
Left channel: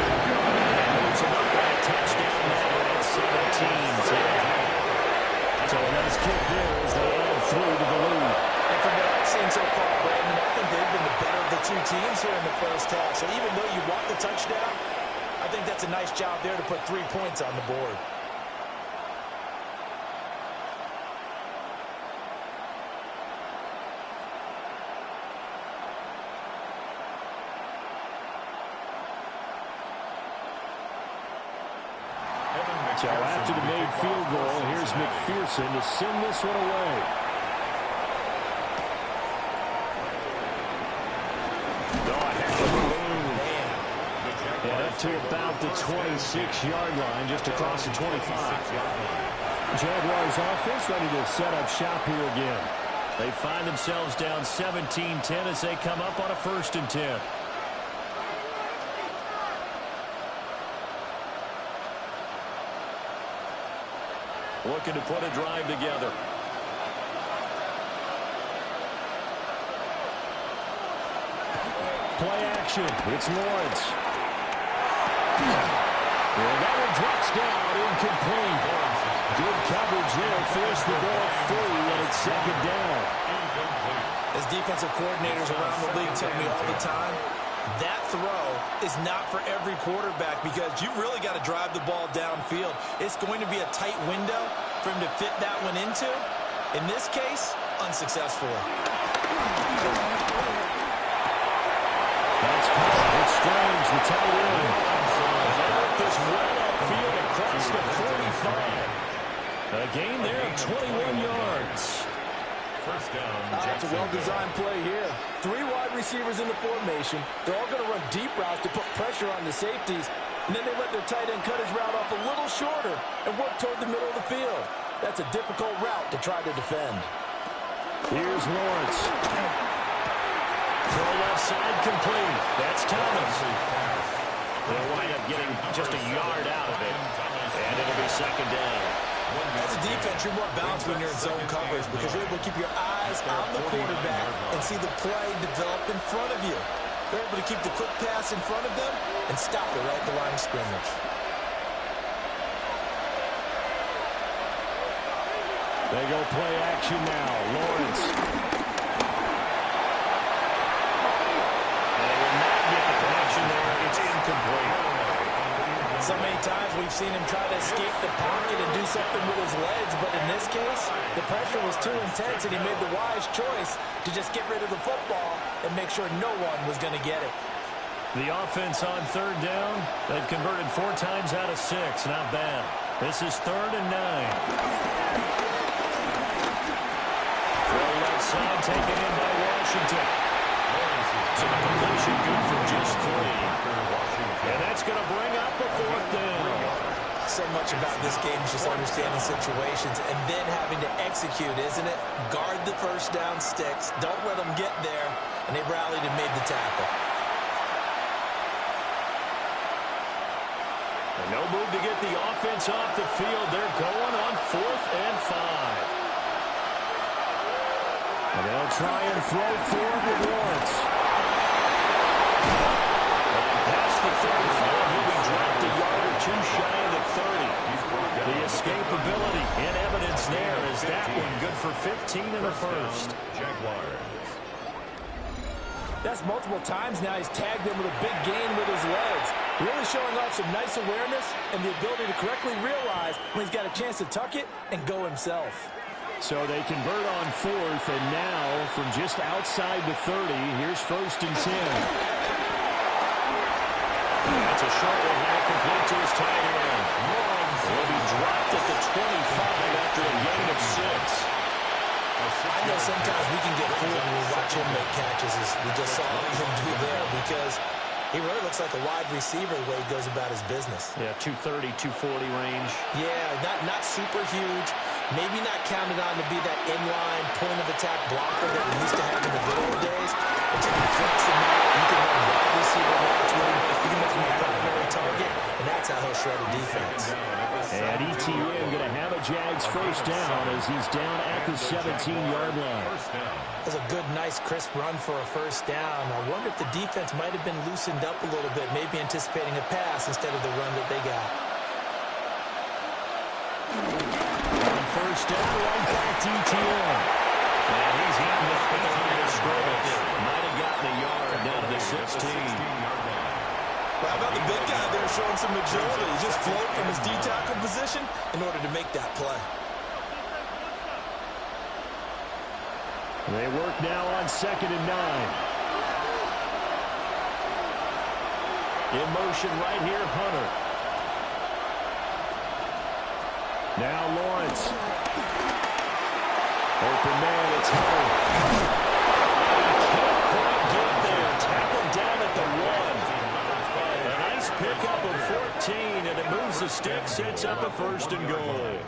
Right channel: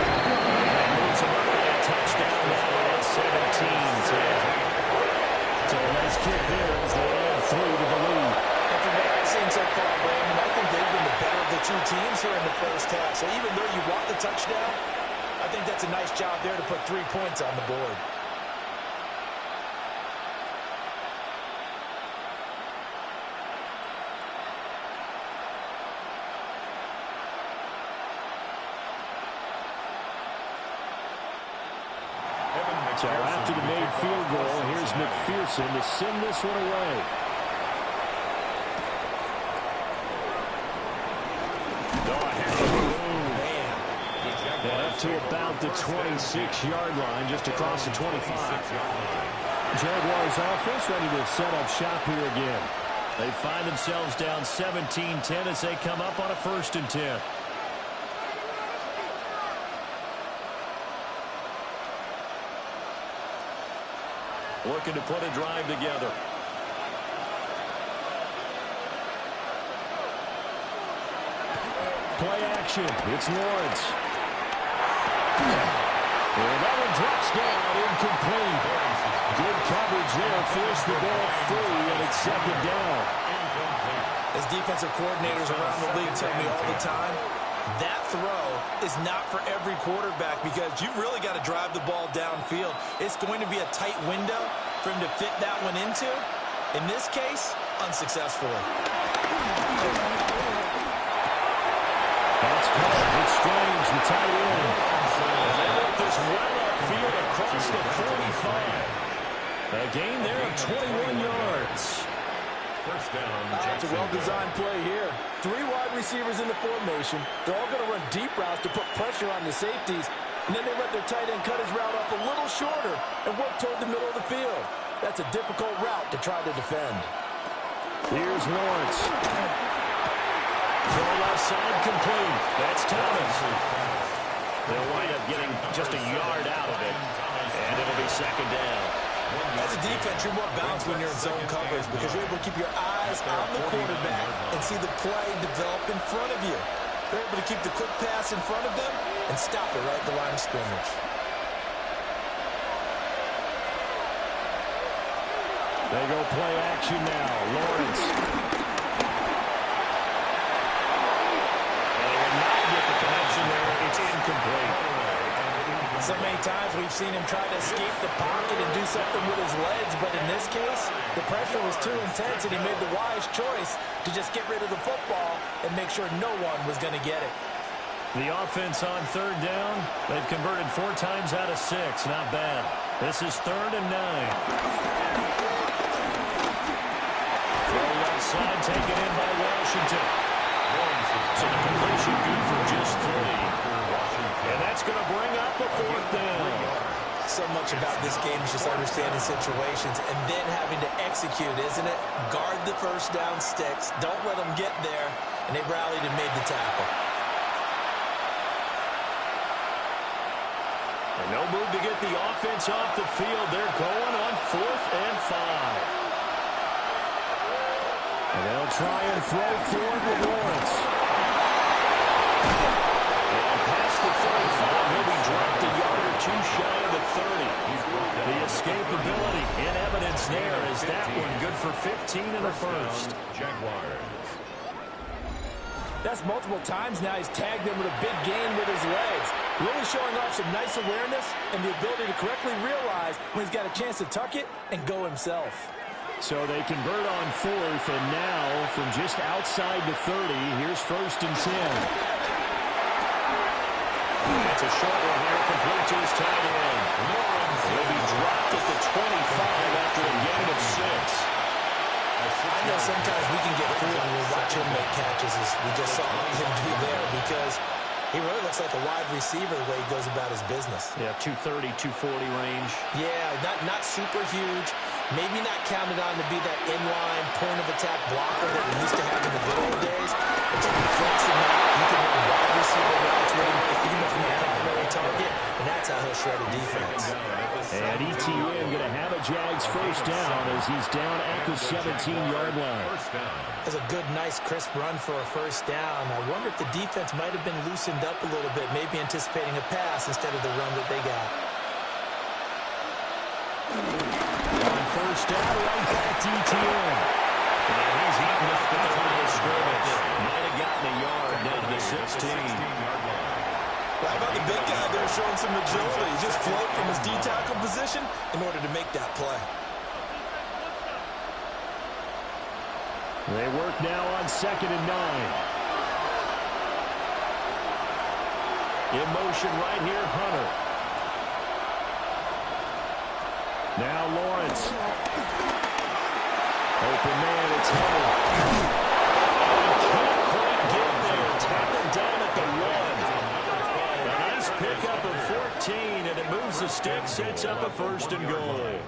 puts them up by a touchdown now at 17-10. So a nice kick there as they add 3 to the lead. And from what I've seen so far, Brandon, I think they've been the better of the two teams here in the first half. So even though you want the touchdown, I think that's a nice job there to put 3 points on the board. So after the made field goal, here's McPherson to send this one away. And up to about the 26-yard line, just across the 25. Jaguars offense ready to set up shop here again. They find themselves down 17-10 as they come up on a 1st and 10. Looking to put a drive together. Play action. It's Lawrence. And that one drops down, incomplete. Good coverage there, forced the ball free, and it's 2nd down. As defensive coordinators around the league tell me all the time, that throw is not for every quarterback because you've really got to drive the ball downfield. It's going to be a tight window for him to fit that one into. In this case, unsuccessfully. That's caught. It's Strange, the tight end. And they work this well upfield across the 45. A gain there of 21 yards. First down. It's a well-designed play here. 3 wide receivers in the formation. They're all going to run deep routes to put pressure on the safeties. And then they let their tight end cut his route off a little shorter and work toward the middle of the field. That's a difficult route to try to defend. Here's Lawrence. Throw left side complete. That's Thomas. They'll wind up getting just a yard out of it. And it'll be 2nd down. As a defense, you're more balanced when you're in zone coverage because you're able to keep your eyes on the quarterback and see the play develop in front of you. They're able to keep the quick pass in front of them and stop it right at the line of scrimmage. They go play action now. Lawrence. And they will not get the connection there. It's incomplete. So many times we've seen him try to escape the pocket and do something with his legs, but in this case, the pressure was too intense and he made the wise choice to just get rid of the football and make sure no one was going to get it. The offense on 3rd down, they've converted 4 times out of 6. Not bad. This is 3rd and 9. Throw left side taken in by Washington. So the completion good for just 3. And that's going to bring up a 4th down. So much about this game is just understanding situations and then having to execute, isn't it? Guard the first down sticks. Don't let them get there. And they rallied and made the tackle. And no move to get the offense off the field. They're going on 4th and 5. And they'll try and throw forward with Lawrence. And past the 35, he'll be dropped a yard or 2 shy of the 30. The escapability in evidence there is that one good for 15 and a first. Jaguars. That's multiple times now he's tagged them with a big gain with his legs. Really showing off some nice awareness and the ability to correctly realize when he's got a chance to tuck it and go himself. So they convert on 4th, and now from just outside the 30, here's 1st and 10. That's a short one there, complete to his tight end. Lawrence will be dropped at the 25 after a gain of 6. I know sometimes we can get fooled when we watch him make catches, as we just saw him do there, because he really looks like a wide receiver the way he goes about his business. Yeah, 230, 240 range. Yeah, not super huge. Maybe not counted on to be that inline point-of-attack blocker that we used to have in the good old days. But you can flex him out. You can run wide receiver receiver routes with him. You can make him a primary target, and that's how he'll shred a defense. And ETN going to have a Jags first down as he's down at the 17-yard line. That's a good, nice, crisp run for a first down. I wonder if the defense might have been loosened up a little bit, maybe anticipating a pass instead of the run that they got. On first down, right back to ETN. And he's eating this at the line of scrimmage. Might have gotten a yard down to the 16-yard line. Well, how about the big guy there showing some agility? He just float from his D-tackle position in order to make that play. They work now on 2nd and 9. In motion right here, Hunter. Now Lawrence. Open man, it's Hunter. And he can't quite get there. Tackled down at the 1. A nice pickup of 14, and it moves the stick, sets up a 1st and goal.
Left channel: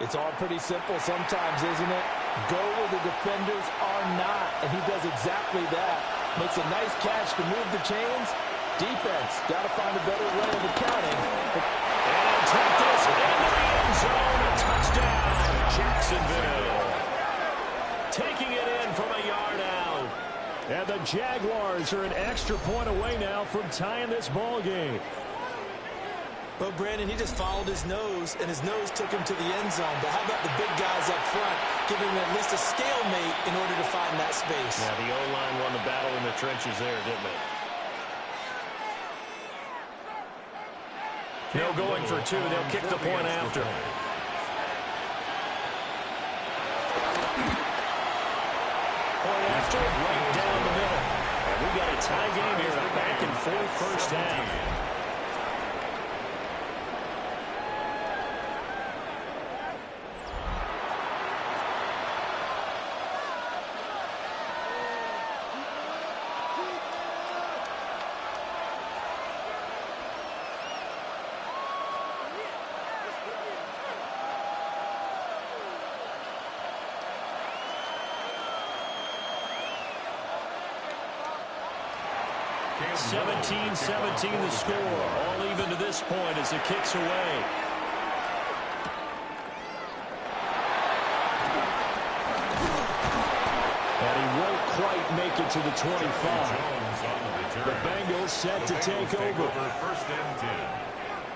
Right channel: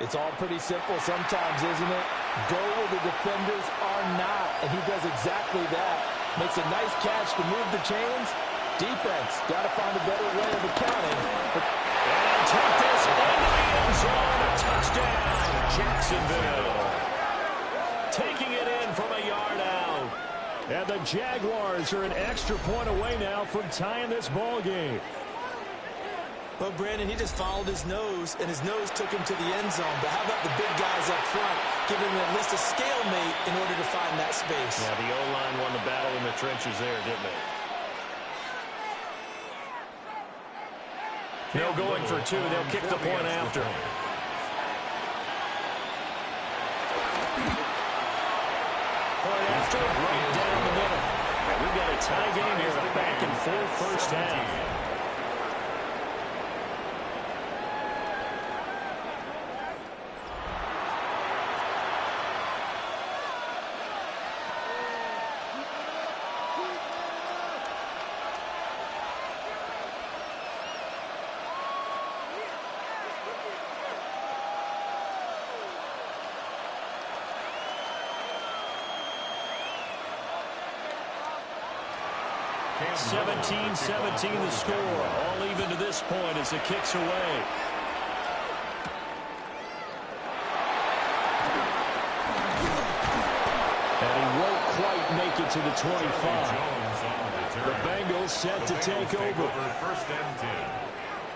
It's all pretty simple sometimes, isn't it? Go where the defenders are not, and he does exactly that. Makes a nice catch to move the chains. Defense, got to find a better way of accounting. And take this into the end zone. A touchdown, Jacksonville. Taking it in from a yard out. And the Jaguars are an extra point away now from tying this ball game. Well, Brandon, he just followed his nose, and his nose took him to the end zone. But how about the big guys up front, giving him at least a stalemate in order to find that space? Yeah, the O-line won the battle in the trenches there, didn't they? No going for 2. They'll kick the point after. Point after, right down the middle. And we've got a tie game here, a back-and-forth first half. 17-17 the score. All even to this point as the kick's away. And he won't quite make it to the 25. The Bengals set to take over. 1st and 10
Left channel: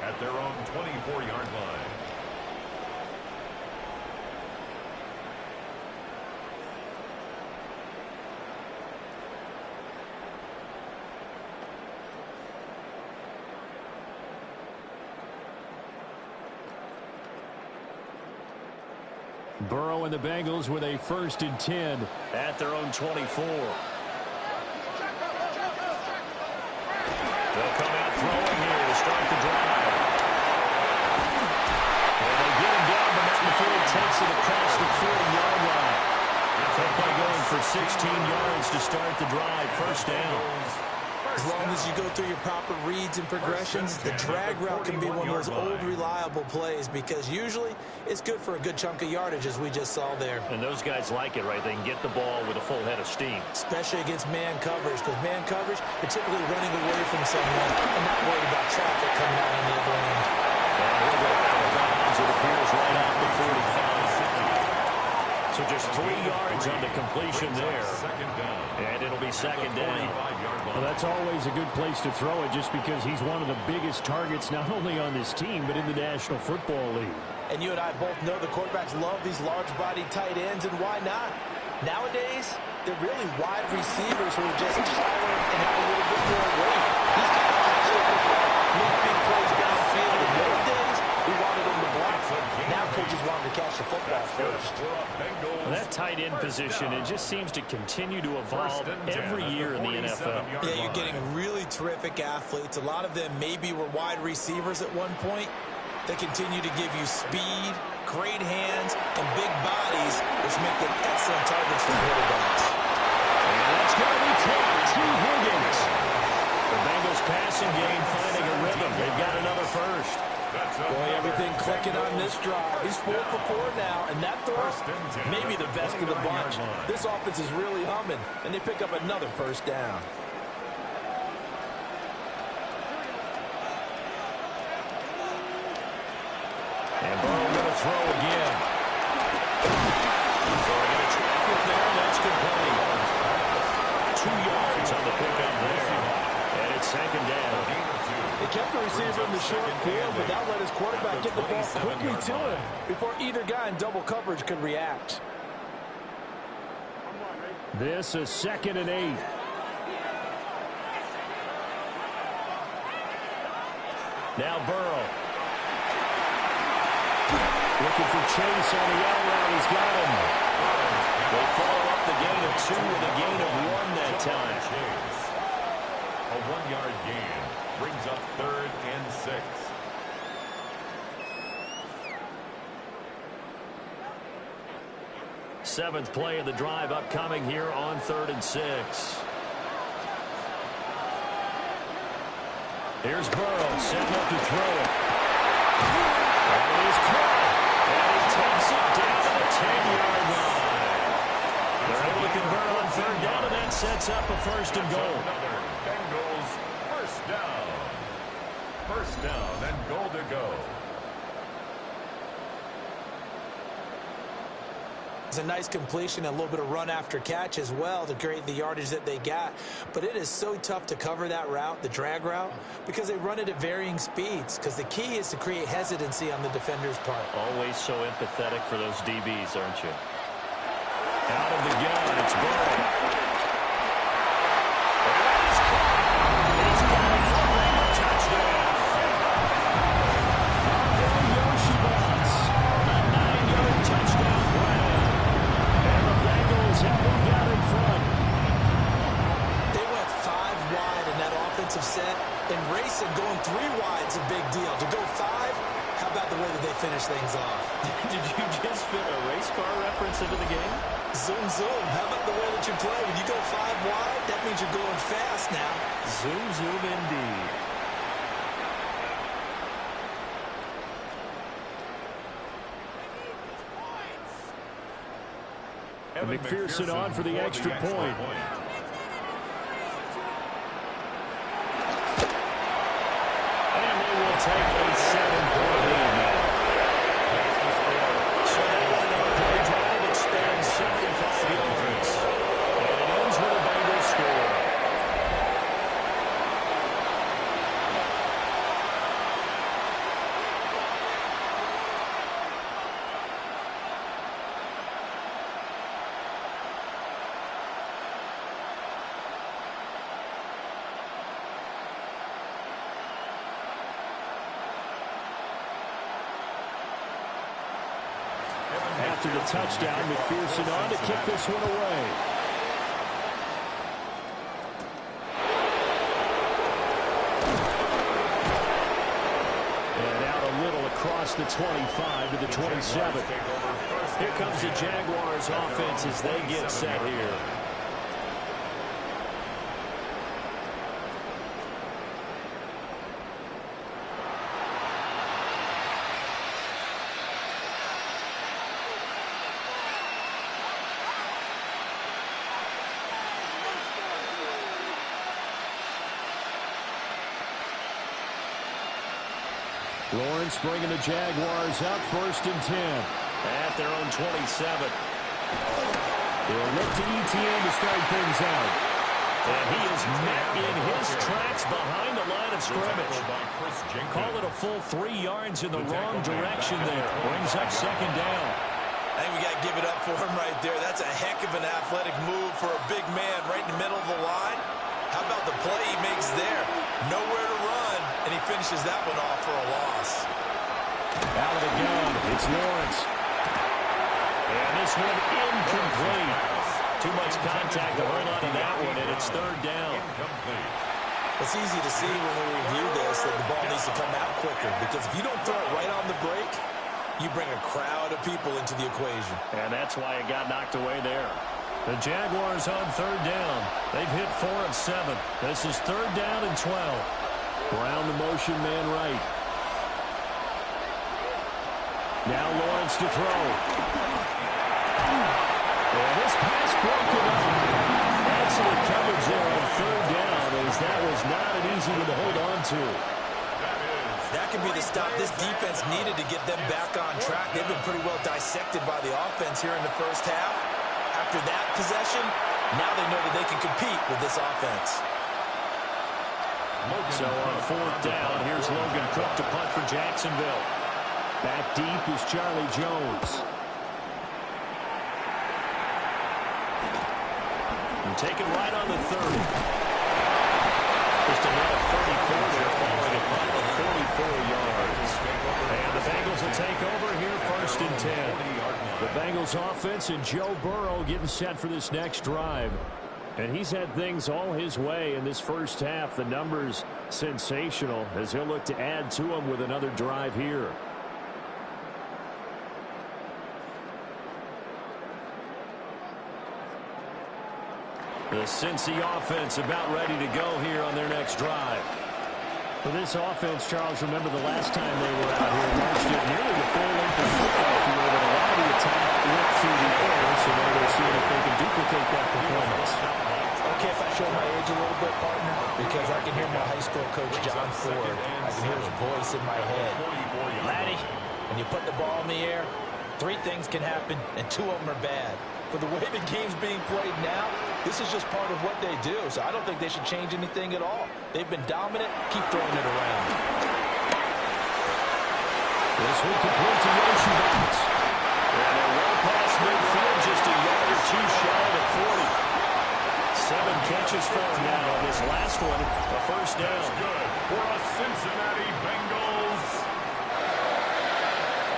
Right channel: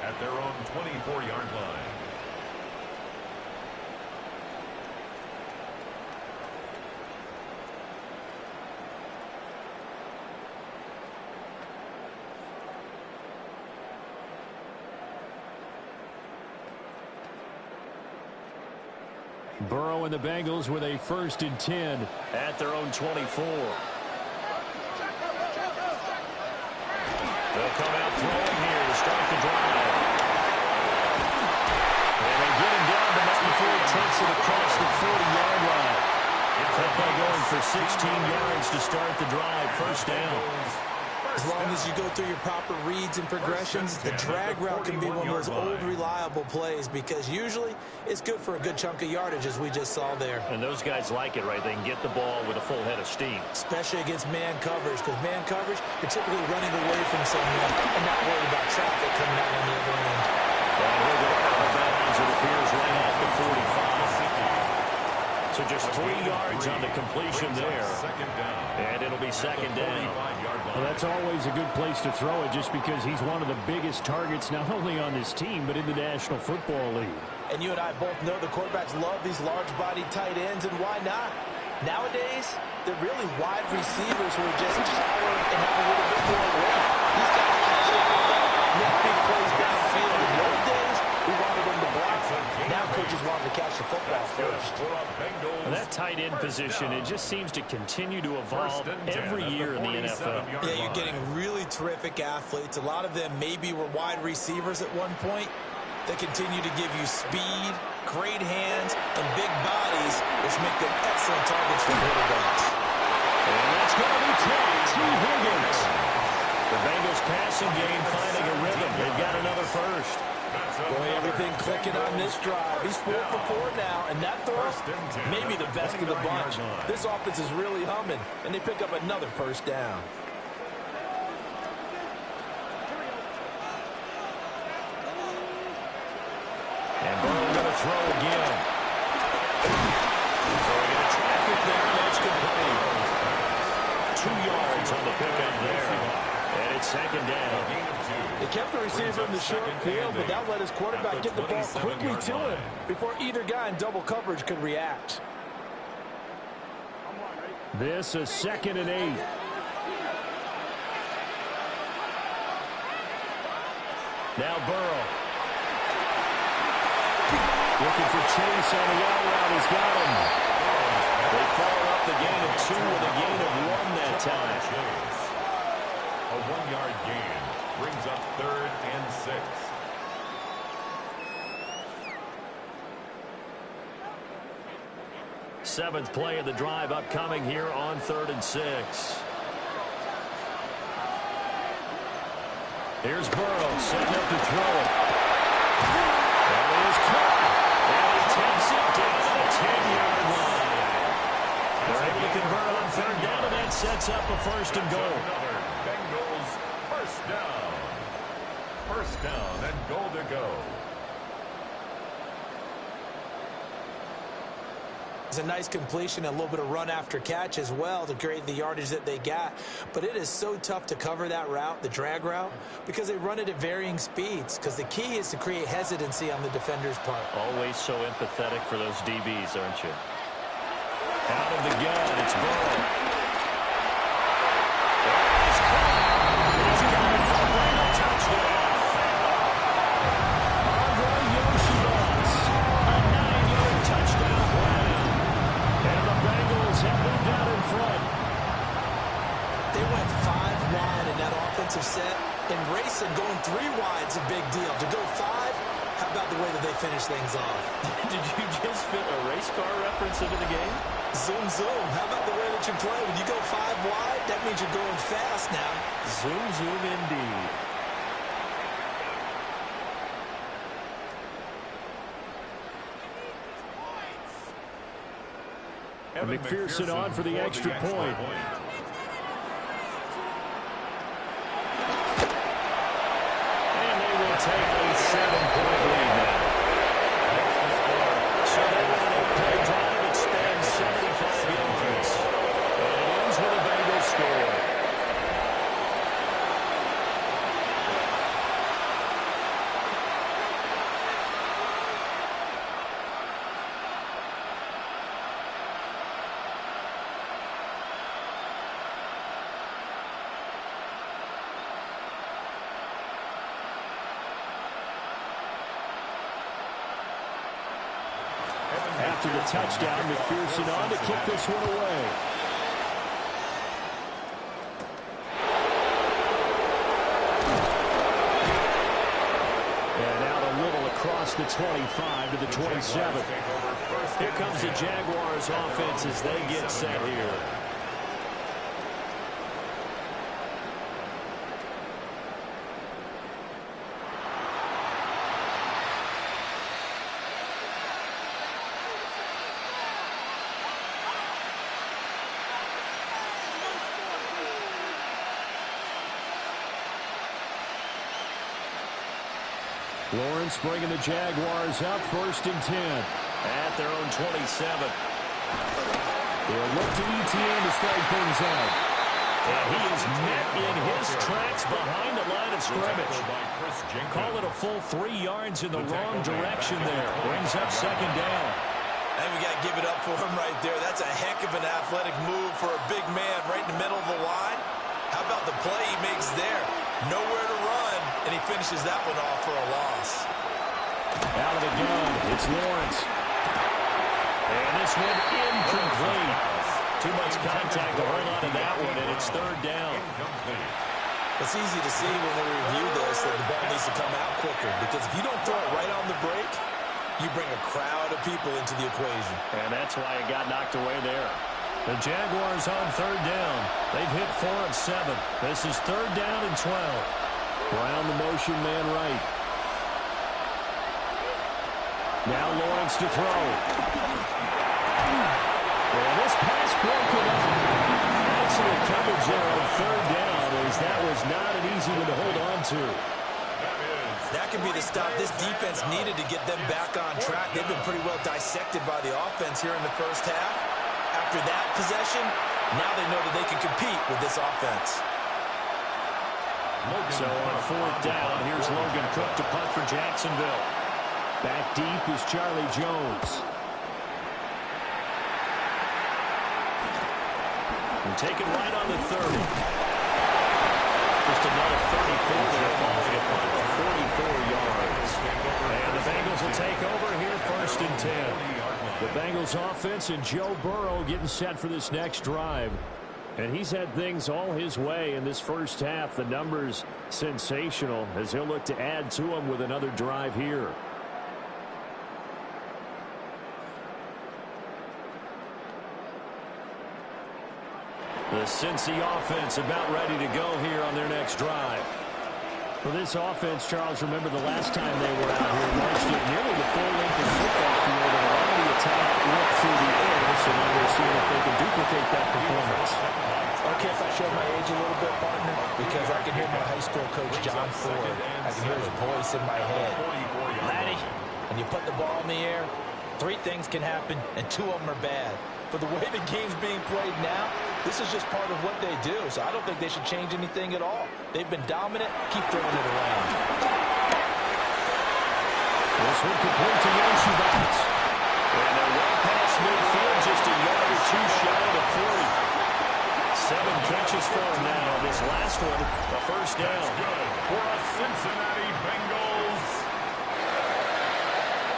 at their own 24-yard line. Burrow and the Bengals with a 1st and 10 at their own 24. They'll come out throwing here to start the drive. And they get him down, but not before he takes it across the 40-yard line. That play going for 16 yards to start the drive. 1st down. As long as you go through your proper reads and progressions, the drag route can be one of those old reliable plays because usually it's good for a good chunk of yardage, as we just saw there. And those guys like it, right? They can get the ball with a full head of steam. Especially against man coverage, because man coverage, they're typically running away from someone and not worried about traffic coming out on the other end. And he'll go out of bounds, it appears, right at the 45. So just 3 yards on the completion there. And it'll be 2nd down. Well, that's always a good place to throw it just because he's one of the biggest targets not only on this team but in the National Football League. And you and I both know the quarterbacks love these large-bodied tight ends, and why not? Nowadays, they're really wide receivers who are just taller and have a little bit more weight. These guys catch the football, make big plays downfield. In the old days, we wanted them to block. Now coaches wanted to catch the football first. Well, that tight end position, it just seems to continue to evolve every year in the NFL. Yeah, you're getting really terrific athletes. A lot of them maybe were wide receivers at one point. They continue to give you speed, great hands, and big bodies, which make them excellent targets for quarterbacks. And that's It's going to be caught. T. Higgins. The Bengals passing game finding a rhythm. They've got another first. Boy, everything clicking on this drive. He's 4 for 4 now, and that throw, maybe the best of the bunch. This offense is really humming, and they pick up another first down. And Burrow going to throw again. Throwing a traffic there, and that's complete. 2 yards on the pickup there. And it's second down. They kept the receiver in the short field, but that let his quarterback get the ball quickly to him before either guy in double coverage could react. This is 2nd and 8. Now Burrow. Looking for Chase on the out route. He's got him. They follow up the gain of 2 with a gain of 1 that time. A 1-yard gain brings up 3rd and 6. Seventh play of the drive upcoming here on 3rd and 6. Here's Burrow setting up to throw. That is caught. And he takes it down to the 10-yard line. They're able to convert on 3rd down, and that sets up a 1st and goal. Another Bengals first down. First down and goal to go. It's a nice completion and a little bit of run after catch as well to create the yardage that they got. But it is so tough to cover that route, the drag route, because they run it at varying speeds. Because the key is to create hesitancy on the defender's part. Always so empathetic for those DBs, aren't you? Out of the gun, it's Burrow. That is caught. He's got it for a Bengal touchdown. Andre Yoshibas, a 9-yard touchdown grab. And the Bengals have moved out in front. They went 5 wide in that offensive set. And racing going 3 wide is a big deal. To go 5, how about the way that they finish things off? Did you just fit a race car reference into the game? Zoom, zoom. How about the way that you play? When you go 5 wide, that means you're going fast now. Zoom, zoom indeed. McPherson on for the extra point. And they will take a 7-point lead now. So that was an 8-play drive. It spans 75 yards. And it ends with a Bengals score. After the touchdown, McPherson on to kick this one away. And out a little across the 25 to the 27. Here comes the Jaguars offense as they get set here. Lawrence bringing the Jaguars up 1st and 10. At their own 27. They'll look to ETN to start things out. And he is met in his tracks behind the line of scrimmage. Call it a full 3 yards in the wrong direction there. Brings up 2nd down. I think we got to give it up for him right there. That's a heck of an athletic move for a big man right in the middle of the line. How about the play he makes there? Nowhere to run, and he finishes that one off for a loss. Out of the gun, it's Lawrence. And this one incomplete. Too much contact to hold on to that one, and it's 3rd down. It's easy to see when we review this that the ball needs to come out quicker, because if you don't throw it right on the break, you bring a crowd of people into the equation. And that's why it got knocked away there. The Jaguars on third down. They've hit 4 of 7. This is third down and 12. Brown the motion man right. Now Lawrence to throw. And this pass broken up. Excellent coverage there on third down, as that was not an easy one to hold on to. That could be the stop this defense needed to get them back on track. They've been pretty well dissected by the offense here in the first half. After that possession, now they know that they can compete with this offense. So on fourth down, here's Logan Cook to punt for Jacksonville. Back deep is Charlie Jones. And take it right on the 30. Just a net of 34 there, following a punt of 44 yards. And the Bengals will take over here, first and 10. The Bengals offense and Joe Burrow getting set for this next drive. And he's had things all his way in this first half. The numbers sensational as he'll look to add to them with another drive here. The Cincy offense about ready to go here on their next drive. For this offense, Charles, remember the last time they were out here, marched it nearly the full length of the football field, and a lot of the attack went through the air, so now they're seeing if they can duplicate that performance. Okay, if I show my age a little bit, partner, because I can hear my high school coach, John Ford. I can hear his voice in my head. Laddie, when you put the ball in the air, 3 things can happen, and 2 of them are bad. For the way the game's being played now, this is just part of what they do, so I don't think they should change anything at all. They've been dominant. Keep throwing it around. This one complete to Yoshi Box. And they're well past midfield, just a yard or 2 shy of the 40. 7 catches for him now. This last one, a first down. That's good for a Cincinnati Bengals.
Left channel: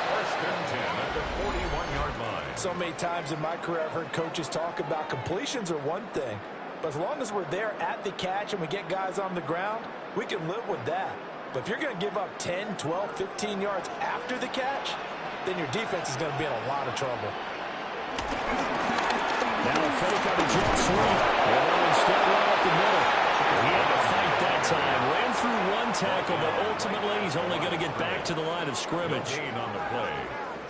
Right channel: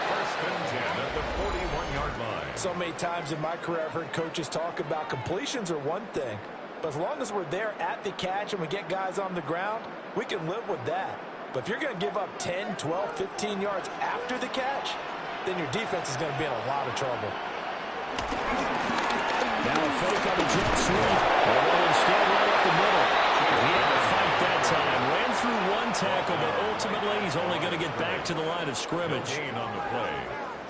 First and 10 at the 41-yard line. So many times in my career I've heard coaches talk about completions are one thing, but as long as we're there at the catch and we get guys on the ground, we can live with that. But if you're going to give up 10, 12, 15 yards after the catch, then your defense is going to be in a lot of trouble. Now a fake on the jet sweep, and they'll instead run up the middle. He had to fight that time. Ran through 1 tackle, but ultimately he's only going to get back to the line of scrimmage.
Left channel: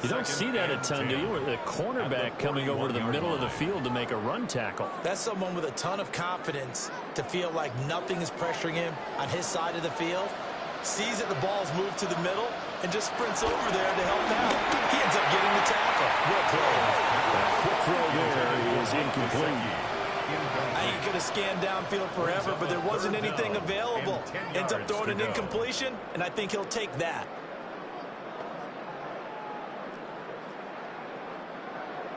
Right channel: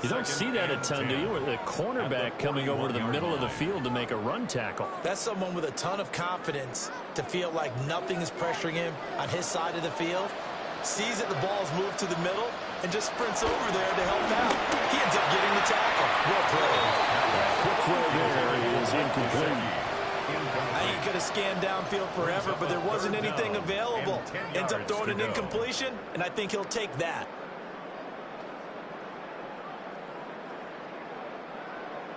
You don't see that a ton, do you? With a cornerback coming over to the middle of the field to make a run tackle. That's someone with a ton of confidence to feel like nothing is pressuring him on his side of the field. Sees that the ball's moved to the middle and just sprints over there to help out. He ends up getting the tackle. Well played. That quick throw there is incomplete. I ain't going to scan downfield forever, but there wasn't anything available. Ends up throwing an incompletion, and I think he'll take that.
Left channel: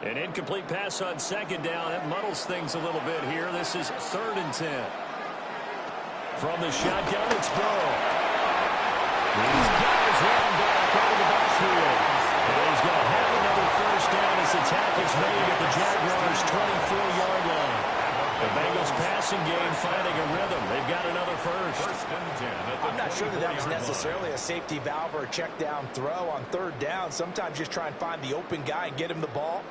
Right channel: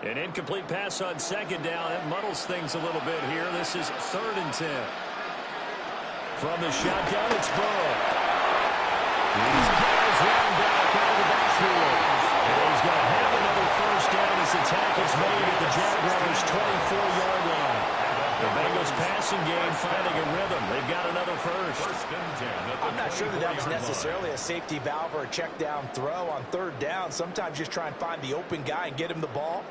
An incomplete pass on second down. That muddles things a little bit here. This is third and 10. From the shotgun, it's Burrow. He's got his running back out of the backfield. And he's going to have another first down as the tackle's made at the Jaguars' 24-yard line. The Bengals passing game finding a rhythm. They've got another first. I'm not sure that was necessarily a safety valve or a check down throw on third down. Sometimes just try and find the open guy and get him the ball.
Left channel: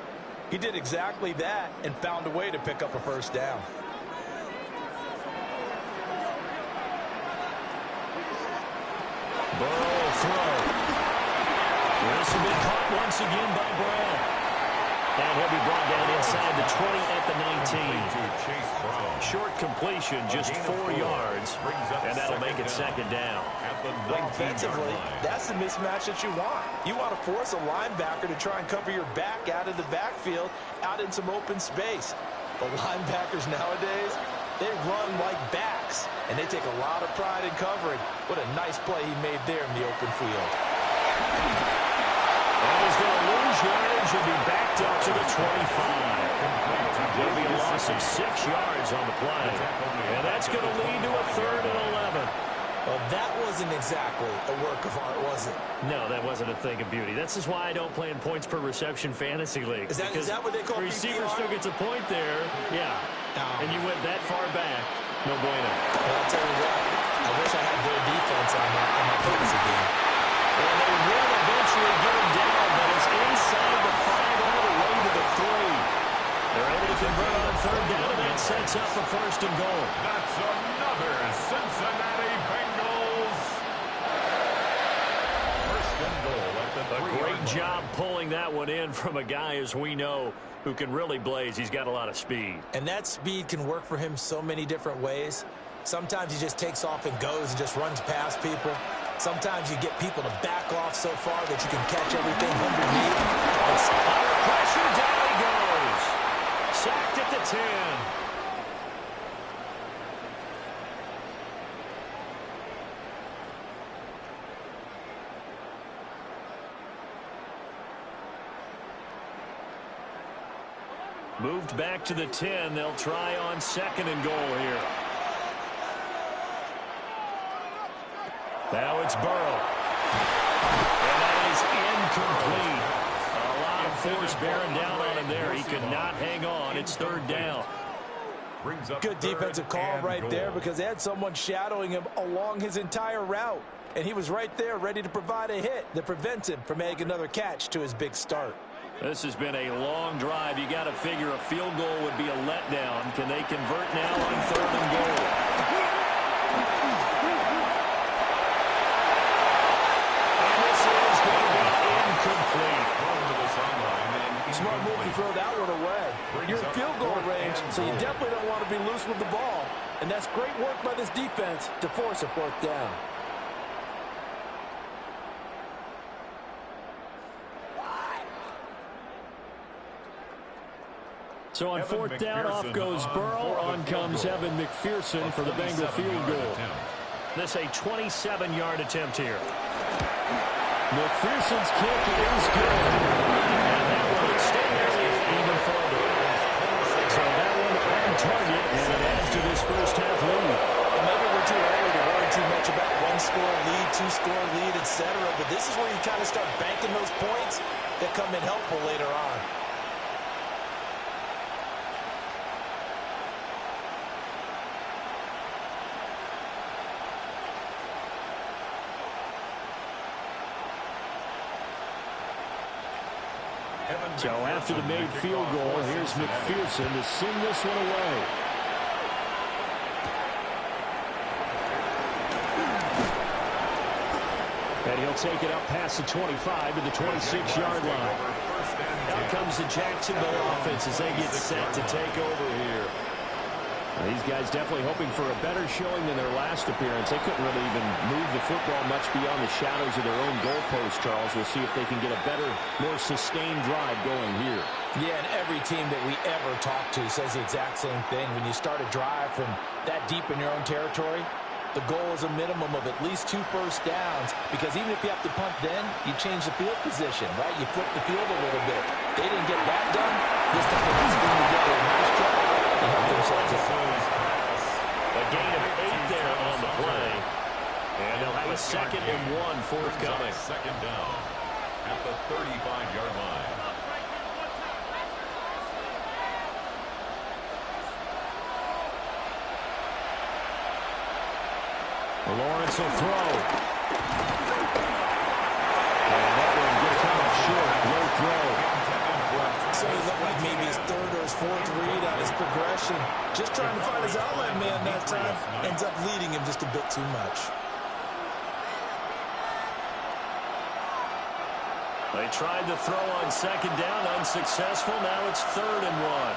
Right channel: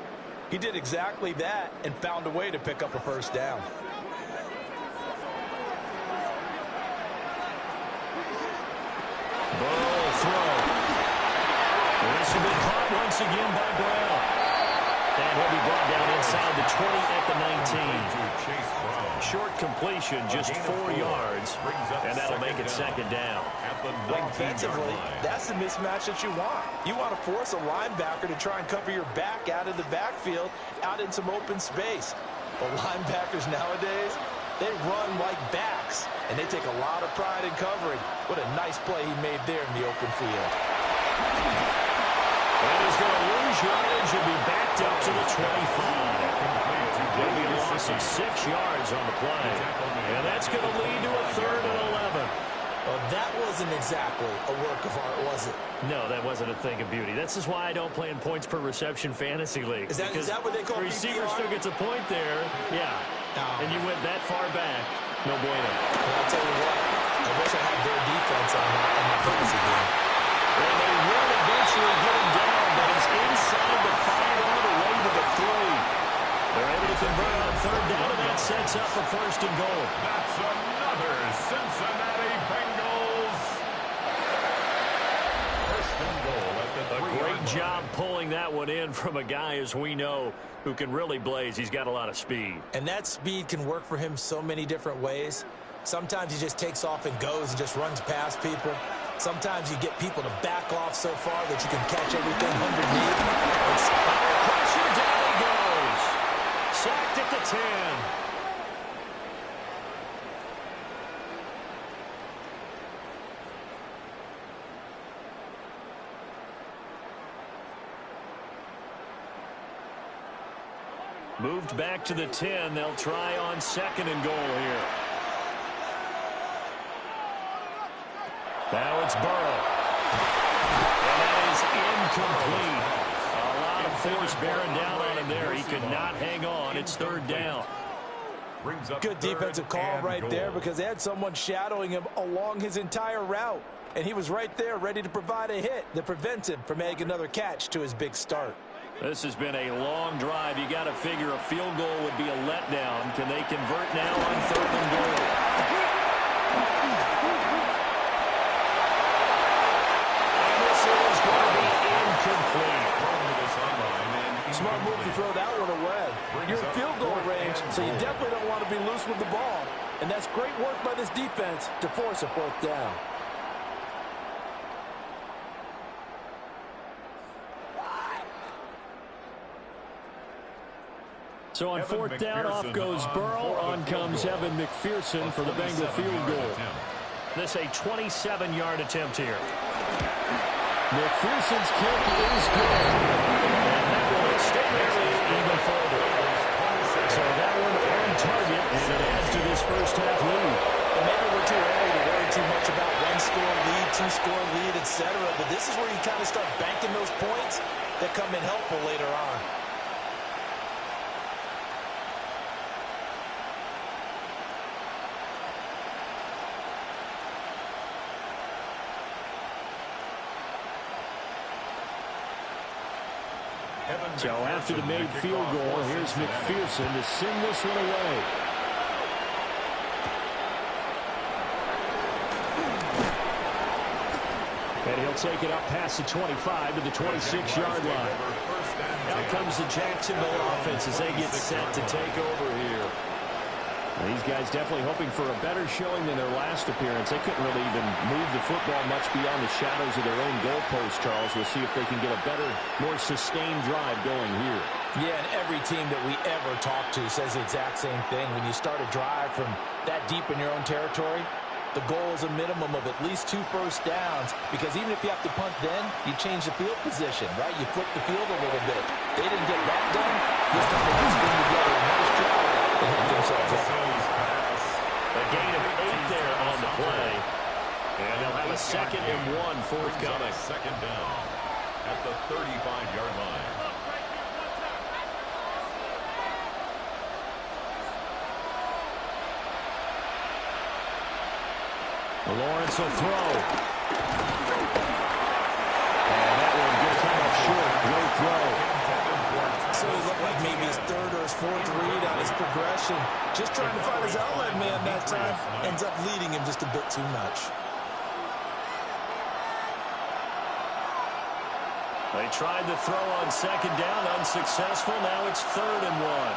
He did exactly that and found a way to pick up a first down. Burrow will throw. This will be caught once again by Brown. And he'll be brought down inside the 20 at the 19. Short completion, just 4 yards, and that'll make it second down. Offensively, that's the mismatch that you want. You want to force a linebacker to try and cover your back out of the backfield, out in some open space. But linebackers nowadays, they run like backs, and they take a lot of pride in covering. What a nice play he made there in the open field. And he's going to lose yardage and be backed up to the 25. There'll be a loss of 6 yards on the play. And that's going to lead to a 3rd and 11. Well, that wasn't exactly a work of art, was it? No, that wasn't a thing of beauty. This is why I don't play in points per reception fantasy league. Is that what they call receiver PPR? still gets a point there. Yeah. And you went that far back. No bueno. Well, I'll tell you what. I wish I had their defense on my fantasy game. And they will eventually get him down, but he's inside the 5 all the way to the 3. They're able to convert on third down, and that sets up a first and goal. That's another Cincinnati Bengals. First and goal at the 3-yard line. A great job pulling that one in from a guy, as we know, who can really blaze. He's got a lot of speed. And that speed can work for him so many different ways. Sometimes he just takes off and goes and just runs past people. Sometimes you get people to back off so far that you can catch everything underneath. It's under pressure, down he goes. Sacked at the 10. Moved back to the 10. They'll try on second and goal here. Now it's Burrow. And that is incomplete. A lot of force bearing down on him there. He could not hang on. It's third down. Good defensive call right there because they had someone shadowing him along his entire route. And he was right there ready to provide a hit that prevents him from making another catch to his big start. This has been a long drive. You got to figure a field goal would be a letdown. Can they convert now on third and goal? And this is going to be incomplete. Smart move to throw that one away. You're in field goal range, so you definitely don't want to be loose with the ball. And that's great work by this defense to force a fourth down. So on fourth down, off goes Burrow. On comes Evan McPherson for the Bengal field goal. This a 27-yard attempt here. McPherson's kick is good. And that will extend their lead even further. So that one on target, and it adds to this first half lead. And maybe we're too early to worry too much about one-score lead, two-score lead, etc. But this is where you kind of start banking those points that come in helpful later on. So after the made field goal, here's McPherson to send this one away. And he'll take it up past the 25 to the 26-yard line. Out comes the Jacksonville offense as they get set to take over here. These guys definitely hoping for a better showing than their last appearance. They couldn't really even move the football much beyond the shadows of their own goalpost, Charles. We'll see if they can get a better, more sustained drive going here. Yeah, and every team that we ever talk to says the exact same thing. When you start a drive from that deep in your own territory, the goal is a minimum of at least 2 first downs, because even if you have to punt then, you change the field position, right? You flip the field a little bit. They didn't get that done. This time they got to bring together a nice job. They helped themselves out. A gain of 8 there on the play. And they'll have a 2nd and 1 forthcoming. Second down at the 35-yard line. Lawrence will throw. And that one going to come up short. Low throw. So he looked like maybe his 3rd or his 4th read on his progression. Just trying to find his outlet man that time. Ends up leading him just a bit too much. They tried to throw on 2nd down. Unsuccessful. Now it's 3rd and 1.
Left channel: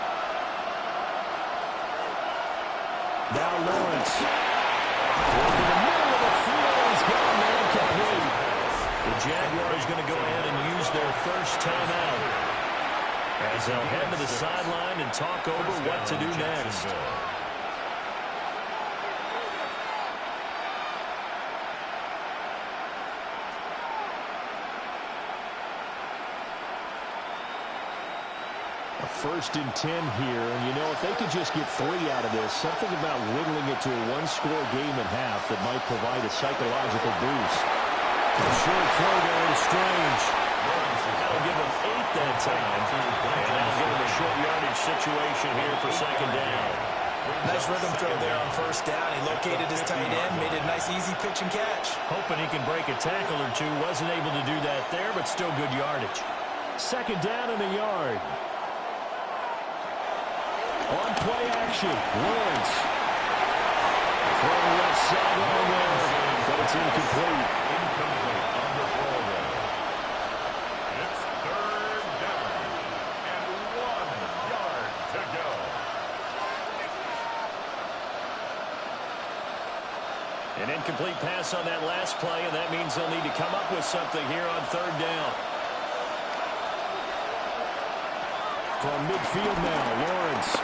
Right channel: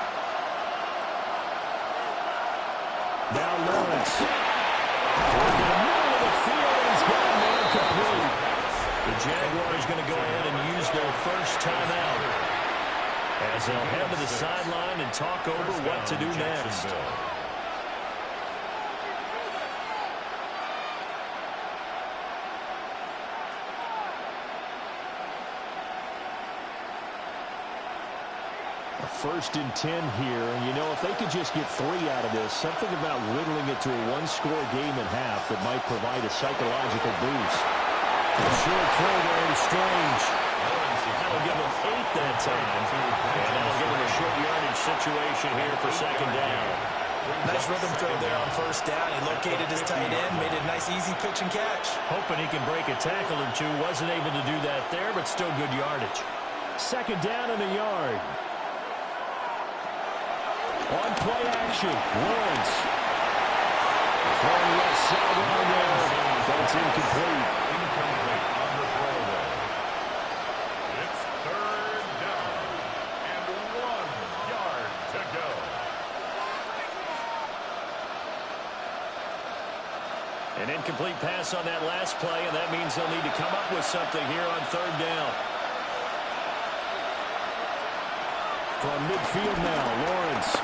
Now Lawrence. Working the middle of the field, and he's got a man complete. The Jaguars going to go ahead and use their first timeout as they'll head to the sideline and talk over what to do next. A 1st and 10 here, and you know, if they could just get 3 out of this, something about whittling it to a 1-score game at half that might provide a psychological boost. A short throw there to Strange. That'll give him 8 that time, and that'll give him a short yardage situation here for 2nd down. Nice rhythm throw there on 1st down. He located his tight end, made a nice easy pitch and catch. Hoping he can break a tackle or two. Wasn't able to do that there, but still good yardage. 2nd down and a yard. On play action, Lawrence. Throwing left sideline there, but it's incomplete. Incomplete on the throwaway. It's third down and 1 yard to go. An incomplete pass on that last play, and that means they'll need to come up with something here on third down. From midfield now, Lawrence.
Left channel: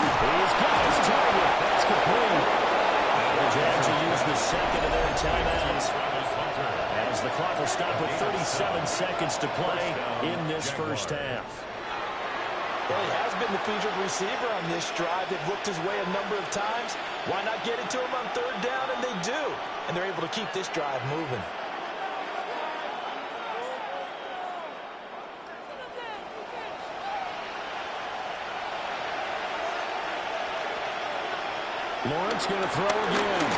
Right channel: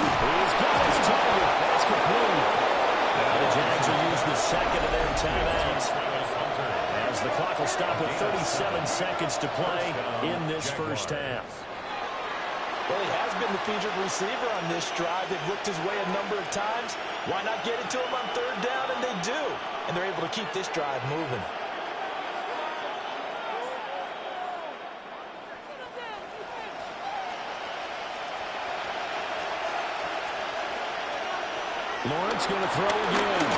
He's got his target. That's complete. Now the Jags will use the second of their timeouts, as the clock will stop with 37 seconds to play in this first half. Well, he has been the featured receiver on this drive. They've looked his way a number of times. Why not get it to him on third down? And they do. And they're able to keep this drive moving. Lawrence going to throw again.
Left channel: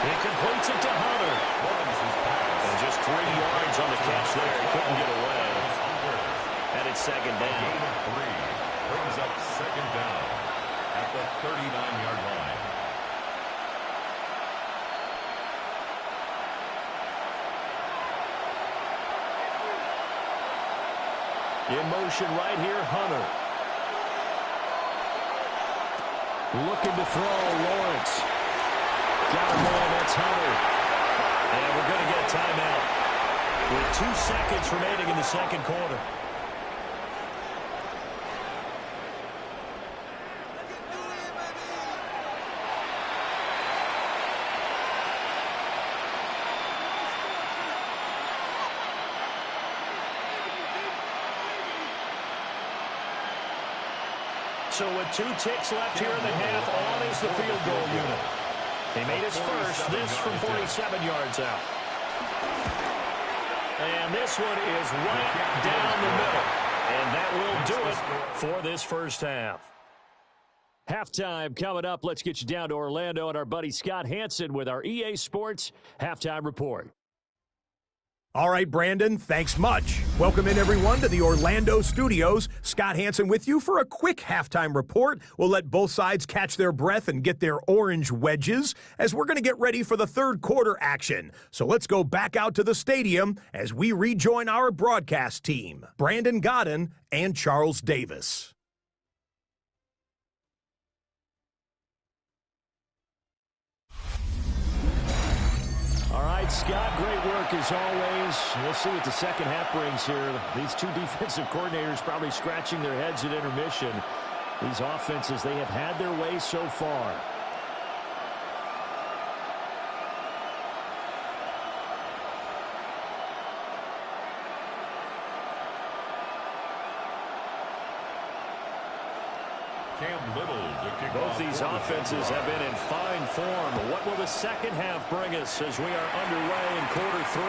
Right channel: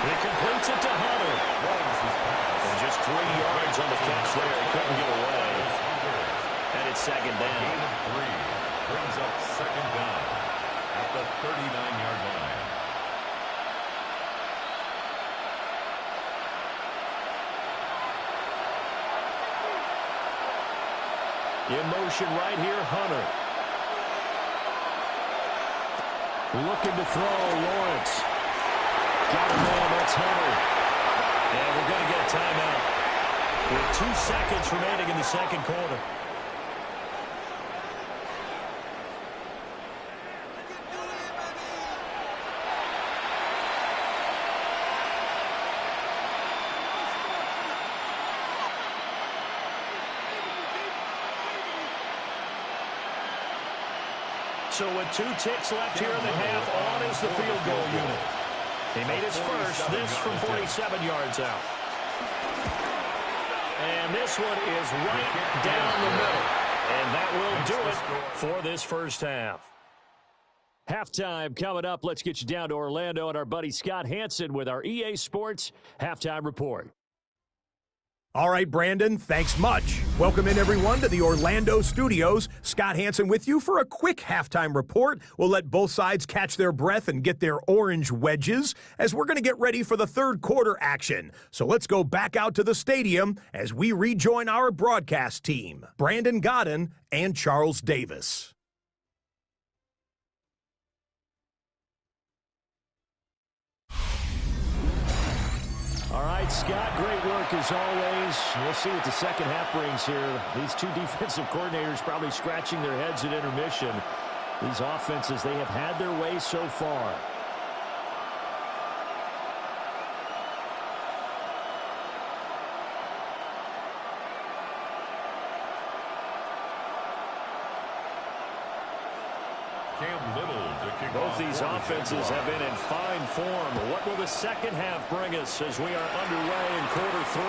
He completes it to Hunter. And just 3 yards on the catch there. He couldn't get away. And it's second down. A gain of 3 brings up second down at the 39-yard line. In motion right here, Hunter. Looking to throw, Lawrence. Got a man, that's Hunter. And we're going to get a timeout with 2 seconds remaining in the second quarter. So with 2 ticks left here in the half, on is the field goal unit. He made his first, this from 47 yards out. And this one is right down the middle. And that will do it for this first half. Halftime coming up. Let's get you down to Orlando and our buddy Scott Hansen with our EA Sports Halftime Report. All right, Brandon, thanks much. Welcome in, everyone, to the Orlando studios. Scott Hansen with you for a quick halftime report. We'll let both sides catch their breath and get their orange wedges as we're going to get ready for the third quarter action. So let's go back out to the stadium as we rejoin our broadcast team, Brandon Godden and Charles Davis. All right, Scott, great work as always. We'll see what the second half brings here. These 2 defensive coordinators probably scratching their heads at intermission. These offenses, they have had their way so far. Both these offenses have been in fine form. What will the second half bring us as we are underway in quarter 3?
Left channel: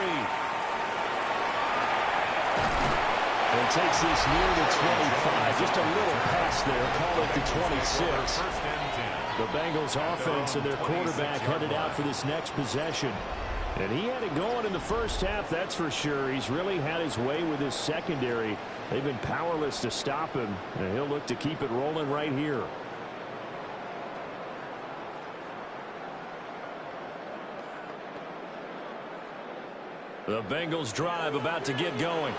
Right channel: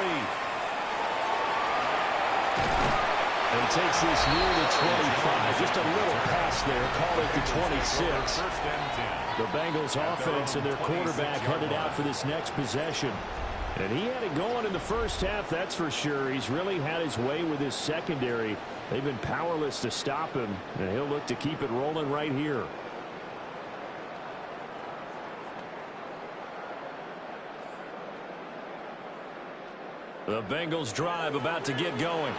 And he takes this near the 25. Just a little pass there. Call it the 26. The Bengals offense and their quarterback headed out for this next possession. And he had it going in the first half, that's for sure. He's really had his way with his secondary. They've been powerless to stop him, and he'll look to keep it rolling right here. The Bengals drive about to get going.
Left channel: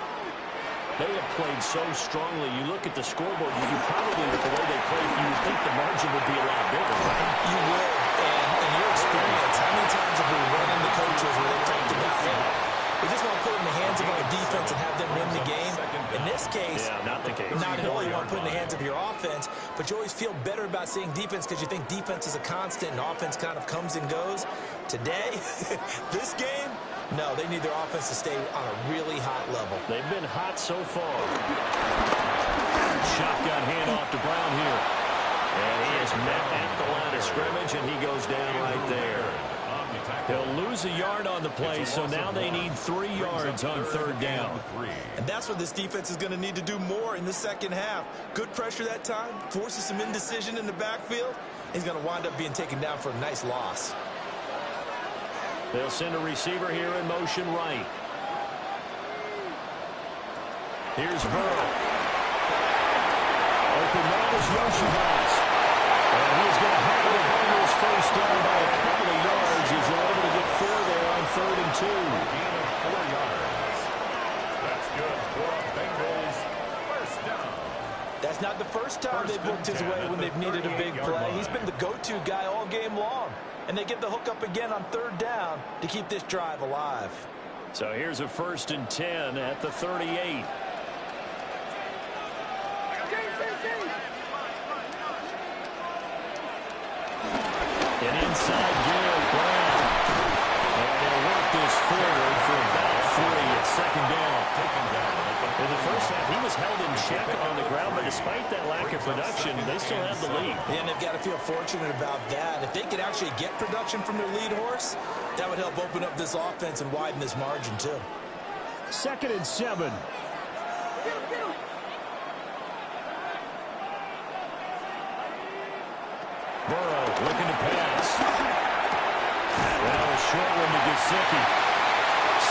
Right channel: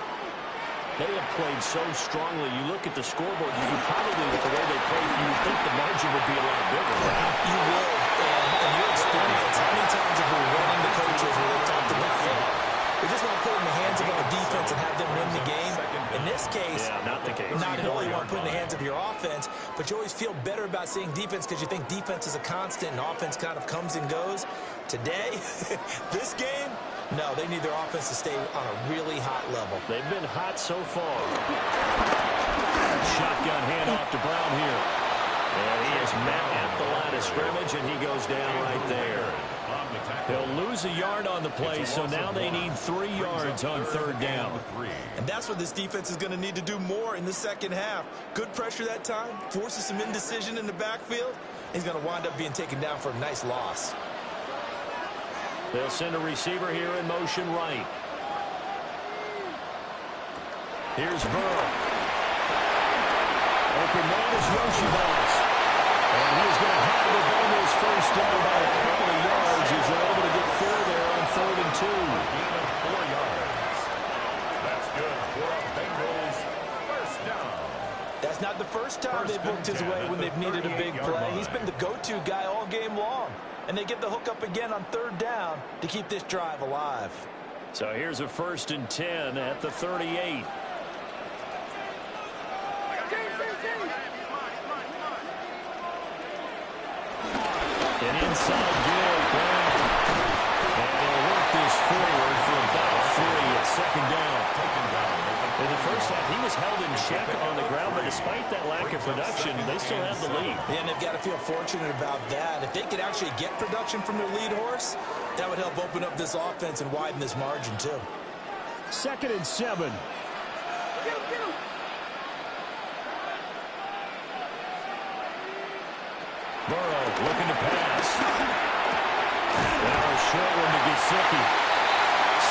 They have played so strongly. You look at the scoreboard, you probably, with the way they played, you would think the margin would be a lot bigger, right? You would. And in your experience, how many times have we run into coaches where they've talked about, hey, we just want to put it in the hands of our defense and have them win the game? In this case, not the case. Not at all. You want to put it in the hands of your offense, but you always feel better about seeing defense because you think defense is a constant and offense kind of comes and goes. Today, this game, no, they need their offense to stay on a really hot level. They've been hot so far. Shotgun handoff to Brown here. And he is met at the line of scrimmage, and he goes down right there. He'll lose a yard on the play, so now they need 3 yards on third down. And that's what this defense is going to need to do more in the second half. Good pressure that time, forces some indecision in the backfield. He's going to wind up being taken down for a nice loss. They'll send a receiver here in motion right. Here's Burrow. Open man is Yoshivas. And he is going to have the Bengals first down by a couple of yards as they're able to get 4 there on 3rd and 2. A gain of 4 yards. That's good for a Bengals first down. That's not the first time they've looked his way when they've needed a big play. He's been the go-to guy all game long. And they get the hook up again on 3rd down to keep this drive alive. So here's a 1st and 10 at the 38. An inside give, Brown. And they'll work this forward for about 3 at 2nd down. In the first half, he was held in check on the ground, but despite that lack of production, they still have the lead. Yeah, and they've got to feel fortunate about that. If they could actually get production from their lead horse, that would help open up this offense and widen this margin, too. 2nd and 7. Burrow looking to pass. Now a short one to Gesicki.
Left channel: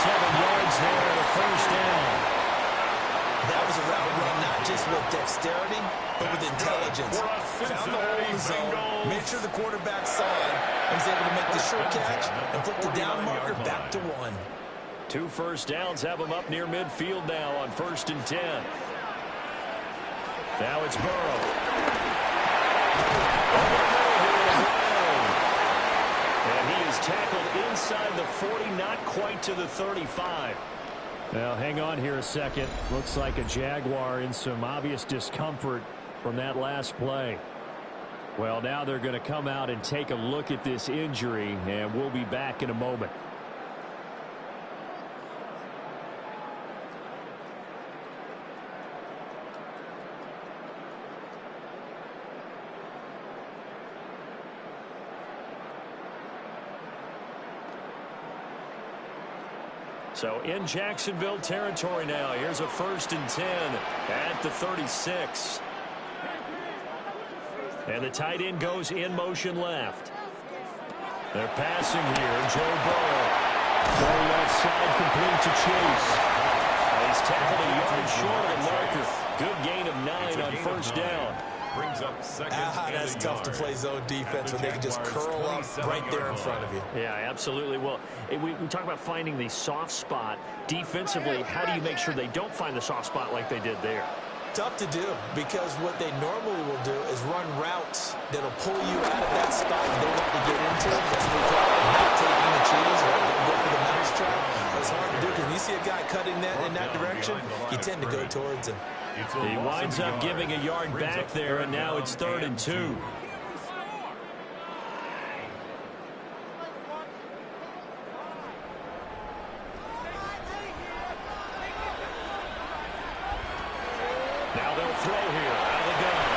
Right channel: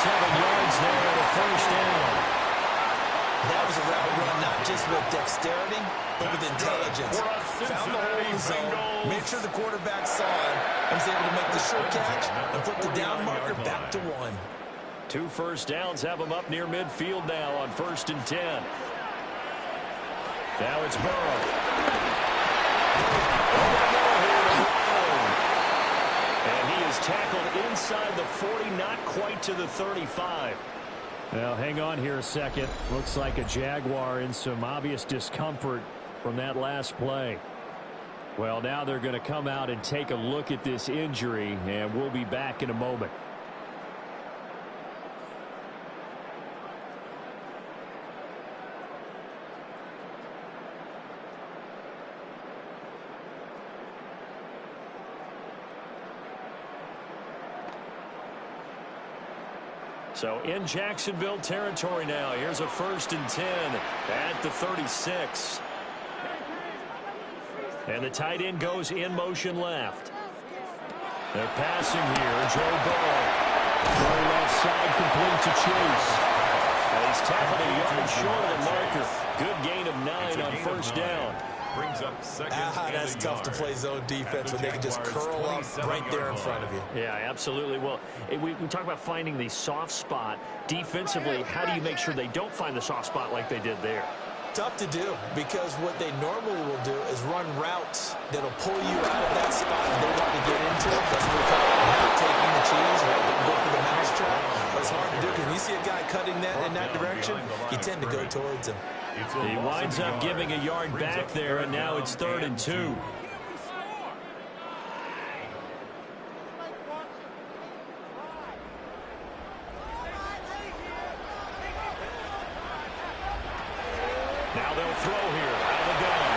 7 yards there and a 1st down. That was a route run not just with dexterity, but with intelligence. Found the hole in the zone, made sure the quarterback saw him, and was able to make the short catch and flip the down marker back to 1. 2 first downs have them up near midfield now on 1st and 10. Now it's Burrow. Over the middle here to Brown. And he is tackled inside the 40, not quite to the 35. Now, hang on here a second. Looks like a Jaguar in some obvious discomfort from that last play. Well, now they're going to come out and take a look at this injury, and we'll be back in a moment. So in Jacksonville territory now. Here's a 1st and 10 at the 36. And the tight end goes in motion left. They're passing here. Joe Burrow. Throw left side complete to Chase. He's tackled a yard short of the marker. Good gain of 9 on 1st down. Brings up 2nd That's tough to play zone defense when they can just curl up right there in front of you. Yeah, absolutely. Well, we talk about finding the soft spot. Defensively, how do you make sure they don't find the soft spot like they did there? Tough to do, because what they normally will do is run routes that'll pull you out of that spot they want to get into. That's what we call not taking the cheese, right? They go for the mousetrap. But it's hard to do because when you see a guy cutting that in that direction, you tend to go towards him. He winds up giving a yard back there, and now it's 3rd and 2. Now they'll throw here out of the gun.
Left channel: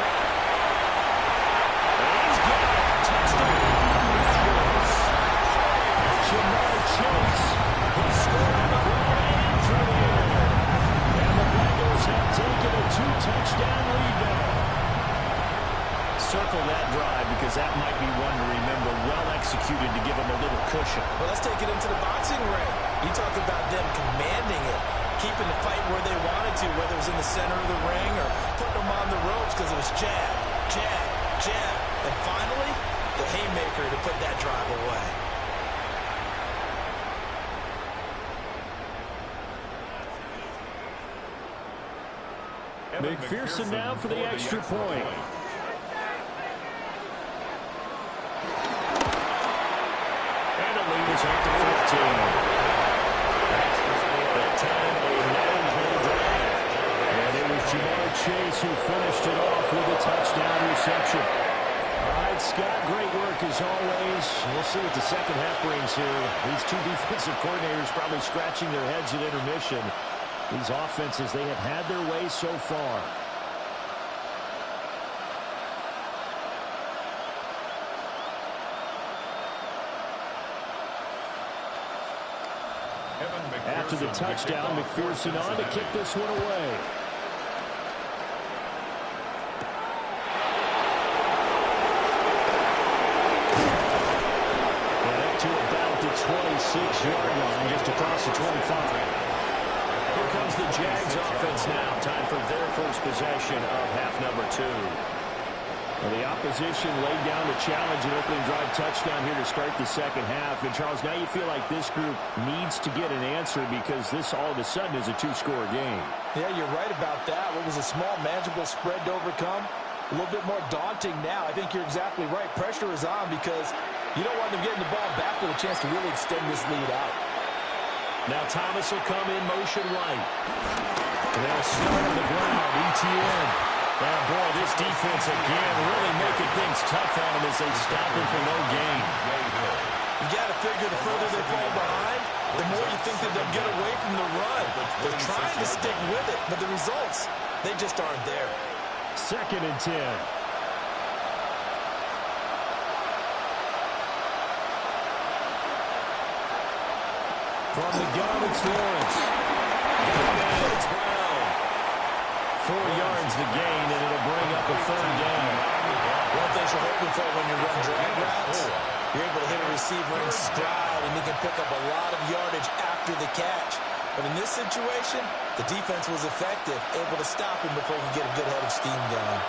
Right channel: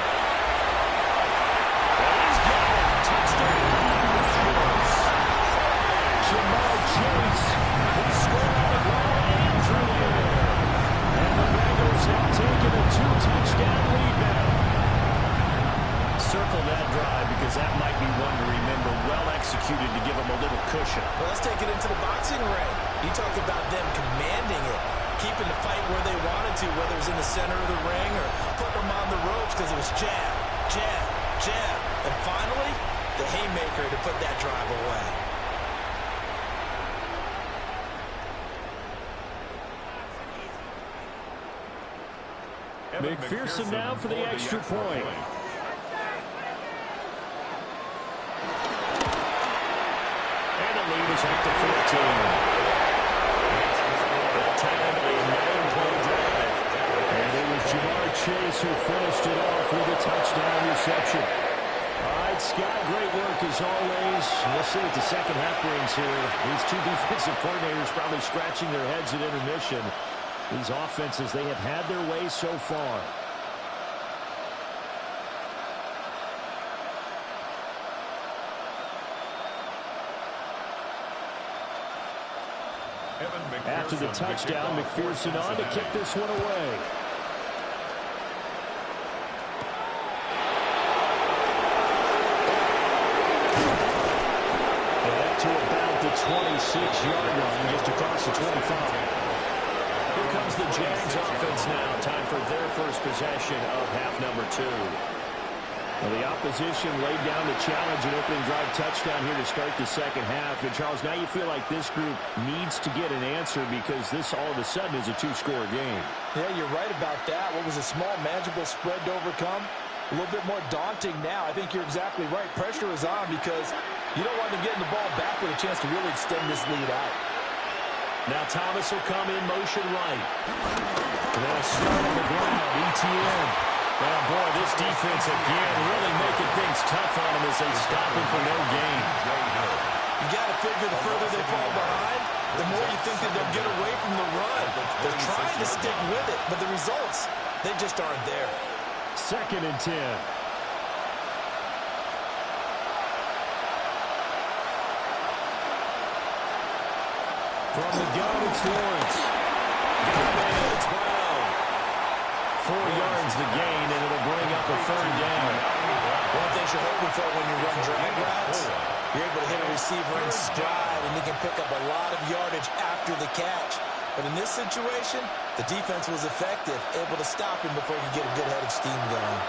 And he's got it. Touchdown. Jamar Chase. He scored on the ground and through the air. And the Bengals have taken a 2-touchdown lead now. Circle that drive because that might be one to remember. Well executed to give them a little cushion. Well, let's take it into the boxing ring. You talk about them commanding it, keeping the fight where they wanted to, whether it was in the center of the ring or putting them on the ropes because it was jab, jab, jab. And finally, the haymaker to put that drive away. McPherson now for the extra point. And the lead is up to 14. That time a 9-play drive. And it was Jamar Chase who finished it off with a touchdown reception. All right, Scott, great work as always. We'll see what the second half brings here. These two defensive coordinators probably scratching their heads at intermission. These offenses, they have had their way so far. After the touchdown, McPherson on to kick this one away. And up to about the 26-yard line, just across the 25. Here comes the Jags offense now. Time for their first possession of half number 2. Well, the opposition laid down the challenge and opening drive touchdown here to start the second half. And, Charles, now you feel like this group needs to get an answer because this all of a sudden is a 2-score game. Yeah, you're right about that. What was a small, manageable spread to overcome? A little bit more daunting now. I think you're exactly right. Pressure is on because you don't want them getting the ball back with a chance to really extend this lead out. Now Thomas will come in motion right. They'll start on the ground. ETN. Now, boy, this defense again really making things tough on them as they stop him for no gain. You got to figure the further they fall behind, the more you think that they'll get away from the run. They're trying to stick with it, but the results, they just aren't there. 2nd and 10. From the gun, it's Lawrence. Got a man, it's Brown. 4 yards the gain, and it'll bring up a 3rd down. One thing you're hoping for when you run drag routes, you're able to hit a receiver in stride, and he can pick up a lot of yardage after the catch. But in this situation, the defense was effective, able to stop him before he could get a good head of steam going.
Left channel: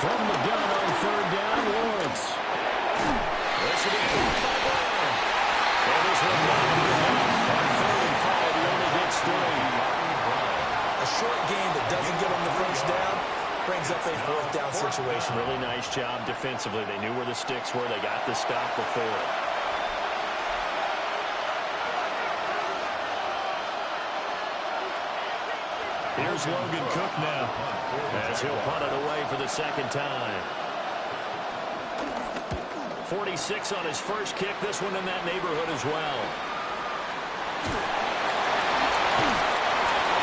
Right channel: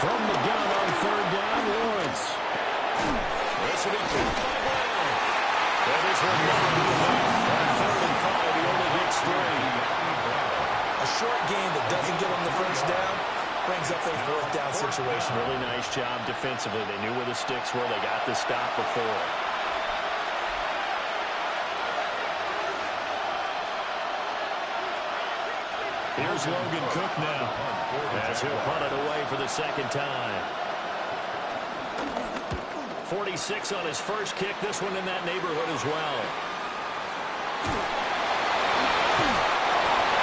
From the gun on 3rd down, Lawrence. This will be caught by Brown. And this will not be enough. On 3rd and 5, he only gets 3. A short gain that doesn't get him the first down brings up a 4th down situation. Really nice job defensively. They knew where the sticks were. They got the stop before. Here's Logan Cook now as he'll punt it away for the 2nd time. 46 on his first kick. This one in that neighborhood as well.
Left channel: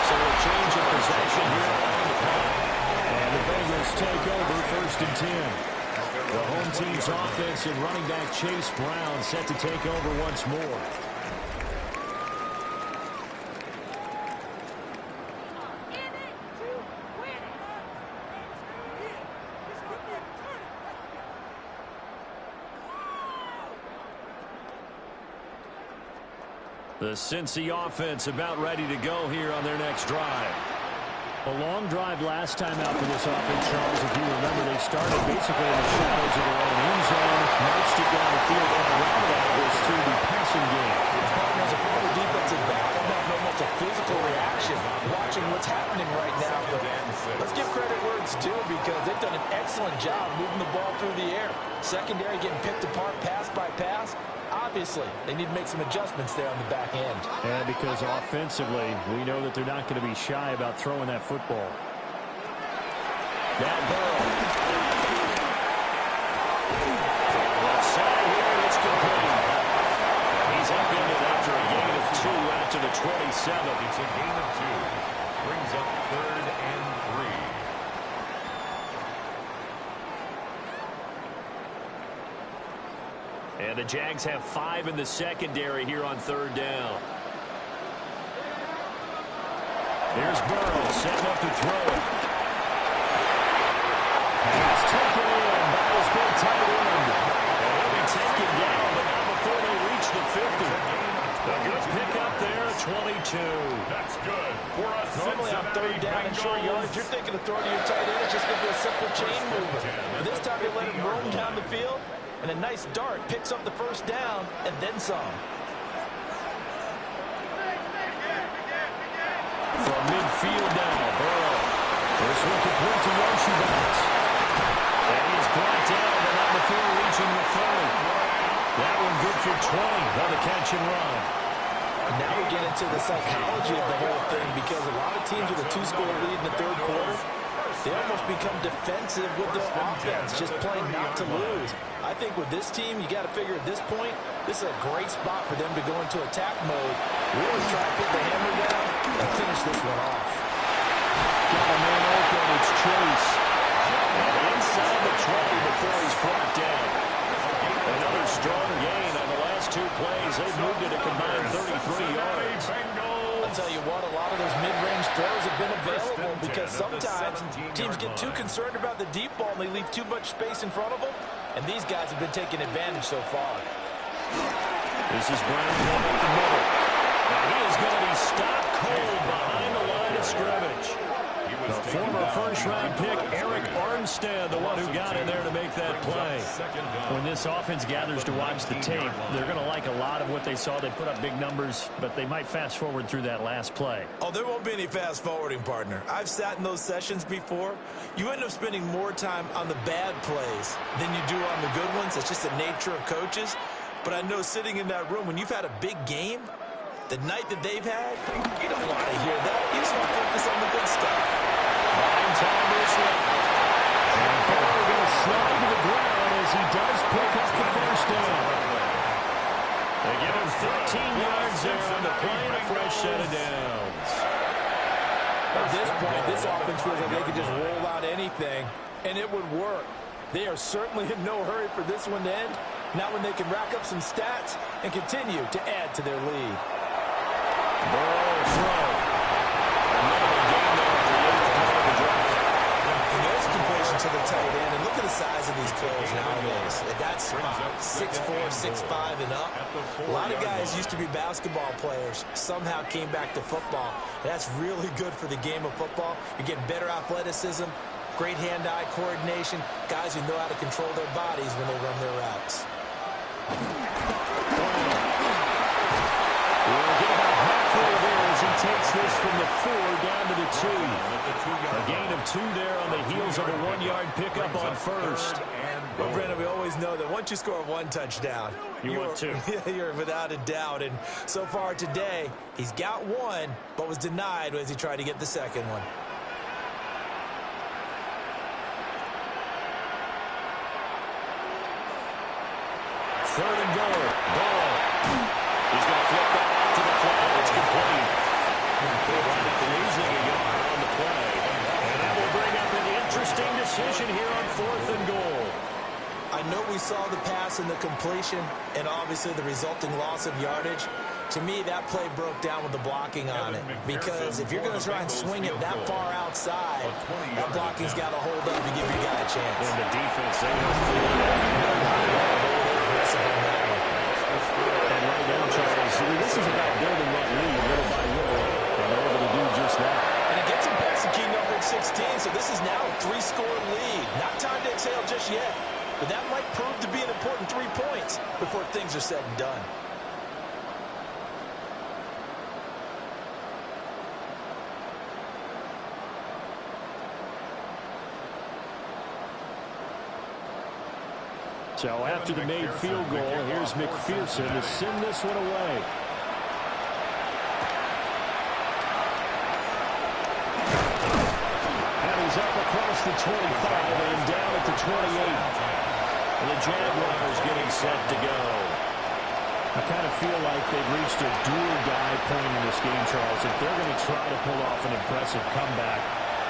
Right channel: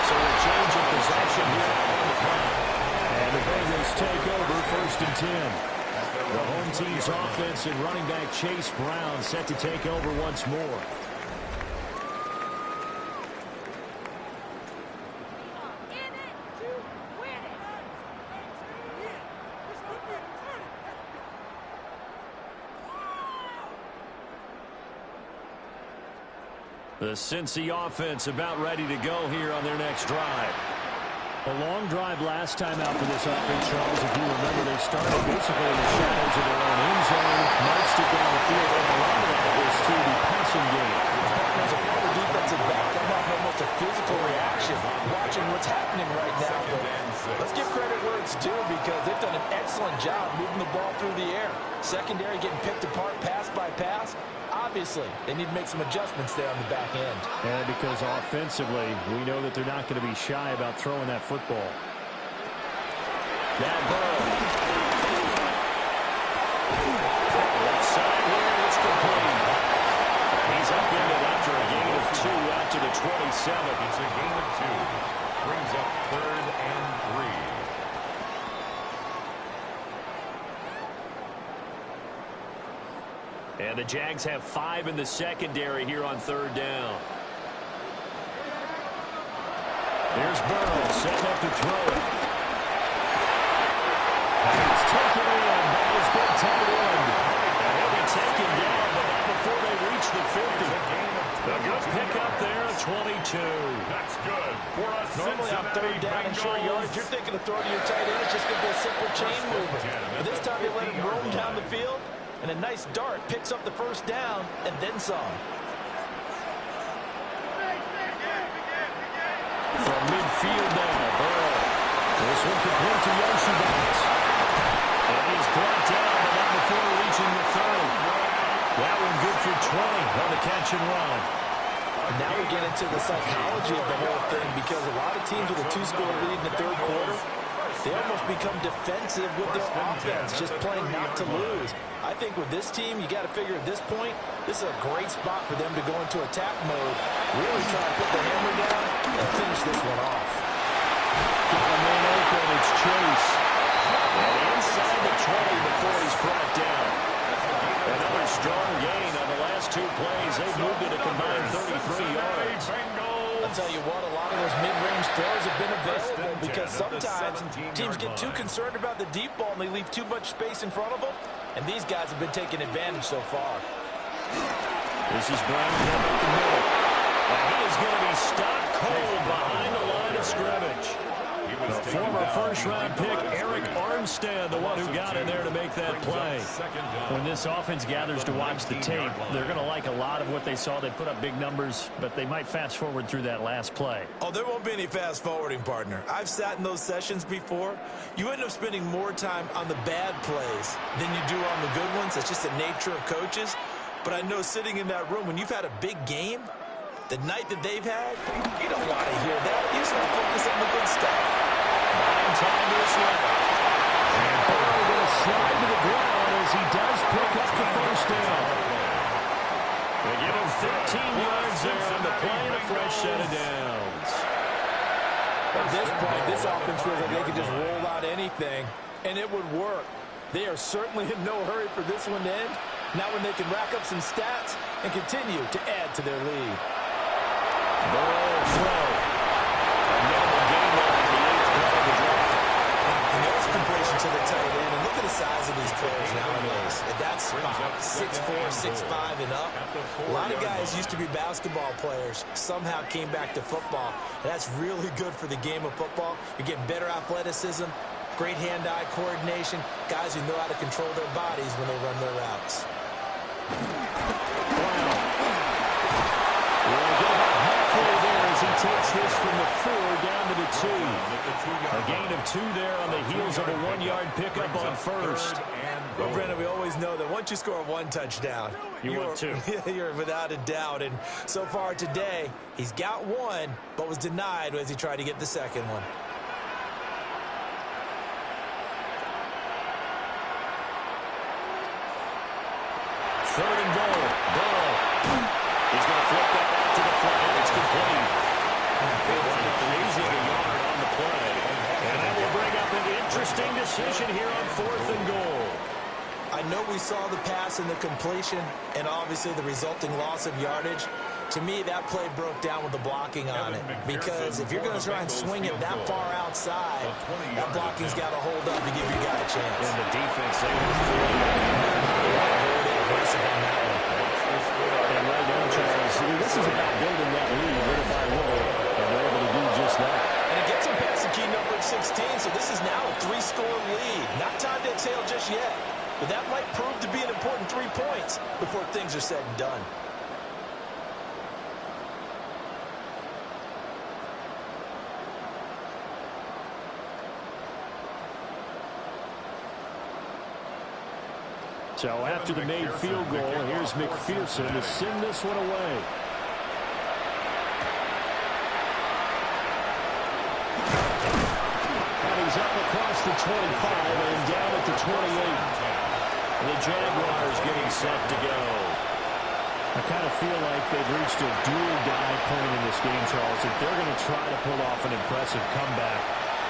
So a change of possession here on the punt. And the Bengals take over 1st and 10. The home team's offense and running back Chase Brown set to take over once more. The Cincy offense about ready to go here on their next drive. A long drive last time out for this offense, Charles. If you remember, they started basically in the shadows of their own end zone, marched it down the field, and a lot of that was through the passing game. As a former defensive back, I'm having almost a physical reaction watching what's happening right now. But let's give credit where it's due because they've done an excellent job moving the ball through the air. Secondary getting picked apart pass by pass. Obviously, they need to make some adjustments there on the back end. And because offensively, we know that they're not going to be shy about throwing that football. Now Burrow. Left side here, and it's complete. And he's upended after a gain of 2 out to the 27. It's a gain of 2. Brings up 3rd and 3. And the Jags have 5 in the secondary here on 3rd down. Here's Burrow setting up to throw it. Pass taken in by his big tight end. And he'll be taken down, but not before they reach the 50. A good pickup there at 22. That's good for us. Normally on 3rd down and short yards, you're thinking of throw to your tight end. It's just going to be a simple chain mover. But this time they let him roam down the field. And a nice dart picks up the 1st down and then some. From midfield now, Burrow. This one complete to Yoshibas. And he's brought down, but not before reaching the 30. That one good for 20 on the catch and run. And now we get into the psychology of the whole thing because a lot of teams with a 2-score lead in the 3rd quarter, they almost become defensive with their offense, just playing not to lose. I think with this team, you got to figure at this point, this is a great spot for them to go into attack mode, really try to put the hammer down and finish this one off. Got a man open, it's Chase. And inside the 20 before he's brought down. Another strong gain on the last 2 plays. They've moved it a combined 33 yards. I'll tell you what, a lot of those mid-range throws have been available because sometimes teams get too concerned about the deep ball and they leave too much space in front of them, and these guys have been taking advantage so far. This is Brown going up the middle. And he is going to be stopped cold behind the line of scrimmage. The former first-round pick, Eric Armstead, the one who got in there to make that play. When this offense gathers to watch the tape, they're going to like a lot of what they saw. They put up big numbers, but they might fast-forward through that last play. Oh, there won't be any fast-forwarding, partner. I've sat in those sessions before. You end up spending more time on the bad plays than you do on the good ones. It's just the nature of coaches. But I know sitting in that room, when you've had a big game, the night that they've had, you don't want to hear that. You just want to focus on the good stuff. Buying time is left. And Burrow going to slide to the ground as he does pick up the first down. They give him 13 yards there on the play and a fresh set of downs. At this point, this offense feels like they could just roll out anything, and it would work. They are certainly in no hurry for this one to end. Not when they can rack up some stats and continue to add to their lead. Burrow throw. A minimal gain there on the 8th play of the drive. And there's completion to the tight end. And look at the size of these players nowadays. At that spot, 6'4", 6'5", and up. A lot of guys used to be basketball players. Somehow came back to football. And that's really good for the game of football. You're getting better athleticism, great hand-eye coordination, guys who know how to control their bodies when they run their routes. We'll get about halfway there as he takes this from the 4 down to the 2. A gain of 2 there on the heels of a 1-yard pickup on first. Well, Brandon, we always know that once you score 1 touchdown, you want 2. You're without a doubt. And so far today, he's got 1, but was denied as he tried to get the second one. Third and goal. Burrow. He's going to flip that out to the flat. It's complete. They wind up losing a yard on the play. And that will bring up an interesting decision here on 4th and goal. I know we saw the pass and the completion and obviously the resulting loss of yardage. To me, that play broke down with the blocking on it. Because if you're going to try and swing it that far outside, that blocking's got to hold up to give your guy a chance. And the defense, they were clearly aggressive on that one. And right now, Charles, this is about building that lead little by little, and they're able to do just that. And it gets them past the key number of 16, so this is now a 3-score lead. Not time to exhale just yet, but that might prove to be an important 3 points before things are said and done. So after the made field goal, here's McPherson to send this one away. And he's up across the 25 and down at the 28. The Jaguars getting set to go. I kind of feel like they've reached a do-or-die point in this game, Charles. If they're going to try to pull off an impressive comeback,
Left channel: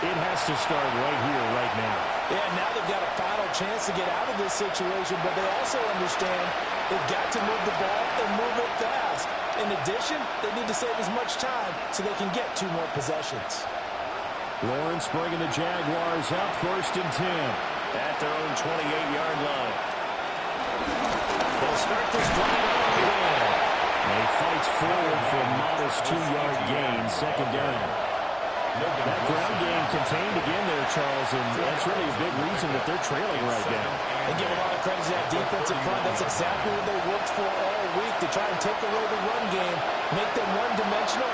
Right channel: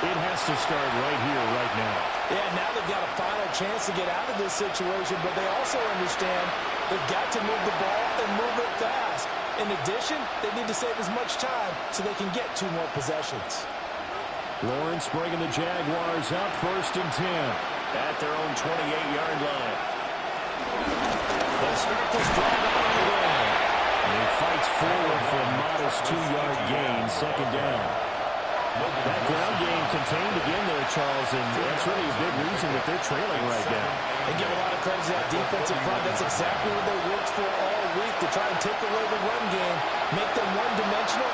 it has to start right here, right now. Yeah, now they've got a final chance to get out of this situation, but they also understand they've got to move the ball and move it fast. In addition, they need to save as much time so they can get 2 more possessions. Lawrence bringing the Jaguars up 1st and 10 at their own 28-yard line. They'll start this drive out on the ground. And he fights forward for a modest 2-yard gain, 2nd down. That ground game contained again there, Charles, and that's really a big reason that they're trailing right now. They give a lot of credit to that defensive front. That's exactly what they worked for all week, to try and take away the run game, make them one-dimensional.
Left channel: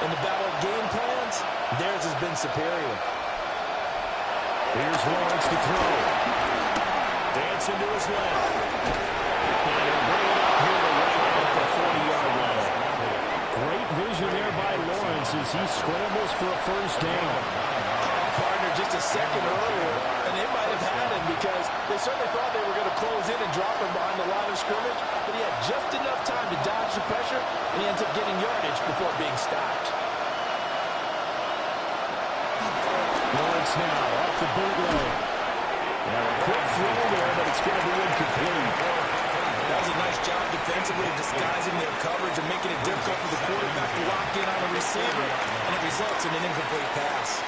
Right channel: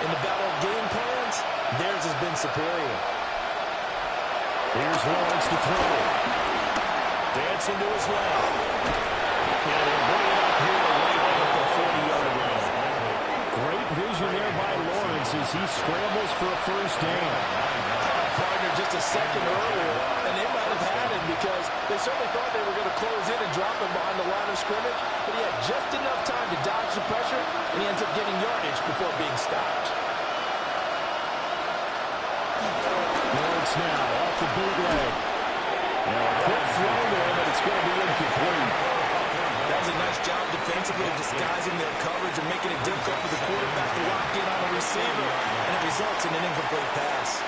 In the battle of game plans, theirs has been superior. Here's Lawrence to throw. Dancing to his left. And he'll bring it up here to right at the 40-yard line. Great vision there by Lawrence as he scrambles for a first down. Partner just a second earlier, and they might have had him because they certainly thought they were going to close in and drop him behind the line of scrimmage, but he had just enough time to dodge the pressure, and he ends up getting yardage before being stopped. Lawrence now off the bootleg. Now a quick throw there, but it's going to be incomplete. That was a nice job defensively of disguising their coverage and making it difficult for the quarterback to lock in on a receiver, and it results in an incomplete pass.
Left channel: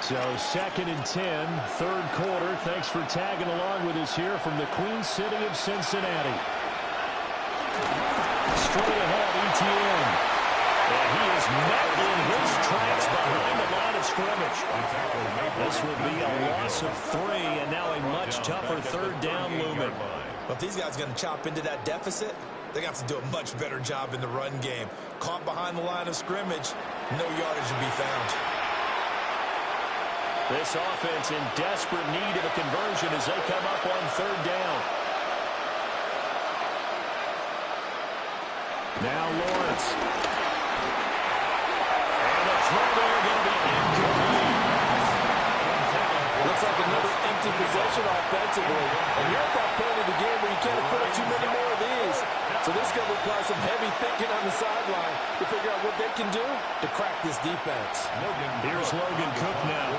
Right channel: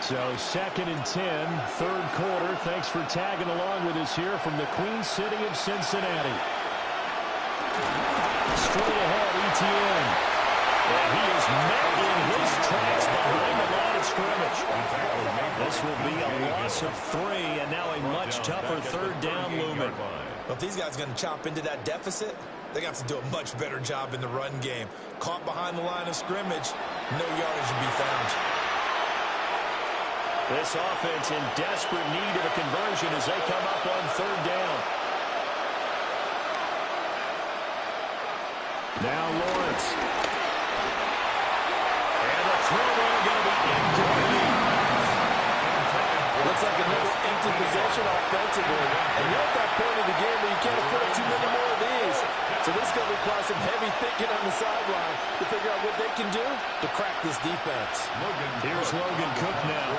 So 2nd and 10, 3rd quarter. Thanks for tagging along with us here from the Queen City of Cincinnati. Straight ahead, Etienne. And he is met in his tracks behind the line of scrimmage. This will be a loss of 3, and now a much tougher third down looming. Well, if these guys are going to chop into that deficit, they're going to have to do a much better job in the run game. Caught behind the line of scrimmage, no yardage to be found. This offense in desperate need of a conversion as they come up on third down. Now Lawrence. And the throw there going to be incomplete. Looks like another empty possession offensively. And you're at that point in the game where you can't afford too many more of these. So this is going to require some heavy thinking on the sideline to figure out what they can do to crack this defense. Here's Logan Cook now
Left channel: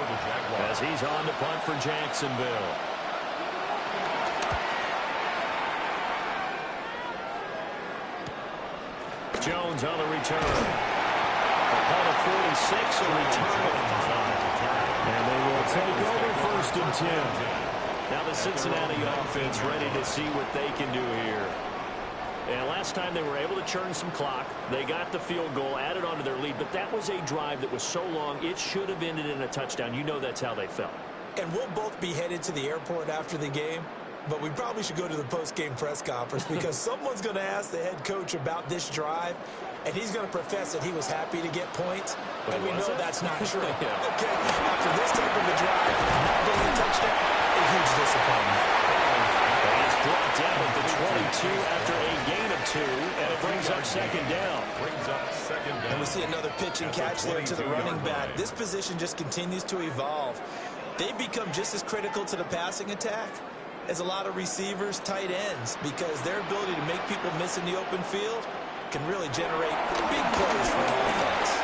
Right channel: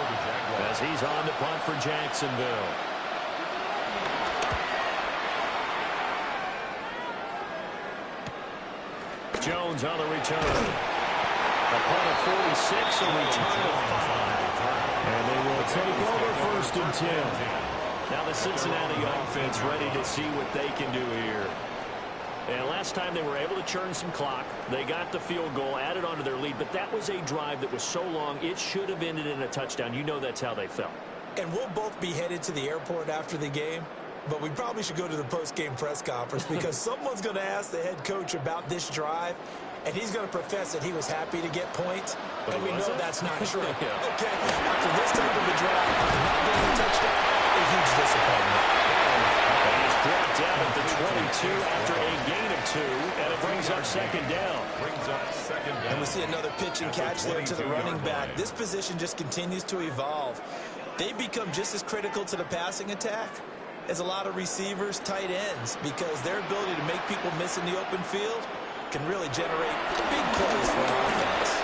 as he's on to punt for Jacksonville. Jones on the return. A punt of 46, a return of 5. And they will take over 1st and 10. Now the Cincinnati offense ready to see what they can do here. And last time they were able to churn some clock. They got the field goal, added on to their lead. But that was a drive that was so long, it should have ended in a touchdown. You know that's how they felt. And we'll both be headed to the airport after the game. But we probably should go to the post-game press conference because someone's going to ask the head coach about this drive, and he's going to profess that he was happy to get points, and we know that's not true. Yeah. Okay, after this type of a drive, not getting a touchdown, a huge disappointment. And he's brought down at the 22 after a gain of 2, and it brings up second down. And we see another pitch and catch there to the running back. This position just continues to evolve. They become just as critical to the passing attack as a lot of receivers, tight ends, because their ability to make people miss in the open field can really generate big plays for an offense.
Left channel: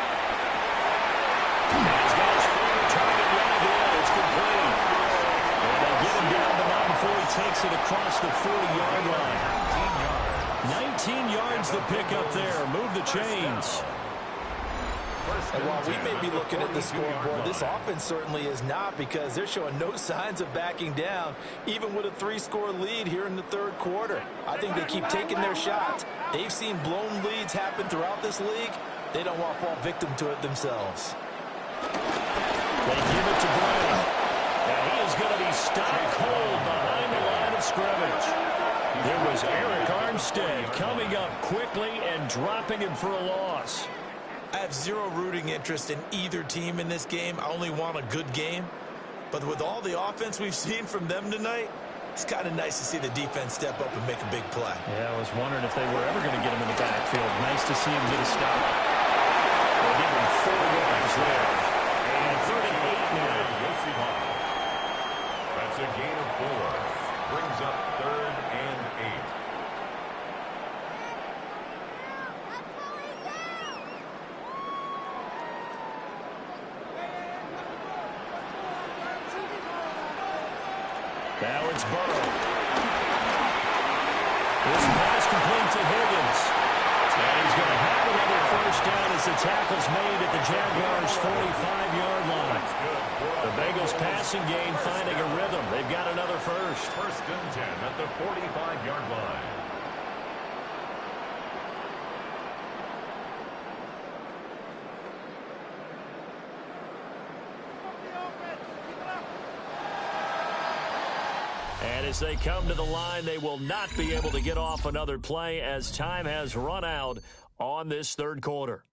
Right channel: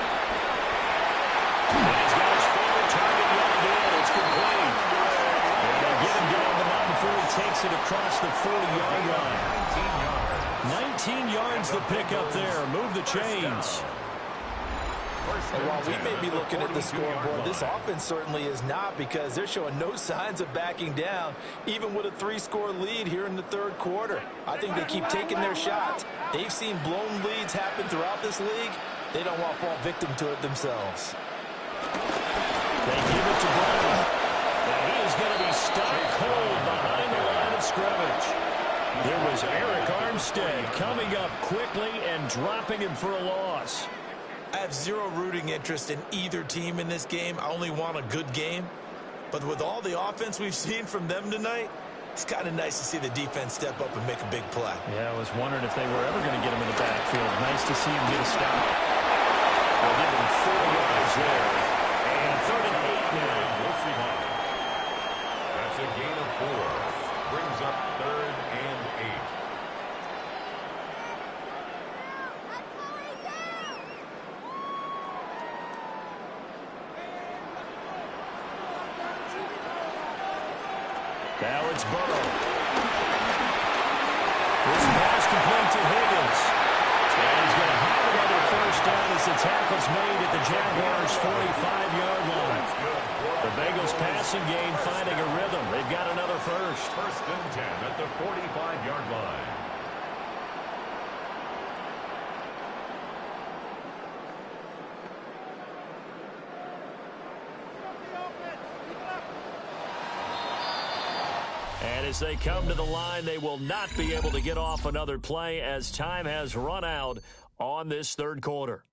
And he's got his favorite target yet again. It's complete. And they get him down, but not before he takes it across the 40-yard line. 19 yards the pickup there. Move the chains. And while we may be looking at the scoreboard, this offense certainly is not, because they're showing no signs of backing down, even with a 3-score lead here in the third quarter. I think they keep taking their shots. They've seen blown leads happen throughout this league. They don't want to fall victim to it themselves. They give it to Brown. And he is going to be stopped cold behind the line of scrimmage. There was Eric Armstead coming up quickly and dropping him for a loss. I have zero rooting interest in either team in this game. I only want a good game. But with all the offense we've seen from them tonight, it's kind of nice to see the defense step up and make a big play. Yeah, I was wondering if they were ever going to get him in the backfield. Nice to see him get a stop. They'll give him 4 yards there. And 3rd and 8 now. That's a gain of 4. Brings up 3rd and 8. Now it's Burrow. This pass complete to Higgins. And he's going to have another first down as the tackle's made at the Jaguars' 45-yard line. The Bengals passing game finding a rhythm. They've got another first. 1st and 10 at the 45-yard line. And as they come to the line, they will not be able to get off another play as time has run out on this third quarter.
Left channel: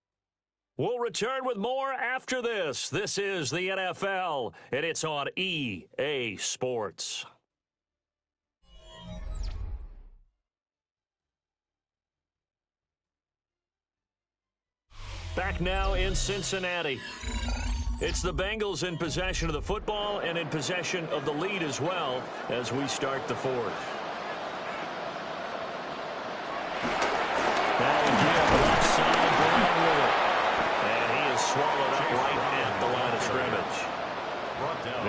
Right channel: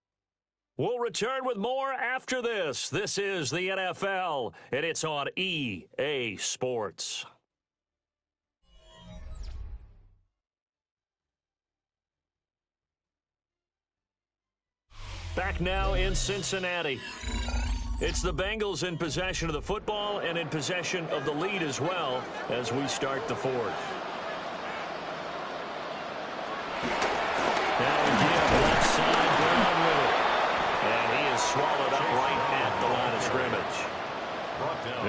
We'll return with more after this. This is the NFL, and it's on EA Sports. Back now in Cincinnati. It's the Bengals in possession of the football and in possession of the lead as well as we start the fourth. Now again, left side, Brown with it. And he is swallowed up right at the line of scrimmage.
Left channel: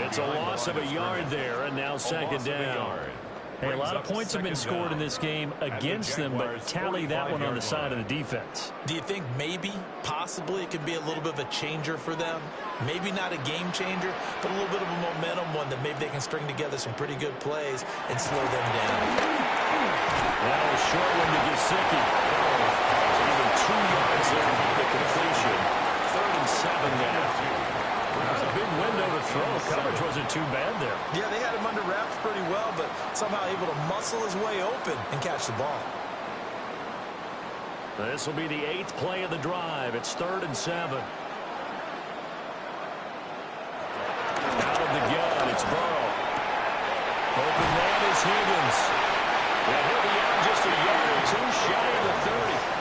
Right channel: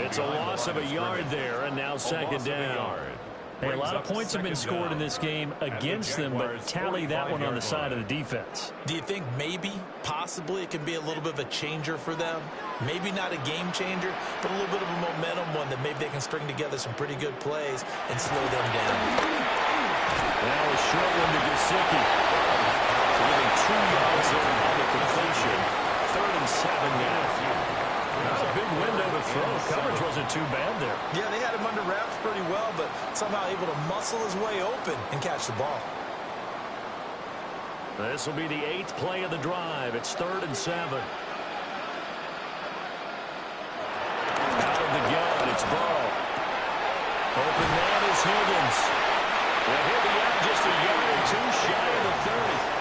It's a loss of a yard there, and now second down. Hey, a lot of points have been scored in this game against them, but tally that one on the side of the defense. Do you think maybe, possibly, it can be a little bit of a changer for them? Maybe not a game changer, but a little bit of a momentum one that maybe they can string together some pretty good plays and slow them down. Now a short one to Gesicki. So even 2 yards there on the completion. 3rd and 7 now. Not a big window to throw. Coverage wasn't too bad there. Yeah, they had him under wraps pretty well, but somehow able to muscle his way open and catch the ball. This will be the 8th play of the drive. It's 3rd and 7. Out of the gun, it's Burrow. Open man is Higgins. And he'll be out just a yard or 2 shy of the 30.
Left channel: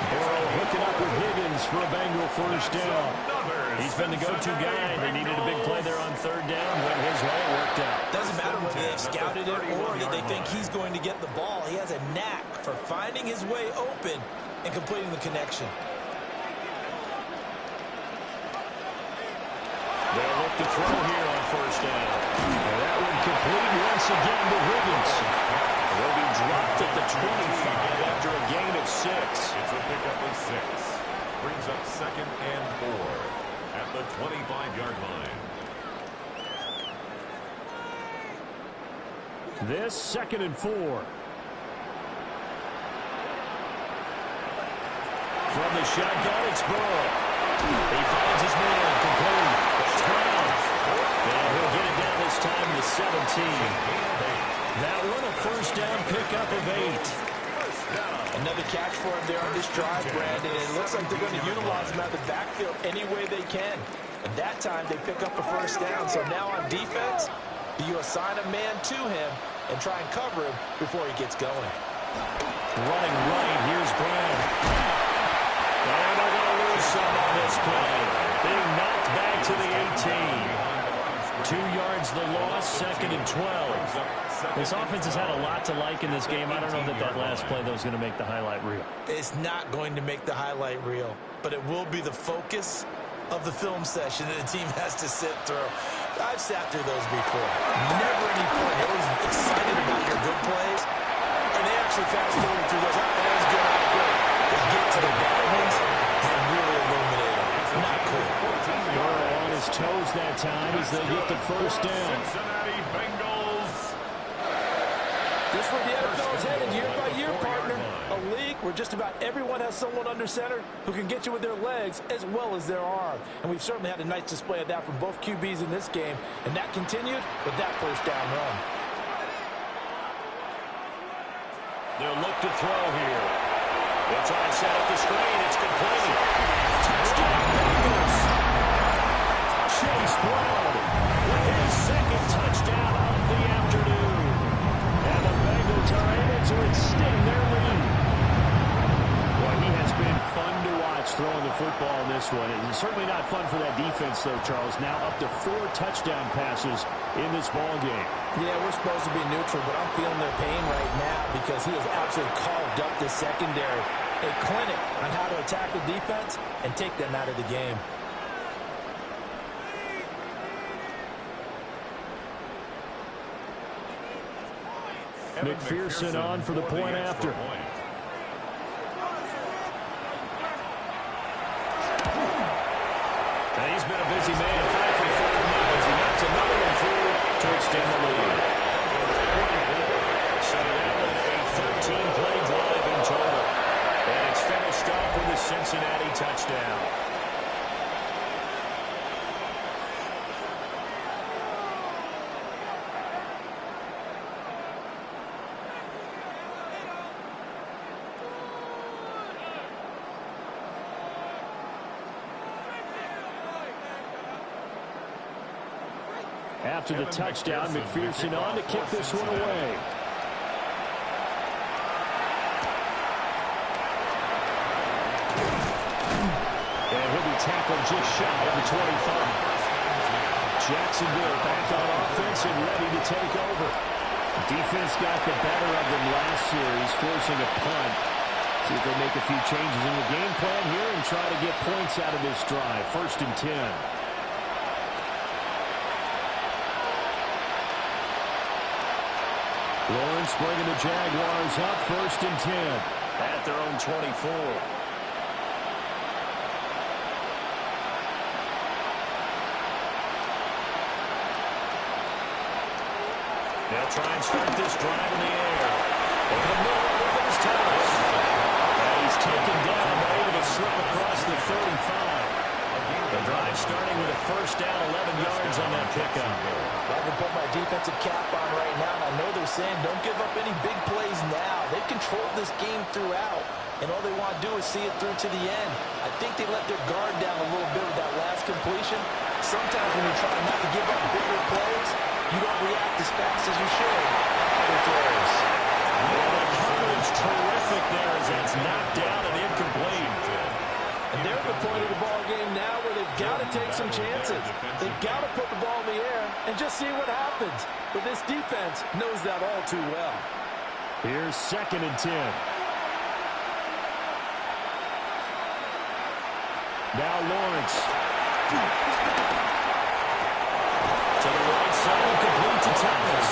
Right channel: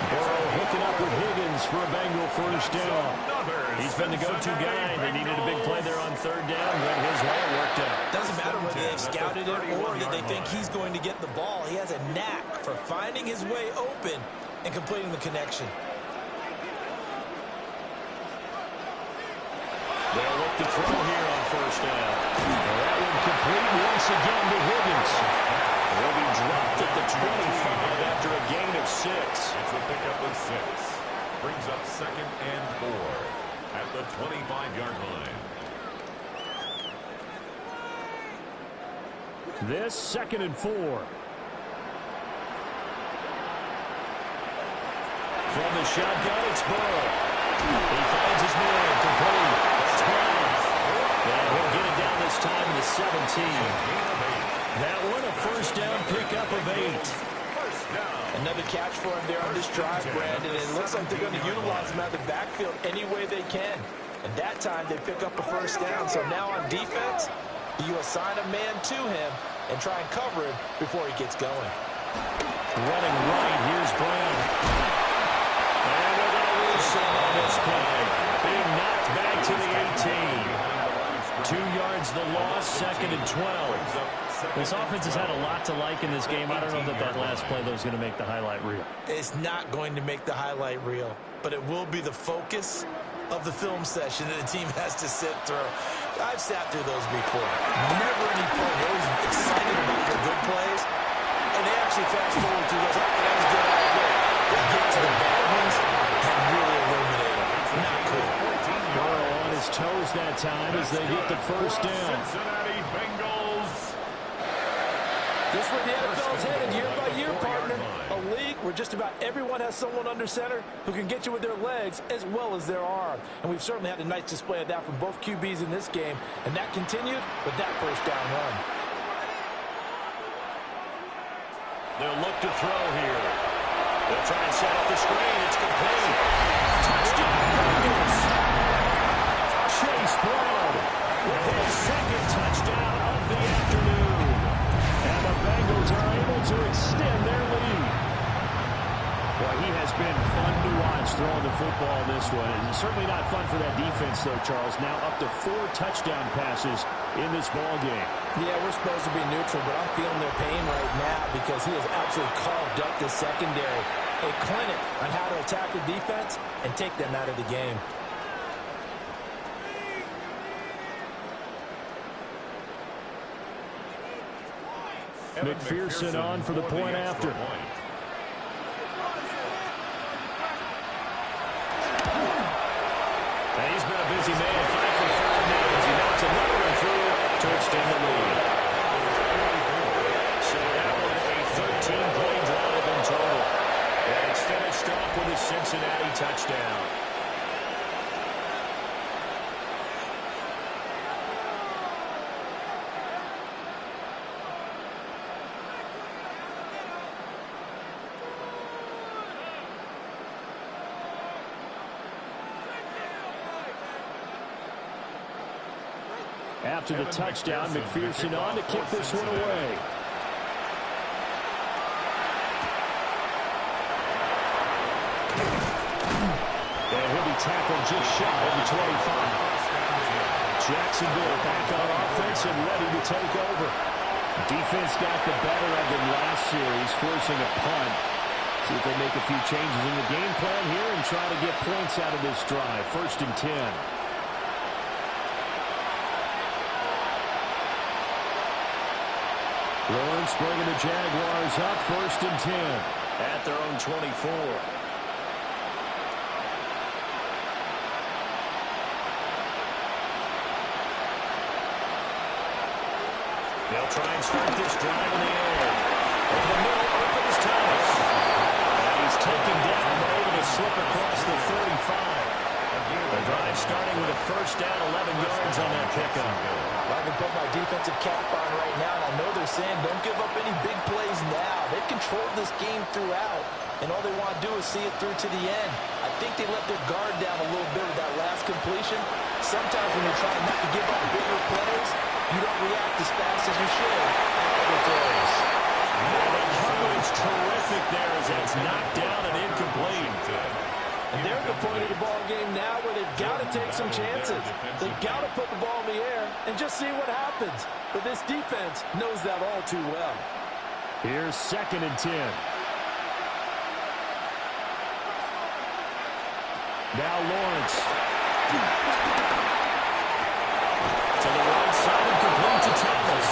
Burrow hooking up with Higgins for a Bengal first down. He's been the go-to guy. They needed a big play there on 3rd down. Went his way, it worked out. Doesn't matter whether they've scouted it or that they think he's going to get the ball. He has a knack for finding his way open and completing the connection. They'll look to throw here on 1st down. And that one complete once again to Higgins. He'll be dropped at the 25 after a gain of 6. It's a pickup of 6. Brings up 2nd and 4 at the 25-yard line. This 2nd and 4. From the shotgun, it's Burrow. He finds his man, complete. That's Brown. And he'll get it down this time to the 17. That one, a 1st down pickup of 8. Another catch for him there on this drive, Brandon. And it looks like they're going to utilize him out of the backfield any way they can. And that time, they pick up a 1st down. So now on defense, you assign a man to him and try and cover him before he gets going. Running right, here's Brown. And they're going to lose some on this play. Being knocked back to the 18. 2 yards the loss, 2nd and 12. This offense has had a lot to like in this game. I don't know that that last play, though, is going to make the highlight reel. It's not going to make the highlight reel, but it will be the focus of the film session that the team has to sit through. I've sat through those before. Never any fun. You're always excited about your good plays, and they actually fast forward through those. All right, that was good. All right, great. They get to the bad ones and really illuminate them. Not cool. Burrow on his toes that time as they get the 1st down. Cincinnati Bengals. Just where the NFL is headed year by year, partner. A league where just about everyone has someone under center who can get you with their legs as well as their arm. And we've certainly had a nice display of that from both QBs in this game. And that continued with that 1st down run. They'll look to throw here. They'll try and set up the screen. It's complete. Touchdown, Bengals. Chase Brown with his 2nd touchdown of the afternoon. And the Bengals are able to extend their lead. Boy, he has been fun to watch throwing the football in this one. It's certainly not fun for that defense, though, Charles. Now up to 4 touchdown passes in this ball game. Yeah, we're supposed to be neutral, but I'm feeling their pain right now because he has absolutely carved up the secondary. A clinic on how to attack the defense and take them out of the game. McPherson on for the point after. And he's been a busy man, 5 for 5 now as he knocks another one through to extend the lead. So that one a 13-play drive in total. And it's finished off with a Cincinnati touchdown. After the touchdown, McPherson on to kick this one away. And he'll be tackled just shy of the 25. Jacksonville back on offense and ready to take over. Defense got the better of them last series, forcing a punt. See if they make a few changes in the game plan here and try to get points out of this drive. 1st and 10. Lawrence bringing the Jaguars up 1st and 10 at their own 24. They'll try and start this drive in the air. Over the middle, open is Thomas. And he's taken down, but able to slip across the 35. The drive starting with a first down, 11 yards on that pickup. I can put my defensive cap on right now, and I know they're saying don't give up any big plays now. They've controlled this game throughout, and all they want to do is see it through to the end. I think they let their guard down a little bit with that last completion. Sometimes when you're trying not to give up bigger plays, you don't react as fast as you should on other throws. Yeah, the coverage terrific there as that's knocked down and incomplete. And they're at the point of the ball game now where they've got to take some chances. They've got to put the ball in the air and just see what happens. But this defense knows that all too well. Here's 2nd and 10. Now Lawrence. To the right side and complete to Thomas.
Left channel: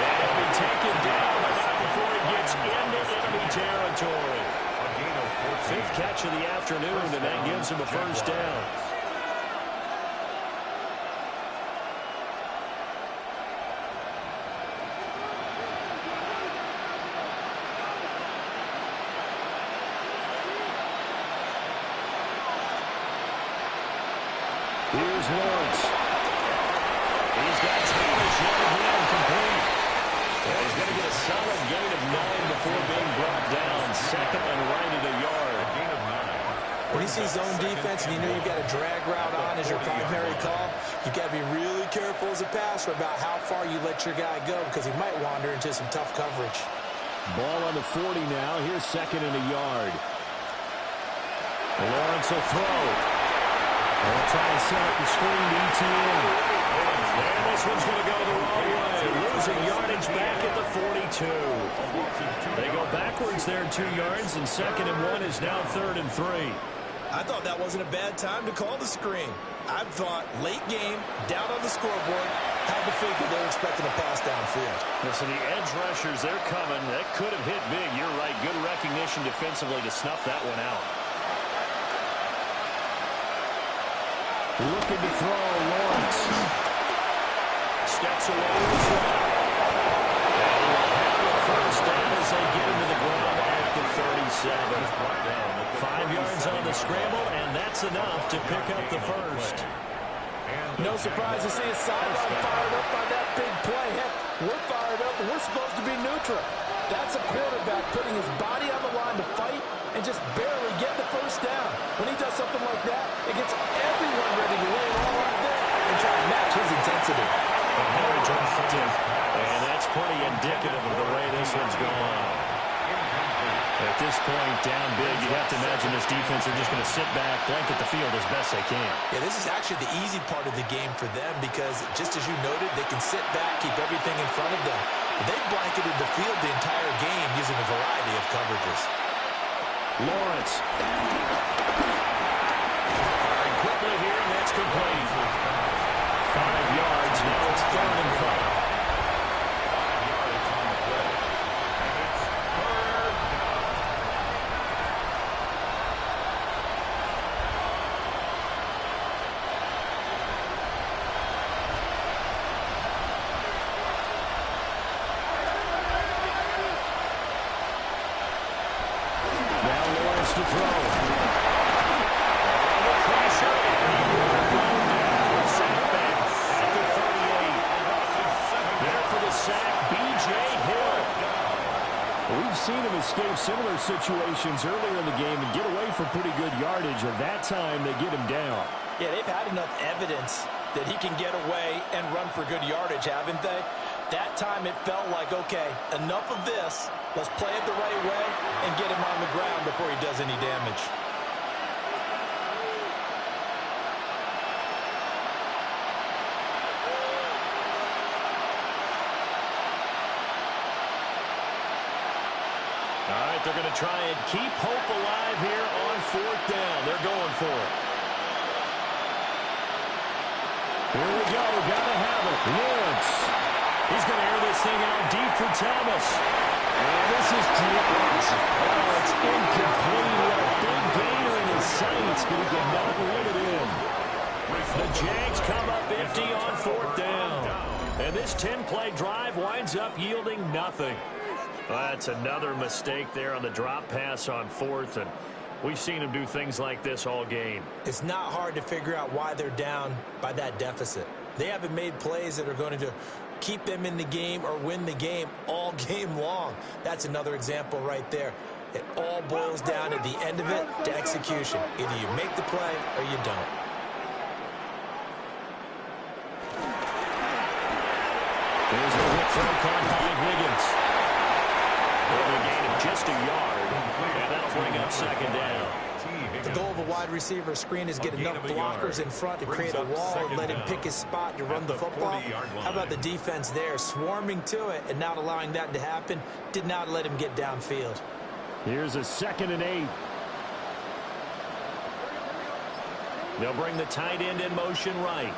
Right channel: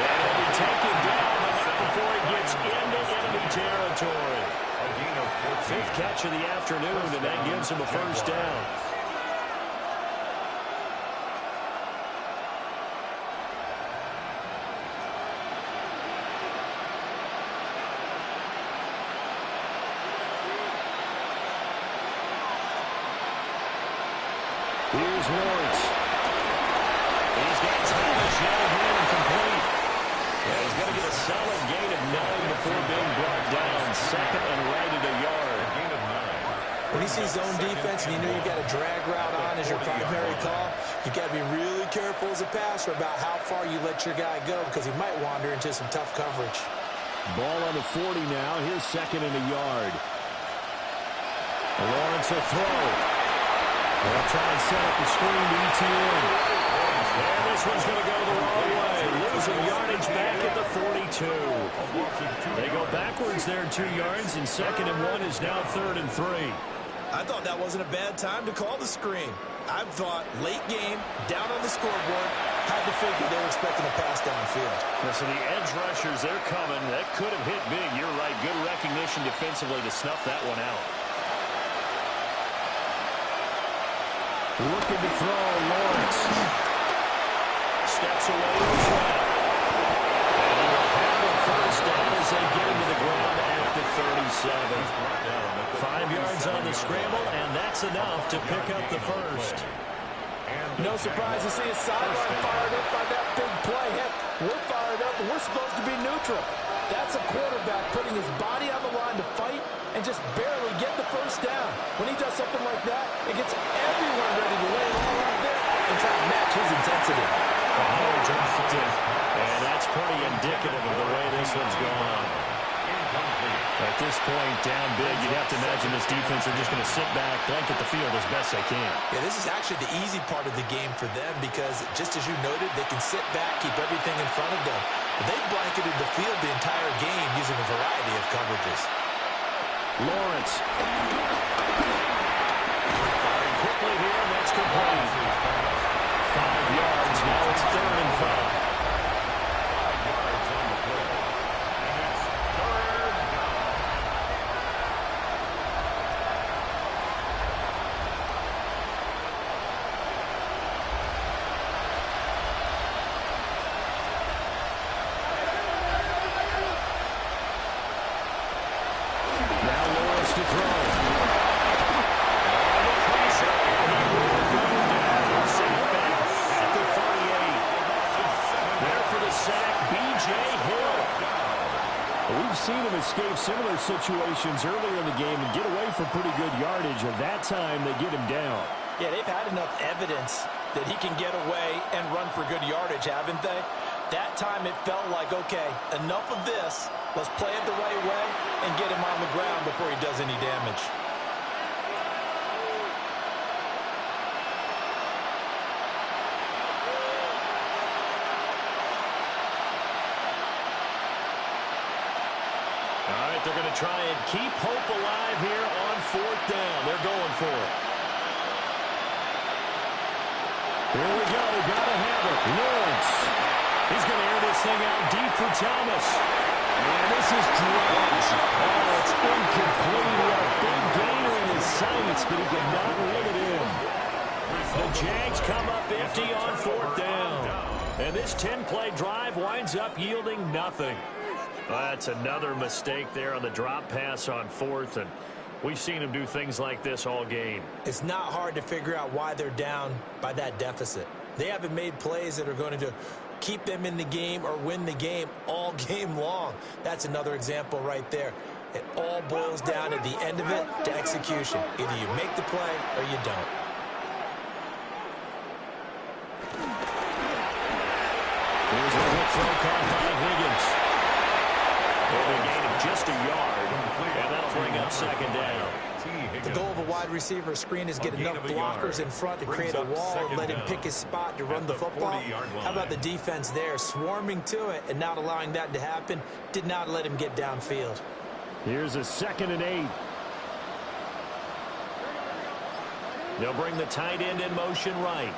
And he'll be taken down, but not before he gets into enemy territory. 5th catch of the afternoon, and that gives him a first down. Here's Lawrence. He's got Thomas yet again complete. Yeah, he's going to get a solid gain of 9 before being brought down. 2nd and right at a yard. A gain of 9. When you see zone defense and you know you've got a drag route on as your primary call, you've got to be really careful as a passer about how far you let your guy go because he might wander into some tough coverage. Ball on the 40 now. Here's 2nd and a yard. Lawrence will throw. They'll try and set up the screen to ETN. And this one's going to go the wrong way. Losing yardage back at the 42. They go backwards there 2 yards, and 2nd and 1 is now 3rd and 3. I thought that wasn't a bad time to call the screen. I thought late game, down on the scoreboard, had to figure they were expecting a pass downfield. Listen, the edge rushers, they're coming. That could have hit big. You're right. Good recognition defensively to snuff that one out. Looking to throw, Lawrence. Steps away to the trap. And he will have a first down as they get him to the ground at the 37. 5 yards on the scramble, and that's enough to pick up the first. No surprise to see a sideline fired up by that big play. Heck, we're fired up, and we're supposed to be neutral. That's a quarterback putting his body on the line to fight and just barely get the first down. When he does something like that, it gets everyone ready to lay it all out there and try to match his intensity. And that's pretty indicative of the way this one's gone. At this point, down big, you'd have to imagine this defense are just going to sit back, blanket the field as best they can. Yeah, this is actually the easy part of the game for them because, just as you noted, they can sit back, keep everything in front of them. But they've blanketed the field the entire game using a variety of coverages. Lawrence. Firing quickly here, and that's complete. 5 yards, now it's 3rd and 5. 5 yards on the play. And it's 3rd down. Now Lawrence to throw. On the pressure, and he will go down. Sack back at the 38. There for the sack, B.J. Hill. We've seen him escape similar situations earlier in the game and get away for pretty good yardage, and that time they get him down. Yeah, they've had enough evidence that he can get away and run for good yardage, haven't they? That time it felt like, okay, enough of this. Let's play it the right way and get him on the ground before he does any damage. All right, they're going to try and keep hope alive here on 4th down. They're going for it. Here we go. Got to have it. Lawrence. He's going to air this thing out deep for Thomas. And this is dropped. Oh, it's incomplete. He had a big gainer in his sights, but he could not reel it in. The Jags come up empty on 4th down. And this 10-play drive winds up yielding nothing. Well, that's another mistake there on the drop pass on fourth, and we've seen him do things like this all game. It's not hard to figure out why they're down by that deficit. They haven't made plays that are going to keep them in the game or win the game all game long. That's another example right there. It all boils down at the end of it to execution. Either you make the play or you don't. Here's a quick throw caught by Higgins. It'll be a gain of just a yard, and that'll bring up second down. The goal of a wide receiver screen is get enough blockers in front to create a wall and let him pick his spot to run the football. How about the defense there, swarming to it and not allowing that to happen? Did not let him get downfield. Here's a 2nd and 8. They'll bring the tight end in motion right.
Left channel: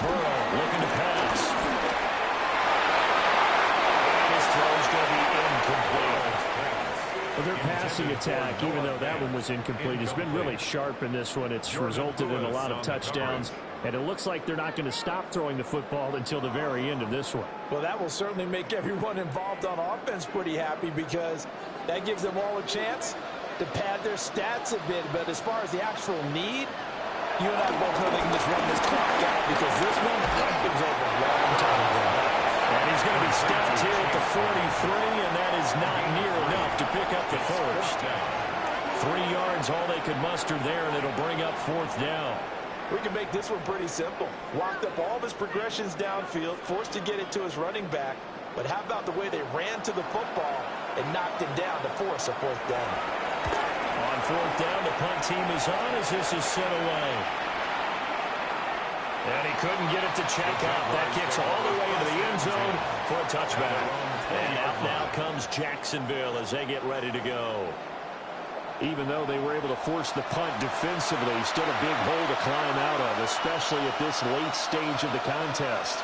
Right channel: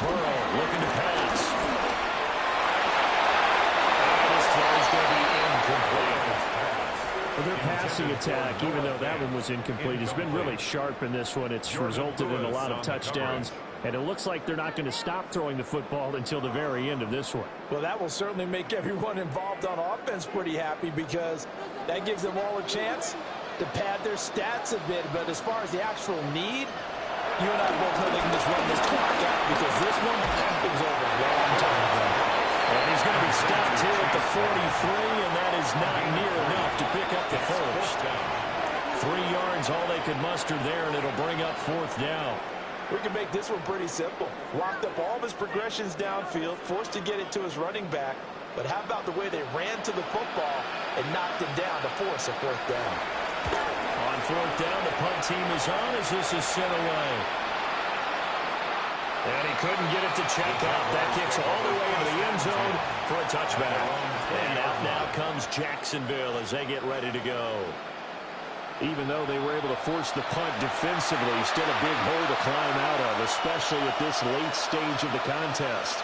Burrow looking to pass. And his throw's going to be incomplete. Well, their passing attack, even though that one was incomplete, has been really sharp in this one. It's resulted in a lot of touchdowns, and it looks like they're not going to stop throwing the football until the very end of this one. Well, that will certainly make everyone involved on offense pretty happy because that gives them all a chance to pad their stats a bit. But as far as the actual need, you and I both know they can just run this clock out because this one, it was over a long time ago. And he's going to be stopped here at the 43, and that is not near enough to pick up the first. 3 yards, all they could muster there, and it'll bring up 4th down. We can make this one pretty simple. Locked up all of his progressions downfield, forced to get it to his running back. But how about the way they ran to the football and knocked him down to force a 4th down? On 4th down, the punt team is on as this is sent away. And he couldn't get it to check out. That kicks all the way into the end zone for a touchback. And out now comes Jacksonville as they get ready to go. Even though they were able to force the punt defensively, still a big hole to climb out of, especially at this late stage of the contest.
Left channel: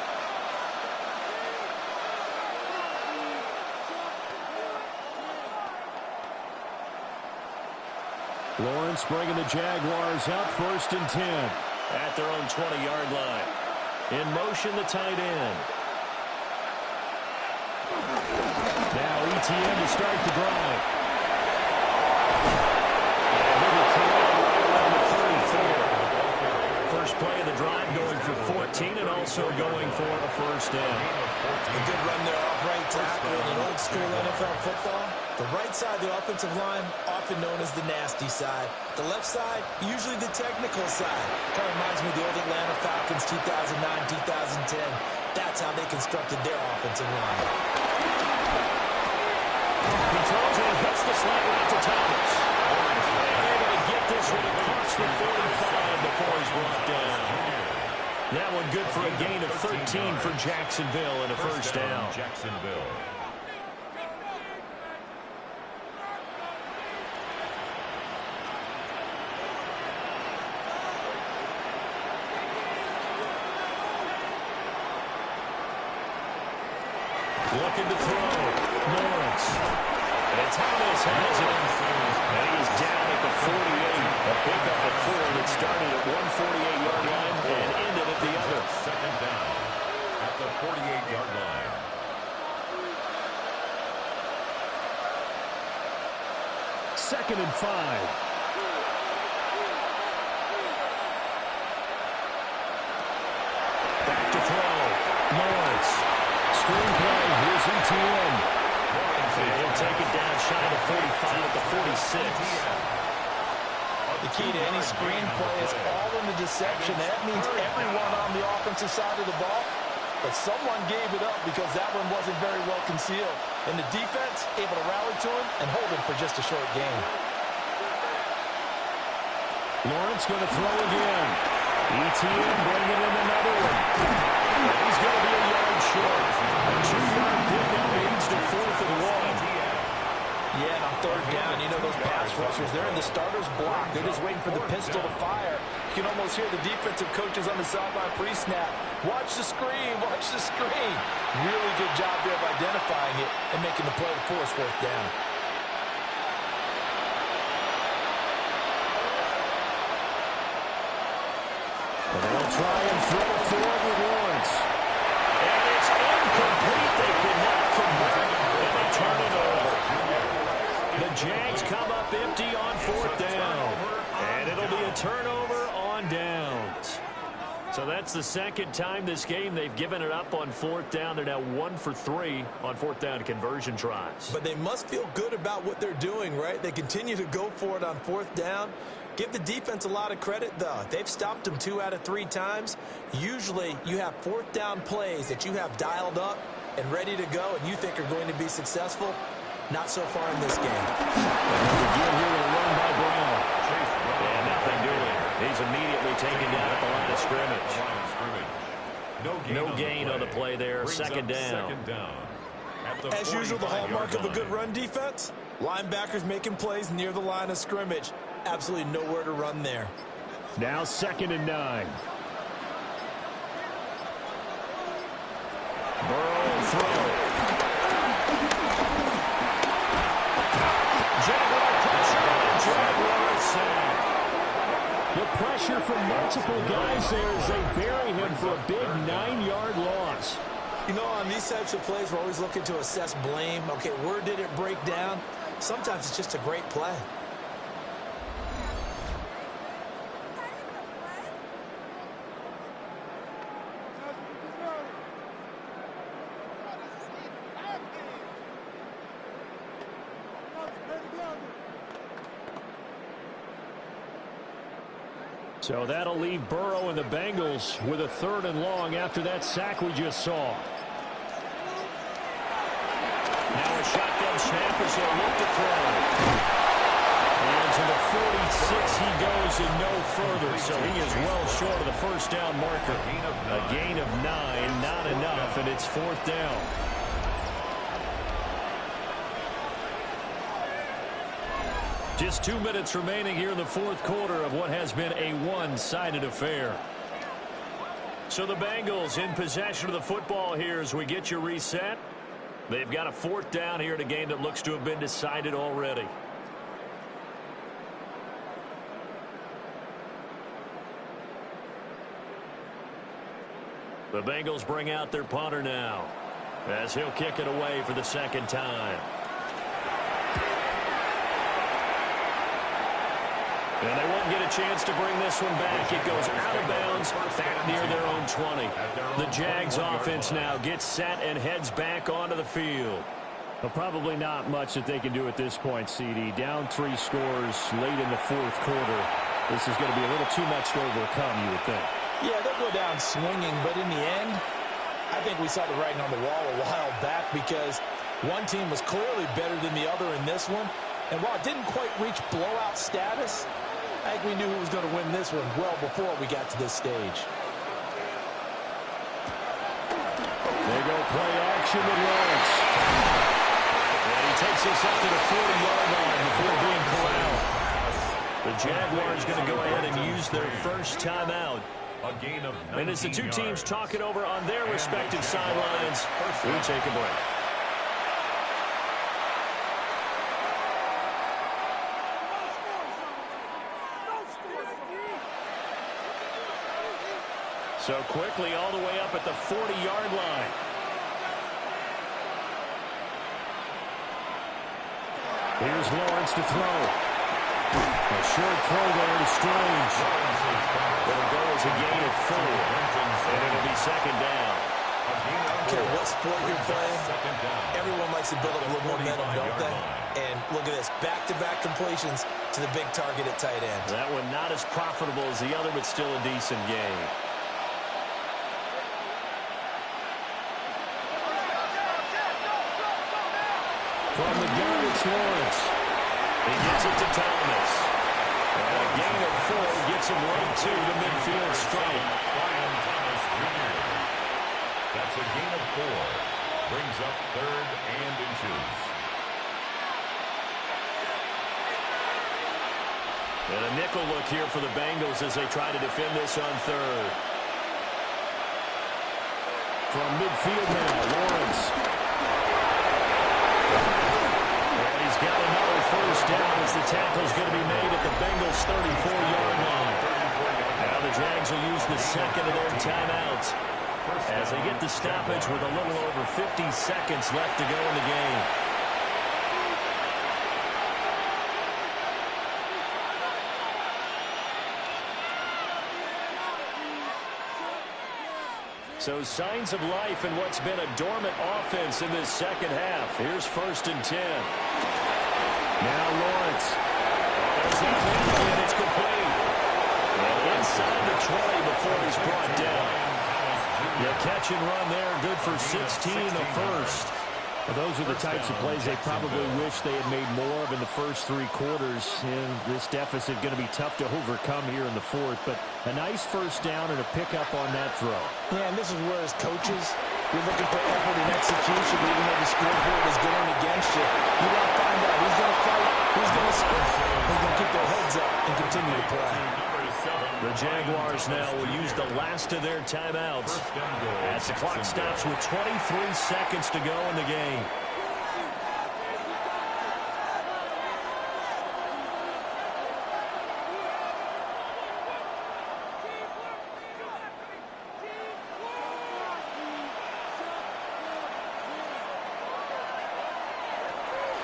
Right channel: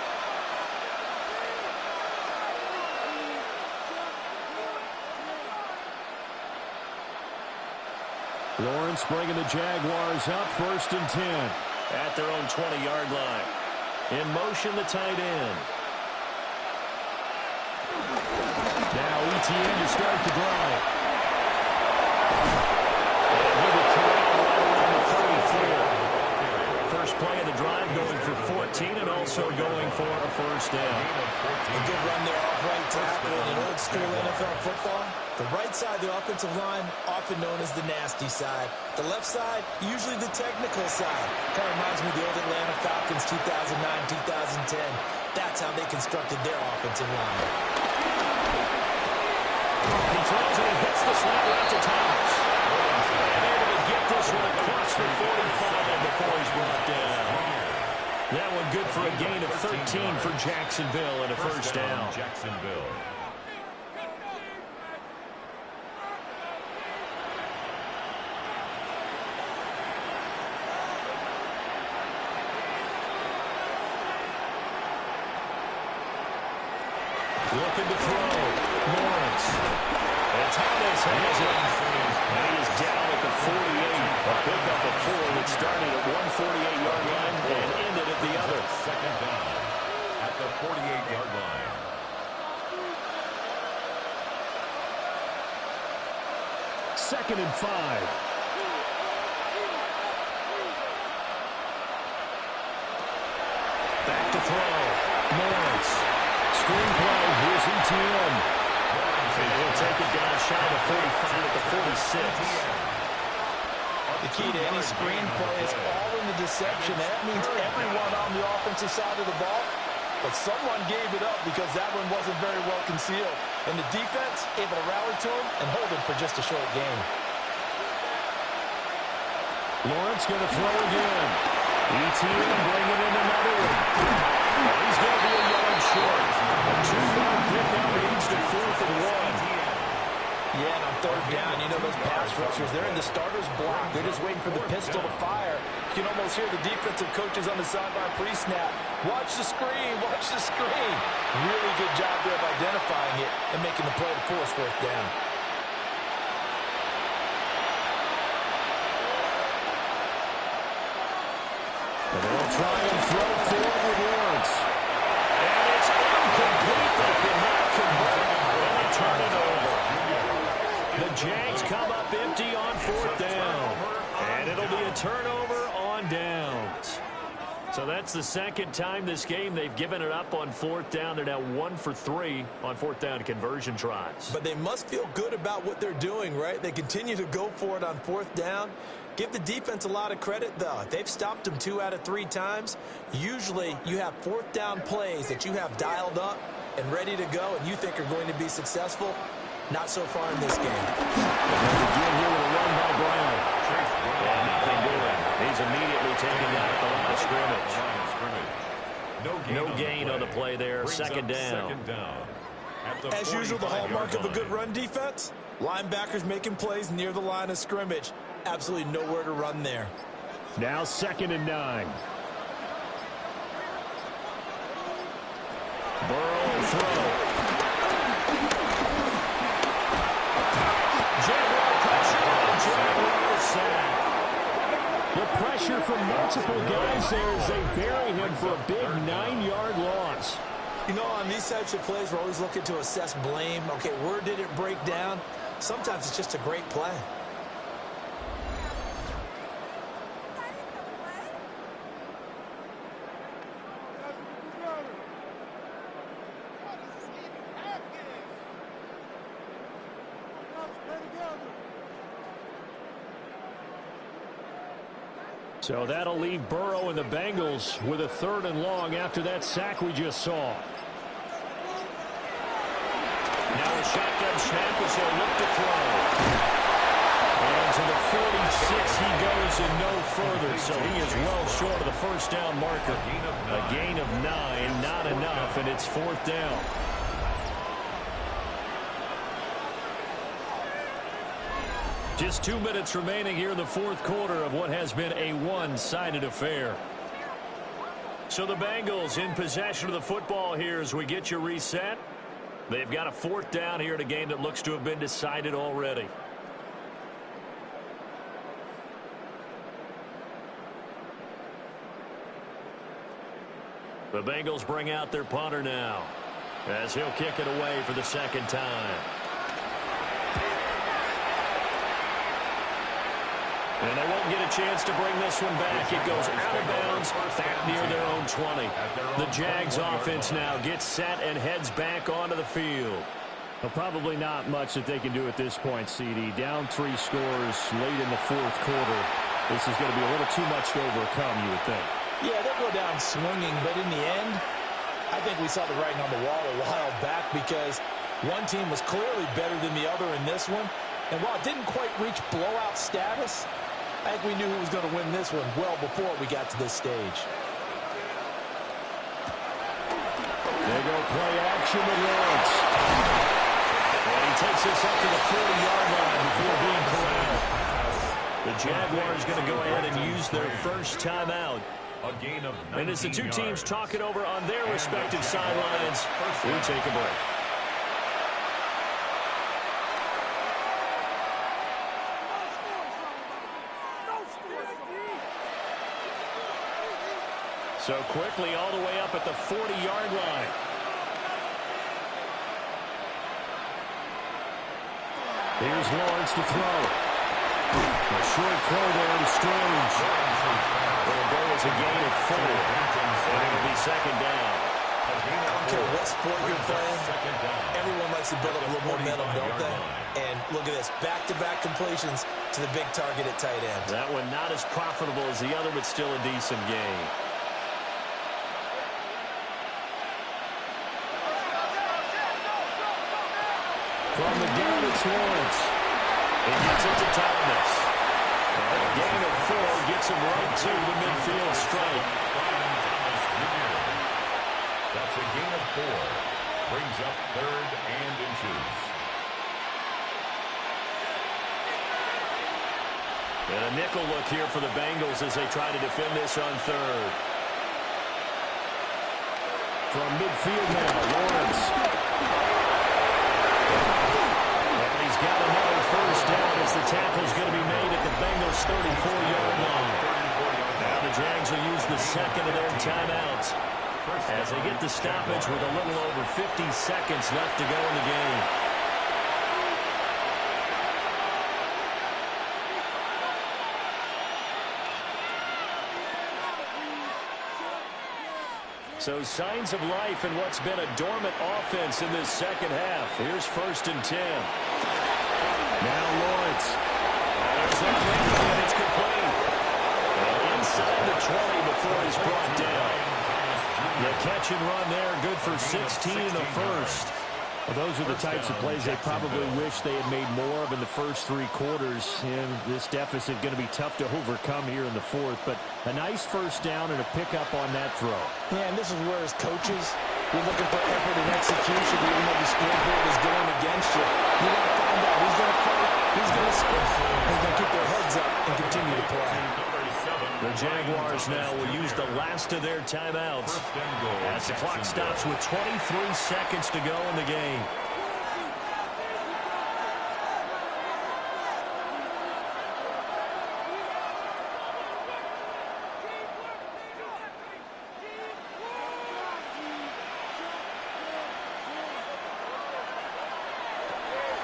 Lawrence bringing the Jaguars up, 1st and 10. At their own 20-yard line. In motion, the tight end. Now ETN to start the drive. And he'll be corralled right around the 34. First play of the drive going for 14 and also going for a 1st down. A good run there off right tackle in an old-school NFL football. The right side of the offensive line, often known as the nasty side. The left side, usually the technical side. Kind of reminds me of the old Atlanta Falcons 2009-2010. That's how they constructed their offensive line. He throws and he hits the slant route to Thomas. And able to get this one across the 45 before he's brought down. That one good for a gain of 13 for Jacksonville and a 1st down. Jacksonville. Looking to throw. Lawrence. And Thomas has it. And he is down at the 48. A pickup of 4 that started at 148-yard line and ended at the other. 2nd down at the 48-yard line. Second and 5. Back to throw. Lawrence. Screenplay, here's ETN. And he'll take it down shy of 45 at the 46. The key to any screen play is all in the deception. That means everyone on the offensive side of the ball, but someone gave it up because that one wasn't very well concealed. And the defense able to rally to him and hold him for just a short gain. Lawrence going to throw again. ETN bringing in another one. And he's going to be a yard short. A 2-yard pickup leads to 4th and 1. Yeah, and on 3rd down, you know those pass rushers, they're in the starter's block. They're just waiting for the pistol to fire. You can almost hear the defensive coaches on the sideline pre-snap. Watch the screen, watch the screen. Really good job there of identifying it and making the play to force 4th down. And they'll try and throw forward with Lawrence. And it's incomplete. They cannot convert, and they turn it over. The Jags come up empty on 4th down. And it'll be a turnover on downs. So that's the second time this game they've given it up on 4th down. They're now 1 for 3 on 4th down conversion tries. But they must feel good about what they're doing, right? They continue to go for it on 4th down. Give the defense a lot of credit, though. They've stopped them 2 out of 3 times. Usually you have 4th down plays that you have dialed up and ready to go and you think are going to be successful. Not so far in this game. And again here with a run by Brown. And nothing doing. He's immediately taken down at the line of scrimmage. No gain on the play there. Second down. As usual, the hallmark of a good run defense, linebackers making plays near the line of scrimmage. Absolutely nowhere to run there. Now 2nd and 9. Burrow will throw. Jaguar pressure and Jaguar sack. The pressure from multiple guys there as they bury him for a big 9-yard loss. You know, on these types of plays, we're always looking to assess blame. Okay, where did it break down? Sometimes it's just a great play. So that'll leave Burrow and the Bengals with a 3rd and long after that sack we just saw. Now a shotgun snap as they'll look to throw. And to the 46 he goes and no further, so he is well short of the 1st down marker. A gain of 9, not enough, and it's 4th down. Just 2 minutes remaining here in the 4th quarter of what has been a one-sided affair. So the Bengals in possession of the football here as we get you reset. They've got a 4th down here in a game that looks to have been decided already. The Bengals bring out their punter now as he'll kick it away for the 2nd time. And they won't get a chance to bring this one back. It goes out of bounds back near their own 20. The Jags offense now gets set and heads back onto the field. Well, probably not much that they can do at this point, CD. Down 3 scores late in the 4th quarter. This is going to be a little too much to overcome, you would think. Yeah, they'll go down swinging, but in the end, I think we saw the writing on the wall a while back because one team was clearly better than the other in this one. And while it didn't quite reach blowout status, I think we knew who was going to win this one well before we got to this stage. They go play action with Lawrence. And he takes this up to the 40-yard line before being corralled. The Jaguars going to go ahead and use their first timeout. And as the two teams talk it over on their respective sidelines, we take a break. So quickly all the way up at the 40-yard line. Here's Lawrence to throw. A short throw there to Strange. It'll go as a gain of 4. And it'll be 2nd down. I don't care what sport you're playing. Everyone likes to build up a little momentum, don't they? And look at this. Back-to-back completions to the big target at tight end. That one not as profitable as the other, but still a decent game. From the gun, it's Lawrence. He gets it to Thomas. And a gain of 4 gets him right to the midfield stripe. That's a gain of 4. Brings up 3rd and inches. And a nickel look here for the Bengals as they try to defend this on 3rd. From midfield now, Lawrence. And he's got another first down as the tackle's going to be made at the Bengals' 34-yard line. Now the Jags will use the second of their timeouts. as they get the stoppage with a little over 50 seconds left to go in the game. So signs of life in what's been a dormant offense in this second half. Here's 1st and 10. Now Lawrence. Oh, there's that man, and it's complete. And inside the 20 before he's brought down. The catch and run there, good for 16 in the first. Well, those are the types of plays they probably wish they had made more of in the first 3 quarters. And this deficit going to be tough to overcome here in the 4th. But a nice first down and a pickup on that throw. Yeah, and this is where as coaches, you're looking for effort and execution, even though the scoreboard is going against you. You want to find out who's going to fight, who's going to sprint, who's going to keep their heads up and continue to play. The Jaguars now will use the last of their timeouts as the clock stops with 23 seconds to go in the game.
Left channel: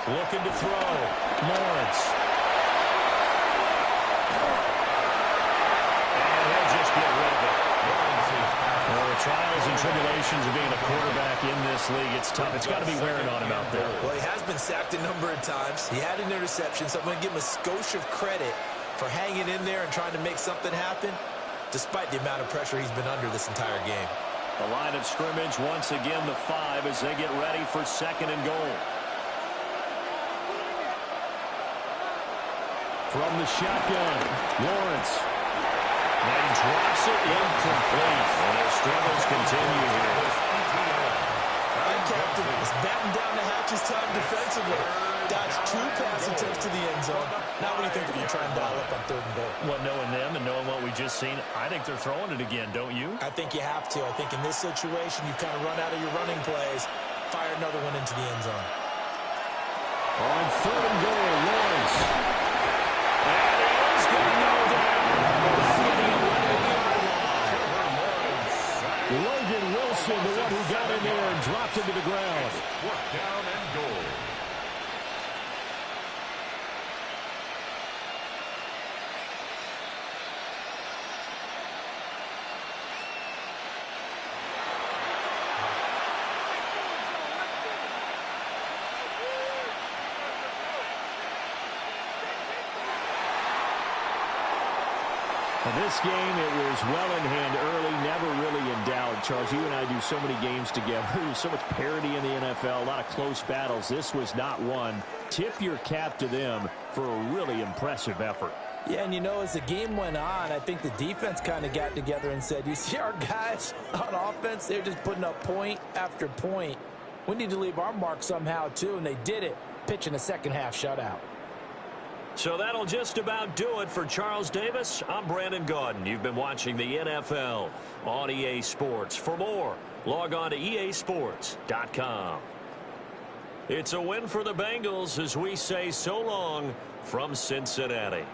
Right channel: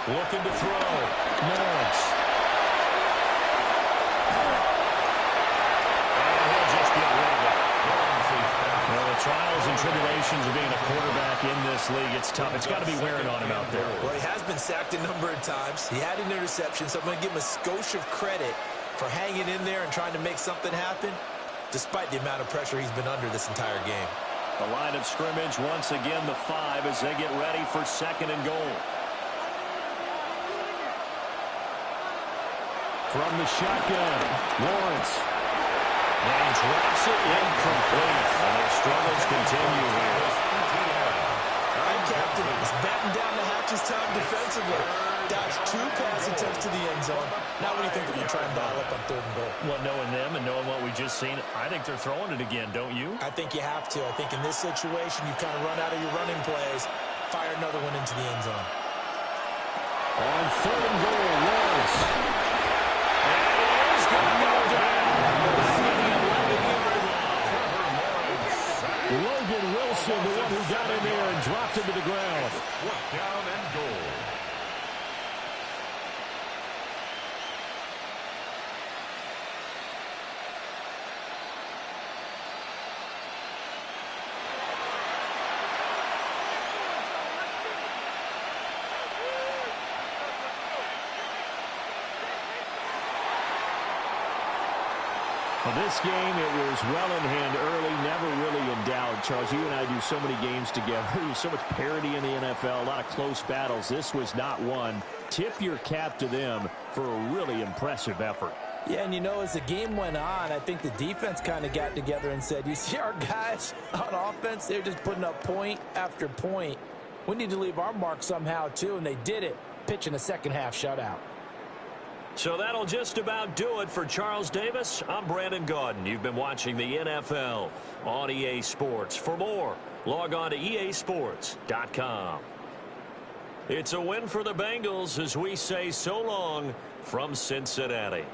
Looking to throw. Lawrence. Just get rid of it. Well, the trials and tribulations of being a quarterback in this league, it's tough. It's got to be wearing on him out there. Well, he has been sacked a number of times. He had an interception, so I'm going to give him a skosh of credit for hanging in there and trying to make something happen, despite the amount of pressure he's been under this entire game. The line of scrimmage, once again, the 5 as they get ready for 2nd and goal. From the shotgun, Lawrence. And he drops it incomplete. And their struggles continue here. All right, Captain. It's batten down the hatches time defensively. Dodged 2 pass attempts to the end zone. Now what do you think they're going to try and dial up on 3rd and goal? Well, knowing them and knowing what we just seen, I think they're throwing it again, don't you? I think you have to. I think in this situation, you've kind of run out of your running plays. Fire another one into the end zone. On 3rd and goal, Lawrence. And he is going to go down. Back in the 11-yard line. Logan Wilson, the one who got in there and dropped him to the ground. 4th down and goal. Well, this game, it was well in hand early, never really in doubt. Charles, you and I do so many games together. There's so much parity in the NFL, a lot of close battles. This was not one. Tip your cap to them for a really impressive effort. Yeah, and you know, as the game went on, I think the defense kind of got together and said, you see our guys on offense, they're just putting up point after point. We need to leave our mark somehow, too, and they did it, pitching a second-half shutout. So that'll just about do it for Charles Davis. I'm Brandon Gaudin. You've been watching the NFL on EA Sports. For more, log on to easports.com. It's a win for the Bengals as we say so long from Cincinnati.